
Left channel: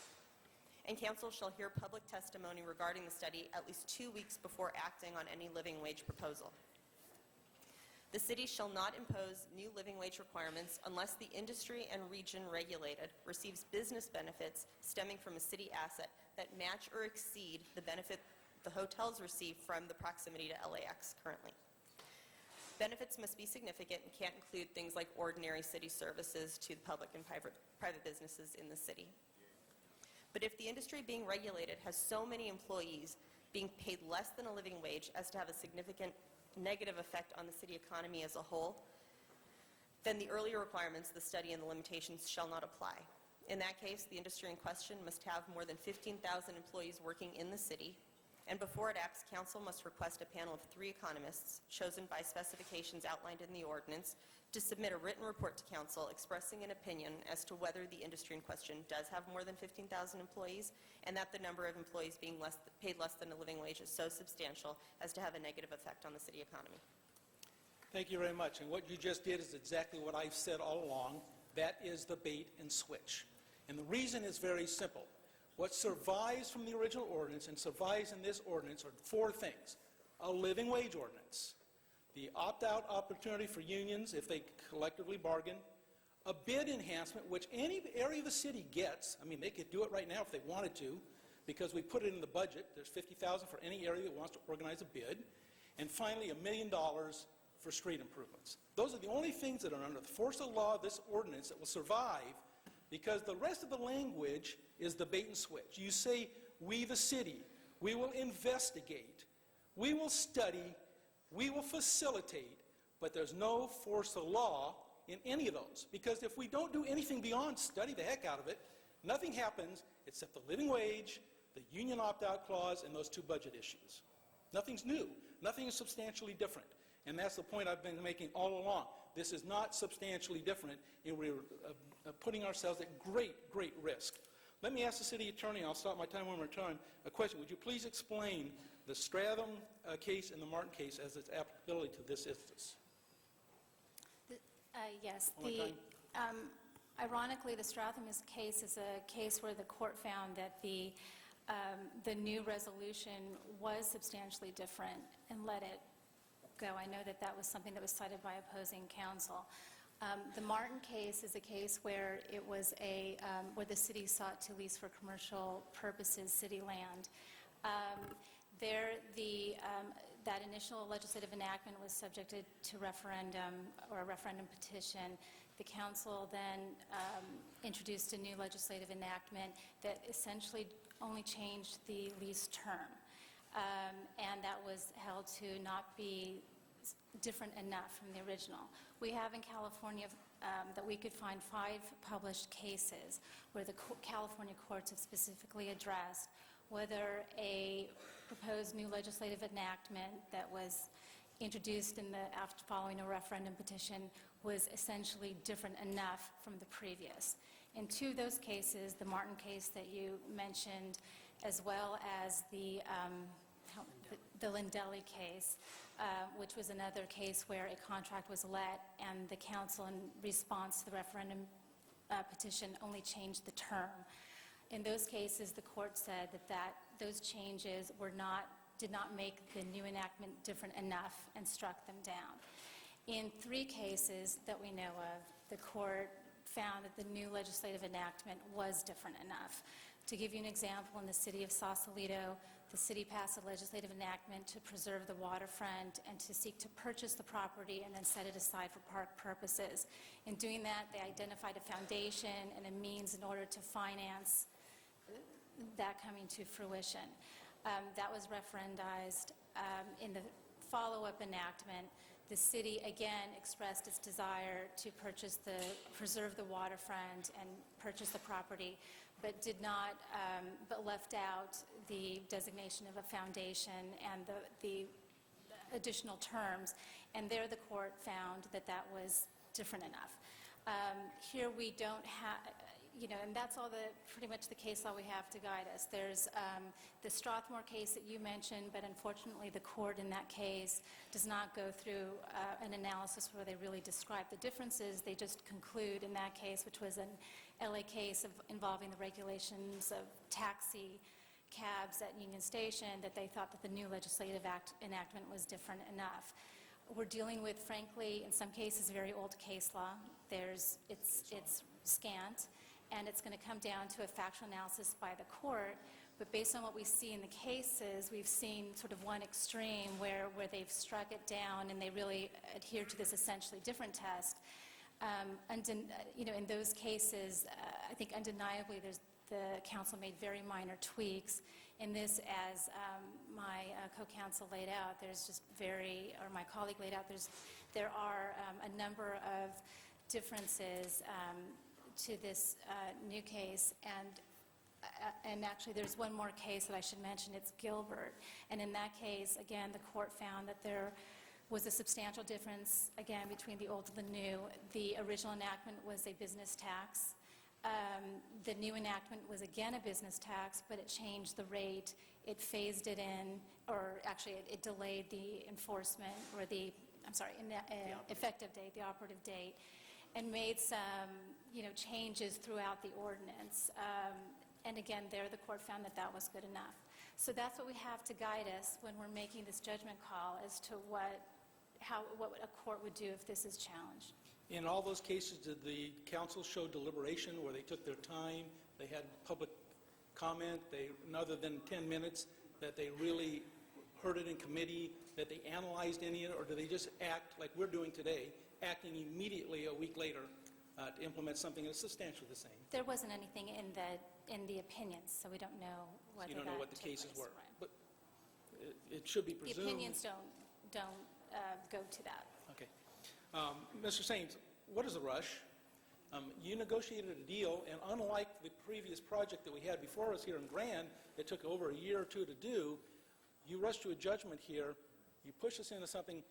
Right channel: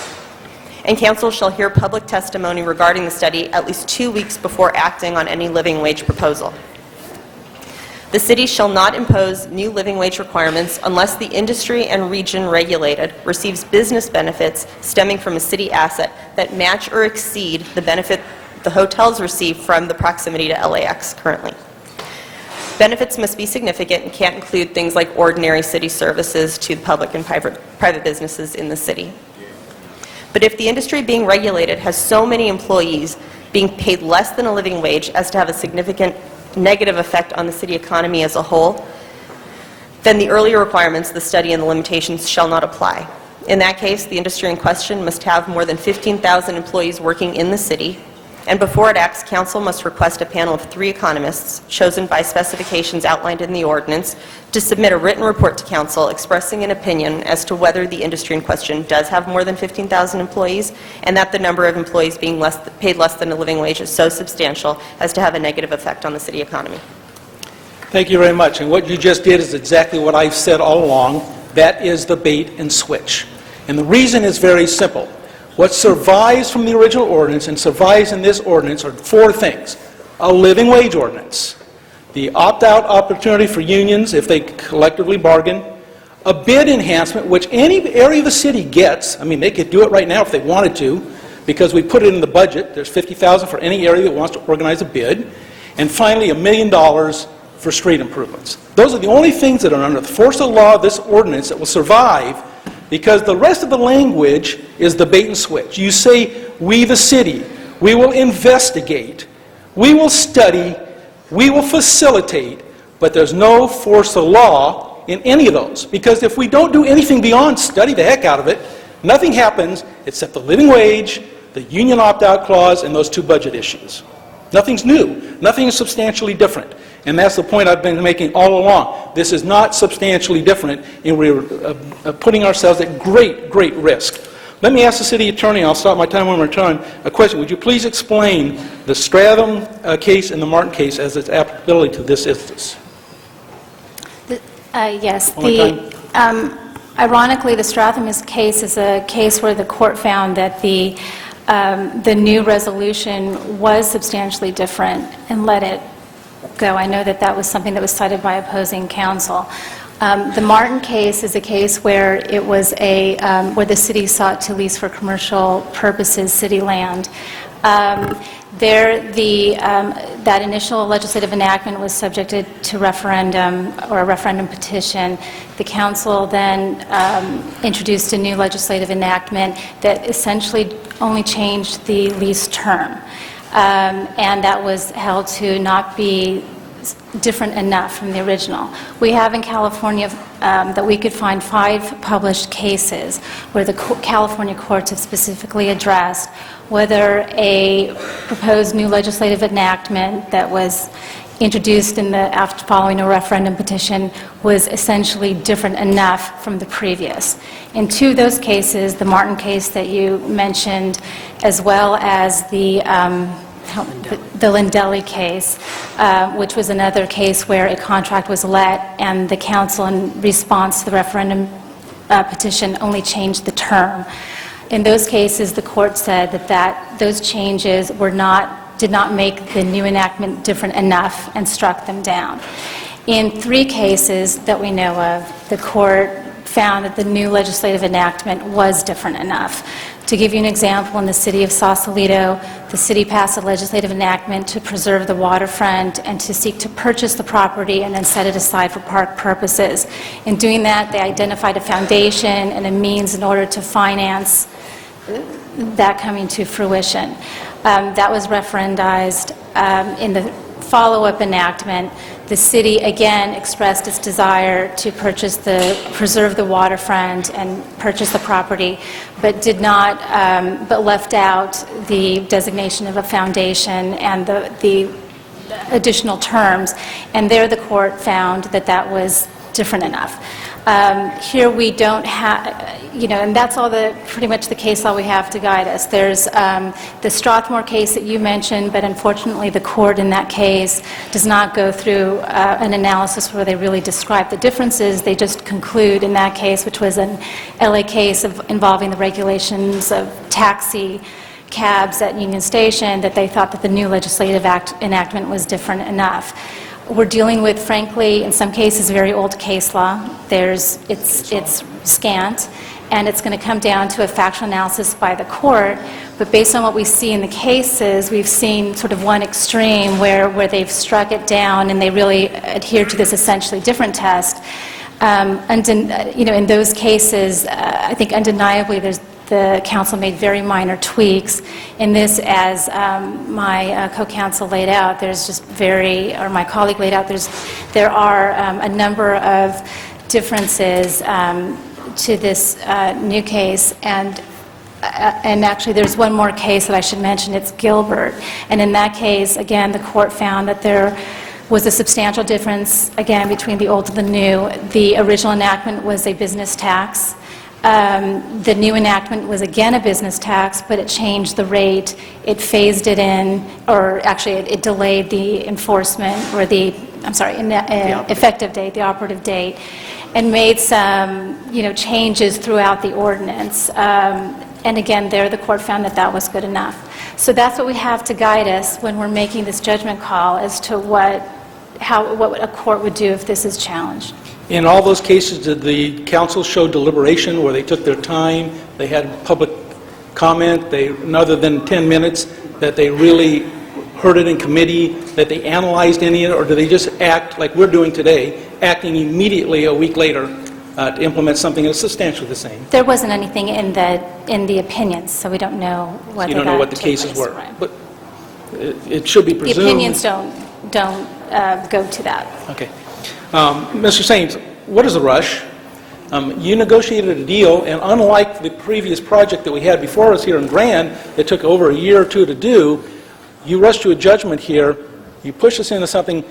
and council shall hear public testimony regarding the study at least 2 weeks before acting on any living wage proposal. The city shall not impose new living wage requirements unless the industry and region regulated receives business benefits stemming from a city asset that match or exceed the benefit the hotels receive from the proximity to LAX currently. Benefits must be significant and can't include things like ordinary city services to public and private businesses in the city. But if the industry being regulated has so many employees being paid less than a living wage as to have a significant negative effect on the city economy as a whole, then the earlier requirements, the study and the limitations, shall not apply. In that case, the industry in question must have more than 15,000 employees working in the city, and before it acts, council must request a panel of 3 economists, chosen by specifications outlined in the ordinance, to submit a written report to council expressing an opinion as to whether the industry in question does have more than 15,000 employees, and that the number of employees being paid less than a living wage is so substantial as to have a negative effect on the city economy. Thank you very much. And what you just did is exactly what I've said all along. That is the bait and switch. And the reason is very simple. What survives from the original ordinance and survives in this ordinance are 4 things. A living wage ordinance, the opt-out opportunity for unions if they collectively bargain, a bid enhancement, which any area of the city gets. I mean, they could do it right now if they wanted to, because we put it in the budget. There's $50,000 for any area that wants to organize a bid. And finally, $1 million for street improvements. Those are the only things that are under the force of the law of this ordinance that will survive, because the rest of the language is the bait and switch. You say, we the city, we will investigate, we will study, we will facilitate, but there's no force of law in any of those. Because if we don't do anything beyond study the heck out of it, nothing happens except the living wage, the union opt-out clause, and those 2 budget issues. Nothing's new. Nothing is substantially different. And that's the point I've been making all along. This is not substantially different, and we're putting ourselves at great, great risk. Let me ask the city attorney, I'll stop my time when we're done, a question. Would you please explain the Stratham case and the Martin case as its applicability to this instance? Yes. Ironically, the Stratham case is a case where the court found that the new resolution was substantially different and let it go. I know that that was something that was cited by opposing counsel. The Martin case is a case where it was where the city sought to lease for commercial purposes city land. That initial legislative enactment was subjected to referendum or a referendum petition. The council then introduced a new legislative enactment that essentially only changed the lease term. And that was held to not be different enough from the original. We have in California that we could find 5 published cases where the California courts have specifically addressed whether a proposed new legislative enactment that was introduced after following a referendum petition was essentially different enough from the previous. In 2 of those cases, the Martin case that you mentioned, as well as the Lindelli case, which was another case where a contract was let and the council, in response to the referendum petition, only changed the term. In those cases, the court said that those changes did not make the new enactment different enough and struck them down. In 3 cases that we know of, the court found that the new legislative enactment was different enough. To give you an example, in the city of Sausalito, the city passed a legislative enactment to preserve the waterfront and to seek to purchase the property and then set it aside for park purposes. In doing that, they identified a foundation and a means in order to finance that coming to fruition. That was referendized. In the follow-up enactment, the city again expressed its desire to preserve the waterfront and purchase the property, but did not, but left out the designation of a foundation and the additional terms. And there the court found that that was different enough. Here we don't have, and that's all pretty much the case law we have to guide us. There's the Strathmore case that you mentioned, but unfortunately the court in that case does not go through an analysis where they really describe the differences. They just conclude in that case, which was an LA case involving the regulations of taxi cabs at Union Station, that they thought that the new legislative enactment was different enough. We're dealing with, frankly, in some cases, very old case law. It's scant, and it's going to come down to a factual analysis by the court. But based on what we see in the cases, we've seen sort of one extreme where they've struck it down and they really adhere to this essentially different test. In those cases, I think undeniably the council made very minor tweaks. In this, as my co-counsel laid out, my colleague laid out, there are a number of differences to this new case, and actually there's one more case that I should mention. It's Gilbert, and in that case, again, the court found that there was a substantial difference, again, between the old and the new. The original enactment was a business tax. The new enactment was again a business tax, but it changed the rate. It phased it in, or actually it delayed the enforcement, or effective date, the operative date, and made some, changes throughout the ordinance. And again, there the court found that that was good enough. So that's what we have to guide us when we're making this judgment call as to what a court would do if this is challenged. In all those cases, did the council show deliberation where they took their time, they had public comment, other than 10 minutes, that they really heard it in committee, that they analyzed any of it, or do they just act like we're doing today, acting immediately a week later to implement something that's substantially the same? There wasn't anything in the opinions, so we don't know whether you don't know what the cases were. Right. But it should be presumed. The opinions don't go to that. Okay. Mr. Saines, what is a rush? You negotiated a deal, and unlike the previous project that we had before us here in Grand that took over a year or two to do, you rushed to a judgment here, you pushed us into something.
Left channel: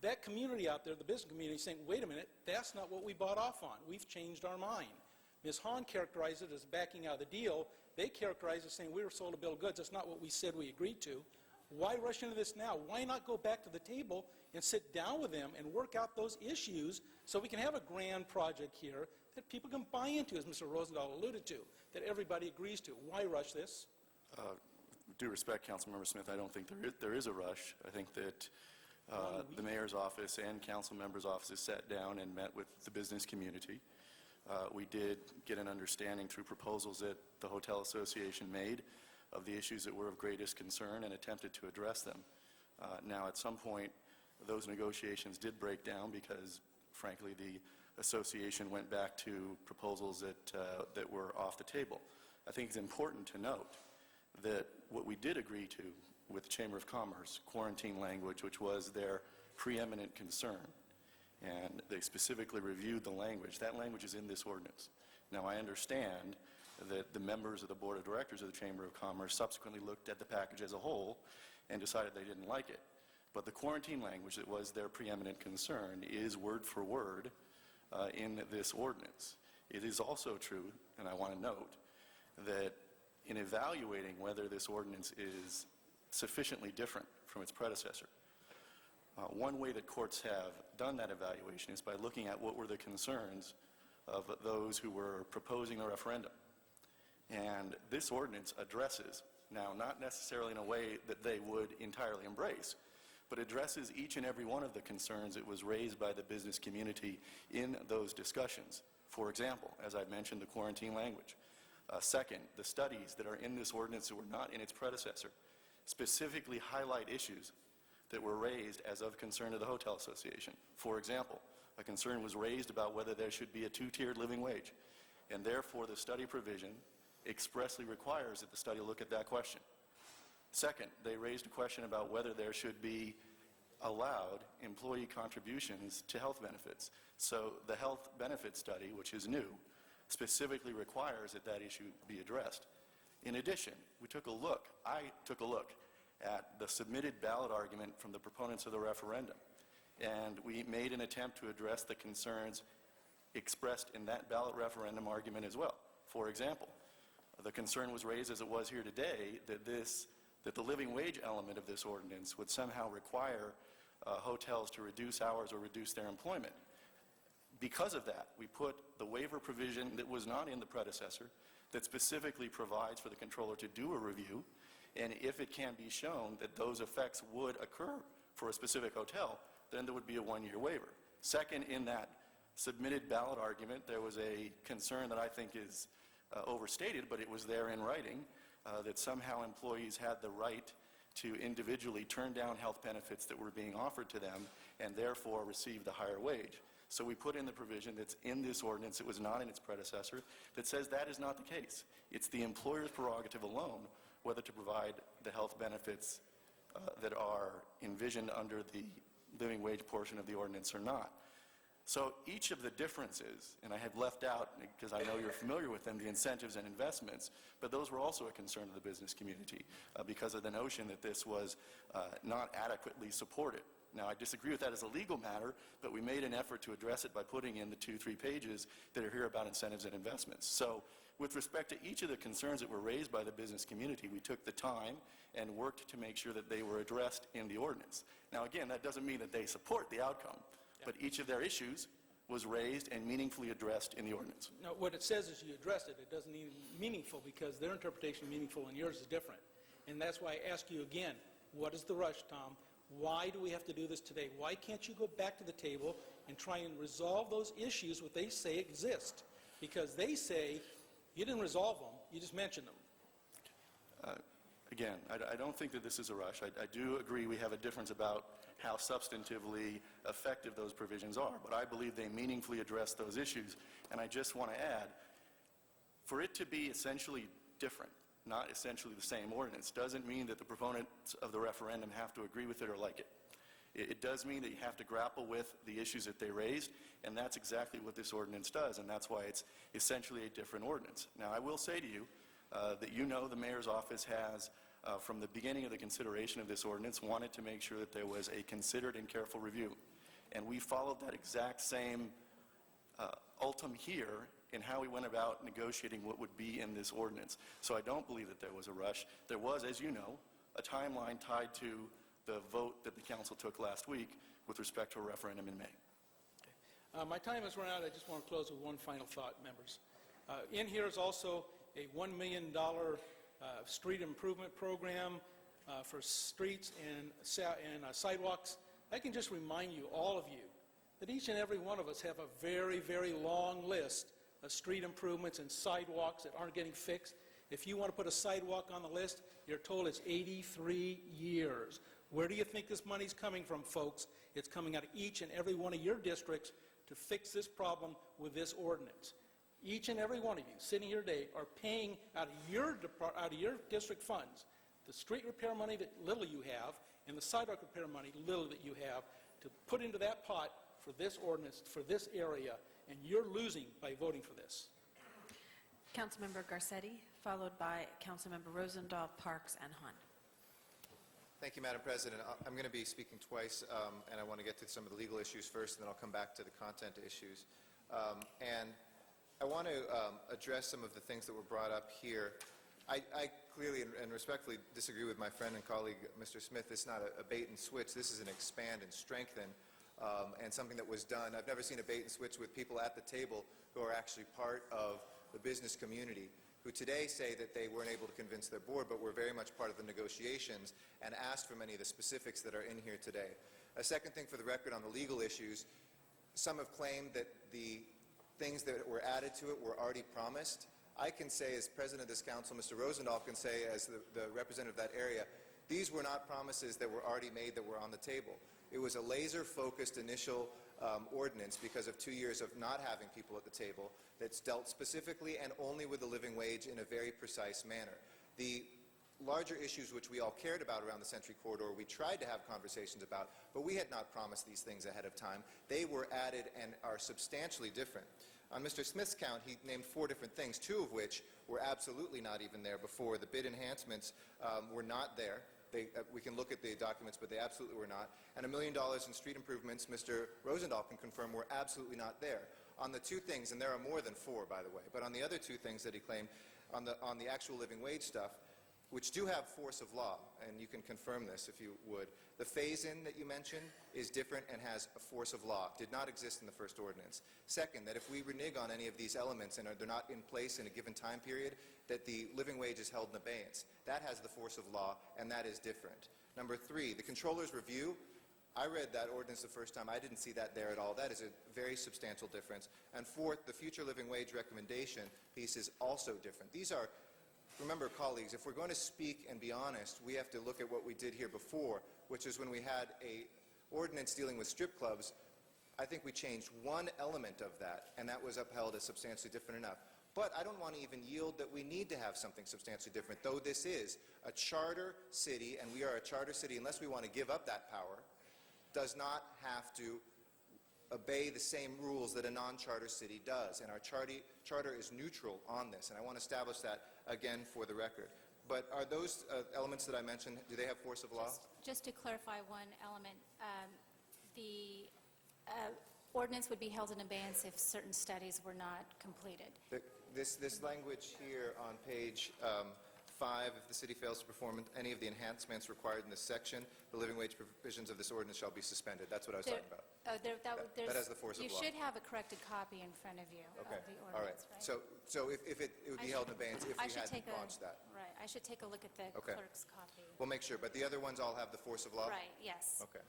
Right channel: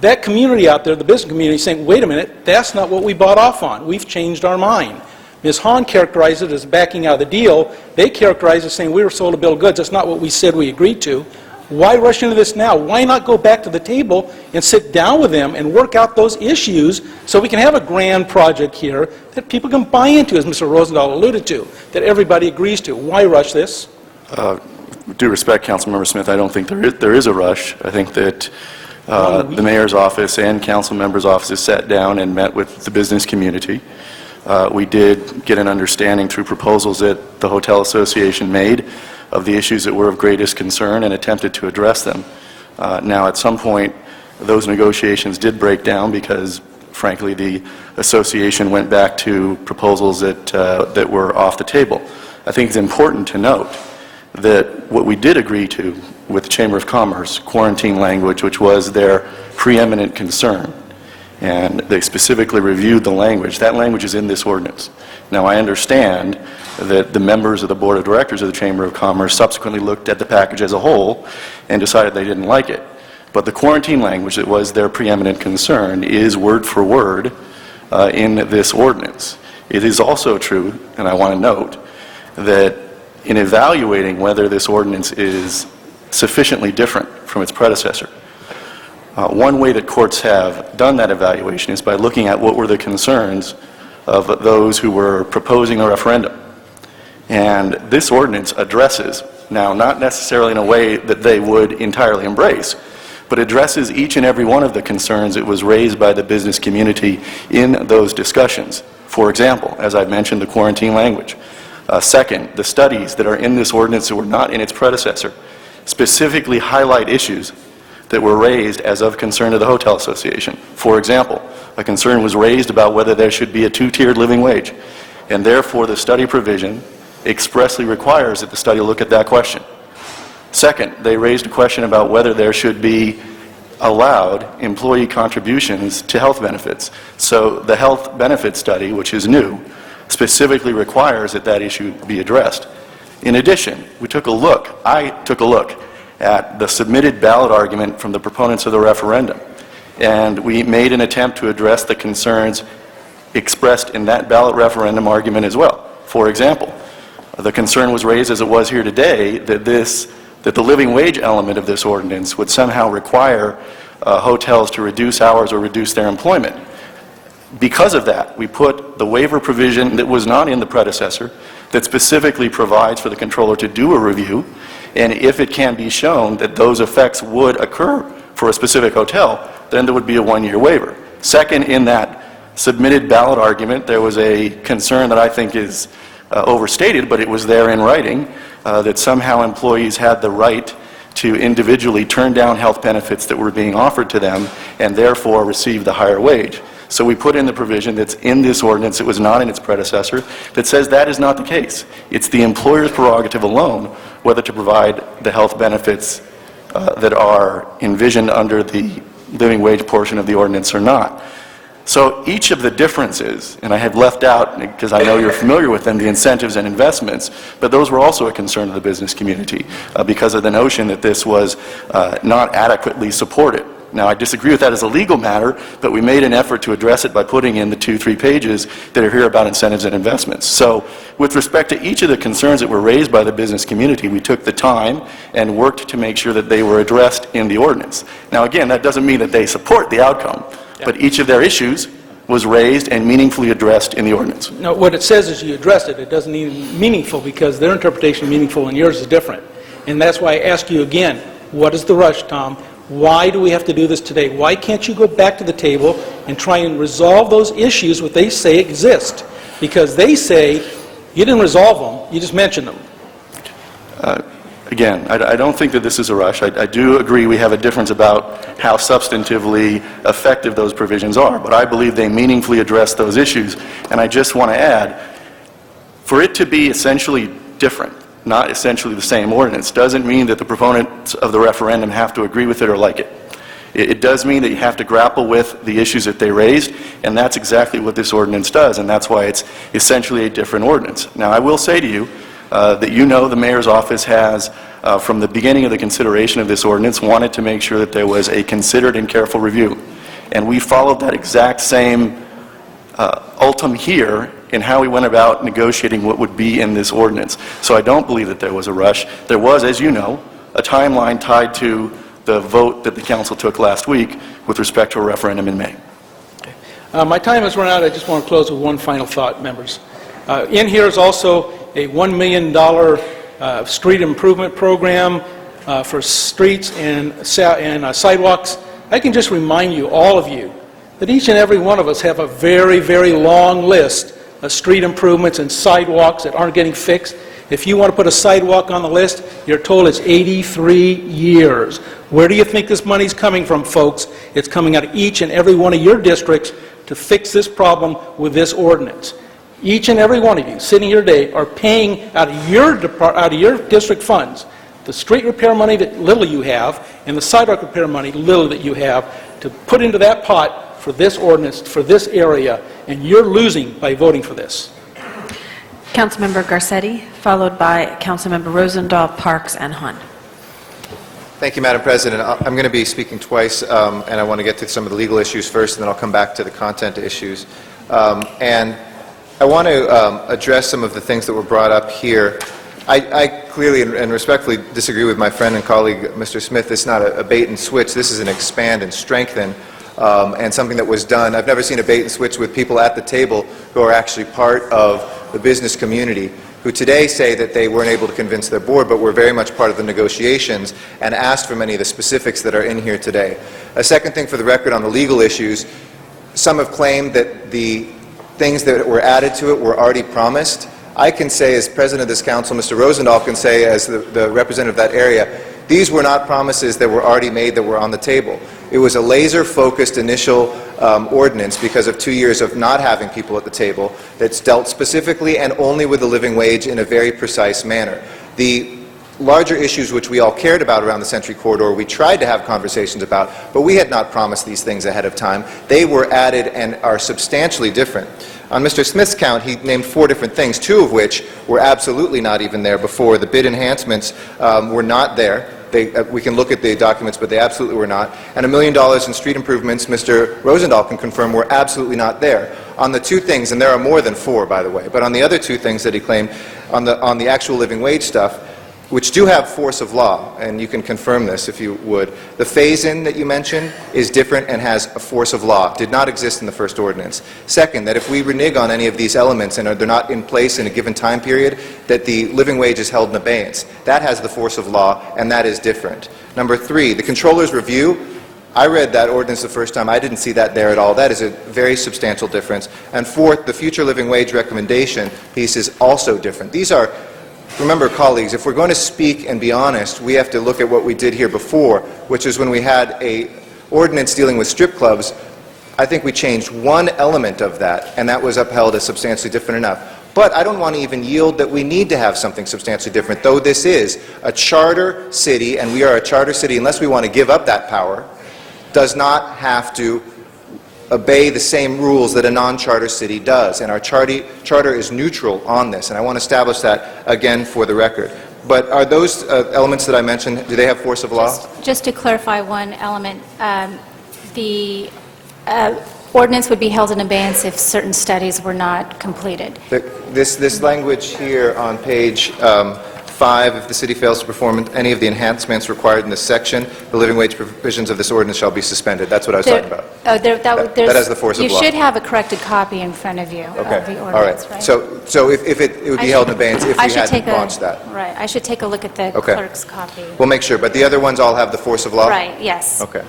That community out there, the business community, is saying, wait a minute, that's not what we bought off on. We've changed our mind. Ms. Hahn characterized it as backing out of the deal. They characterized it as saying we were sold a bill of goods. That's not what we said we agreed to. Why rush into this now? Why not go back to the table and sit down with them and work out those issues so we can have a grand project here that people can buy into, as Mr. Rosendahl alluded to, that everybody agrees to? Why rush this? With due respect, Councilmember Smith, I don't think there is a rush. I think that the mayor's office and council members' offices sat down and met with the business community. We did get an understanding through proposals that the Hotel Association made of the issues that were of greatest concern and attempted to address them. Now, at some point, those negotiations did break down because, frankly, the association went back to proposals that were off the table. I think it's important to note that what we did agree to with the Chamber of Commerce, quarantine language, which was their preeminent concern, and they specifically reviewed the language. That language is in this ordinance. Now, I understand that the members of the Board of Directors of the Chamber of Commerce subsequently looked at the package as a whole and decided they didn't like it. But the quarantine language that was their preeminent concern is word for word in this ordinance. It is also true, and I want to note, that in evaluating whether this ordinance is sufficiently different from its predecessor, one way that courts have done that evaluation is by looking at what were the concerns of those who were proposing a referendum. And this ordinance addresses, now not necessarily in a way that they would entirely embrace, but addresses each and every one of the concerns that was raised by the business community in those discussions. For example, as I've mentioned, the quarantine language. Second, the studies that are in this ordinance that were not in its predecessor specifically highlight issues that were raised as of concern to the Hotel Association. For example, a concern was raised about whether there should be a two-tiered living wage, and therefore the study provision expressly requires that the study look at that question. Second, they raised a question about whether there should be allowed employee contributions to health benefits. So the health benefit study, which is new, specifically requires that that issue be addressed. In addition, I took a look at the submitted ballot argument from the proponents of the referendum. and we made an attempt to address the concerns expressed in that ballot referendum argument as well. For example, the concern was raised, as it was here today, that the living wage element of this ordinance would somehow require hotels to reduce hours or reduce their employment. Because of that, we put the waiver provision that was not in the predecessor that specifically provides for the controller to do a review, and if it can be shown that those effects would occur for a specific hotel, then there would be a one-year waiver. Second, in that submitted ballot argument, there was a concern that I think is overstated, but it was there in writing, that somehow employees had the right to individually turn down health benefits that were being offered to them and therefore receive the higher wage. So we put in the provision that's in this ordinance, it was not in its predecessor, that says that is not the case. It's the employer's prerogative alone whether to provide the health benefits that are envisioned under the living wage portion of the ordinance or not. So each of the differences, and I have left out, because I know you're familiar with them, the incentives and investments, but those were also a concern of the business community because of the notion that this was not adequately supported. Now, I disagree with that as a legal matter, but we made an effort to address it by putting in the 2-3 pages that are here about incentives and investments. So with respect to each of the concerns that were raised by the business community, we took the time and worked to make sure that they were addressed in the ordinance. Now, again, that doesn't mean that they support the outcome, but each of their issues was raised and meaningfully addressed in the ordinance. No, what it says is you addressed it. It doesn't mean meaningful because their interpretation is meaningful and yours is different. And that's why I ask you again, what is the rush, Tom? Why do we have to do this today? Why can't you go back to the table and try and resolve those issues what they say exist? Because they say you didn't resolve them, you just mentioned them. Again, I don't think that this is a rush. I do agree we have a difference about how substantively effective those provisions are, but I believe they meaningfully address those issues. And I just want to add, for it to be essentially different, not essentially the same ordinance, doesn't mean that the proponents of the referendum have to agree with it or like it. It does mean that you have to grapple with the issues that they raised, and that's exactly what this ordinance does, and that's why it's essentially a different ordinance. Now, I will say to you that you know the mayor's office has, from the beginning of the consideration of this ordinance, wanted to make sure that there was a considered and careful review. And we followed that exact same ultim here in how we went about negotiating what would be in this ordinance. So I don't believe that there was a rush. There was, as you know, a timeline tied to the vote that the council took last week with respect to a referendum in May. My time has run out. I just want to close with one final thought, members. In here is also a $1 million street improvement program for streets and sidewalks. I can just remind you, all of you, that each and every one of us have a very, very long list of street improvements and sidewalks that aren't getting fixed. If you want to put a sidewalk on the list, you're told it's 83 years. Where do you think this money's coming from, folks? It's coming out of each and every one of your districts to fix this problem with this ordinance. Each and every one of you sitting here today are paying out of your district funds the street repair money that little you have and the sidewalk repair money little that you have to put into that pot for this ordinance, for this area, and you're losing by voting for this. Councilmember Garcetti, followed by Councilmember Rosendahl, Parks, and Hunt. Thank you, Madam President. I'm going to be speaking twice, and I want to get to some of the legal issues first, and then I'll come back to the content issues. And I want to address some of the things that were brought up here. I clearly and respectfully disagree with my friend and colleague, Mr. Smith. This is not a bait and switch. This is an expand and strengthen, and something that was done. I've never seen a bait and switch with people at the table who are actually part of the business community, who today say that they weren't able to convince their board, but were very much part of the negotiations and asked for many of the specifics that are in here today. A second thing for the record on the legal issues, some have claimed that the things that were added to it were already promised. I can say, as president of this council, Mr. Rosendahl can say, as the representative of that area, these were not promises that were already made that were on the table. It was a laser-focused initial ordinance because of 2 years of not having people at the table that's dealt specifically and only with the living wage in a very precise manner. The larger issues which we all cared about around the Century Corridor, we tried to have conversations about, but we had not promised these things ahead of time. They were added and are substantially different. On Mr. Smith's count, he named 4 different things, 2 of which were absolutely not even there before. The bid enhancements were not there. we can look at the documents, but they absolutely were not. And $1 million in street improvements, Mr. Rosendahl can confirm, were absolutely not there. On the two things, and there are more than 4, by the way, but on the other 2 things that he claimed, on the actual living wage stuff, which do have force of law, and you can confirm this if you would. The phase-in that you mentioned is different and has a force of law. Did not exist in the first ordinance. Second, that if we renege on any of these elements and they're not in place in a given time period, that the living wage is held in abeyance. That has the force of law, and that is different. Number 3, the controller's review. I read that ordinance the first time. I didn't see that there at all. That is a very substantial difference. And fourth, the future living wage recommendation piece is also different. These are, remember, colleagues, if we're going to speak and be honest, we have to look at what we did here before, which is when we had an ordinance dealing with strip clubs. I think we changed one element of that, and that was upheld as substantially different enough. But I don't want to even yield that we need to have something substantially different, though this is a charter city, and we are a charter city unless we want to give up that power, does not have to obey the same rules that a non-charter city does. And our charter is neutral on this, and I want to establish that again for the record. But are those elements that I mentioned, do they have force of law? Just to clarify one element, the ordinance would be held in abeyance if certain studies were not completed. This language here on page 5, if the city fails to perform any of the enhancements required in this section, the living wage provisions of this ordinance shall be suspended. That's what I was talking about. Oh, that has the force of law. You should have a corrected copy in front of you of the ordinance, all right. So if it would be held in abeyance if we hadn't launched that. Right. I should take a look at the clerk's copy. We'll make sure. But the other ones all have the force of law? Right, yes. Okay.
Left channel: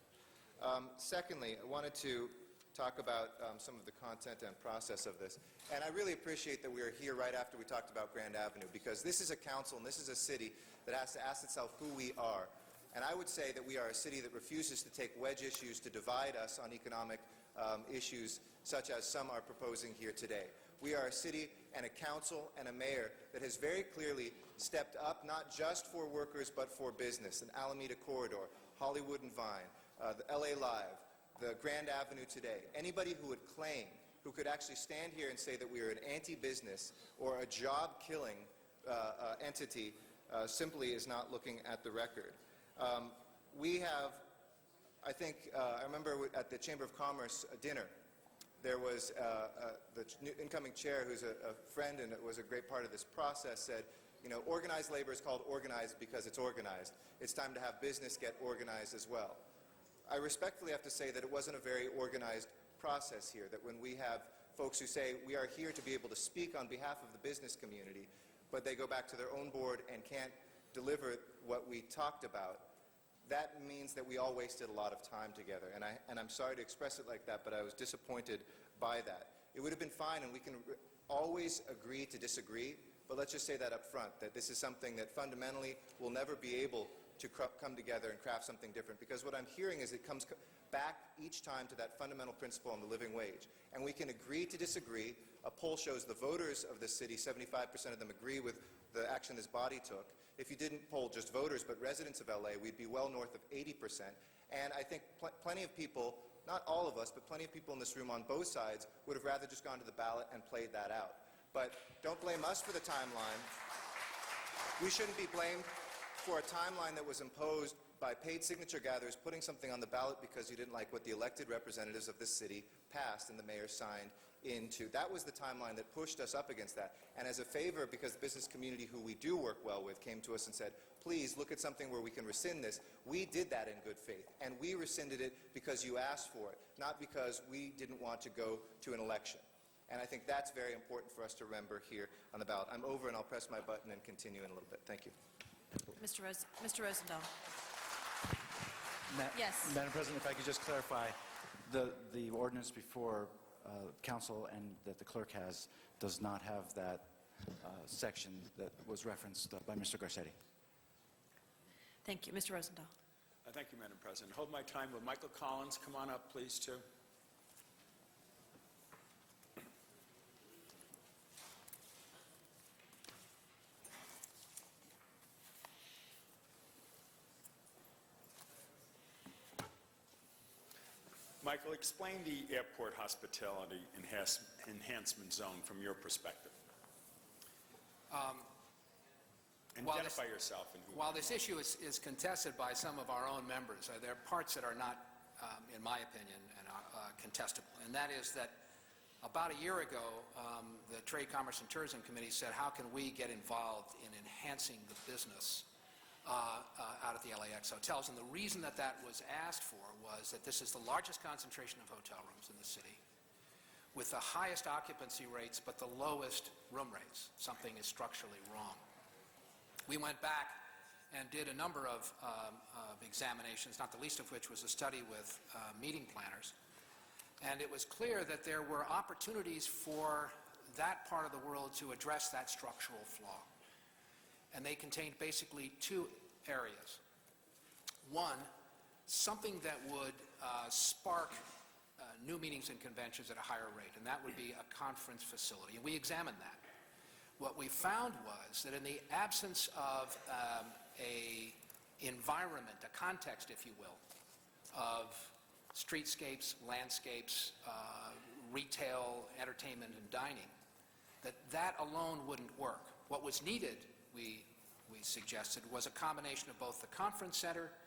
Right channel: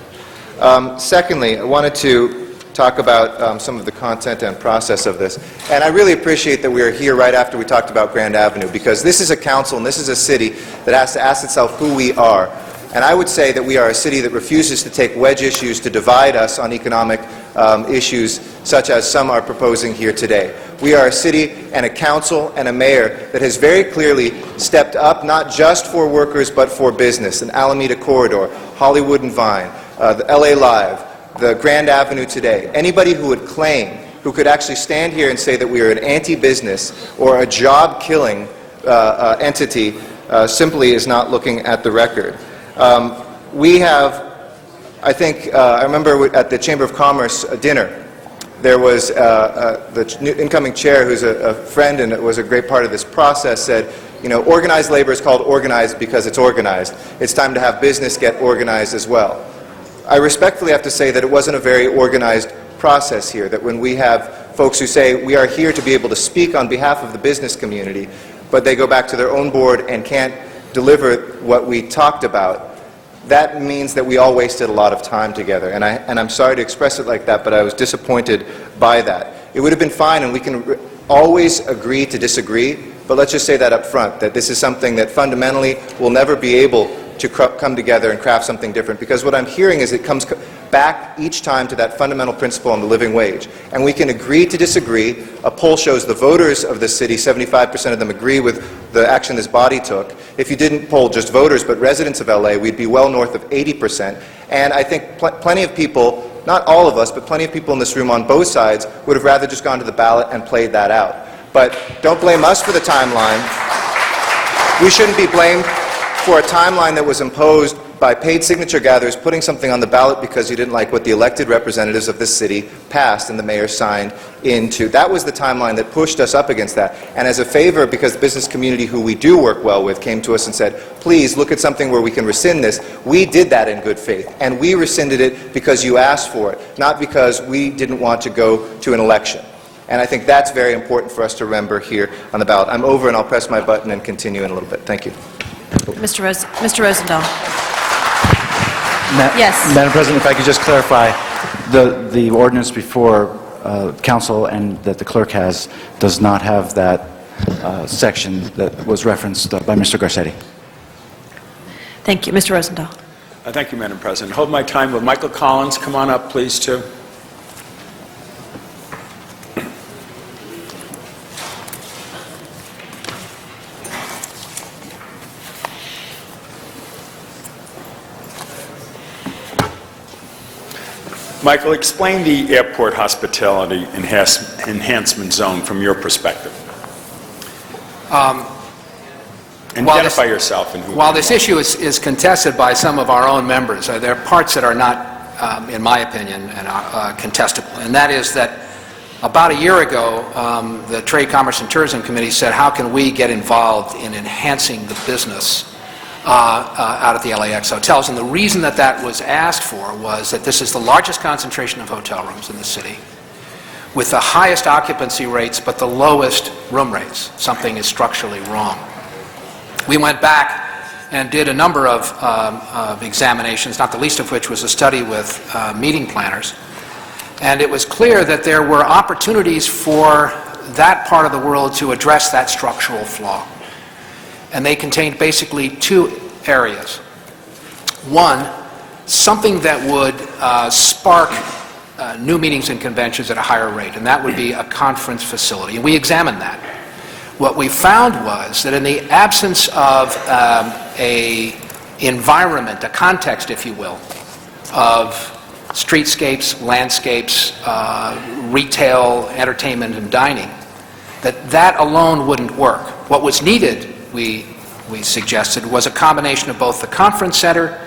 Secondly, I wanted to talk about some of the content and process of this. And I really appreciate that we are here right after we talked about Grand Avenue, because this is a council and this is a city that has to ask itself who we are. And I would say that we are a city that refuses to take wedge issues to divide us on economic issues such as some are proposing here today. We are a city and a council and a mayor that has very clearly stepped up not just for workers but for business. An Alameda Corridor, Hollywood and Vine, the LA Live, the Grand Avenue today. Anybody who would claim, who could actually stand here and say that we are an anti-business or a job-killing entity simply is not looking at the record. We have, I think, I remember at the Chamber of Commerce dinner, there was the new incoming chair, who's a friend and was a great part of this process, said, you know, organized labor is called organized because it's organized. It's time to have business get organized as well. I respectfully have to say that it wasn't a very organized process here, that when we have folks who say we are here to be able to speak on behalf of the business community, but they go back to their own board and can't deliver what we talked about, that means that we all wasted a lot of time together. And I'm sorry to express it like that, but I was disappointed by that. It would have been fine, and we can always agree to disagree, but let's just say that up front, that this is something that fundamentally will never be able to come together and craft something different, because what I'm hearing is it comes back each time to that fundamental principle on the living wage. And we can agree to disagree. A poll shows the voters of the city, 75% of them agree with the action this body took. If you didn't poll just voters but residents of LA, we'd be well north of 80%. And I think plenty of people, not all of us, but plenty of people in this room on both sides would have rather just gone to the ballot and played that out. But don't blame us for the timeline. We shouldn't be blamed for a timeline that was imposed by paid signature gatherers putting something on the ballot because you didn't like what the elected representatives of this city passed and the mayor signed into. That was the timeline that pushed us up against that. And as a favor, because the business community who we do work well with came to us and said, please look at something where we can rescind this, we did that in good faith. And we rescinded it because you asked for it, not because we didn't want to go to an election. And I think that's very important for us to remember here on the ballot. I'm over, and I'll press my button and continue in a little bit. Thank you. Mr. Rosendahl. Yes. Madam President, if I could just clarify, the ordinance before council and that the clerk has does not have that section that was referenced by Mr. Garcetti. Thank you. Mr. Rosendahl. Thank you, Madam President. Hold my time. Will Michael Collins come on up, please, too? Michael, explain the airport hospitality enhancement zone from your perspective. Identify yourself. And While this issue is contested by some of our own members, there are parts that are not, in my opinion, contestable. And that is that about a year ago, the Trade, Commerce, and Tourism Committee said, how can we get involved in enhancing the business out at the LAX hotels? And the reason that that was asked for was that this is the largest concentration of hotel rooms in the city, with the highest occupancy rates but the lowest room rates. Something is structurally wrong. We went back and did a number of examinations, not the least of which was a study with meeting planners. And it was clear that there were opportunities for that part of the world to address that structural flaw. And they contained basically two areas. One, something that would spark new meetings and conventions at a higher rate, and that would be a conference facility. And we examined that. What we found was that in the absence of an environment, a context, if you will, of streetscapes, landscapes, retail, entertainment, and dining, that alone wouldn't work. What was needed, we suggested, was a combination of both the conference center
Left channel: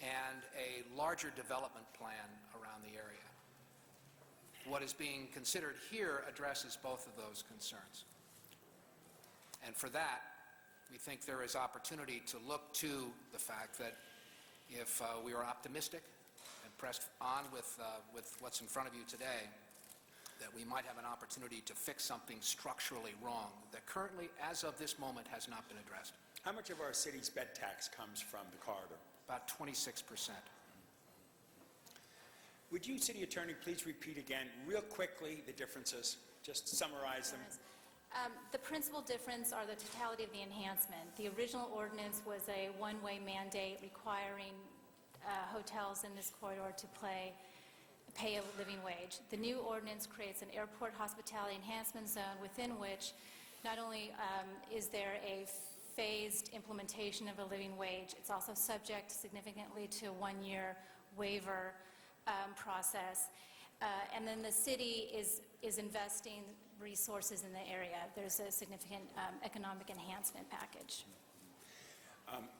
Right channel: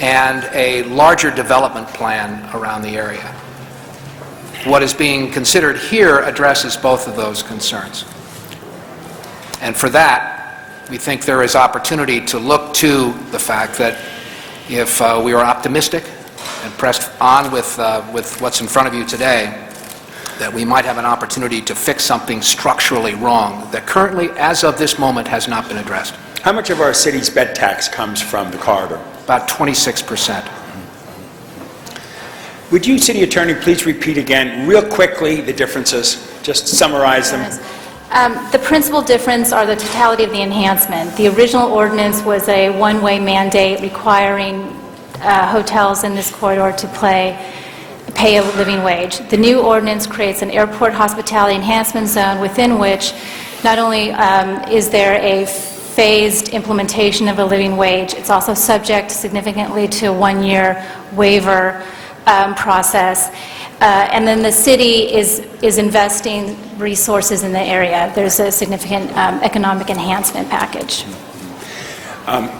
and a larger development plan around the area. What is being considered here addresses both of those concerns. And for that, we think there is opportunity to look to the fact that if we are optimistic and pressed on with what's in front of you today, that we might have an opportunity to fix something structurally wrong that currently, as of this moment, has not been addressed. How much of our city's bed tax comes from the corridor? About 26%. Would you, City Attorney, please repeat again, real quickly, the differences? Just summarize them. The principal difference are the totality of the enhancement. The original ordinance was a one-way mandate requiring hotels in this corridor to pay a living wage. The new ordinance creates an airport hospitality enhancement zone within which not only is there a phased implementation of a living wage, it's also subject significantly to a one-year waiver process. And then the city is investing resources in the area. There's a significant economic enhancement package.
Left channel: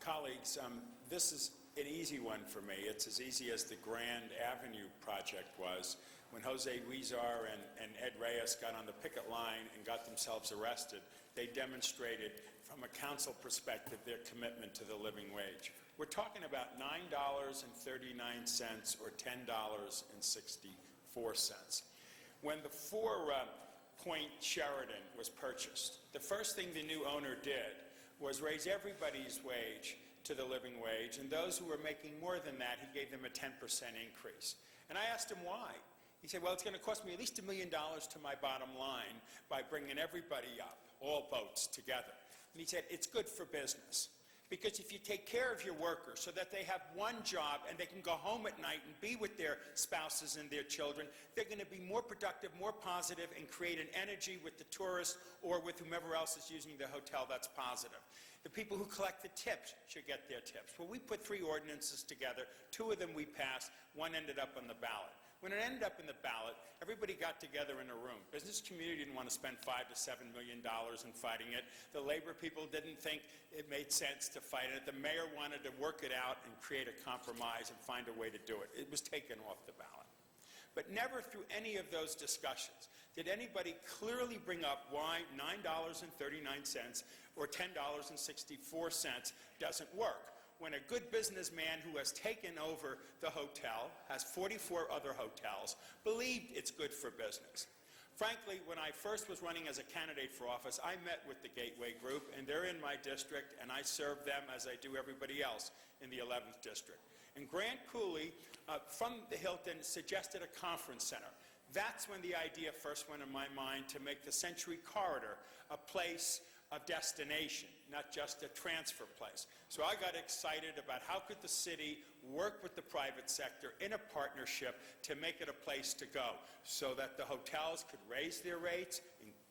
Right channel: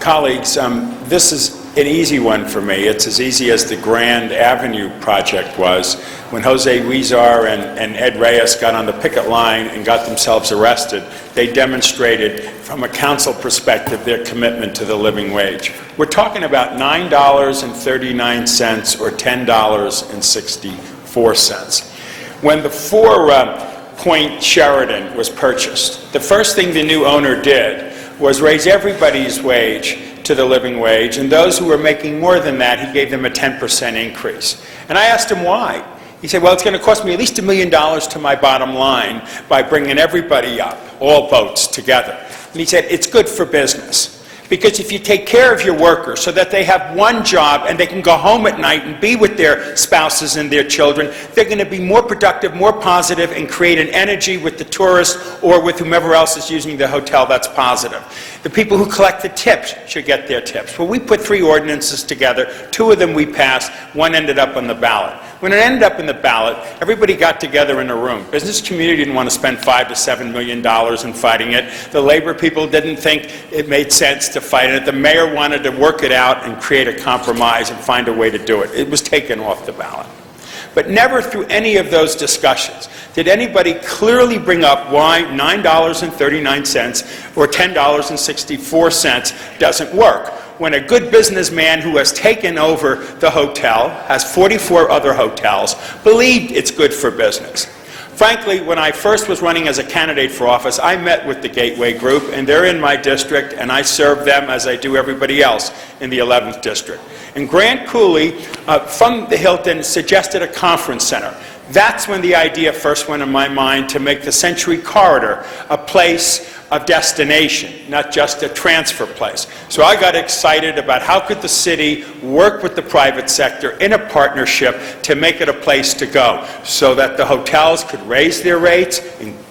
Colleagues, this is an easy one for me. It's as easy as the Grand Avenue project was when Jose Huizar and Ed Reyes got on the picket line and got themselves arrested. They demonstrated, from a council perspective, their commitment to the living wage. We're talking about $9.39 or $10.64. When the Four-Point Sheraton was purchased, the first thing the new owner did was raise everybody's wage to the living wage, and those who were making more than that, he gave them a 10% increase. And I asked him why. He said, well, it's going to cost me at least $1 million to my bottom line by bringing everybody up, all boats together. And he said, it's good for business. Because if you take care of your workers so that they have one job and they can go home at night and be with their spouses and their children, they're going to be more productive, more positive, and create an energy with the tourists or with whomever else is using the hotel that's positive. The people who collect the tips should get their tips. Well, we put 3 ordinances together. 2 of them we passed. 1 ended up on the ballot. When it ended up in the ballot, everybody got together in a room. Business community didn't want to spend $5 to $7 million in fighting it. The labor people didn't think it made sense to fight it. The mayor wanted to work it out and create a compromise and find a way to do it. It was taken off the ballot. But never through any of those discussions did anybody clearly bring up why $9.39 or $10.64 doesn't work, when a good businessman who has taken over the hotel, has 44 other hotels, believed it's good for business. Frankly, when I first was running as a candidate for office, I met with the Gateway Group, and they're in my district, and I serve them as I do everybody else in the 11th District. And Grant Cooley from the Hilton suggested a conference center. That's when the idea first went in my mind to make the Century Corridor a place of destination, not just a transfer place. So I got excited about how could the city work with the private sector in a partnership to make it a place to go so that the hotels could raise their rates,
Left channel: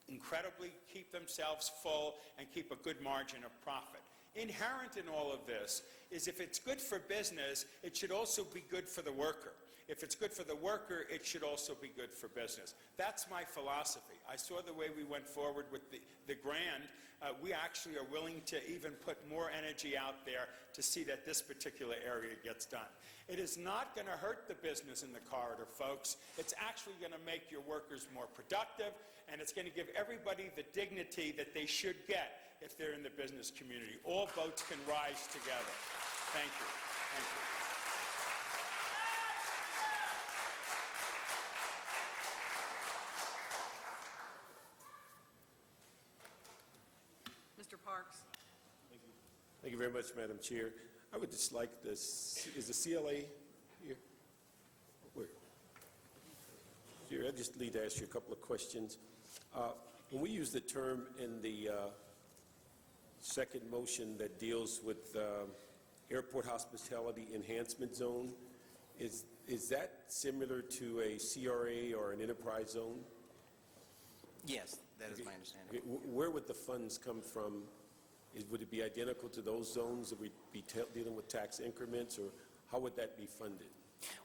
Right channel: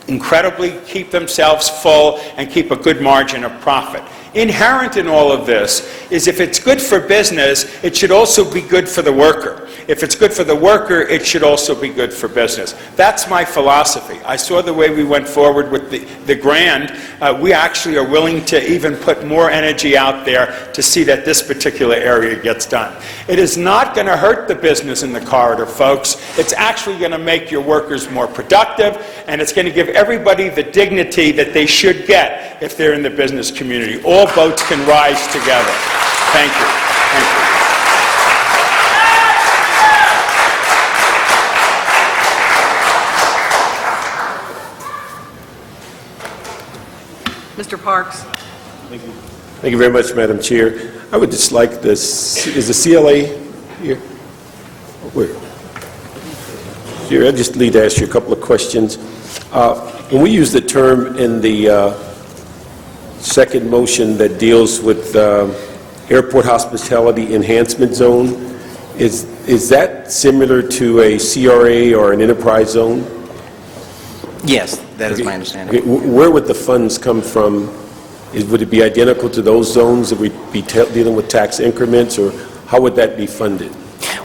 incredibly keep themselves full, and keep a good margin of profit. Inherent in all of this is if it's good for business, it should also be good for the worker. if it's good for the worker, it should also be good for business. That's my philosophy. I saw the way we went forward with the grant. We actually are willing to even put more energy out there to see that this particular area gets done. It is not going to hurt the business in the corridor, folks. It's actually going to make your workers more productive, and it's going to give everybody the dignity that they should get if they're in the business community. All boats can rise together. Thank you. Thank you. Mr. Parks. Thank you. Thank you very much, Madam Chair. I would just like this, is the CLA here? Where? Here, I just need to ask you a couple of questions. When we use the term in the second motion that deals with Airport Hospitality Enhancement Zone, is that similar to a CRA or an enterprise zone? Yes, that is my understanding. Okay, where would the funds come from? Would it be identical to those zones that we'd be dealing with tax increments, or how would that be funded?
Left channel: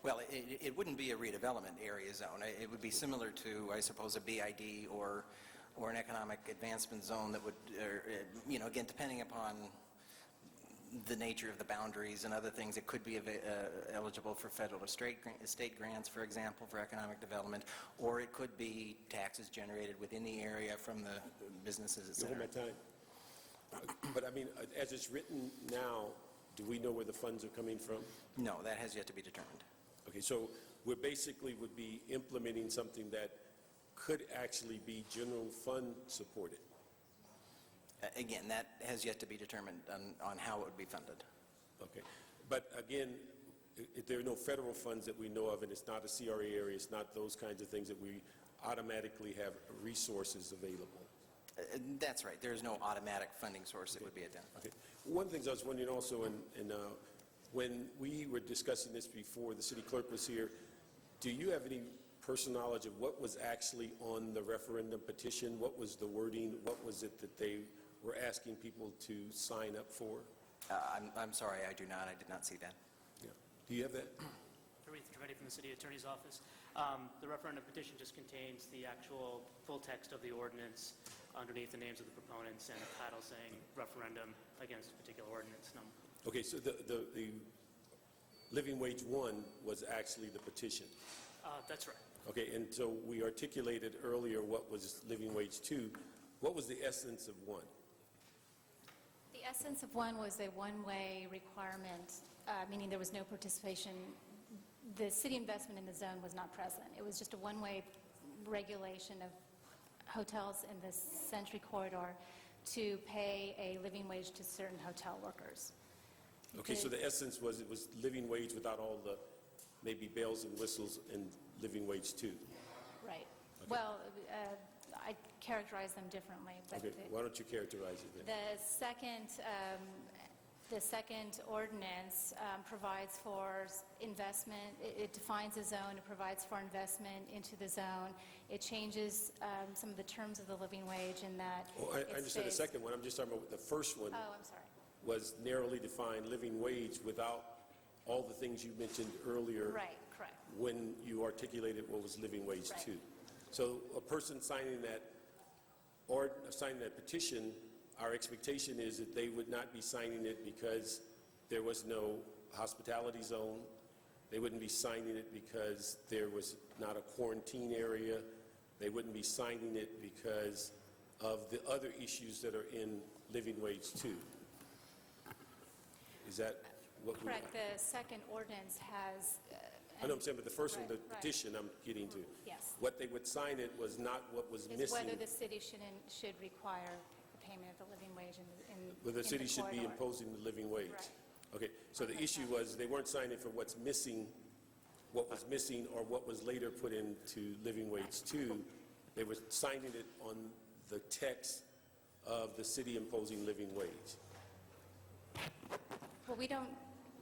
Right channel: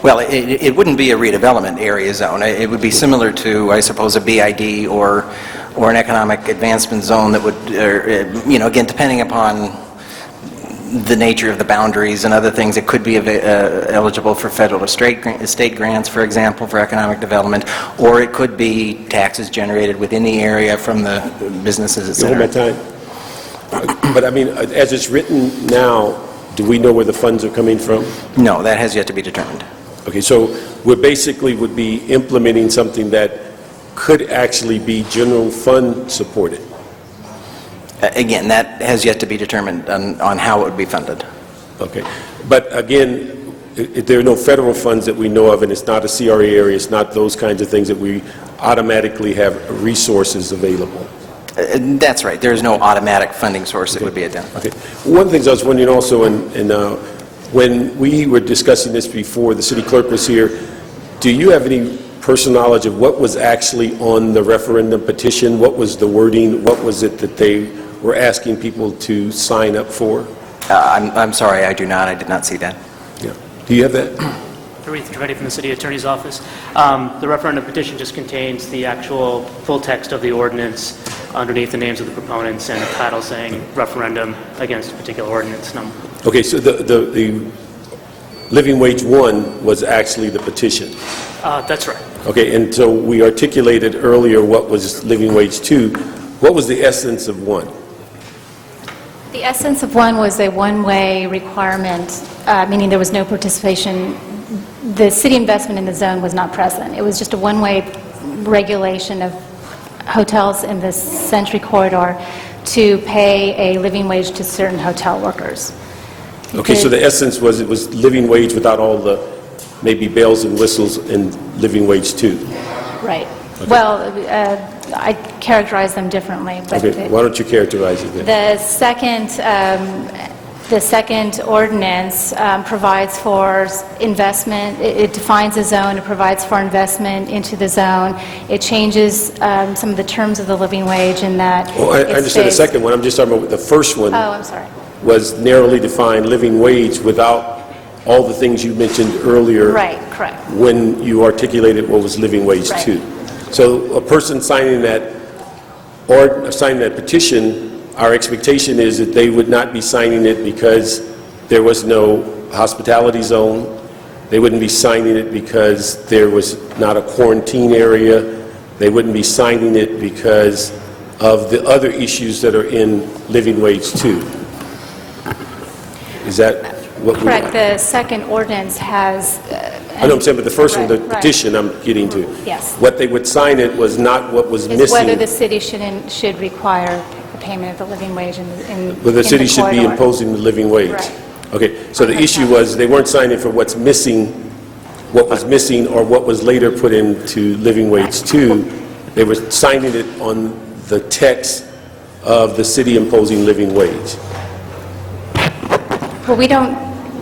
Well, it wouldn't be a redevelopment area zone. It would be similar to, I suppose, a BID or an economic advancement zone that would, again, depending upon the nature of the boundaries and other things, it could be eligible for federal or state grants, for example, for economic development, or it could be taxes generated within the area from the businesses, etc. Hold my time. But I mean, as it's written now, do we know where the funds are coming from? No, that has yet to be determined. Okay, so we basically would be implementing something that could actually be general fund supported. Again, that has yet to be determined on how it would be funded. Okay, but again, there are no federal funds that we know of, and it's not a CRA area, it's not those kinds of things that we automatically have resources available. That's right. There is no automatic funding source that would be identified. Okay. One of the things I was wondering also, when we were discussing this before, the city clerk was here, do you have any personal knowledge of what was actually on the referendum petition? What was the wording? What was it that they were asking people to sign up for? I'm sorry, I do not. I did not see that. Yeah. Do you have that? Harith Trivedi from the City Attorney's Office. The referendum petition just contains the actual full text of the ordinance underneath the names of the proponents and a title saying referendum against a particular ordinance number. Okay, so the Living Wage 1 was actually the petition. That's right. Okay, and so we articulated earlier what was Living Wage 2. What was the essence of 1? The essence of one was a one-way requirement, meaning there was no participation. The city investment in the zone was not present. It was just a one-way regulation of hotels in the Century Corridor to pay a living wage to certain hotel workers. Okay, so the essence was it was living wage without all the maybe bells and whistles in Living Wage 2. Right. Okay. Well, I characterize them differently. But okay, why don't you characterize it then? The second ordinance provides for investment. It defines a zone. It provides for investment into the zone. It changes some of the terms of the living wage in that. Oh, I understand the second one. I'm just talking about the first one. Oh, I'm sorry. Was narrowly defined living wage without all the things you mentioned earlier. Right, correct. When you articulated what was Living Wage 2. So a person signing that or signing that petition, our expectation is that they would not be signing it because there was no hospitality zone. They wouldn't be signing it because there was not a quarantine area. They wouldn't be signing it because of the other issues that are in Living Wage 2. Is that what correct? The second ordinance has... I know what I'm saying, but the first one, the petition I'm getting to. Yes. What they would sign it was not what was missing. Whether the city should require the payment of the living wage in Well, the city the should be corridor. imposing the living wage. Right. Okay, so the issue was they weren't signing for what's missing, what was missing or what was later put into Living Wage 2. They were signing it on the text of the city imposing living wage. Well,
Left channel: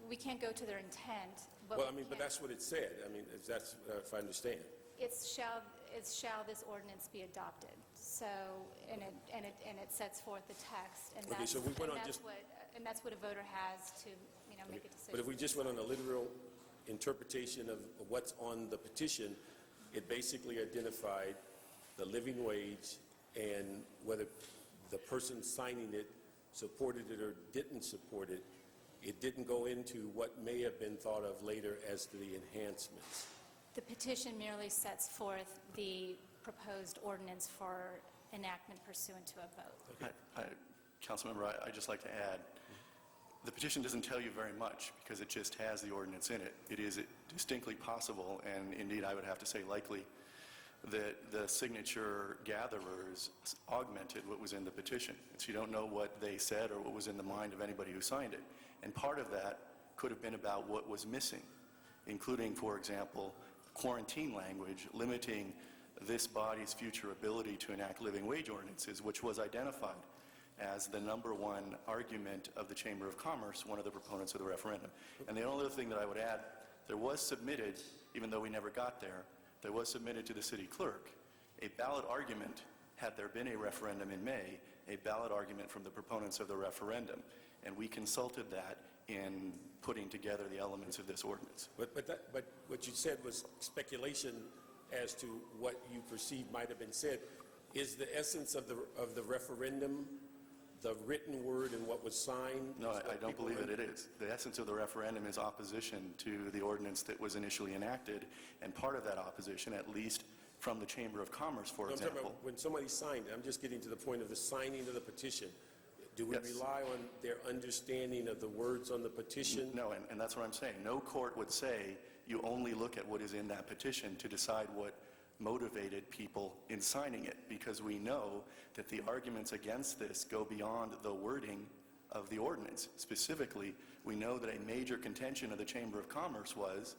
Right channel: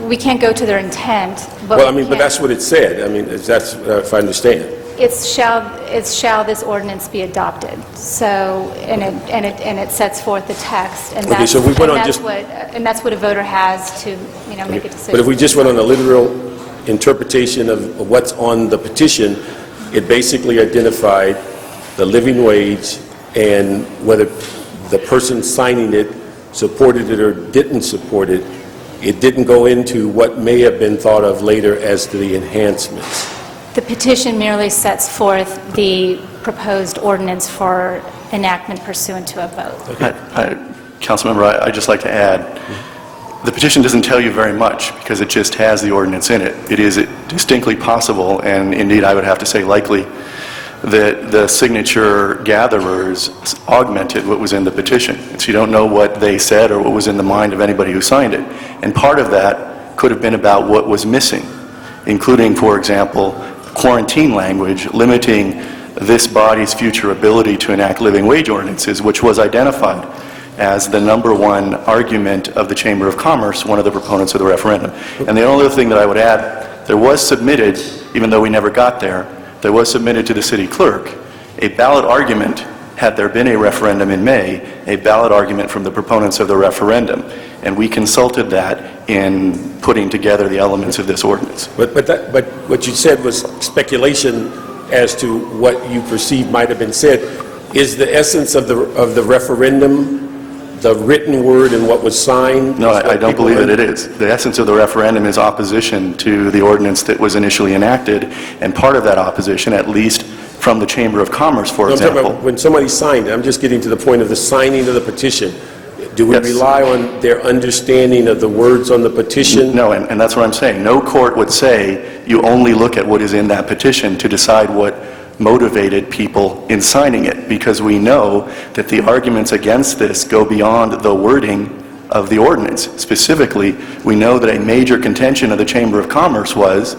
we can't go to their intent, but Well, I mean, but that's what it said. I mean, that's if I understand. it's shall this ordinance be adopted. So, and it sets forth the text, and Okay, that's, so we went and on that's just- what a voter has to, make a decision. But if we just went on a literal interpretation of what's on the petition, it basically identified the living wage and whether the person signing it supported it or didn't support it. It didn't go into what may have been thought of later as to the enhancements. The petition merely sets forth the proposed ordinance for enactment pursuant to a vote. Councilmember, I'd just like to add, the petition doesn't tell you very much because it just has the ordinance in it. It is distinctly possible, and indeed I would have to say likely, that the signature gatherers augmented what was in the petition. So you don't know what they said or what was in the mind of anybody who signed it. And part of that could have been about what was missing, including, for example, quarantine language limiting this body's future ability to enact living wage ordinances, which was identified as the #1 argument of the Chamber of Commerce, one of the proponents of the referendum. And the only other thing that I would add, there was submitted, even though we never got there was submitted to the city clerk a ballot argument, had there been a referendum in May, a ballot argument from the proponents of the referendum. And we consulted that in putting together the elements of this ordinance. But what you said was speculation as to what you perceive might have been said. Is the essence of the referendum the written word and what was signed? No, I don't believe that it is. The essence of the referendum is opposition to the ordinance that was initially enacted, and part of that opposition, at least from the Chamber of Commerce, for example. I'm talking about when somebody signed it, I'm just getting to the point of the signing of the petition. Do we rely on their understanding of the words on the petition? No, and that's what I'm saying. No court would say you only look at what is in that petition to decide what motivated people in signing it, because we know that the arguments against this go beyond the wording of the ordinance. Specifically, we know that a major contention of the Chamber of Commerce was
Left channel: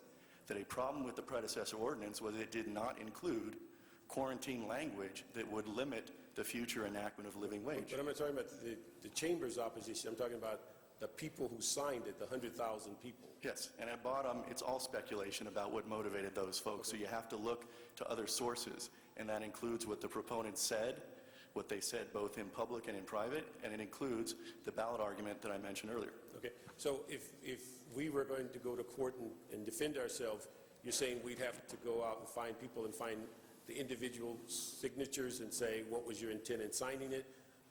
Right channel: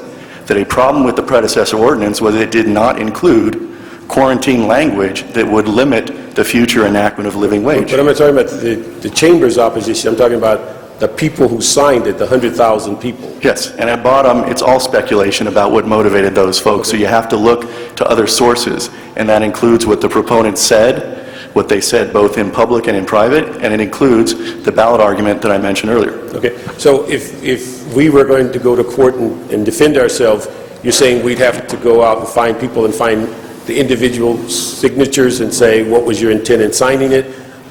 that a problem with the predecessor ordinance was it did not include quarantine language that would limit the future enactment of living wage. But I'm not talking about the Chamber's opposition. I'm talking about the people who signed it, the 100,000 people. Yes, and at bottom, it's all speculation about what motivated those folks. So you have to look to other sources, and that includes what the proponents said, what they said both in public and in private, and it includes the ballot argument that I mentioned earlier. Okay, so if we were going to go to court and defend ourselves, you're saying we'd have to go out and find people and find the individual signatures and say, what was your intent in signing it?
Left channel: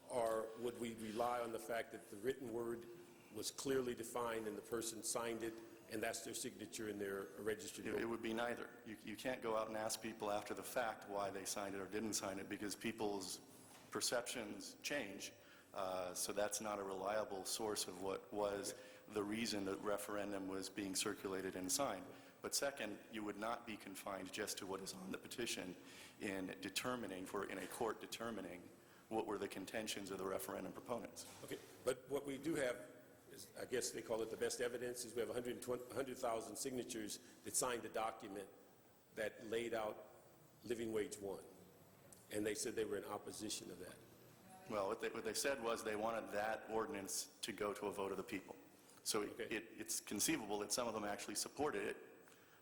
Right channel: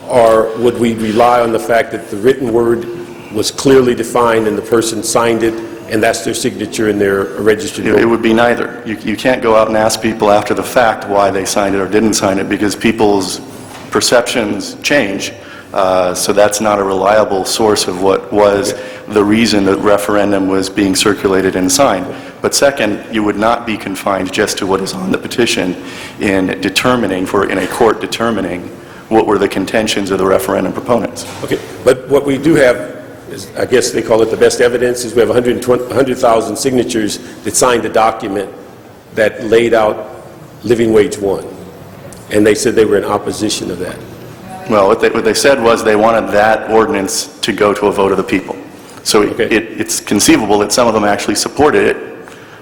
Or would we rely on the fact that the written word was clearly defined and the person signed it, and that's their signature in their registered vote? It would be neither. You can't go out and ask people after the fact why they signed it or didn't sign it, because people's perceptions change. So that's not a reliable source of what was the reason that referendum was being circulated and signed. But second, you would not be confined just to what is on the petition in determining, in a court determining what were the contentions of the referendum proponents. Okay, but what we do have is, I guess they call it the best evidence, is we have 100,000 signatures that signed the document that laid out living wage 1. And they said they were in opposition of that. Well, what they said was they wanted that ordinance to go to a vote of the people. So it's conceivable that some of them actually supported it,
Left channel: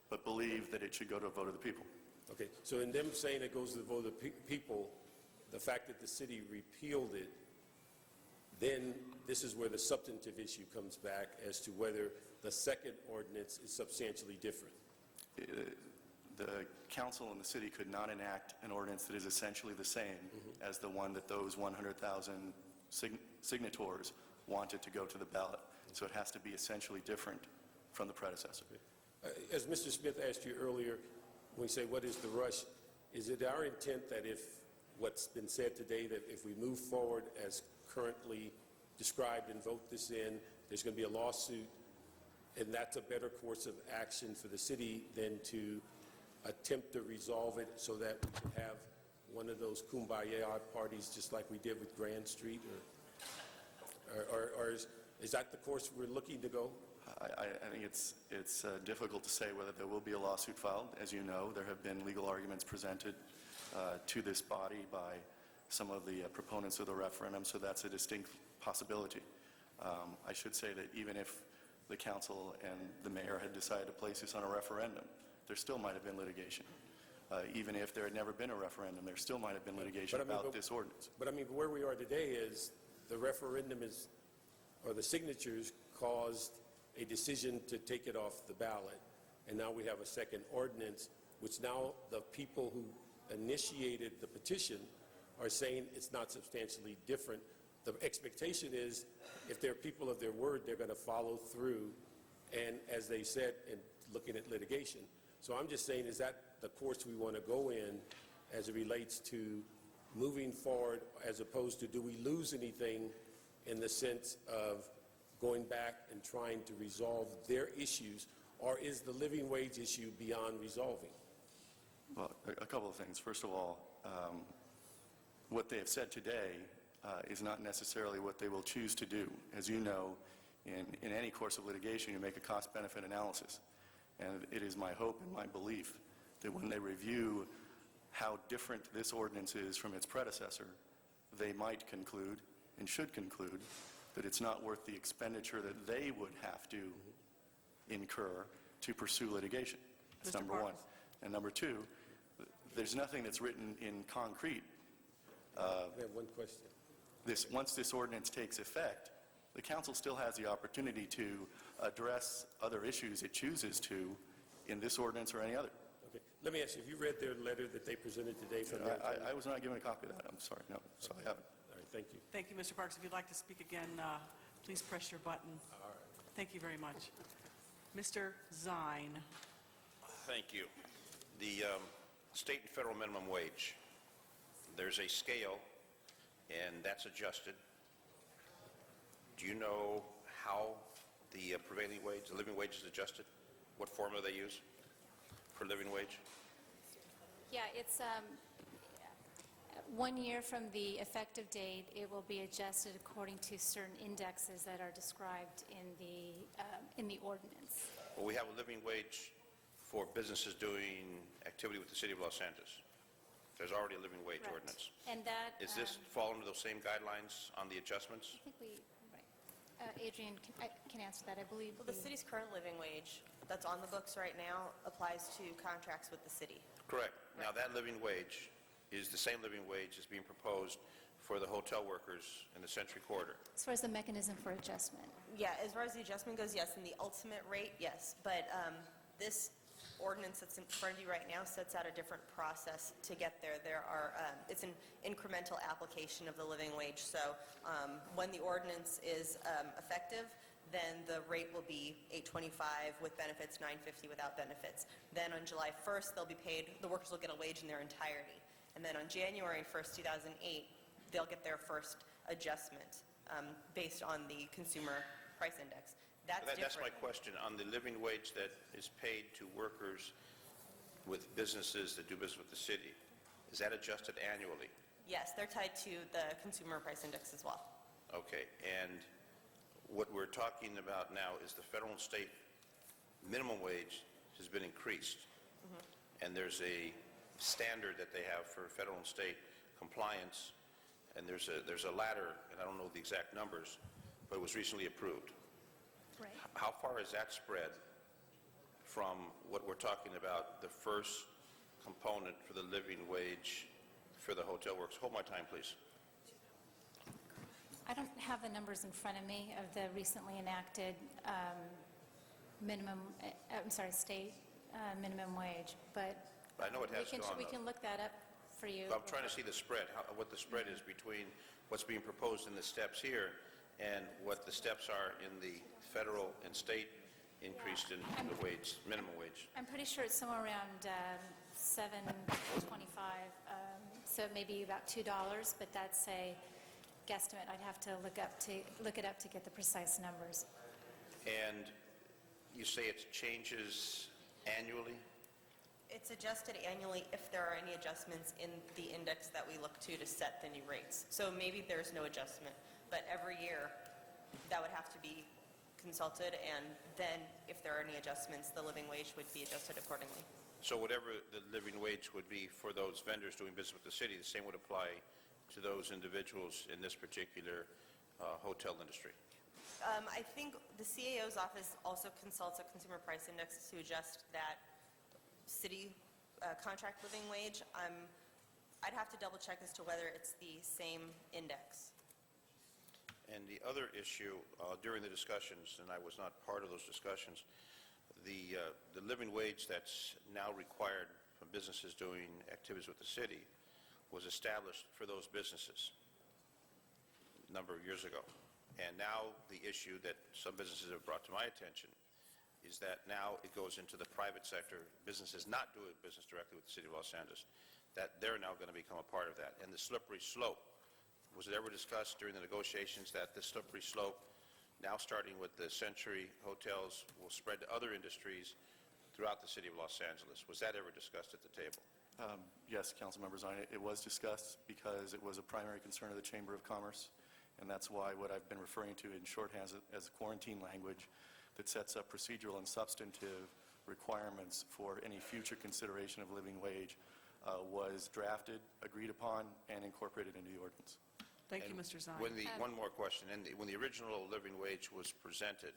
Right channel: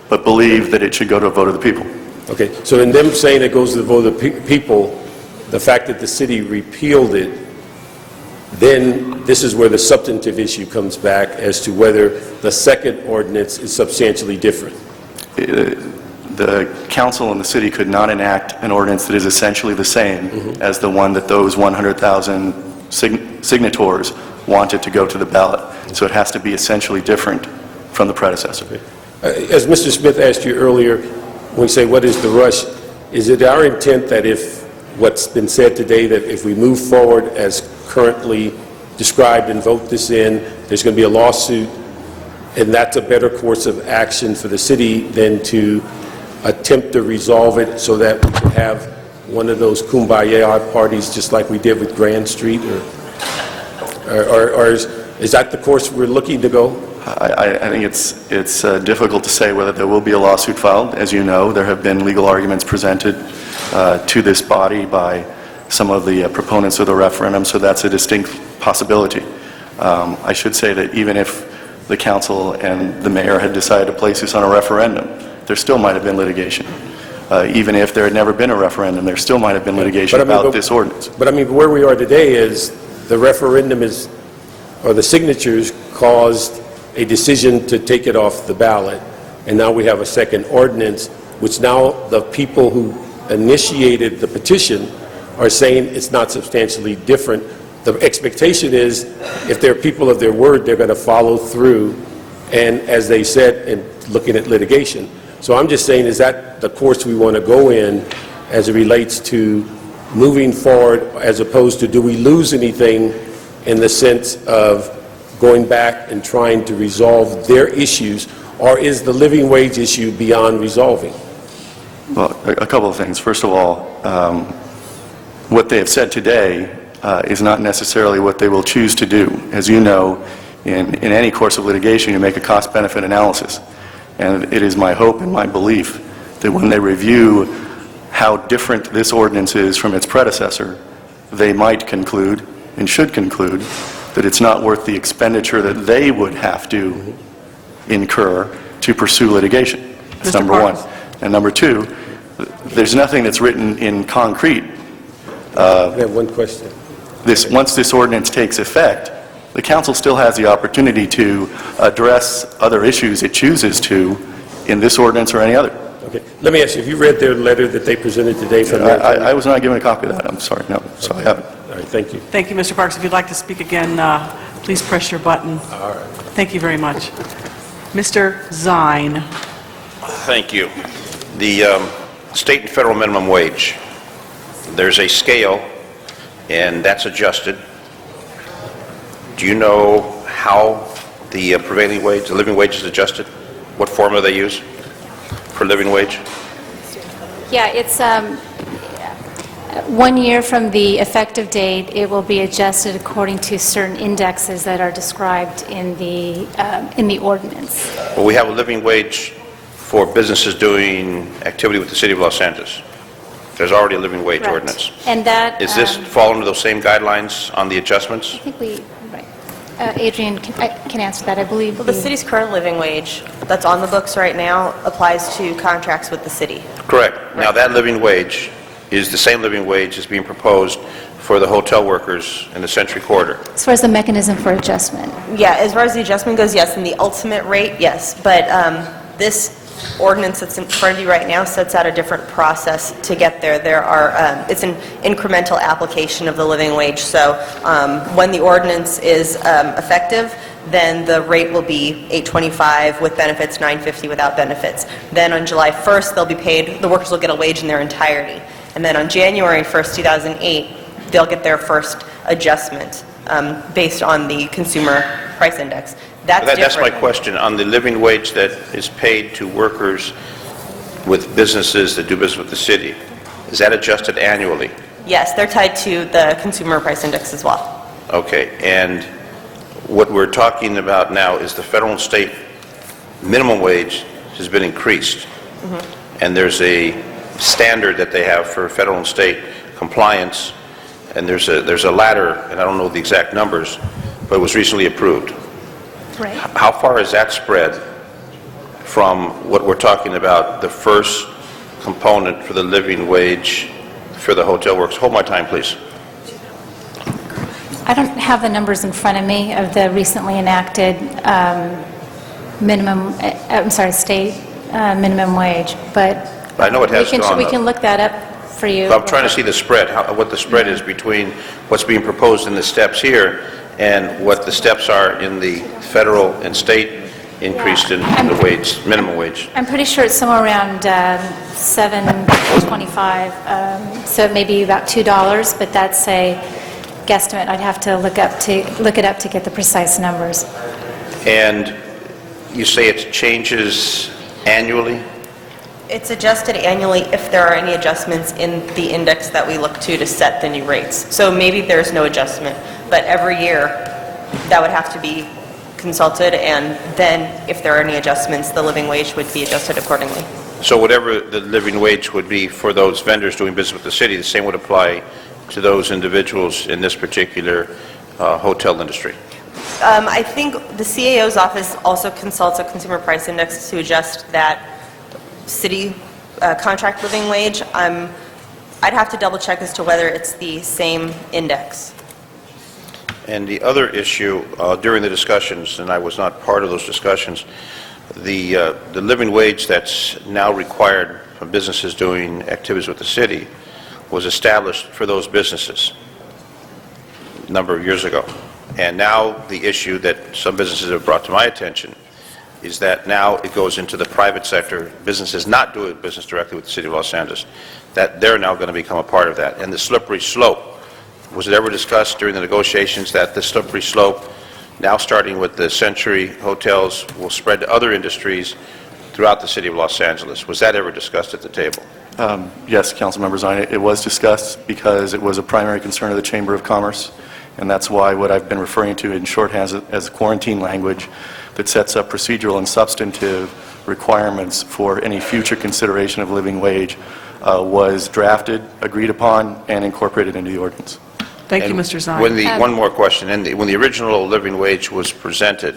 but believed that it should go to a vote of the people. Okay, so in them saying it goes to the vote of the people, the fact that the city repealed it, then this is where the substantive issue comes back as to whether the second ordinance is substantially different. The council and the city could not enact an ordinance that is essentially the same as the one that those 100,000 signatories wanted to go to the ballot. So it has to be essentially different from the predecessor. As Mr. Smith asked you earlier, when we say what is the rush, is it our intent that if what's been said today, that if we move forward as currently described and vote this in, there's going to be a lawsuit, and that's a better course of action for the city than to attempt to resolve it so that we can have one of those kumbaya parties just like we did with Grand Street? Or is that the course we're looking to go? I think it's difficult to say whether there will be a lawsuit filed. As you know, there have been legal arguments presented to this body by some of the proponents of the referendum, so that's a distinct possibility. I should say that even if the council and the mayor had decided to place this on a referendum, there still might have been litigation. Even if there had never been a referendum, there still might have been litigation about this ordinance. But I mean, where we are today is the referendum or the signatures caused a decision to take it off the ballot. and now we have a second ordinance, which now the people who initiated the petition are saying it's not substantially different. The expectation is, if they're people of their word, they're going to follow through, and as they said, in looking at litigation. So I'm just saying, is that the course we want to go in as it relates to moving forward, as opposed to, do we lose anything in the sense of going back and trying to resolve their issues, or is the living wage issue beyond resolving? Well, a couple of things. First of all, what they have said today is not necessarily what they will choose to do. As you know, in any course of litigation, you make a cost-benefit analysis. And it is my hope and my belief that when they review how different this ordinance is from its predecessor, they might conclude, and should conclude, that it's not worth the expenditure that they would have to incur to pursue litigation. That's number one. And number two, there's nothing that's written in concrete. I have one question. Once this ordinance takes effect, the council still has the opportunity to address other issues it chooses to in this ordinance or any other. Okay. Let me ask you, have you read their letter that they presented today from their attorney? I was not given a copy of that. I'm sorry. No, so I haven't. All right, thank you. Thank you, Mr. Parks. If you'd like to speak again, please press your button. All right. Thank you very much. Mr. Zine. Thank you. The state and federal minimum wage, there's a scale, and that's adjusted. Do you know how the prevailing wage, the living wage is adjusted? What formula they use for living wage? Yeah, it's 1 year from the effective date. It will be adjusted according to certain indexes that are described in the ordinance. Well, we have a living wage for businesses doing activity with the City of Los Angeles. There's already a living wage Correct. ordinance. And that... Is this fall under those same guidelines on the adjustments? I think we... Right. Adrian can answer that, I believe. Well, the city's current living wage that's on the books right now applies to contracts with the city. Correct. Now, that living wage is the same living wage as being proposed for the hotel workers in the Century Corridor. As far as the mechanism for adjustment. Yeah, as far as the adjustment goes, yes, and the ultimate rate, yes. But this ordinance that's in front of you right now sets out a different process to get there. There are, it's an incremental application of the living wage. So when the ordinance is effective, then the rate will be $8.25 with benefits, $9.50 without benefits. Then on July 1st, they'll be paid, the workers will get a wage in their entirety. And then on January 1st, 2008, they'll get their first adjustment based on the consumer price index. That's my question. On the living wage that is paid to workers with businesses that do business with the city, is that adjusted annually? Yes, they're tied to the consumer price index as well. Okay, and what we're talking about now is the federal and state minimum wage has been increased. And there's a standard that they have for federal and state compliance, and there's a ladder, and I don't know the exact numbers, but it was recently approved. Right. How far is that spread from what we're talking about, the first component for the living wage for the hotel workers? Hold my time, please. I don't have the numbers in front of me of the recently enacted state minimum wage, but I know it has gone we up. can look that up for you. So I'm trying to see the spread, what the spread is between what's being proposed in the steps here and what the steps are in the federal and state increased in the wage, minimum wage. I'm pretty sure it's somewhere around $7.25, so maybe about $2, but that's a guesstimate. I'd have to look it up to get the precise numbers. And you say it changes annually? It's adjusted annually if there are any adjustments in the index that we look to set the new rates. So maybe there's no adjustment, but every year that would have to be consulted, and then if there are any adjustments, the living wage would be adjusted accordingly. So whatever the living wage would be for those vendors doing business with the city, the same would apply to those individuals in this particular hotel industry? I think the CAO's office also consults a consumer price index to adjust that city contract living wage. I'd have to double check as to whether it's the same index. And the other issue during the discussions, and I was not part of those discussions, the living wage that's now required from businesses doing activities with the city was established for those businesses a number of years ago. And now the issue that some businesses have brought to my attention is that now it goes into the private sector, businesses not doing business directly with the City of Los Angeles, that they're now going to become a part of that. And the slippery slope, was it ever discussed during the negotiations that the slippery slope, now starting with the Century hotels, will spread to other industries throughout the City of Los Angeles? Was that ever discussed at the table? Yes, Councilmember Zine, it was discussed because it was a primary concern of the Chamber of Commerce, and that's why what I've been referring to in shorthand as quarantine language that sets up procedural and substantive requirements for any future consideration of living wage was drafted, agreed upon, and incorporated into the ordinance. Thank you, Mr. Zine. One more question. When the original living wage was presented,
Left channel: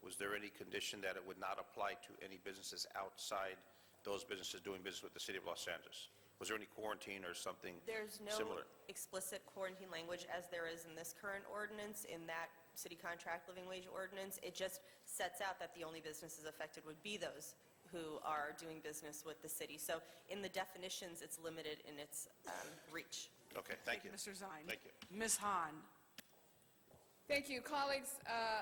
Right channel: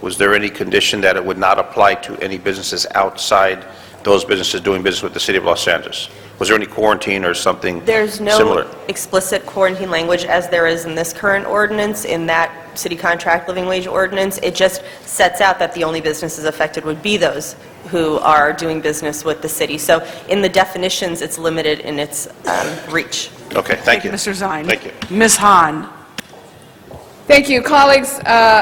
was there any condition that it would not apply to any businesses outside those businesses doing business with the City of Los Angeles? Was there any quarantine or something There's no similar? explicit quarantine language as there is in this current ordinance, in that city contract living wage ordinance. It just sets out that the only businesses affected would be those who are doing business with the city. So in the definitions, it's limited in its reach. Okay, thank you. Mr. Zine. Thank you. Ms. Hahn. Thank you, colleagues.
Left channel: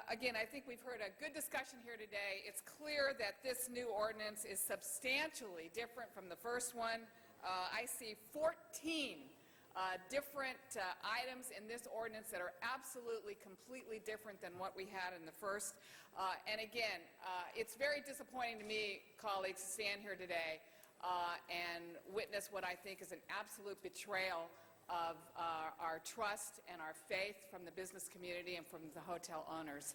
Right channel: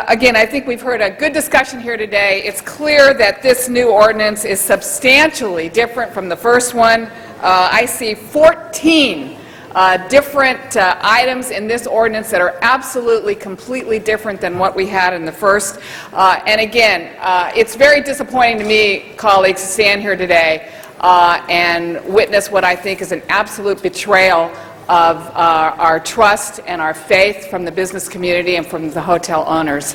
Again, I think we've heard a good discussion here today. It's clear that this new ordinance is substantially different from the first one. I see 14 different items in this ordinance that are absolutely, completely different than what we had in the first. And again, it's very disappointing to me, colleagues, to stand here today and witness what I think is an absolute betrayal of our trust and our faith from the business community and from the hotel owners.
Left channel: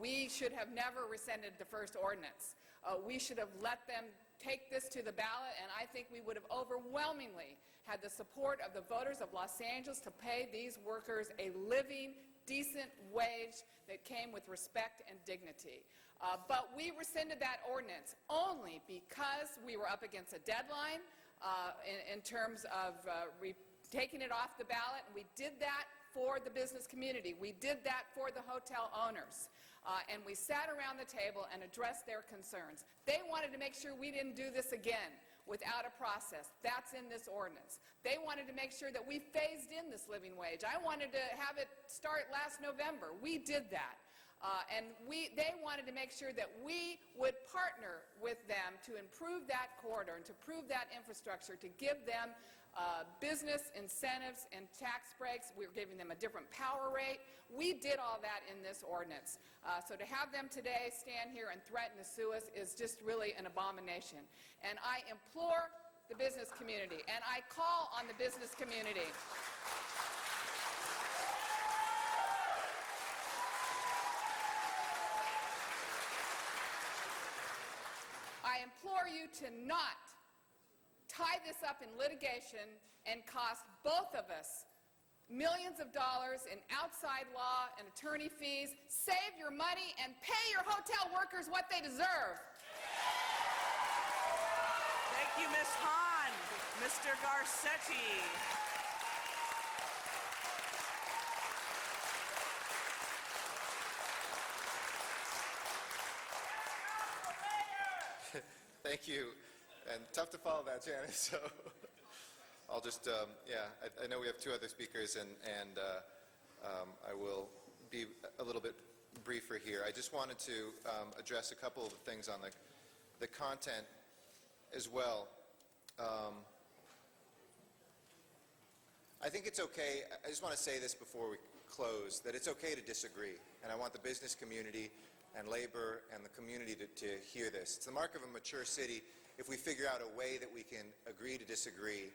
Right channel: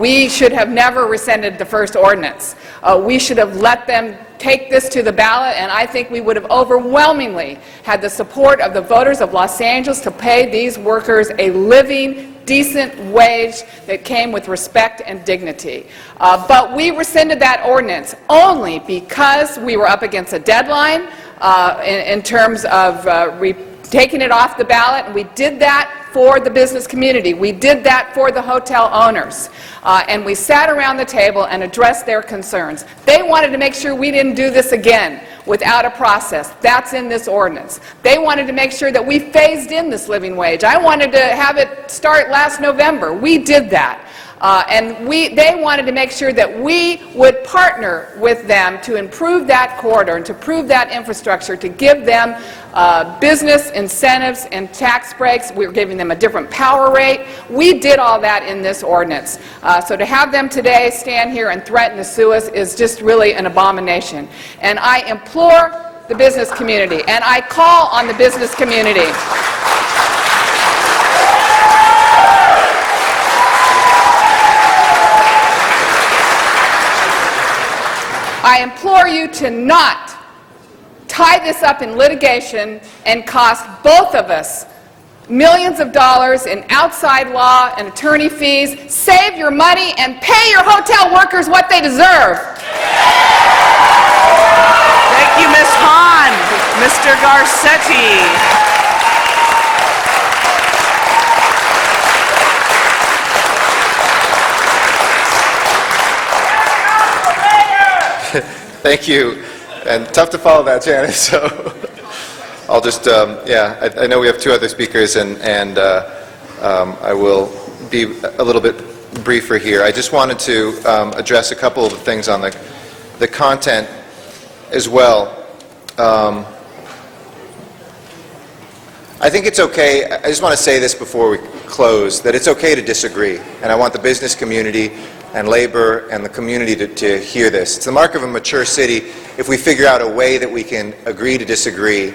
We should have never rescinded the first ordinance. We should have let them take this to the ballot, and I think we would have overwhelmingly had the support of the voters of Los Angeles to pay these workers a living, decent wage that came with respect and dignity. But we rescinded that ordinance only because we were up against a deadline in terms of taking it off the ballot, and we did that for the business community. We did that for the hotel owners. And we sat around the table and addressed their concerns. They wanted to make sure we didn't do this again without a process. That's in this ordinance. They wanted to make sure that we phased in this living wage. I wanted to have it start last November. We did that. And they wanted to make sure that we would partner with them to improve that corridor and to improve that infrastructure, to give them business incentives and tax breaks. We were giving them a different power rate. We did all that in this ordinance. So to have them today stand here and threaten to sue us is just really an abomination. And I implore the business community, and I call on the business community I implore you to not tie this up in litigation and cost both of us millions of dollars in outside law and attorney fees. Save your money and pay your hotel workers what they deserve. Thank you, Ms. Hahn. Mr. Garcetti. Thank you. And tough to follow that, Janice, so I'll just, I know we have two other speakers, and I will be a little bit briefer here. I just wanted to address a couple of things on the content as well. I think it's okay, I just want to say this before we close, that it's okay to disagree, and I want the business community and labor and the community to hear this. It's the mark of a mature city if we figure out a way that we can agree to disagree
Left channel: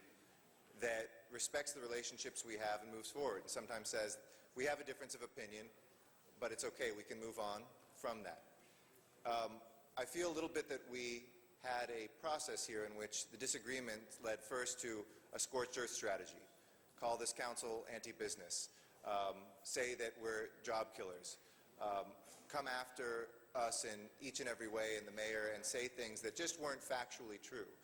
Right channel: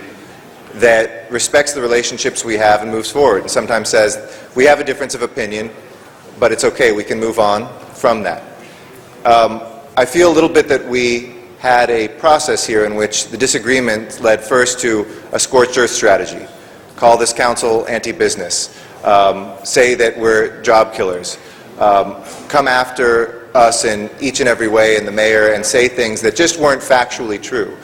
that respects the relationships we have and moves forward, and sometimes says, we have a difference of opinion, but it's okay, we can move on from that. I feel a little bit that we had a process here in which the disagreement led first to a scorched earth strategy. Call this council anti-business. Say that we're job killers. Come after us in each and every way, and the mayor, and say things that just weren't factually true.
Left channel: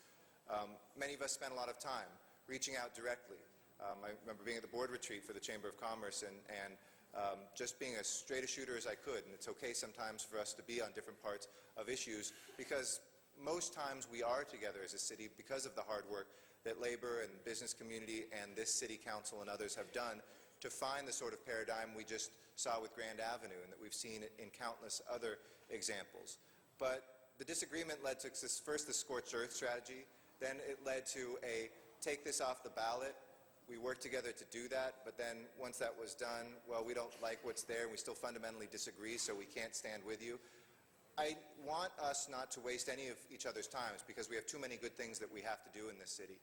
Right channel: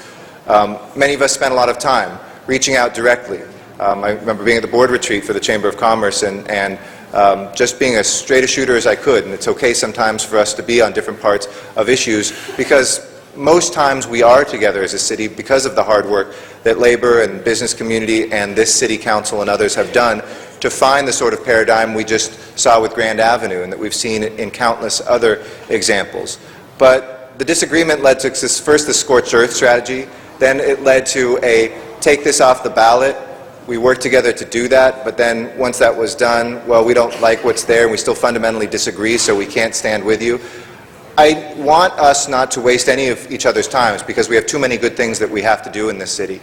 Many of us spent a lot of time reaching out directly. I remember being at the board retreat for the Chamber of Commerce and just being as straight a shooter as I could. And it's okay sometimes for us to be on different parts of issues, because most times we are together as a city because of the hard work that labor and business community and this city council and others have done to find the sort of paradigm we just saw with Grand Avenue and that we've seen in countless other examples. But the disagreement led to first the scorched earth strategy, then it led to a take this off the ballot. We worked together to do that, but then once that was done, well, we don't like what's there and we still fundamentally disagree, so we can't stand with you. I want us not to waste any of each other's times because we have too many good things that we have to do in this city.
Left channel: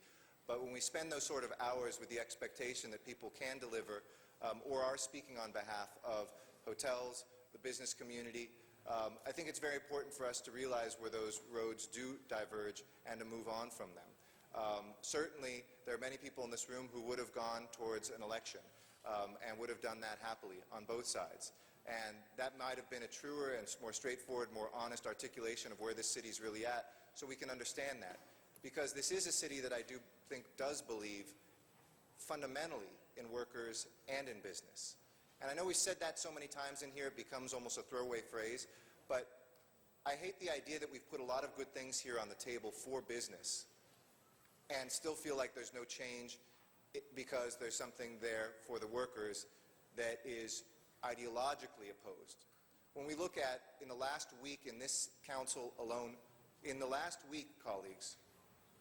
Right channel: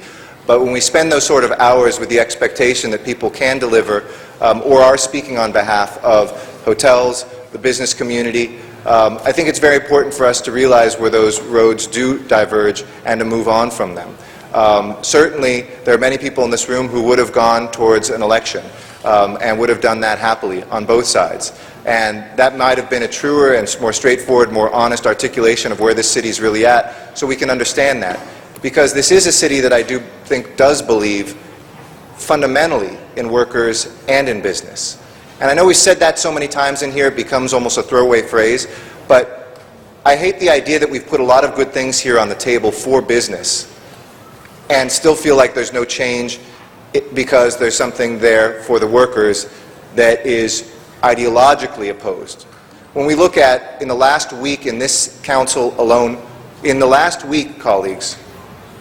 But when we spend those sort of hours with the expectation that people can deliver or are speaking on behalf of hotels, the business community, I think it's very important for us to realize where those roads do diverge and to move on from them. Certainly, there are many people in this room who would have gone towards an election and would have done that happily on both sides. And that might have been a truer and more straightforward, more honest articulation of where this city is really at, so we can understand that. Because this is a city that I do think does believe fundamentally in workers and in business. And I know we've said that so many times in here, it becomes almost a throwaway phrase, but I hate the idea that we've put a lot of good things here on the table for business and still feel like there's no change because there's something there for the workers that is ideologically opposed. When we look at, in the last week in this council alone, in the last week, colleagues,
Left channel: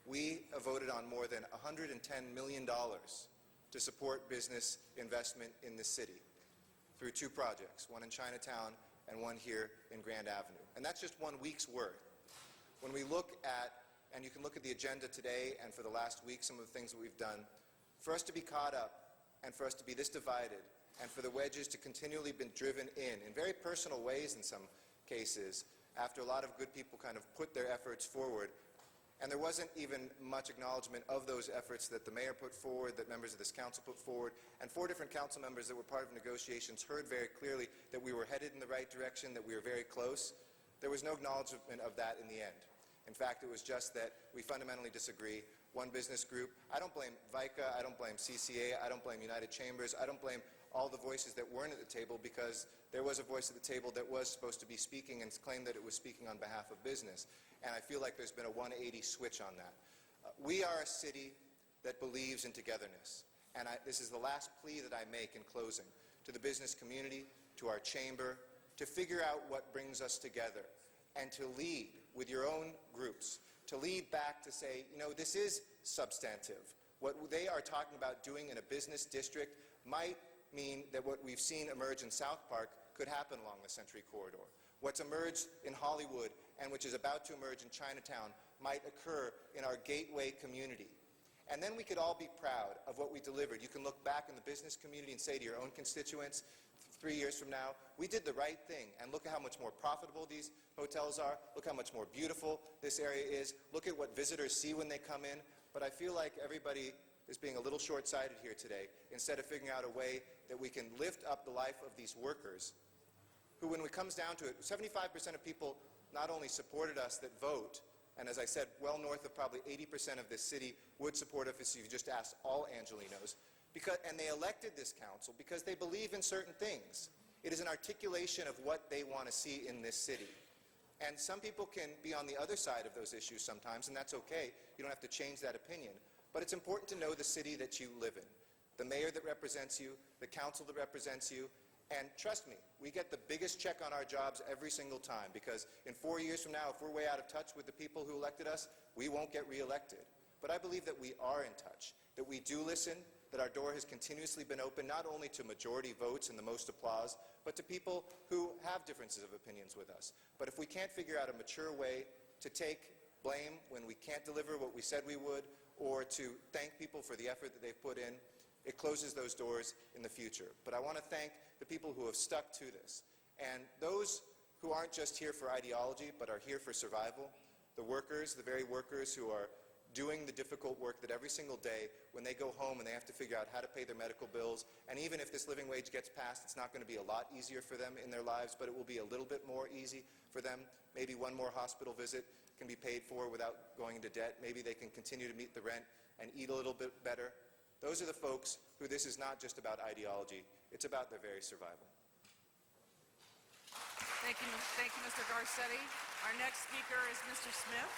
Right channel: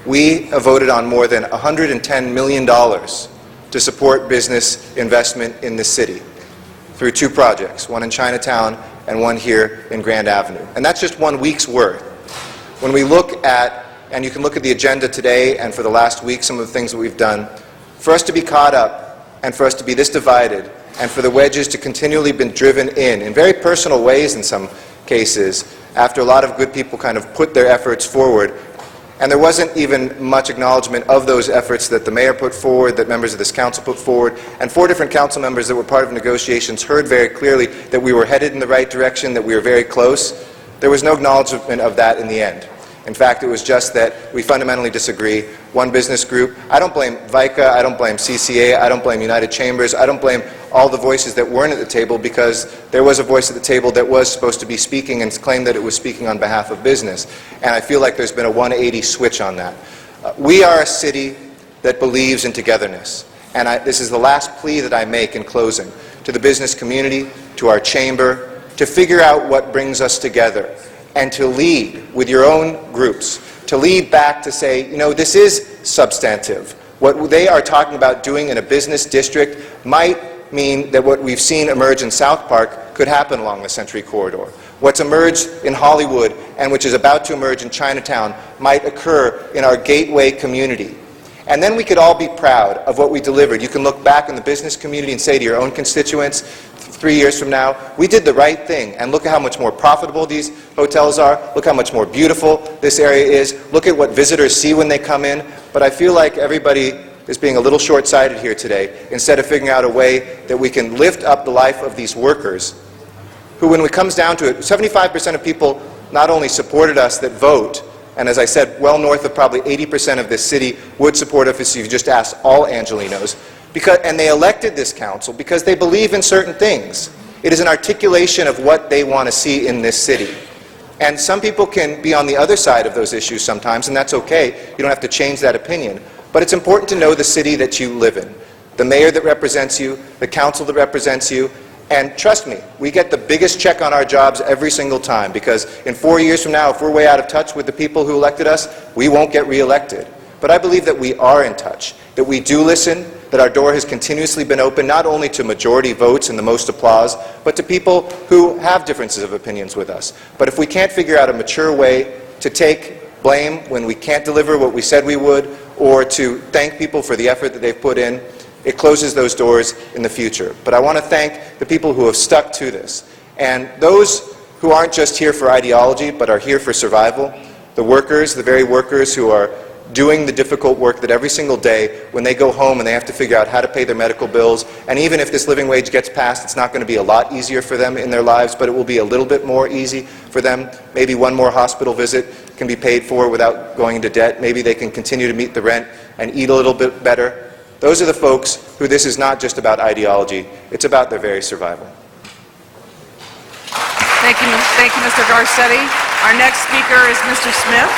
we have voted on more than $110 million to support business investment in this city through two projects, one in Chinatown and one here in Grand Avenue. And that's just 1 week's worth. When we look at, and you can look at the agenda today and for the last week, some of the things that we've done, for us to be caught up and for us to be this divided and for the wedges to continually be driven in very personal ways in some cases, after a lot of good people kind of put their efforts forward. And there wasn't even much acknowledgement of those efforts that the mayor put forward, that members of this council put forward, and 4 different council members that were part of negotiations heard very clearly that we were headed in the right direction, that we were very close. There was no acknowledgement of that in the end. In fact, it was just that we fundamentally disagree. One business group, I don't blame VICA, I don't blame CCA, I don't blame United Chambers, I don't blame all the voices that weren't at the table, because there was a voice at the table that was supposed to be speaking and claimed that it was speaking on behalf of business. And I feel like there's been a 180 switch on that. We are a city that believes in togetherness. And this is the last plea that I make in closing to the business community, to our chamber, to figure out what brings us together and to lead with your own groups, to lead back to say, you know, this is substantive. What they are talking about doing in a business district might mean that what we've seen emerge in South Park could happen along the Century Corridor. What's emerged in Hollywood and which is about to emerge in Chinatown might occur in our gateway community. And then we could all be proud of what we delivered. You can look back in the business community and say to your own constituents, 3 years from now, we did the right thing, and look at how much more profitable these hotels are, look how much more beautiful this area is, look at what visitors see when they come in. But I feel like everybody is being a little short-sighted here today, instead of figuring out a way that we can lift up the life of these workers, who, when it comes down to it, 75% of people not only supported us that vote, and as I said, well north of probably 80% of this city would support us if you just asked all Angelinos, and they elected this council because they believe in certain things. It is an articulation of what they want to see in this city. And some people can be on the other side of those issues sometimes, and that's okay. You don't have to change that opinion. But it's important to know the city that you live in, the mayor that represents you, the council that represents you. And trust me, we get the biggest check on our jobs every single time, because in 4 years from now, if we're way out of touch with the people who elected us, we won't get reelected. But I believe that we are in touch, that we do listen, that our door has continuously been open not only to majority votes and the most applause, but to people who have differences of opinions with us. But if we can't figure out a mature way to take blame when we can't deliver what we said we would, or to thank people for the effort that they've put in, it closes those doors in the future. But I want to thank the people who have stuck to this, and those who aren't just here for ideology, but are here for survival, the workers, the very workers who are doing the difficult work that every single day when they go home and they have to figure out how to pay their medical bills, and even if this living wage gets passed, it's not going to be a lot easier for them in their lives, but it will be a little bit more easy for them. Maybe one more hospital visit can be paid for without going into debt. Maybe they can continue to meet the rent and eat a little bit better. Those are the folks who this is not just about ideology, it's about their very survival. Thank you, Mr. Garcetti. Our next speaker is Mr. Smith.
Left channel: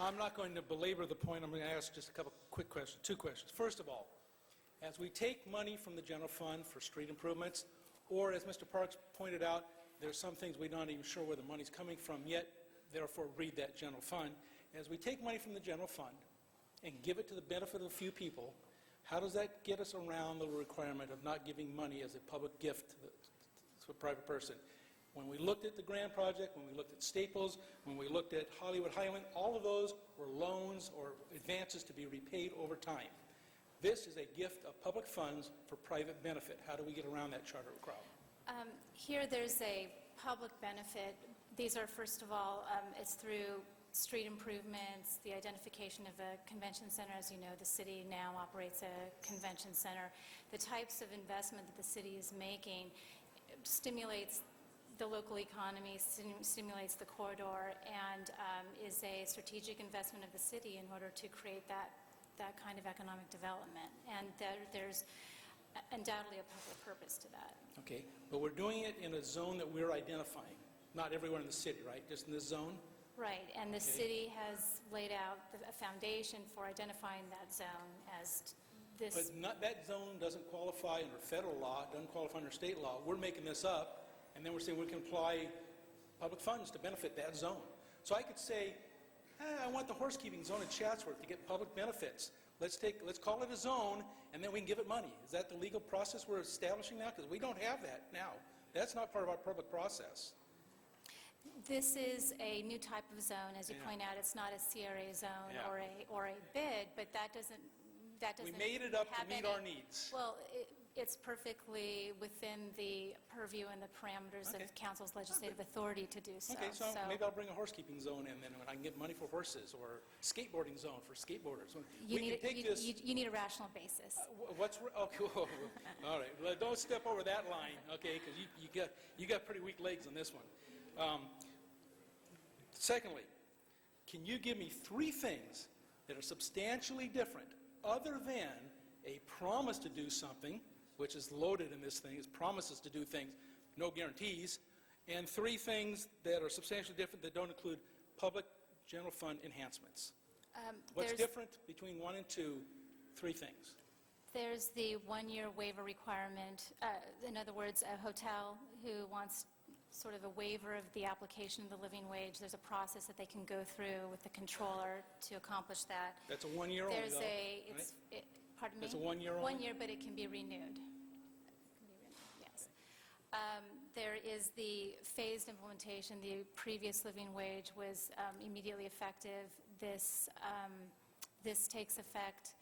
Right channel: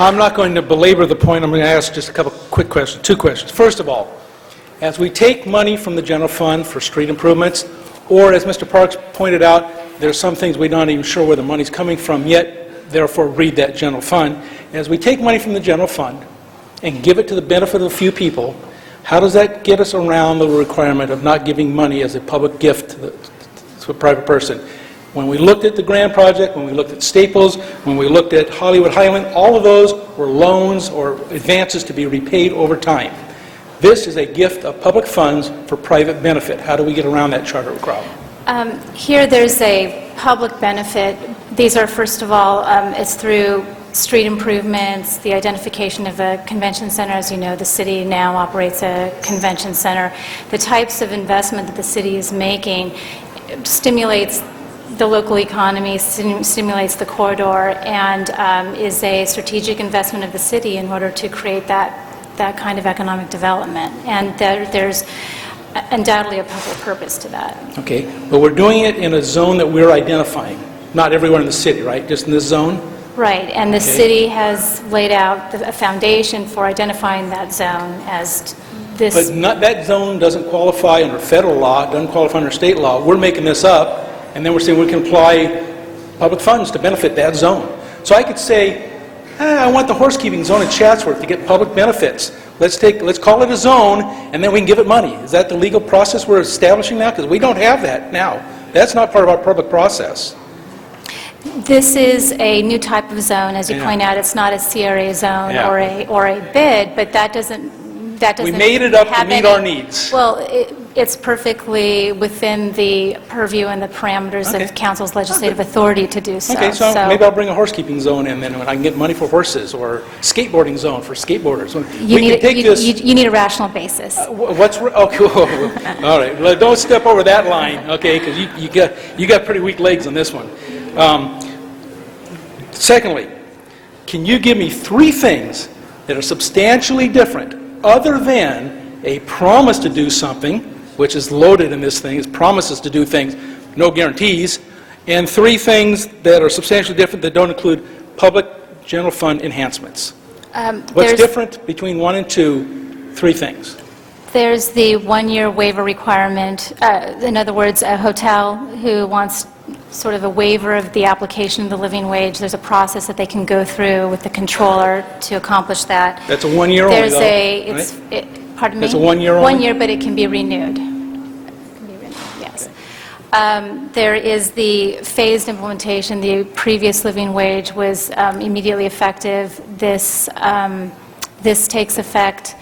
I'm not going to belabor the point. I'm going to ask just a couple quick questions, 2 questions. First of all, as we take money from the general fund for street improvements, or as Mr. Parks pointed out, there's some things we're not even sure where the money's coming from yet, therefore read that general fund. As we take money from the general fund and give it to the benefit of a few people, how does that get us around the requirement of not giving money as a public gift to a private person? When we looked at the Grand Project, when we looked at Staples, when we looked at Hollywood Highland, all of those were loans or advances to be repaid over time. This is a gift of public funds for private benefit. How do we get around that charter problem? Here there's a public benefit. These are, first of all, it's through street improvements, the identification of a convention center. As you know, the city now operates a convention center. The types of investment that the city is making stimulates the local economy, stimulates the corridor, and is a strategic investment of the city in order to create that kind of economic development. And there's undoubtedly a public purpose to that. Okay, but we're doing it in a zone that we're identifying, not everywhere in the city, right? Just in this zone? Right, and the city has laid out a foundation for identifying that zone as this. But that zone doesn't qualify under federal law, it doesn't qualify under state law. We're making this up, and then we're saying we can apply public funds to benefit that zone. So I could say, I want the horsekeeping zone in Chatsworth to get public benefits. Let's call it a zone, and then we can give it money. Is that the legal process we're establishing now? Because we don't have that now. That's not part of our public process. This is a new type of zone, as you point out. It's not a CRA zone or a bid, but that doesn't. We made it up to meet our needs. Well, it's perfectly within the purview and the parameters of council's legislative authority to do so. Okay, so maybe I'll bring a horsekeeping zone in then when I can get money for horses, or skateboarding zone for skateboarders. You need a rational basis. Okay, all right. Well, don't step over that line, okay? Because you got pretty weak legs on this one. Secondly, can you give me 3 things that are substantially different other than a promise to do something, which is loaded in this thing, is promises to do things, no guarantees, and 3 things that are substantially different that don't include public general fund enhancements? What's different between 1 and 2? 3 things. There's the 1-year waiver requirement. In other words, a hotel who wants sort of a waiver of the application of the living wage, there's a process that they can go through with the controller to accomplish that. That's a 1 year only, There's though, right? Pardon me? That's a 1 year only? 1 year, but it can be renewed. Yes. There is the phased implementation. The previous living wage was immediately effective. This takes effect.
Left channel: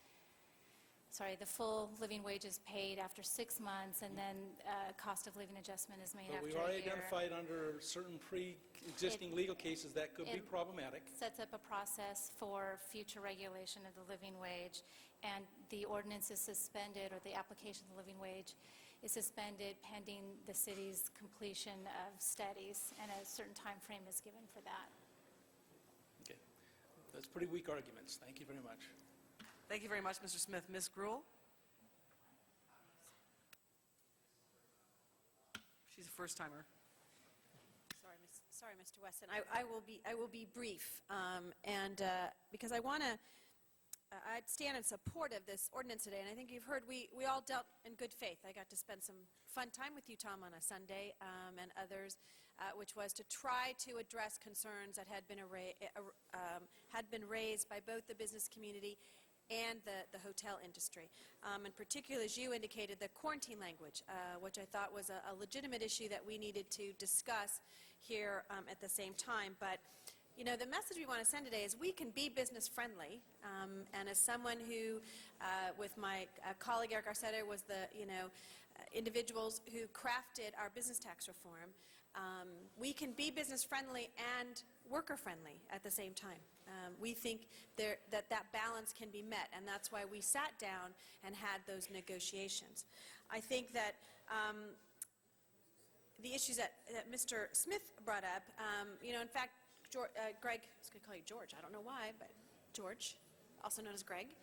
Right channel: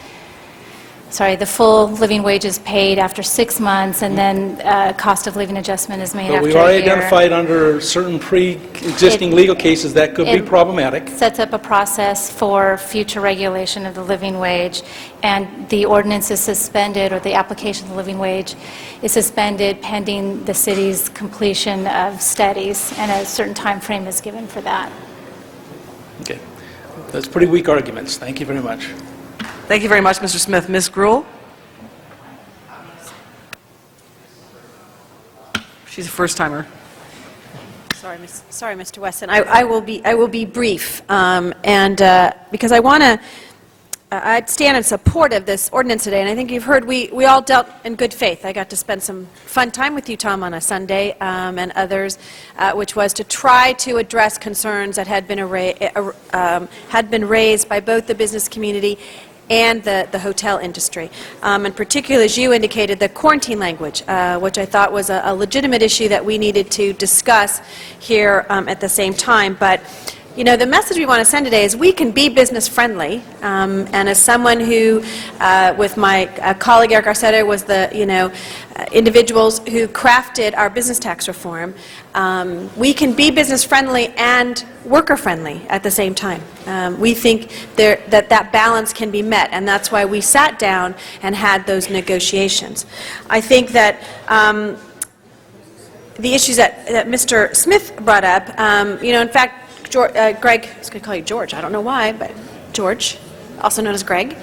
The full living wage is paid after 6 months, and then cost of living adjustment is made But after we've a already year. identified under certain pre-existing legal cases that could be problematic. Sets up a process for future regulation of the living wage, and the ordinance is suspended, or the application of the living wage is suspended pending the city's completion of studies, and a certain time frame is given for that. Okay. That's pretty weak arguments. Thank you very much. Thank you very much, Mr. Smith. Ms. Gruhl? She's a first-timer. Sorry, Mr. Weston. I will be brief, because I want to I'd stand in support of this ordinance today, and I think you've heard we all dealt in good faith. I got to spend some fun time with you, Tom, on a Sunday, and others, which was to try to address concerns that had been raised by both the business community and the hotel industry. And particularly, as you indicated, the quarantine language, which I thought was a legitimate issue that we needed to discuss here at the same time. But you know, the message we want to send today is we can be business friendly, and as someone who, with my colleague Eric Garcetti, was the individuals who crafted our business tax reform, we can be business friendly and worker friendly at the same time. We think that balance can be met, and that's why we sat down and had those negotiations. I think that the issues that Mr. Smith brought up, in fact, Greg, I was going to call you George, I don't know why, but George, also known as Greg.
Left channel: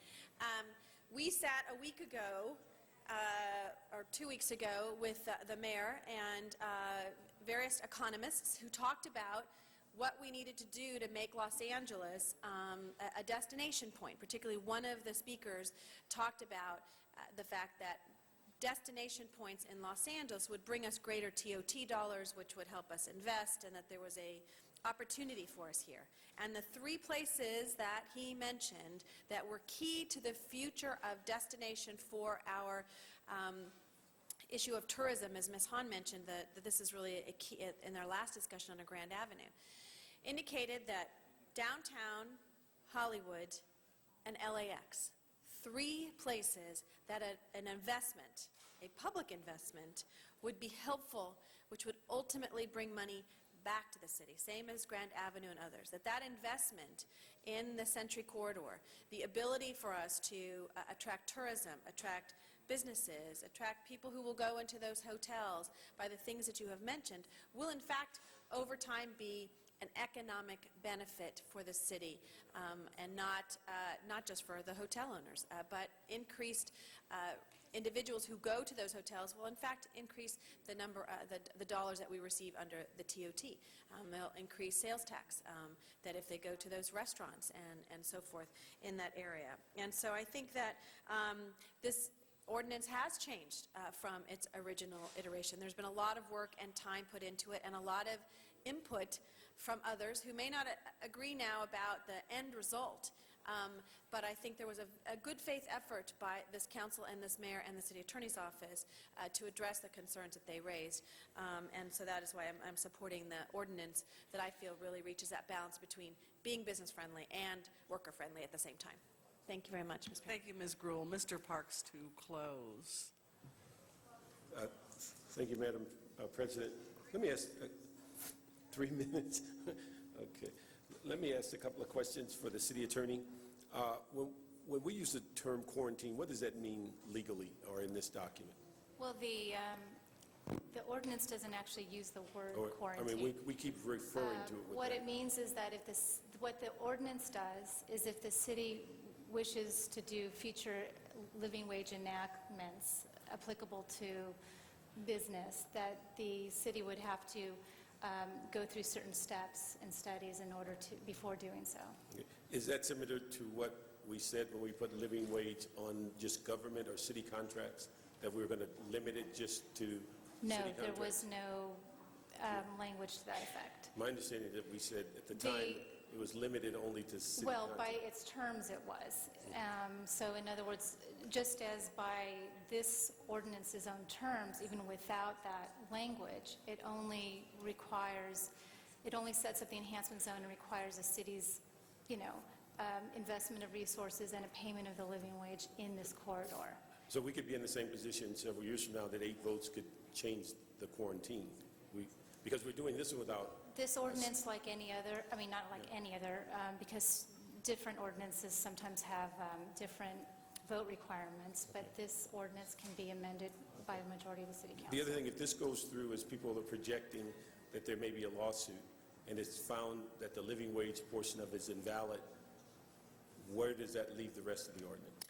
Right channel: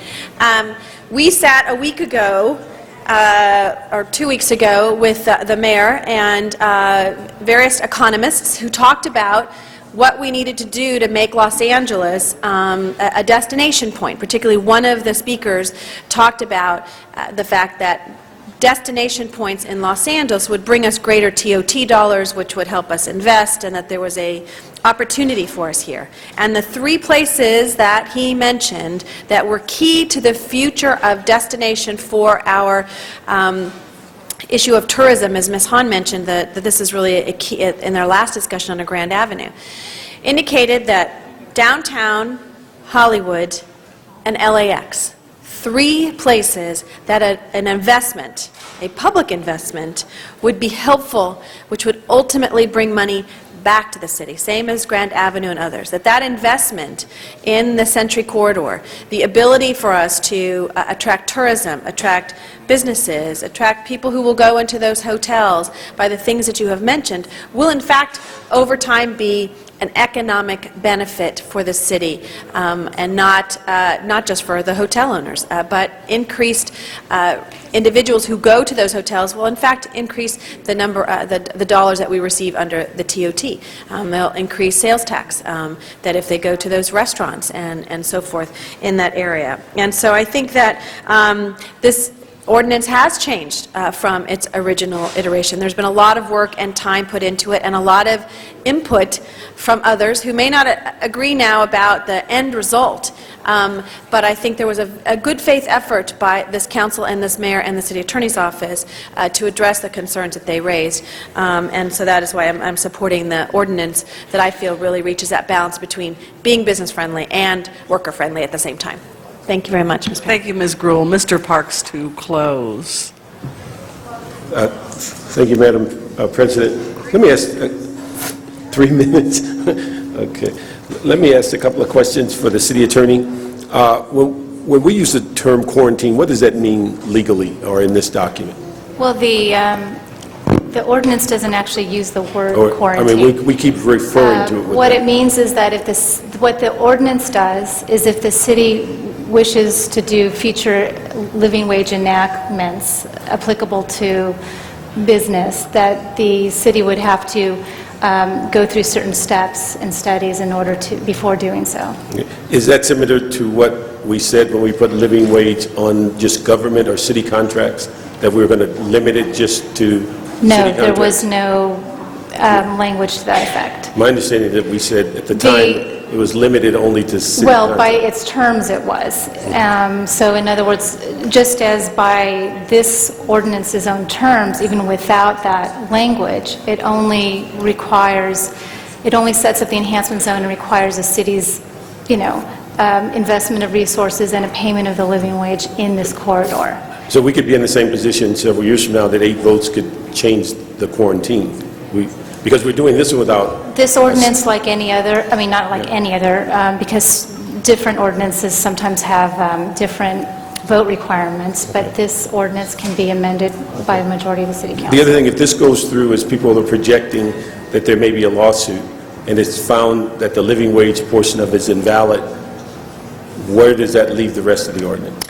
We sat a week ago, or 2 weeks ago, with the mayor and various economists who talked about what we needed to do to make Los Angeles a destination point. Particularly one of the speakers talked about the fact that destination points in Los Angeles would bring us greater TOT dollars, which would help us invest, and that there was a opportunity for us here. And the 3 places that he mentioned that were key to the future of destination for our issue of tourism, as Ms. Hahn mentioned, that this is really a key in their last discussion on Grand Avenue, indicated that downtown, Hollywood, and LAX, 3 places that an investment, a public investment, would be helpful, which would ultimately bring money back to the city, same as Grand Avenue and others, that investment in the Century Corridor, the ability for us to attract tourism, attract businesses, attract people who will go into those hotels by the things that you have mentioned, will in fact over time be an economic benefit for the city, and not just for the hotel owners, but increased individuals who go to those hotels will in fact increase the number, the dollars that we receive under the TOT. They'll increase sales tax, that if they go to those restaurants and so forth in that area. And so I think that this ordinance has changed from its original iteration. There's been a lot of work and time put into it, and a lot of input from others who may not agree now about the end result. But I think there was a good faith effort by this council and this mayor and the city attorney's office to address the concerns that they raised. And so that is why I'm supporting the ordinance that I feel really reaches that balance between being business friendly and worker friendly at the same time. Thank you very much, Ms. Thank you, Ms. Gruhl. Mr. Parks to close. Thank you, Madam President. Let me ask 3 minutes. Okay. Let me ask a couple of questions for the city attorney. When we use the term quarantine, what does that mean legally or in this document? Well, the ordinance doesn't actually use the word quarantine. I mean, we keep referring to it. What it means is that what the ordinance does is if the city wishes to do future living wage enactments applicable to business, that the city would have to go through certain steps and studies in order to, before doing so. Is that similar to what we said when we put living wage on just government or city contracts, that we were going to limit it just to city contracts? No, there was no language to that effect. My understanding that we said at the time it was limited only to city Well, contracts. by its terms it was. So in other words, just as by this ordinance's own terms, even without that language, it only sets up the enhancement zone and requires the city's, investment of resources and a payment of the living wage in this corridor. So we could be in the same position several years from now that 8 votes could change the quarantine. Because we're doing this without... This ordinance, like any other, not like any other, because different ordinances sometimes have different vote requirements, but this ordinance can be amended by a majority of the city council. The other thing, if this goes through, is people are projecting that there may be a lawsuit, and it's found that the living wage portion of it is invalid, where does that leave the rest of the ordinance?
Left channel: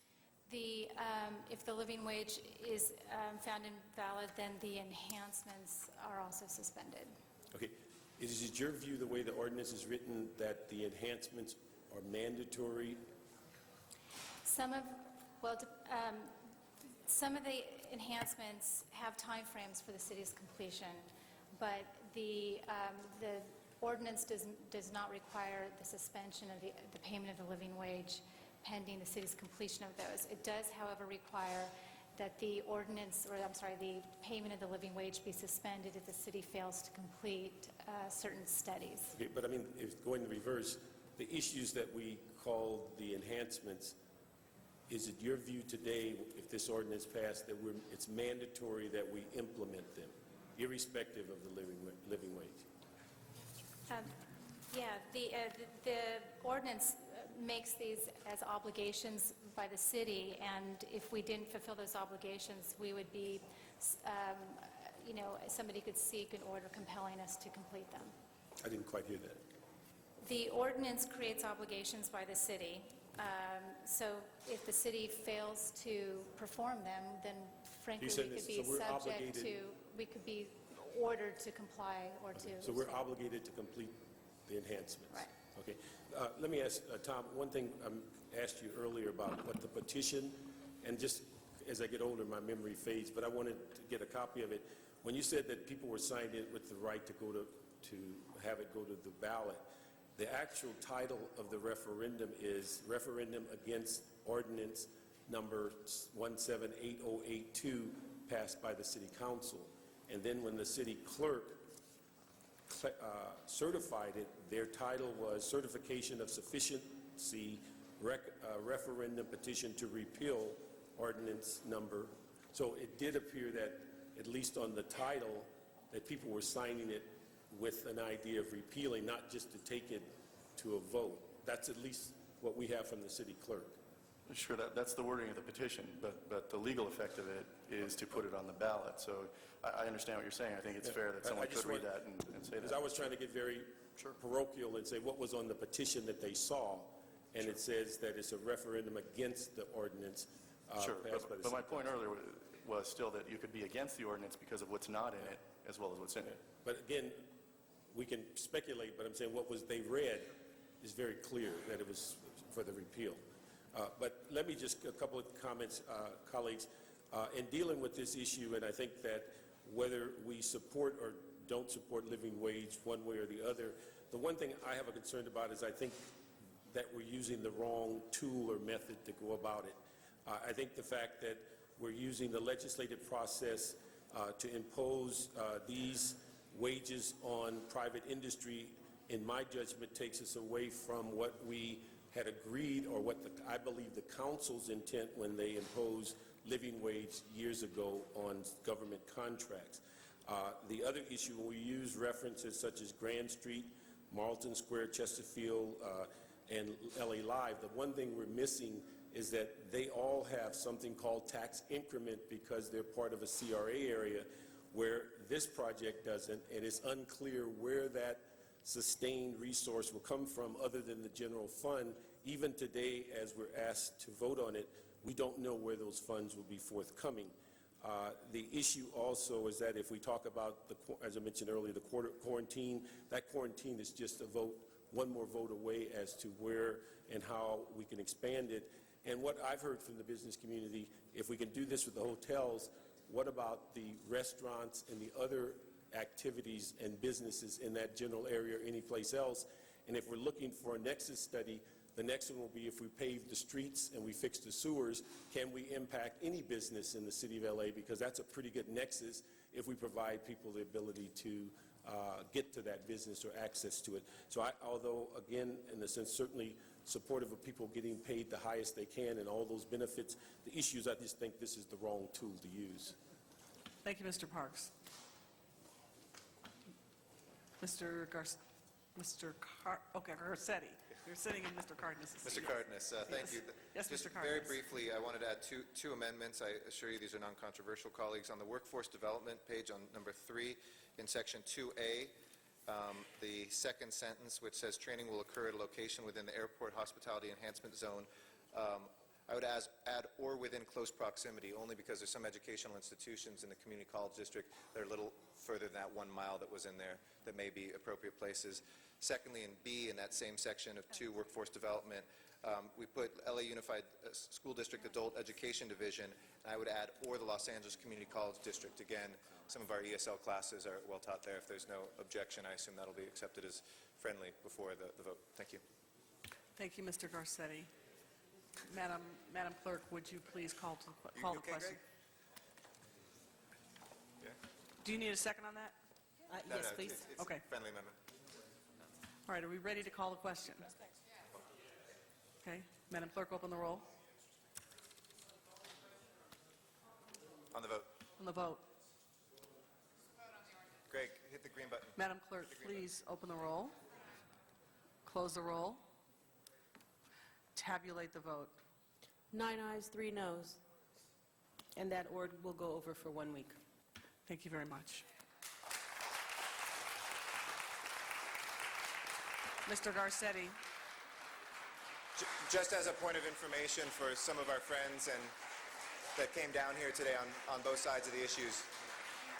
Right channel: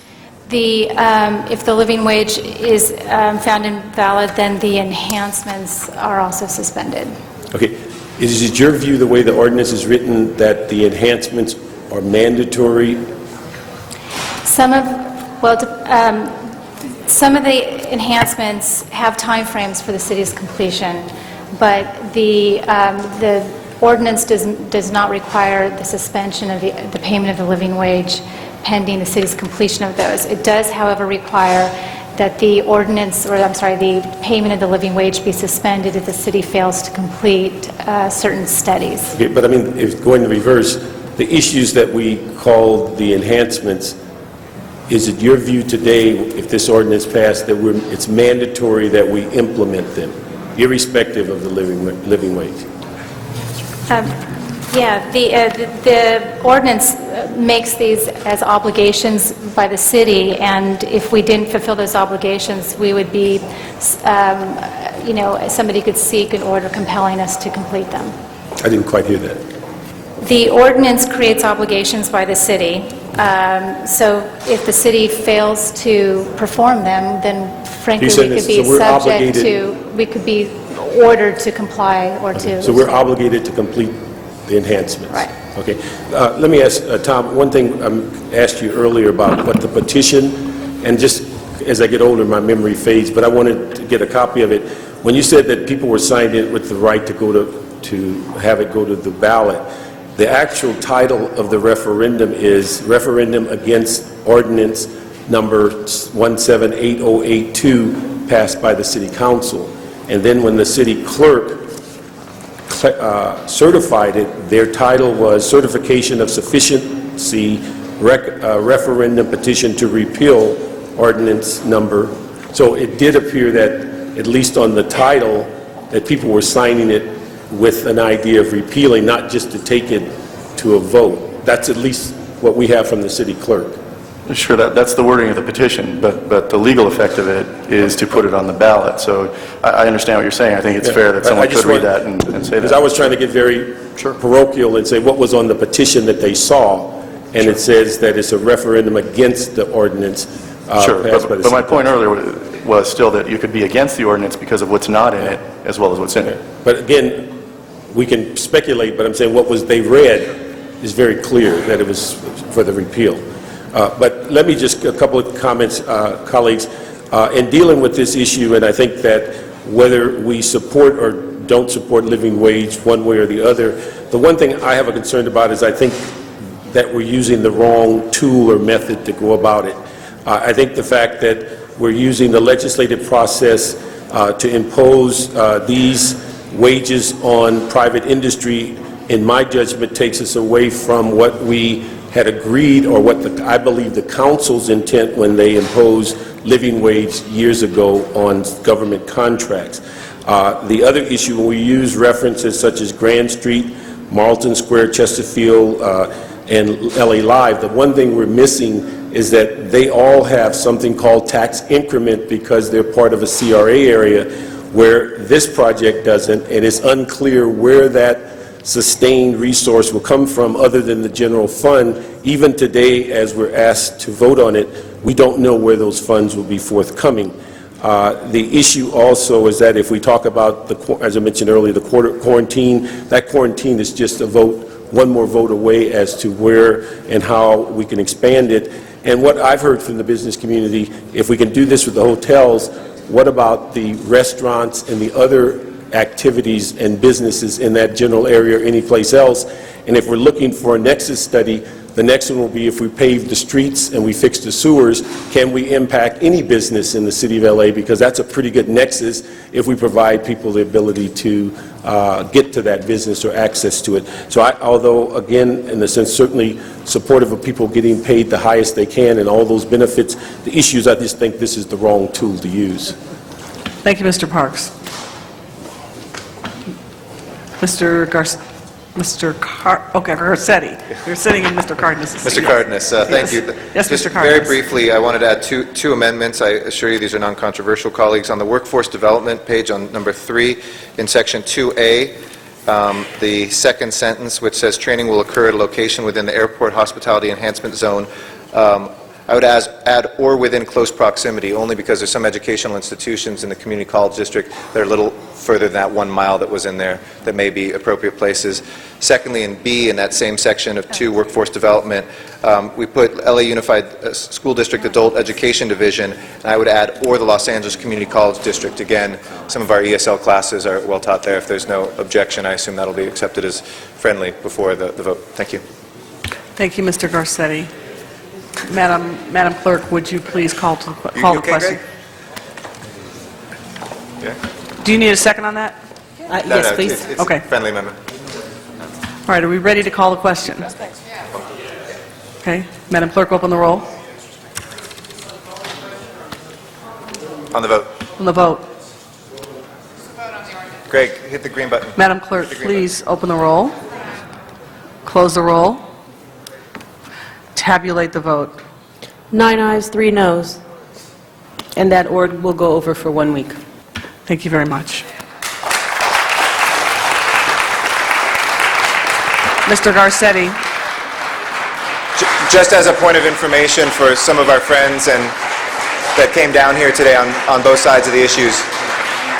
If the living wage is found invalid, then the enhancements are also suspended. Okay. Is it your view, the way the ordinance is written, that the enhancements are mandatory? Some of the enhancements have timeframes for the city's completion, but the ordinance does not require the suspension of the payment of the living wage pending the city's completion of those. It does, however, require that the payment of the living wage be suspended if the city fails to complete certain studies. Okay, but if going in reverse, the issues that we call the enhancements, is it your view today, if this ordinance passed, that it's mandatory that we implement them, irrespective of the living wage? The ordinance makes these as obligations by the city, and if we didn't fulfill those obligations, we would be, somebody could seek an order compelling us to complete them. I didn't quite hear that. The ordinance creates obligations by the city, So if the city fails to perform them, then frankly, You said we could this, be so we're subject obligated- to, we could be ordered to comply or to... So we're obligated to complete the enhancements? Right. Okay. Let me ask, Tom, one thing I asked you earlier about what the petition, and just as I get older, my memory fades, but I wanted to get a copy of it. When you said that people were signed in with the right to go to have it go to the ballot, the actual title of the referendum is Referendum Against Ordinance Number 178082, passed by the City Council. And then when the city clerk certified it, their title was Certification of Sufficiency Referendum Petition to Repeal Ordinance Number. So it did appear that, at least on the title, that people were signing it with an idea of repealing, not just to take it to a vote. That's at least what we have from the city clerk. Sure, that's the wording of the petition, but the legal effect of it is to put it on the ballot. So I understand what you're saying. I think it's fair that someone could read that and say that. Because I was trying to get very parochial and say what was on the petition that they saw, and it says that it's a referendum against the ordinance Sure, passed by the but my city point council. earlier was still that you could be against the ordinance because of what's not in it as well as what's in it. But again, we can speculate, but I'm saying what was they read is very clear that it was for the repeal. But let me just, a couple of comments, colleagues. In dealing with this issue, and I think that whether we support or don't support living wage one way or the other, the one thing I have a concern about is I think that we're using the wrong tool or method to go about it. I think the fact that we're using the legislative process to impose these wages on private industry, in my judgment, takes us away from what we had agreed, or what I believe the council's intent when they imposed living wage years ago on government contracts. The other issue, when we use references such as Grand Street, Marlton Square, Chesterfield, and LA Live, the one thing we're missing is that they all have something called tax increment because they're part of a CRA area, where this project doesn't, and it's unclear where that sustained resource will come from other than the general fund. Even today, as we're asked to vote on it, we don't know where those funds will be forthcoming. The issue also is that if we talk about, as I mentioned earlier, the quarantine, that quarantine is just a vote, one more vote away as to where and how we can expand it. And what I've heard from the business community, if we can do this with the hotels, what about the restaurants and the other activities and businesses in that general area or any place else? And if we're looking for a nexus study, the next one will be if we pave the streets and we fix the sewers, can we impact any business in the city of LA? Because that's a pretty good nexus if we provide people the ability to get to that business or access to it. So although, again, in a sense, certainly supportive of people getting paid the highest they can and all those benefits, the issues, I just think this is the wrong tool to use. Thank you, Mr. Parks. Garcetti. You're sitting in Mr. Cardenas' seat. Mr. Cardenas, thank you. Yes, Just Mr. Cardenas. very briefly, I wanted to add two amendments. I assure you these are non-controversial, colleagues. On the workforce development page on number 3, in section 2A, the second sentence, which says training will occur at a location within the airport hospitality enhancement zone, I would add or within close proximity, only because there's some educational institutions in the community college district that are a little further than that 1 mile that was in there that may be appropriate places. Secondly, in B, in that same section of 2, workforce development, we put LA Unified School District Adult Education Division, and I would add or the Los Angeles Community College District. Again, some of our ESL classes are well taught there. If there's no objection, I assume that'll be accepted as friendly before the vote. Thank you. Thank you, Mr. Garcetti. Madam Clerk, would you please call the question? Yeah. Do you need a second on that? Yes, please. It's Okay. a friendly amendment. All right, are we ready to call the question? Okay. Madam Clerk, open the roll. On the vote. On the vote. Greg, hit the green button. Madam Clerk, please open the roll. Close the roll. Tabulate the vote. 9 ayes, 3 noes. And that order will go over for 1 week. Thank you very much. Mr. Garcetti. Just as a point of information for some of our friends and that came down here today on both sides of the issues,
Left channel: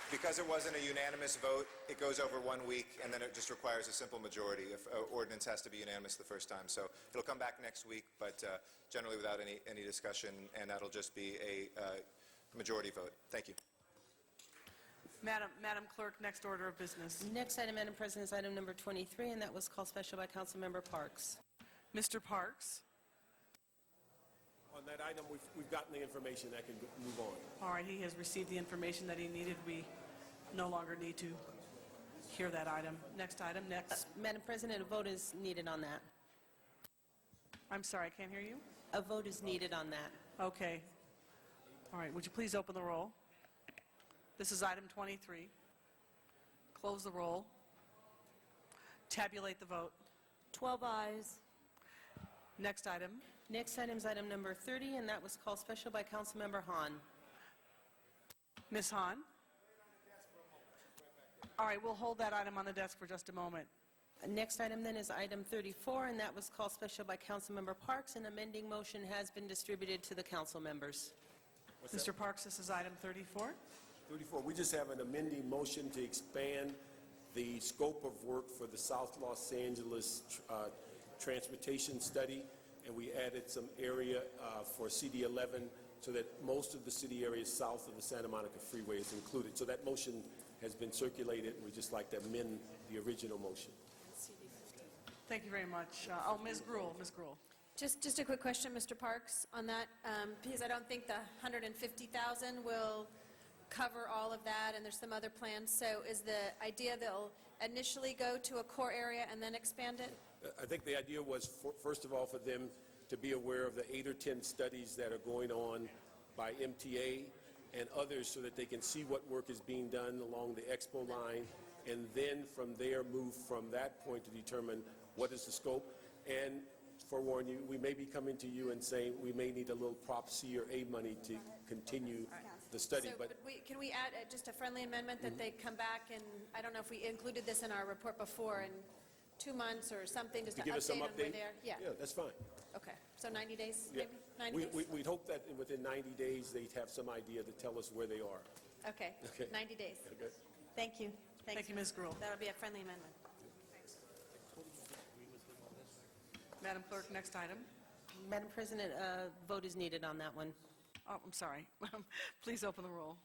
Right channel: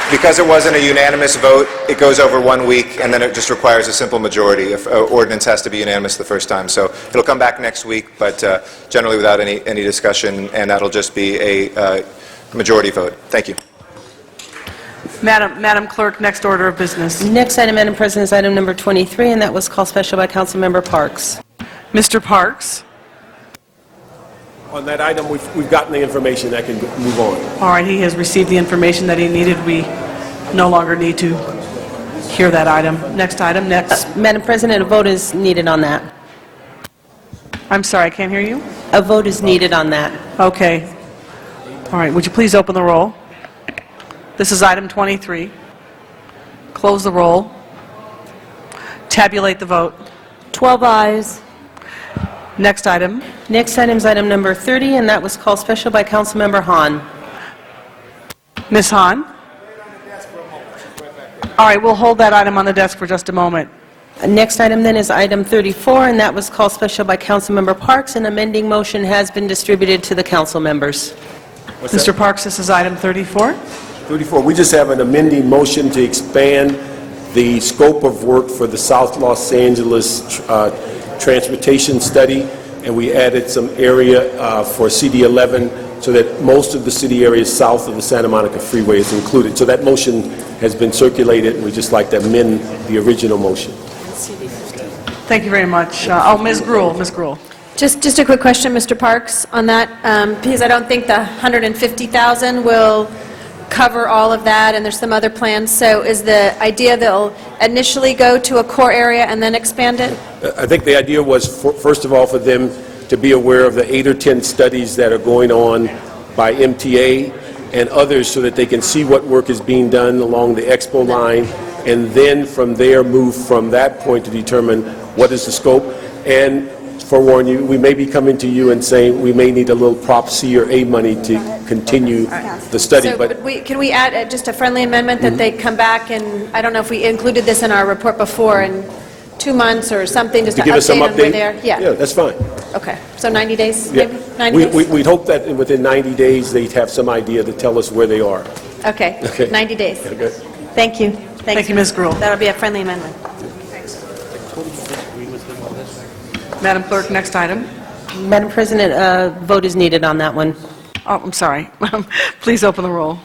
because it wasn't a unanimous vote, it goes over 1 week, and then it just requires a simple majority. If ordinance has to be unanimous the first time. So it'll come back next week, but generally without any discussion, and that'll just be a majority vote. Thank you. Madam Clerk, next order of business. Next item, Madam President, is item number 23, and that was called special by Councilmember Parks. Mr. Parks? On that item, we've gotten the information that can move on. All right, he has received the information that he needed. We no longer need to hear that item. Next item, next. Madam President, a vote is needed on that. I'm sorry, I can't hear you. A vote is needed on that. Okay. All right, would you please open the roll? This is item 23. Close the roll. Tabulate the vote. 12 ayes. Next item. Next item is item number 30, and that was called special by Councilmember Hahn. Ms. Hahn? All right, we'll hold that item on the desk for just a moment. Next item then is item 34, and that was called special by Councilmember Parks. An amending motion has been distributed to the council members. Mr. Parks, this is item 34. 34, we just have an amending motion to expand the scope of work for the South Los Angeles transportation study, and we added some area for CD11 so that most of the city areas south of the Santa Monica Freeway is included. So that motion has been circulated, and we'd just like to amend the original motion. Thank you very much. Ms. Gruhl. Ms. Gruhl. Just a quick question, Mr. Parks, on that, because I don't think the $150,000 will cover all of that, and there's some other plans. So is the idea they'll initially go to a core area and then expand it? I think the idea was, first of all, for them to be aware of the 8 or 10 studies that are going on by MTA and others so that they can see what work is being done along the Expo line, and then from there move from that point to determine what is the scope. And forewarn you, we may be coming to you and saying we may need a little Prop C or A money to continue the study. So, can we add just a friendly amendment that they come back, and I don't know if we included this in our report before, in 2 months or something, just to give us some update on where update? they are? Yeah, that's fine. Okay, so 90 days, Yeah. maybe? 90 days? We'd hope that within 90 days they'd have some idea to tell us where they are. Okay, Okay. 90 days. Okay. Thank you. Thank you, Ms. Gruhl. That'll be a friendly amendment. Madam Clerk, next item. Madam President, a vote is needed on that one. Oh, I'm sorry. Please open the roll.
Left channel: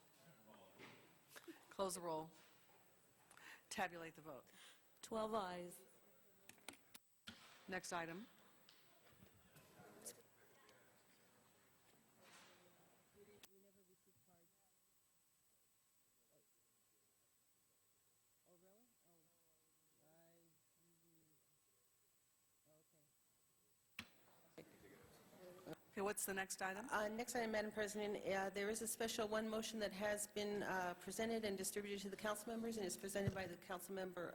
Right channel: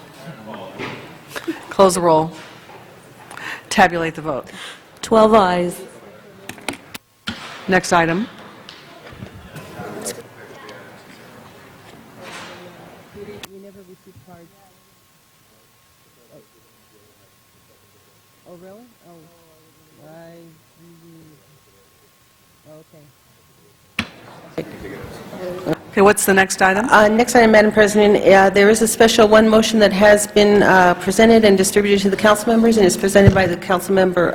Close the roll. Tabulate the vote. 12 ayes. Next item. Oh, really? Oh, Okay, what's the next item? Next item, Madam President, there is a special one motion that has been presented and distributed to the council members, and is presented by the council member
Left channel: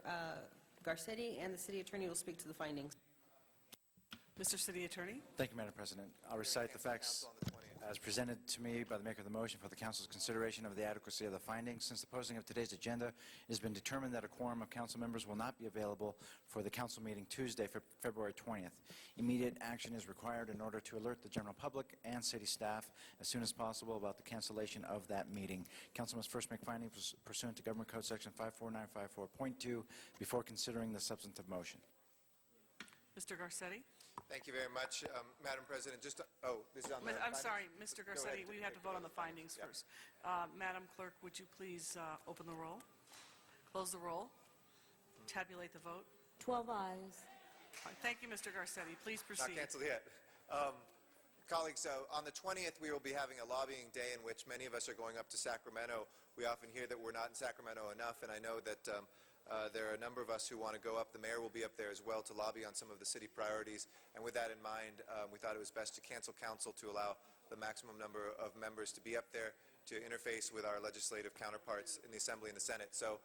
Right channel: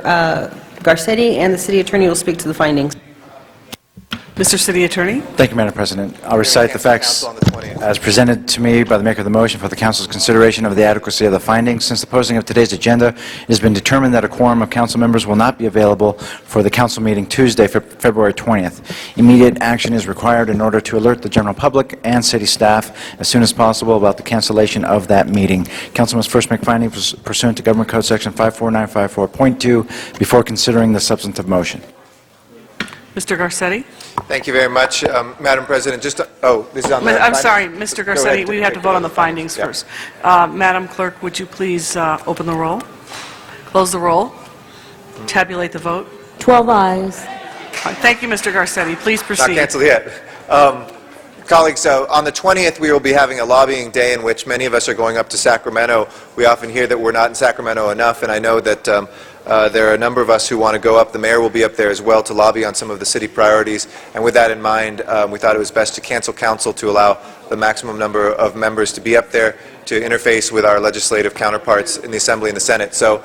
Garcetti, and the city attorney will speak to the findings. Mr. City Attorney? Thank you, Madam President. I'll recite the facts as presented to me by the maker of the motion for the council's consideration of the adequacy of the findings. Since the posting of today's agenda, it has been determined that a quorum of council members will not be available for the council meeting Tuesday, February 20th. Immediate action is required in order to alert the general public and city staff as soon as possible about the cancellation of that meeting. Council must first make findings pursuant to Government Code Section 54954.2 before considering the substantive motion. Mr. Garcetti? Thank you very much, Madam President. This is on the... I'm sorry, Mr. Go Garcetti, ahead. we have to vote on the findings first. Madam Clerk, would you please open the roll, close the roll, tabulate the vote? 12 ayes. Thank you, Mr. Garcetti. Please Not proceed. canceled yet. Colleagues, so on the 20th, we will be having a lobbying day in which many of us are going up to Sacramento. We often hear that we're not in Sacramento enough, and I know that there are a number of us who want to go up. The mayor will be up there as well to lobby on some of the city priorities. And with that in mind, we thought it was best to cancel council to allow the maximum number of members to be up there to interface with our legislative counterparts in the Assembly and the Senate. So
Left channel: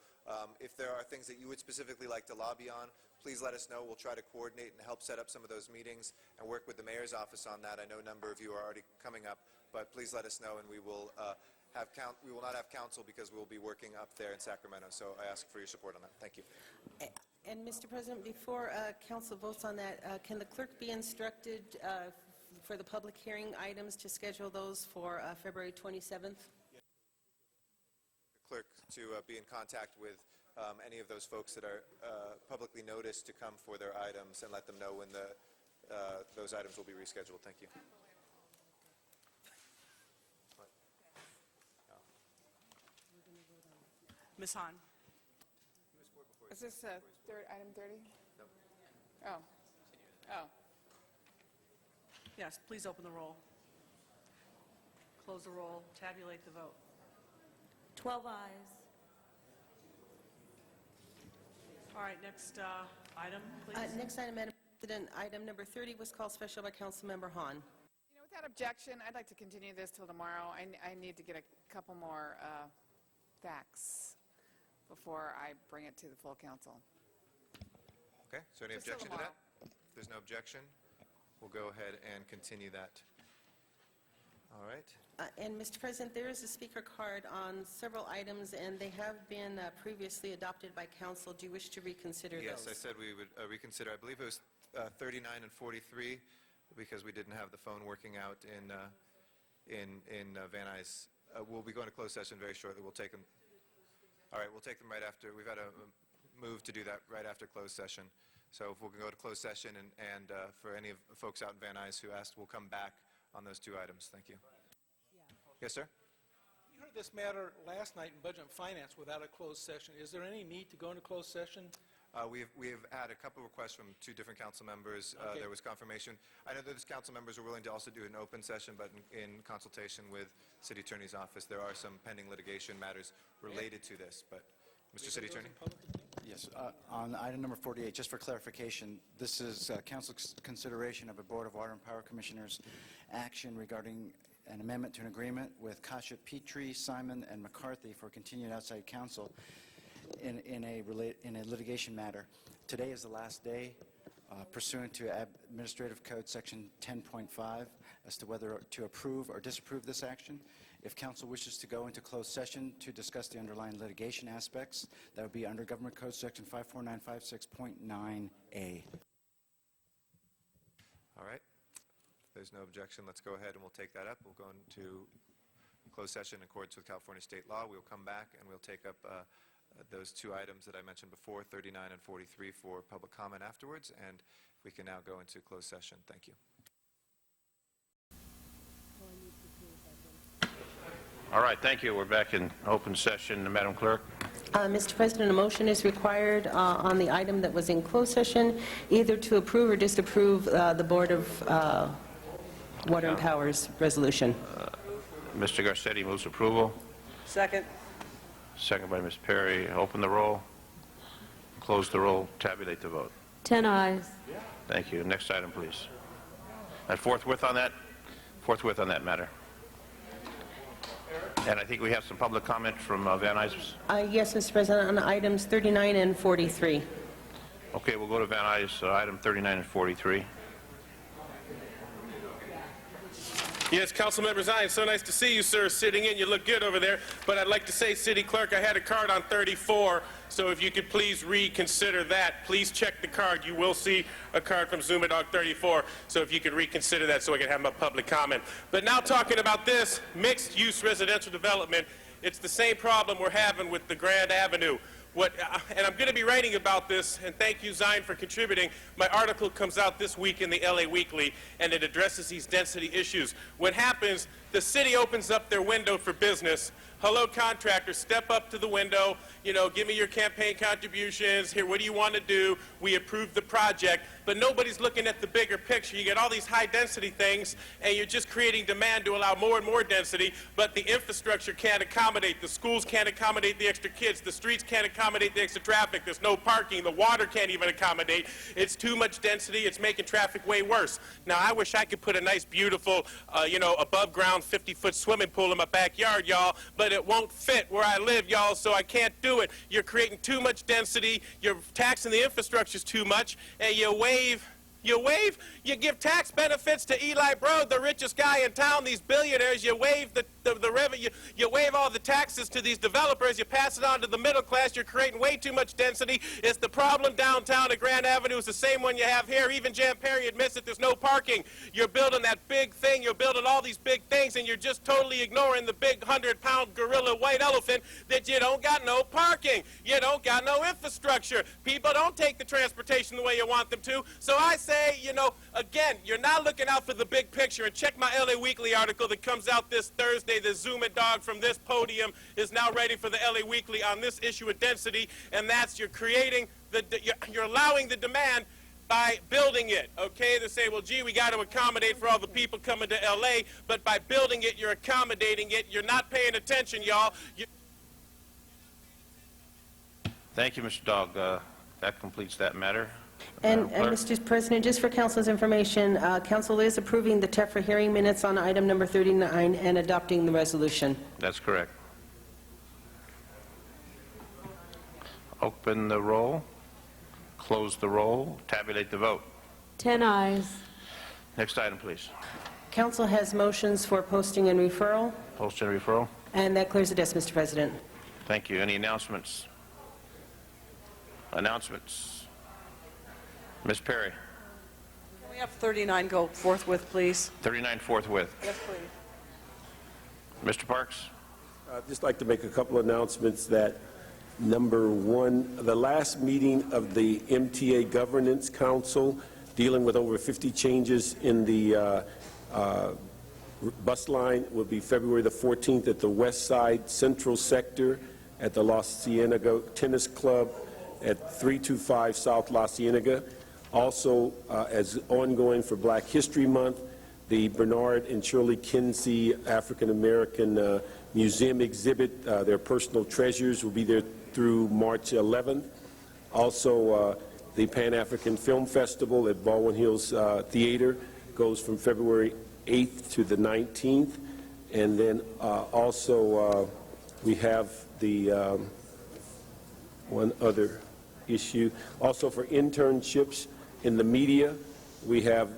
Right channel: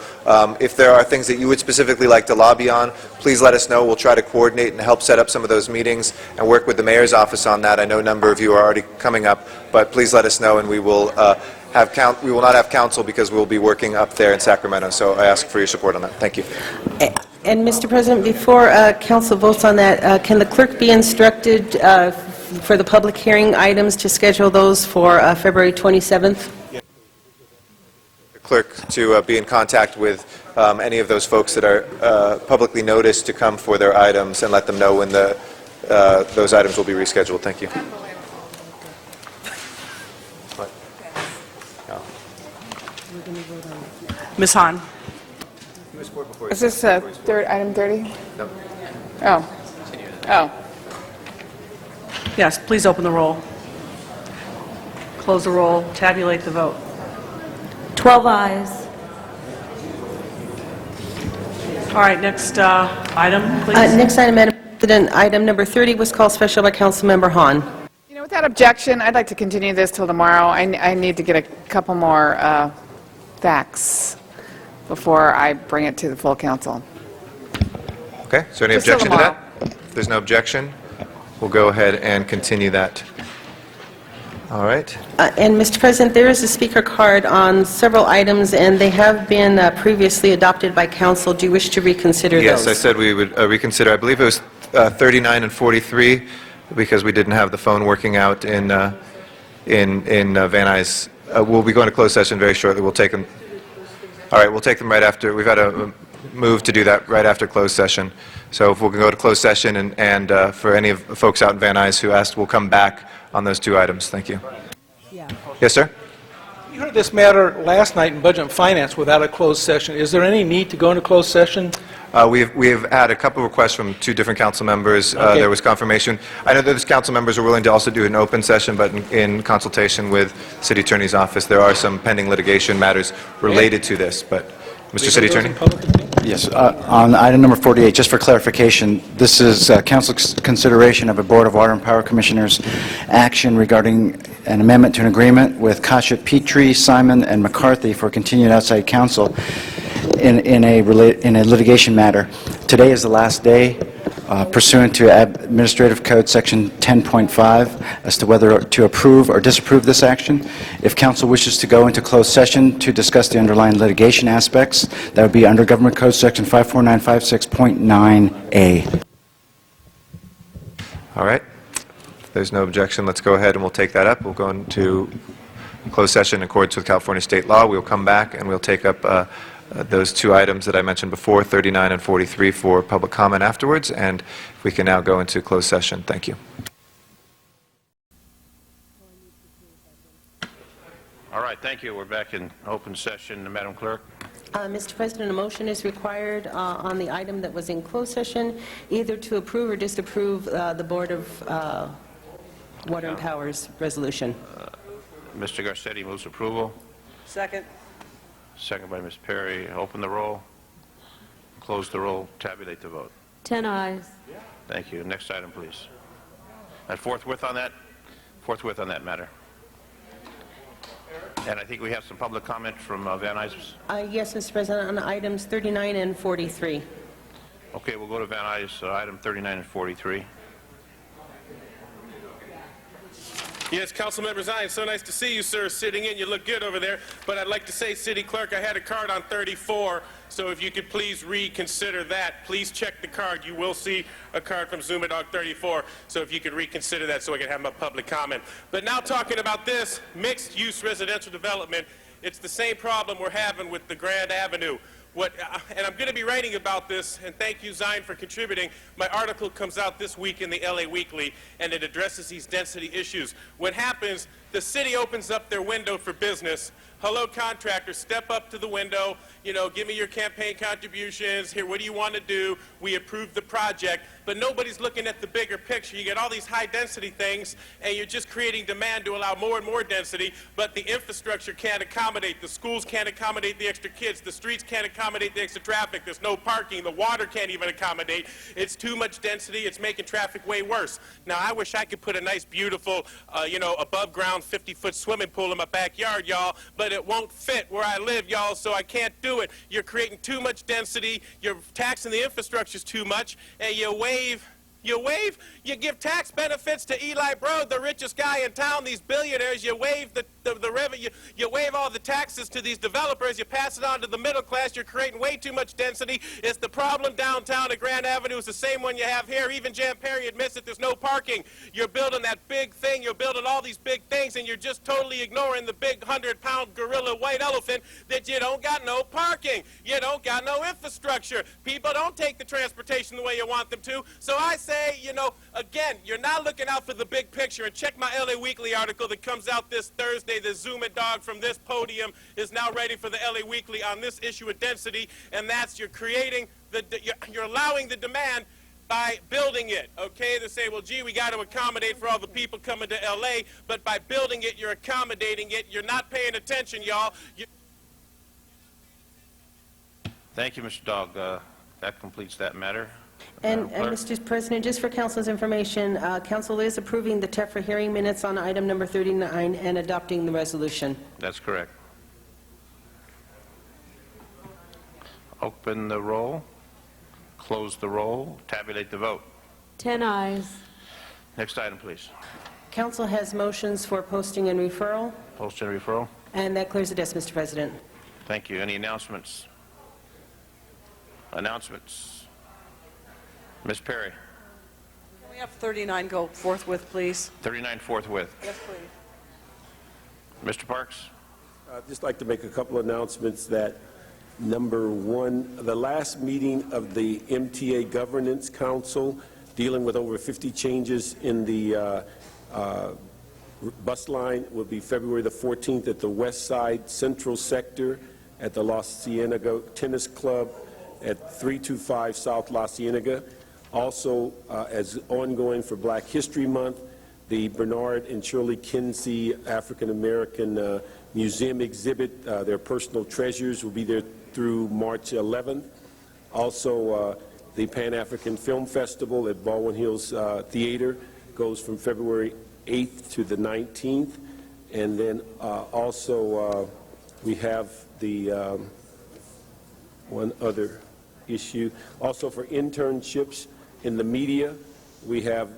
if there are things that you would specifically like to lobby on, please let us know. We'll try to coordinate and help set up some of those meetings and work with the mayor's office on that. I know a number of you are already coming up, but please let us know, and we will we will not have council because we'll be working up there in Sacramento. So I ask for your support on that. Thank you. And, Mr. President, before council votes on that, can the clerk be instructed for the public hearing items to schedule those for February 27th? The clerk to be in contact with any of those folks that are publicly noticed to come for their items and let them know when those items will be rescheduled. Thank you. Ms. Hahn. Is this item 30? No. Oh. Oh. Yes, please open the roll. Close the roll. Tabulate the vote. 12 ayes. All right, next item, please. Next item, Madam President, item number 30 was called special by Councilmember Hahn. You know, without objection, I'd like to continue this till tomorrow. I need to get a couple more facts before I bring it to the full council. Okay, is there any Just till objection to that? If there's no objection, we'll go ahead and continue that. All right. And, Mr. President, there is a speaker card on several items, and they have been previously adopted by council. Do you wish to reconsider those? Yes, I said we would reconsider. I believe it was 39 and 43, because we didn't have the phone working out in Van Nuys. We'll be going to closed session very shortly. We'll take them. All right, we'll take them right after. We've had a move to do that right after closed session. So if we can go to closed session, and for any of the folks out in Van Nuys who asked, we'll come back on those two items. Thank you. Yes, sir? We heard this matter last night in Budget and Finance without a closed session. Is there any need to go into closed session? We've had a couple of requests from two different council members. Okay. There was confirmation. I know that those council members are willing to also do an open session, but in consultation with City Attorney's Office, there are some pending litigation matters related to this. But, Mr. City Attorney? Yes, on item number 48, just for clarification, this is council's consideration of a Board of Water and Power Commissioners action regarding an amendment to an agreement with Kasha Petrie, Simon, and McCarthy for continued outside counsel in a litigation matter. Today is the last day pursuant to Administrative Code Section 10.5 as to whether to approve or disapprove this action. If council wishes to go into closed session to discuss the underlying litigation aspects, that would be under Government Code Section 54956.9A. All right. If there's no objection, let's go ahead and we'll take that up. We'll go into closed session in accordance with California state law. We'll come back and we'll take up those two items that I mentioned before, 39 and 43, for public comment afterwards. And we can now go into closed session. Thank you. All right, thank you. We're back in open session. Madam Clerk? Mr. President, a motion is required on the item that was in closed session, either to approve or disapprove the Board of Water and Power's resolution. Mr. Garcetti moves approval. Second. Second by Ms. Perry. Open the roll. Close the roll. Tabulate the vote. 10 ayes. Thank you. Next item, please. And forthwith on that matter. And I think we have some public comment from Van Nuys. Yes, Mr. President, on items 39 and 43. Okay, we'll go to Van Nuys, item 39 and 43. Yes, Councilmember Zion, so nice to see you, sir, sitting in. You look good over there. But I'd like to say, City Clerk, I had a card on 34, so if you could please reconsider that. Please check the card. You will see a card from Zumadog 34, so if you could reconsider that so I can have my public comment. But now talking about this mixed-use residential development, it's the same problem we're having with the Grand Avenue. And I'm going to be writing about this, and thank you, Zion, for contributing. My article comes out this week in the LA Weekly, and it addresses these density issues. What happens, the city opens up their window for business. Hello, contractors, step up to the window, give me your campaign contributions. Here, what do you want to do? We approve the project. But nobody's looking at the bigger picture. You get all these high-density things, and you're just creating demand to allow more and more density, but the infrastructure can't accommodate. The schools can't accommodate the extra kids. The streets can't accommodate the extra traffic. There's no parking. The water can't even accommodate. It's too much density. It's making traffic way worse. Now, I wish I could put a nice, beautiful, above-ground 50-foot swimming pool in my backyard, y'all, but it won't fit where I live, y'all, so I can't do it. You're creating too much density. You're taxing the infrastructures too much, and you waive You give tax benefits to Eli Broad, the richest guy in town, these billionaires. You waive the revenue, you waive all the taxes to these developers. You pass it on to the middle class. You're creating way too much density. It's the problem downtown at Grand Avenue. It's the same one you have here. Even Jan Perry admits that there's no parking. You're building that big thing. You're building all these big things, and you're just totally ignoring the big 100-pound gorilla white elephant that you don't got no parking. You don't got no infrastructure. People don't take the transportation the way you want them to. So I say, you know, again, you're not looking out for the big picture. And check my LA Weekly article that comes out this Thursday. The Zoom It Dog from this podium is now ready for the LA Weekly on this issue of density, and that's you're allowing the demand by building it, okay? They say, well, gee, we got to accommodate for all the people coming to L.A., but by building it, you're accommodating it. You're not paying attention, y'all. Thank you, Mr. Dog. That completes that matter. And Mr. President, just for council's information, council is approving the TEFRA hearing minutes on item number 39 and adopting the resolution. That's correct. Open the roll, close the roll, tabulate the vote. 10 ayes. Next item, please. Council has motions for posting and referral, Post and referral. and that clears the desk, Mr. President. Thank you. Any announcements? Announcements. Ms. Perry. Can we have 39 go forthwith, please? 39 forthwith. Yes, please. Mr. Parks? I'd just like to make a couple announcements that, number one, the last meeting of the MTA Governance Council dealing with over 50 changes in the bus line will be February the 14th at the West Side Central Sector at the La Cienega Tennis Club at 325 South La Cienega. Also, as ongoing for Black History Month, the Bernard and Shirley Kinsey African American Museum exhibit, their personal treasures, will be there through March 11th. Also, the Pan-African Film Festival at Baldwin Hills Theater goes from February 8th to the 19th. And then also we have the one other issue. Also for internships in the media, we have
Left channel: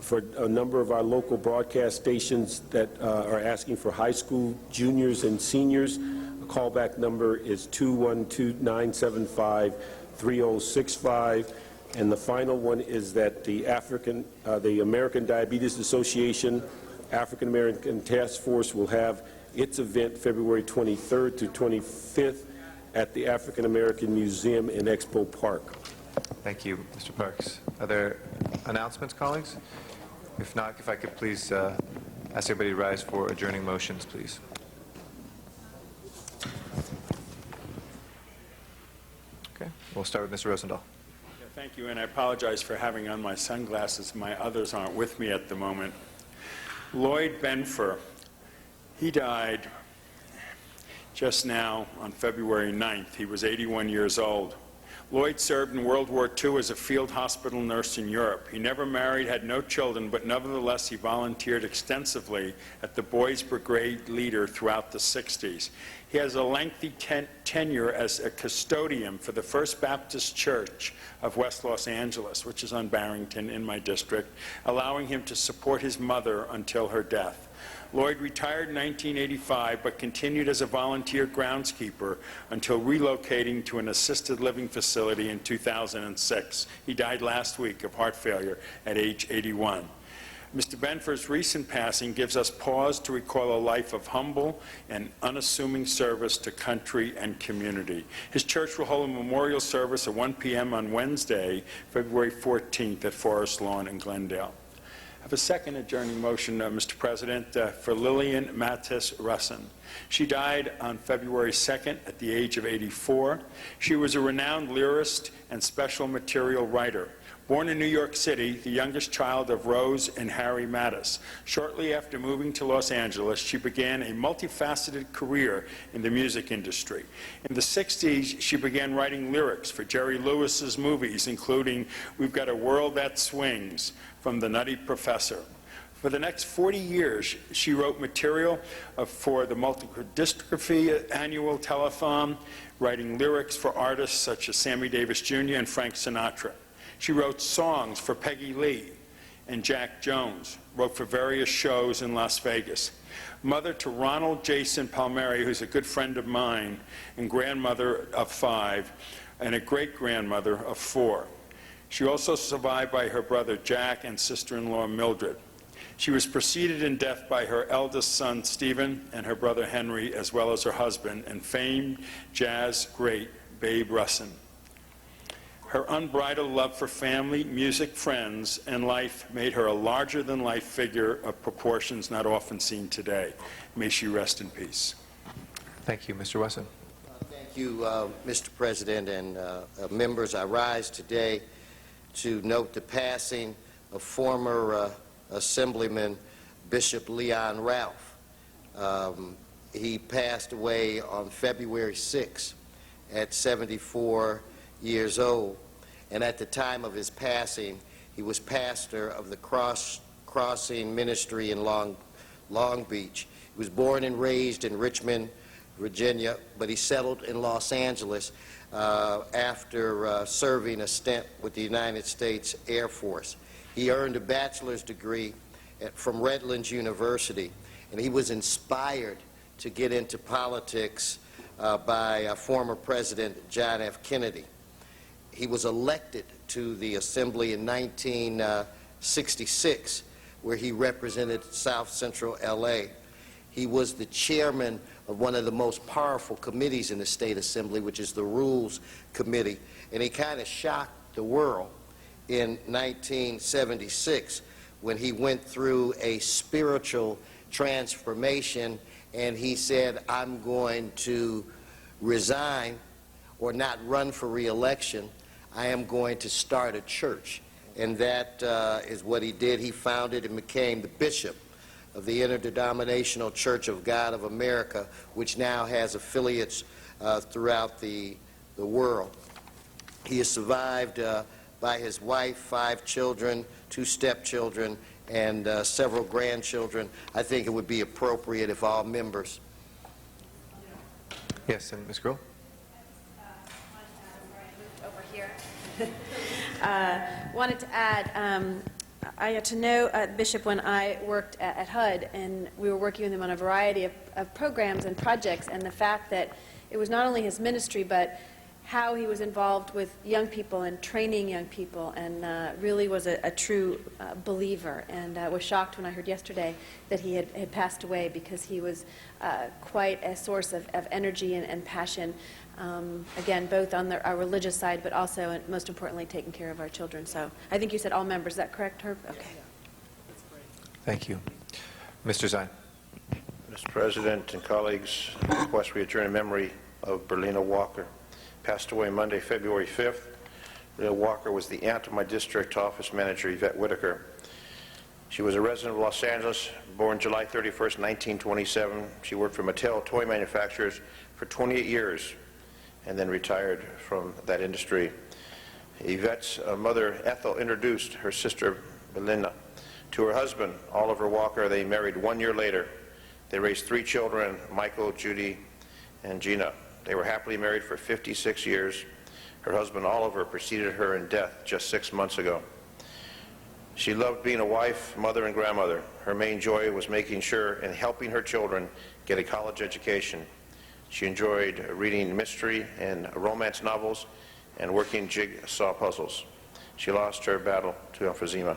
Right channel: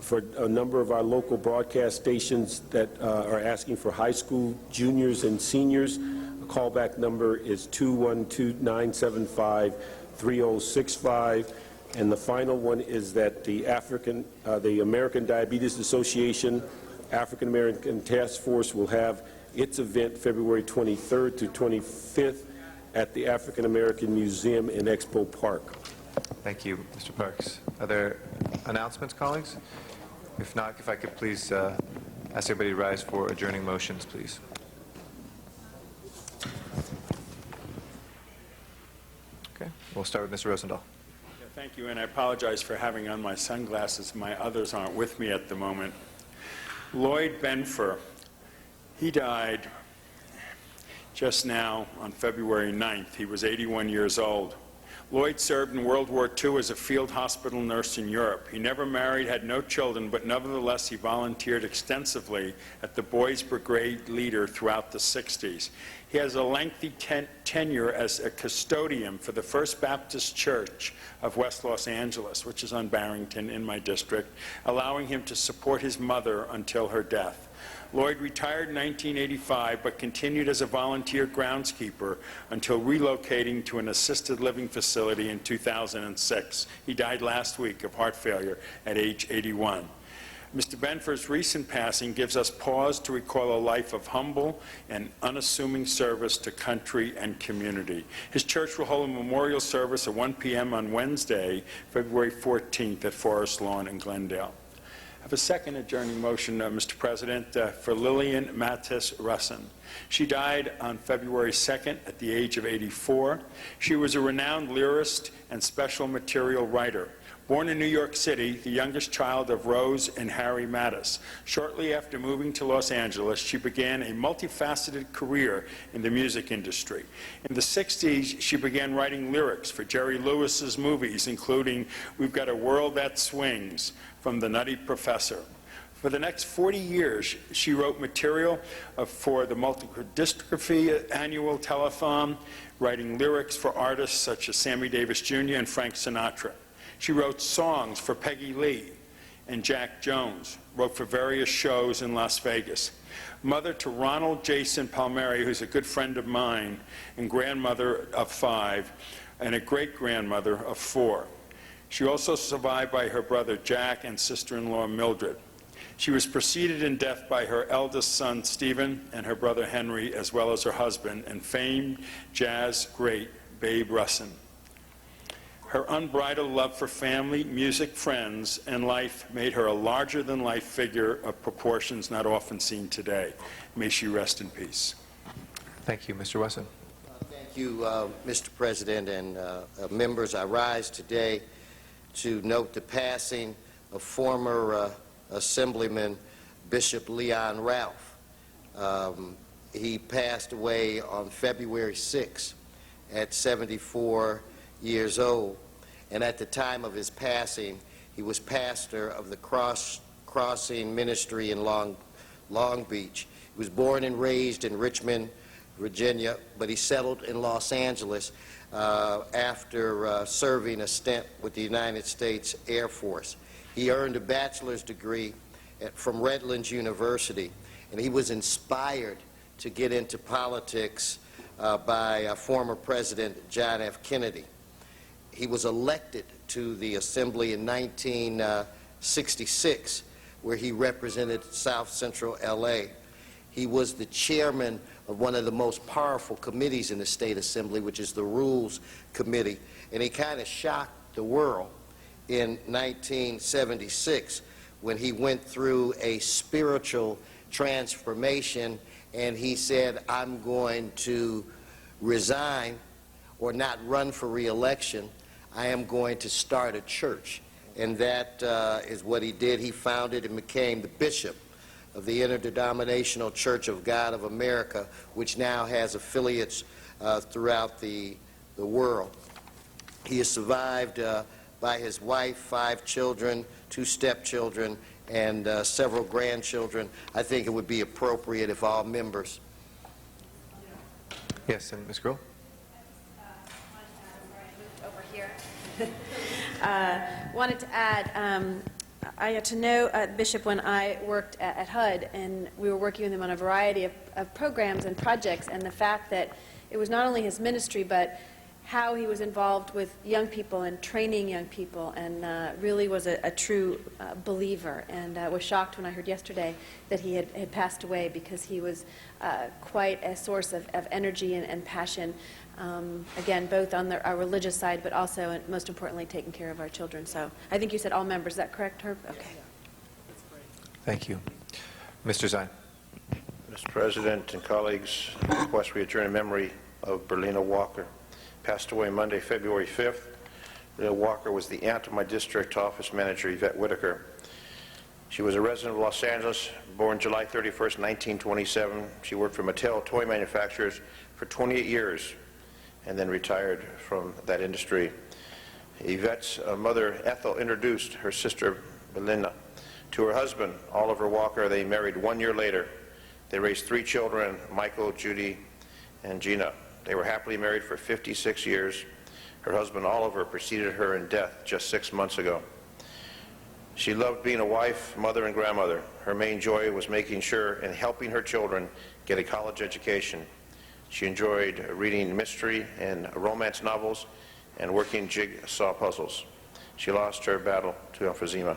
for a number of our local broadcast stations that are asking for high school juniors and seniors. The callback number is 212-975-3065. And the final one is that the American Diabetes Association African American Task Force will have its event February 23rd to 25th at the African American Museum in Expo Park. Thank you, Mr. Parks. Are there announcements, colleagues? If not, if I could please ask everybody to rise for adjourning motions, please. Okay, we'll start with Mr. Rosendahl. Yeah, thank you, and I apologize for having on my sunglasses. My others aren't with me at the moment. Lloyd Benfer, he died just now on February 9th. He was 81 years old. Lloyd served in World War II as a field hospital nurse in Europe. He never married, had no children, but nevertheless he volunteered extensively at the Boys Brigade leader throughout the 60s. He has a lengthy tenure as a custodian for the First Baptist Church of West Los Angeles, which is on Barrington in my district, allowing him to support his mother until her death. Lloyd retired in 1985, but continued as a volunteer groundskeeper until relocating to an assisted living facility in 2006. He died last week of heart failure at age 81. Mr. Benfer's recent passing gives us pause to recall a life of humble and unassuming service to country and community. His church will hold a memorial service at 1 p.m. on Wednesday, February 14th at Forest Lawn in Glendale. I have a second adjourning motion, Mr. President, for Lillian Mattis Russin. She died on February 2nd at the age of 84. She was a renowned lyrist and special material writer. Born in New York City, the youngest child of Rose and Harry Mattis. Shortly after moving to Los Angeles, she began a multifaceted career in the music industry. In the 60s, she began writing lyrics for Jerry Lewis's movies, including We've Got a World That Swings from The Nutty Professor. For the next 40 years, she wrote material for the Multiple Dystrophy Annual Telethon, writing lyrics for artists such as Sammy Davis Jr. and Frank Sinatra. She wrote songs for Peggy Lee and Jack Jones, wrote for various shows in Las Vegas. Mother to Ronald Jason Palmieri, who's a good friend of mine, and grandmother of 5, and a great-grandmother of 4. She also survived by her brother Jack and sister-in-law Mildred. She was preceded in death by her eldest son Stephen and her brother Henry, as well as her husband and famed jazz great Babe Russin. Her unbridled love for family, music, friends, and life made her a larger-than-life figure of proportions not often seen today. May she rest in peace. Thank you. Mr. Wesson. Thank you, Mr. President and members. I rise today to note the passing of former Assemblyman Bishop Leon Ralph. He passed away on February 6 at 74 years old, and at the time of his passing, he was pastor of the Crossing Ministry in Long Beach. He was born and raised in Richmond, Virginia, but he settled in Los Angeles after serving a stint with the United States Air Force. He earned a bachelor's degree from Redlands University, and he was inspired to get into politics by former President John F. Kennedy. He was elected to the Assembly in 1966, where he represented South Central L.A. He was the chairman of one of the most powerful committees in the State Assembly, which is the Rules Committee, and he kind of shocked the world in 1976 when he went through a spiritual transformation, and he said, I'm going to resign or not run for re-election. I am going to start a church. And that is what he did. He founded and became the bishop of the Interdenominational Church of God of America, which now has affiliates throughout the world. He is survived by his wife, 5 children, 2 stepchildren, and several grandchildren. I think it would be appropriate if all members... Yes, and Ms. Gruhl? Over here. Wanted to add, I got to know Bishop when I worked at HUD, and we were working with him on a variety of programs and projects, and the fact that it was not only his ministry, but how he was involved with young people and training young people, and really was a true believer, and was shocked when I heard yesterday that he had passed away, because he was quite a source of energy and passion, again, both on our religious side, but also, and most importantly, taking care of our children. So I think you said all members. Is that correct, Herb? Okay. Thank you. Mr. Zine. Mr. President and colleagues, I request we adjourn in memory of Berlina Walker. Passed away Monday, February 5th. Berlina Walker was the aunt of my district office manager, Yvette Whitaker. She was a resident of Los Angeles, born July 31st, 1927. She worked for Mattel toy manufacturers for 28 years and then retired from that industry. Yvette's mother, Ethel, introduced her sister, Belinda, to her husband, Oliver Walker. They married 1 year later. They raised 3 children, Michael, Judy, and Gina. They were happily married for 56 years. Her husband, Oliver, preceded her in death just 6 months ago. She loved being a wife, mother, and grandmother. Her main joy was making sure and helping her children get a college education. She enjoyed reading mystery and romance novels and working jigsaw puzzles. She lost her battle to emphysema.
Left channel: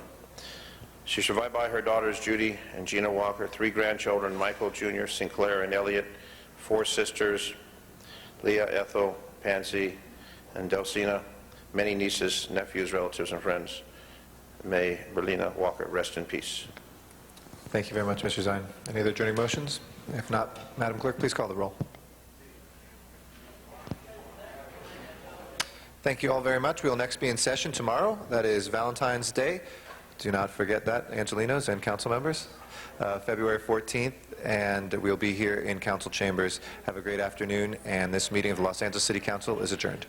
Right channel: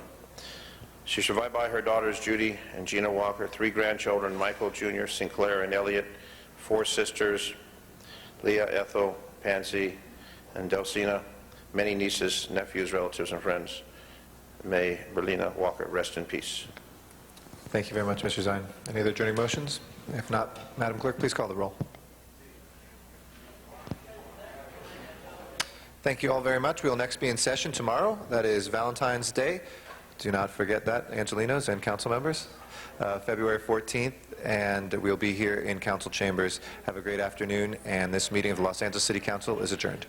She's survived by her daughters, Judy and Gina Walker, 3 grandchildren, Michael Jr., Sinclair, and Elliot, 4 sisters, Leah, Ethel, Pansy, and Delsina, many nieces, nephews, relatives, and friends. May Berlina Walker rest in peace. Thank you very much, Mr. Zine. Any other adjourning motions? If not, Madam Clerk, please call the roll. Thank you all very much. We will next be in session tomorrow. That is Valentine's Day. Do not forget that, Angelenos and council members. February 14th, and we'll be here in council chambers. Have a great afternoon, and this meeting of the Los Angeles City Council is adjourned.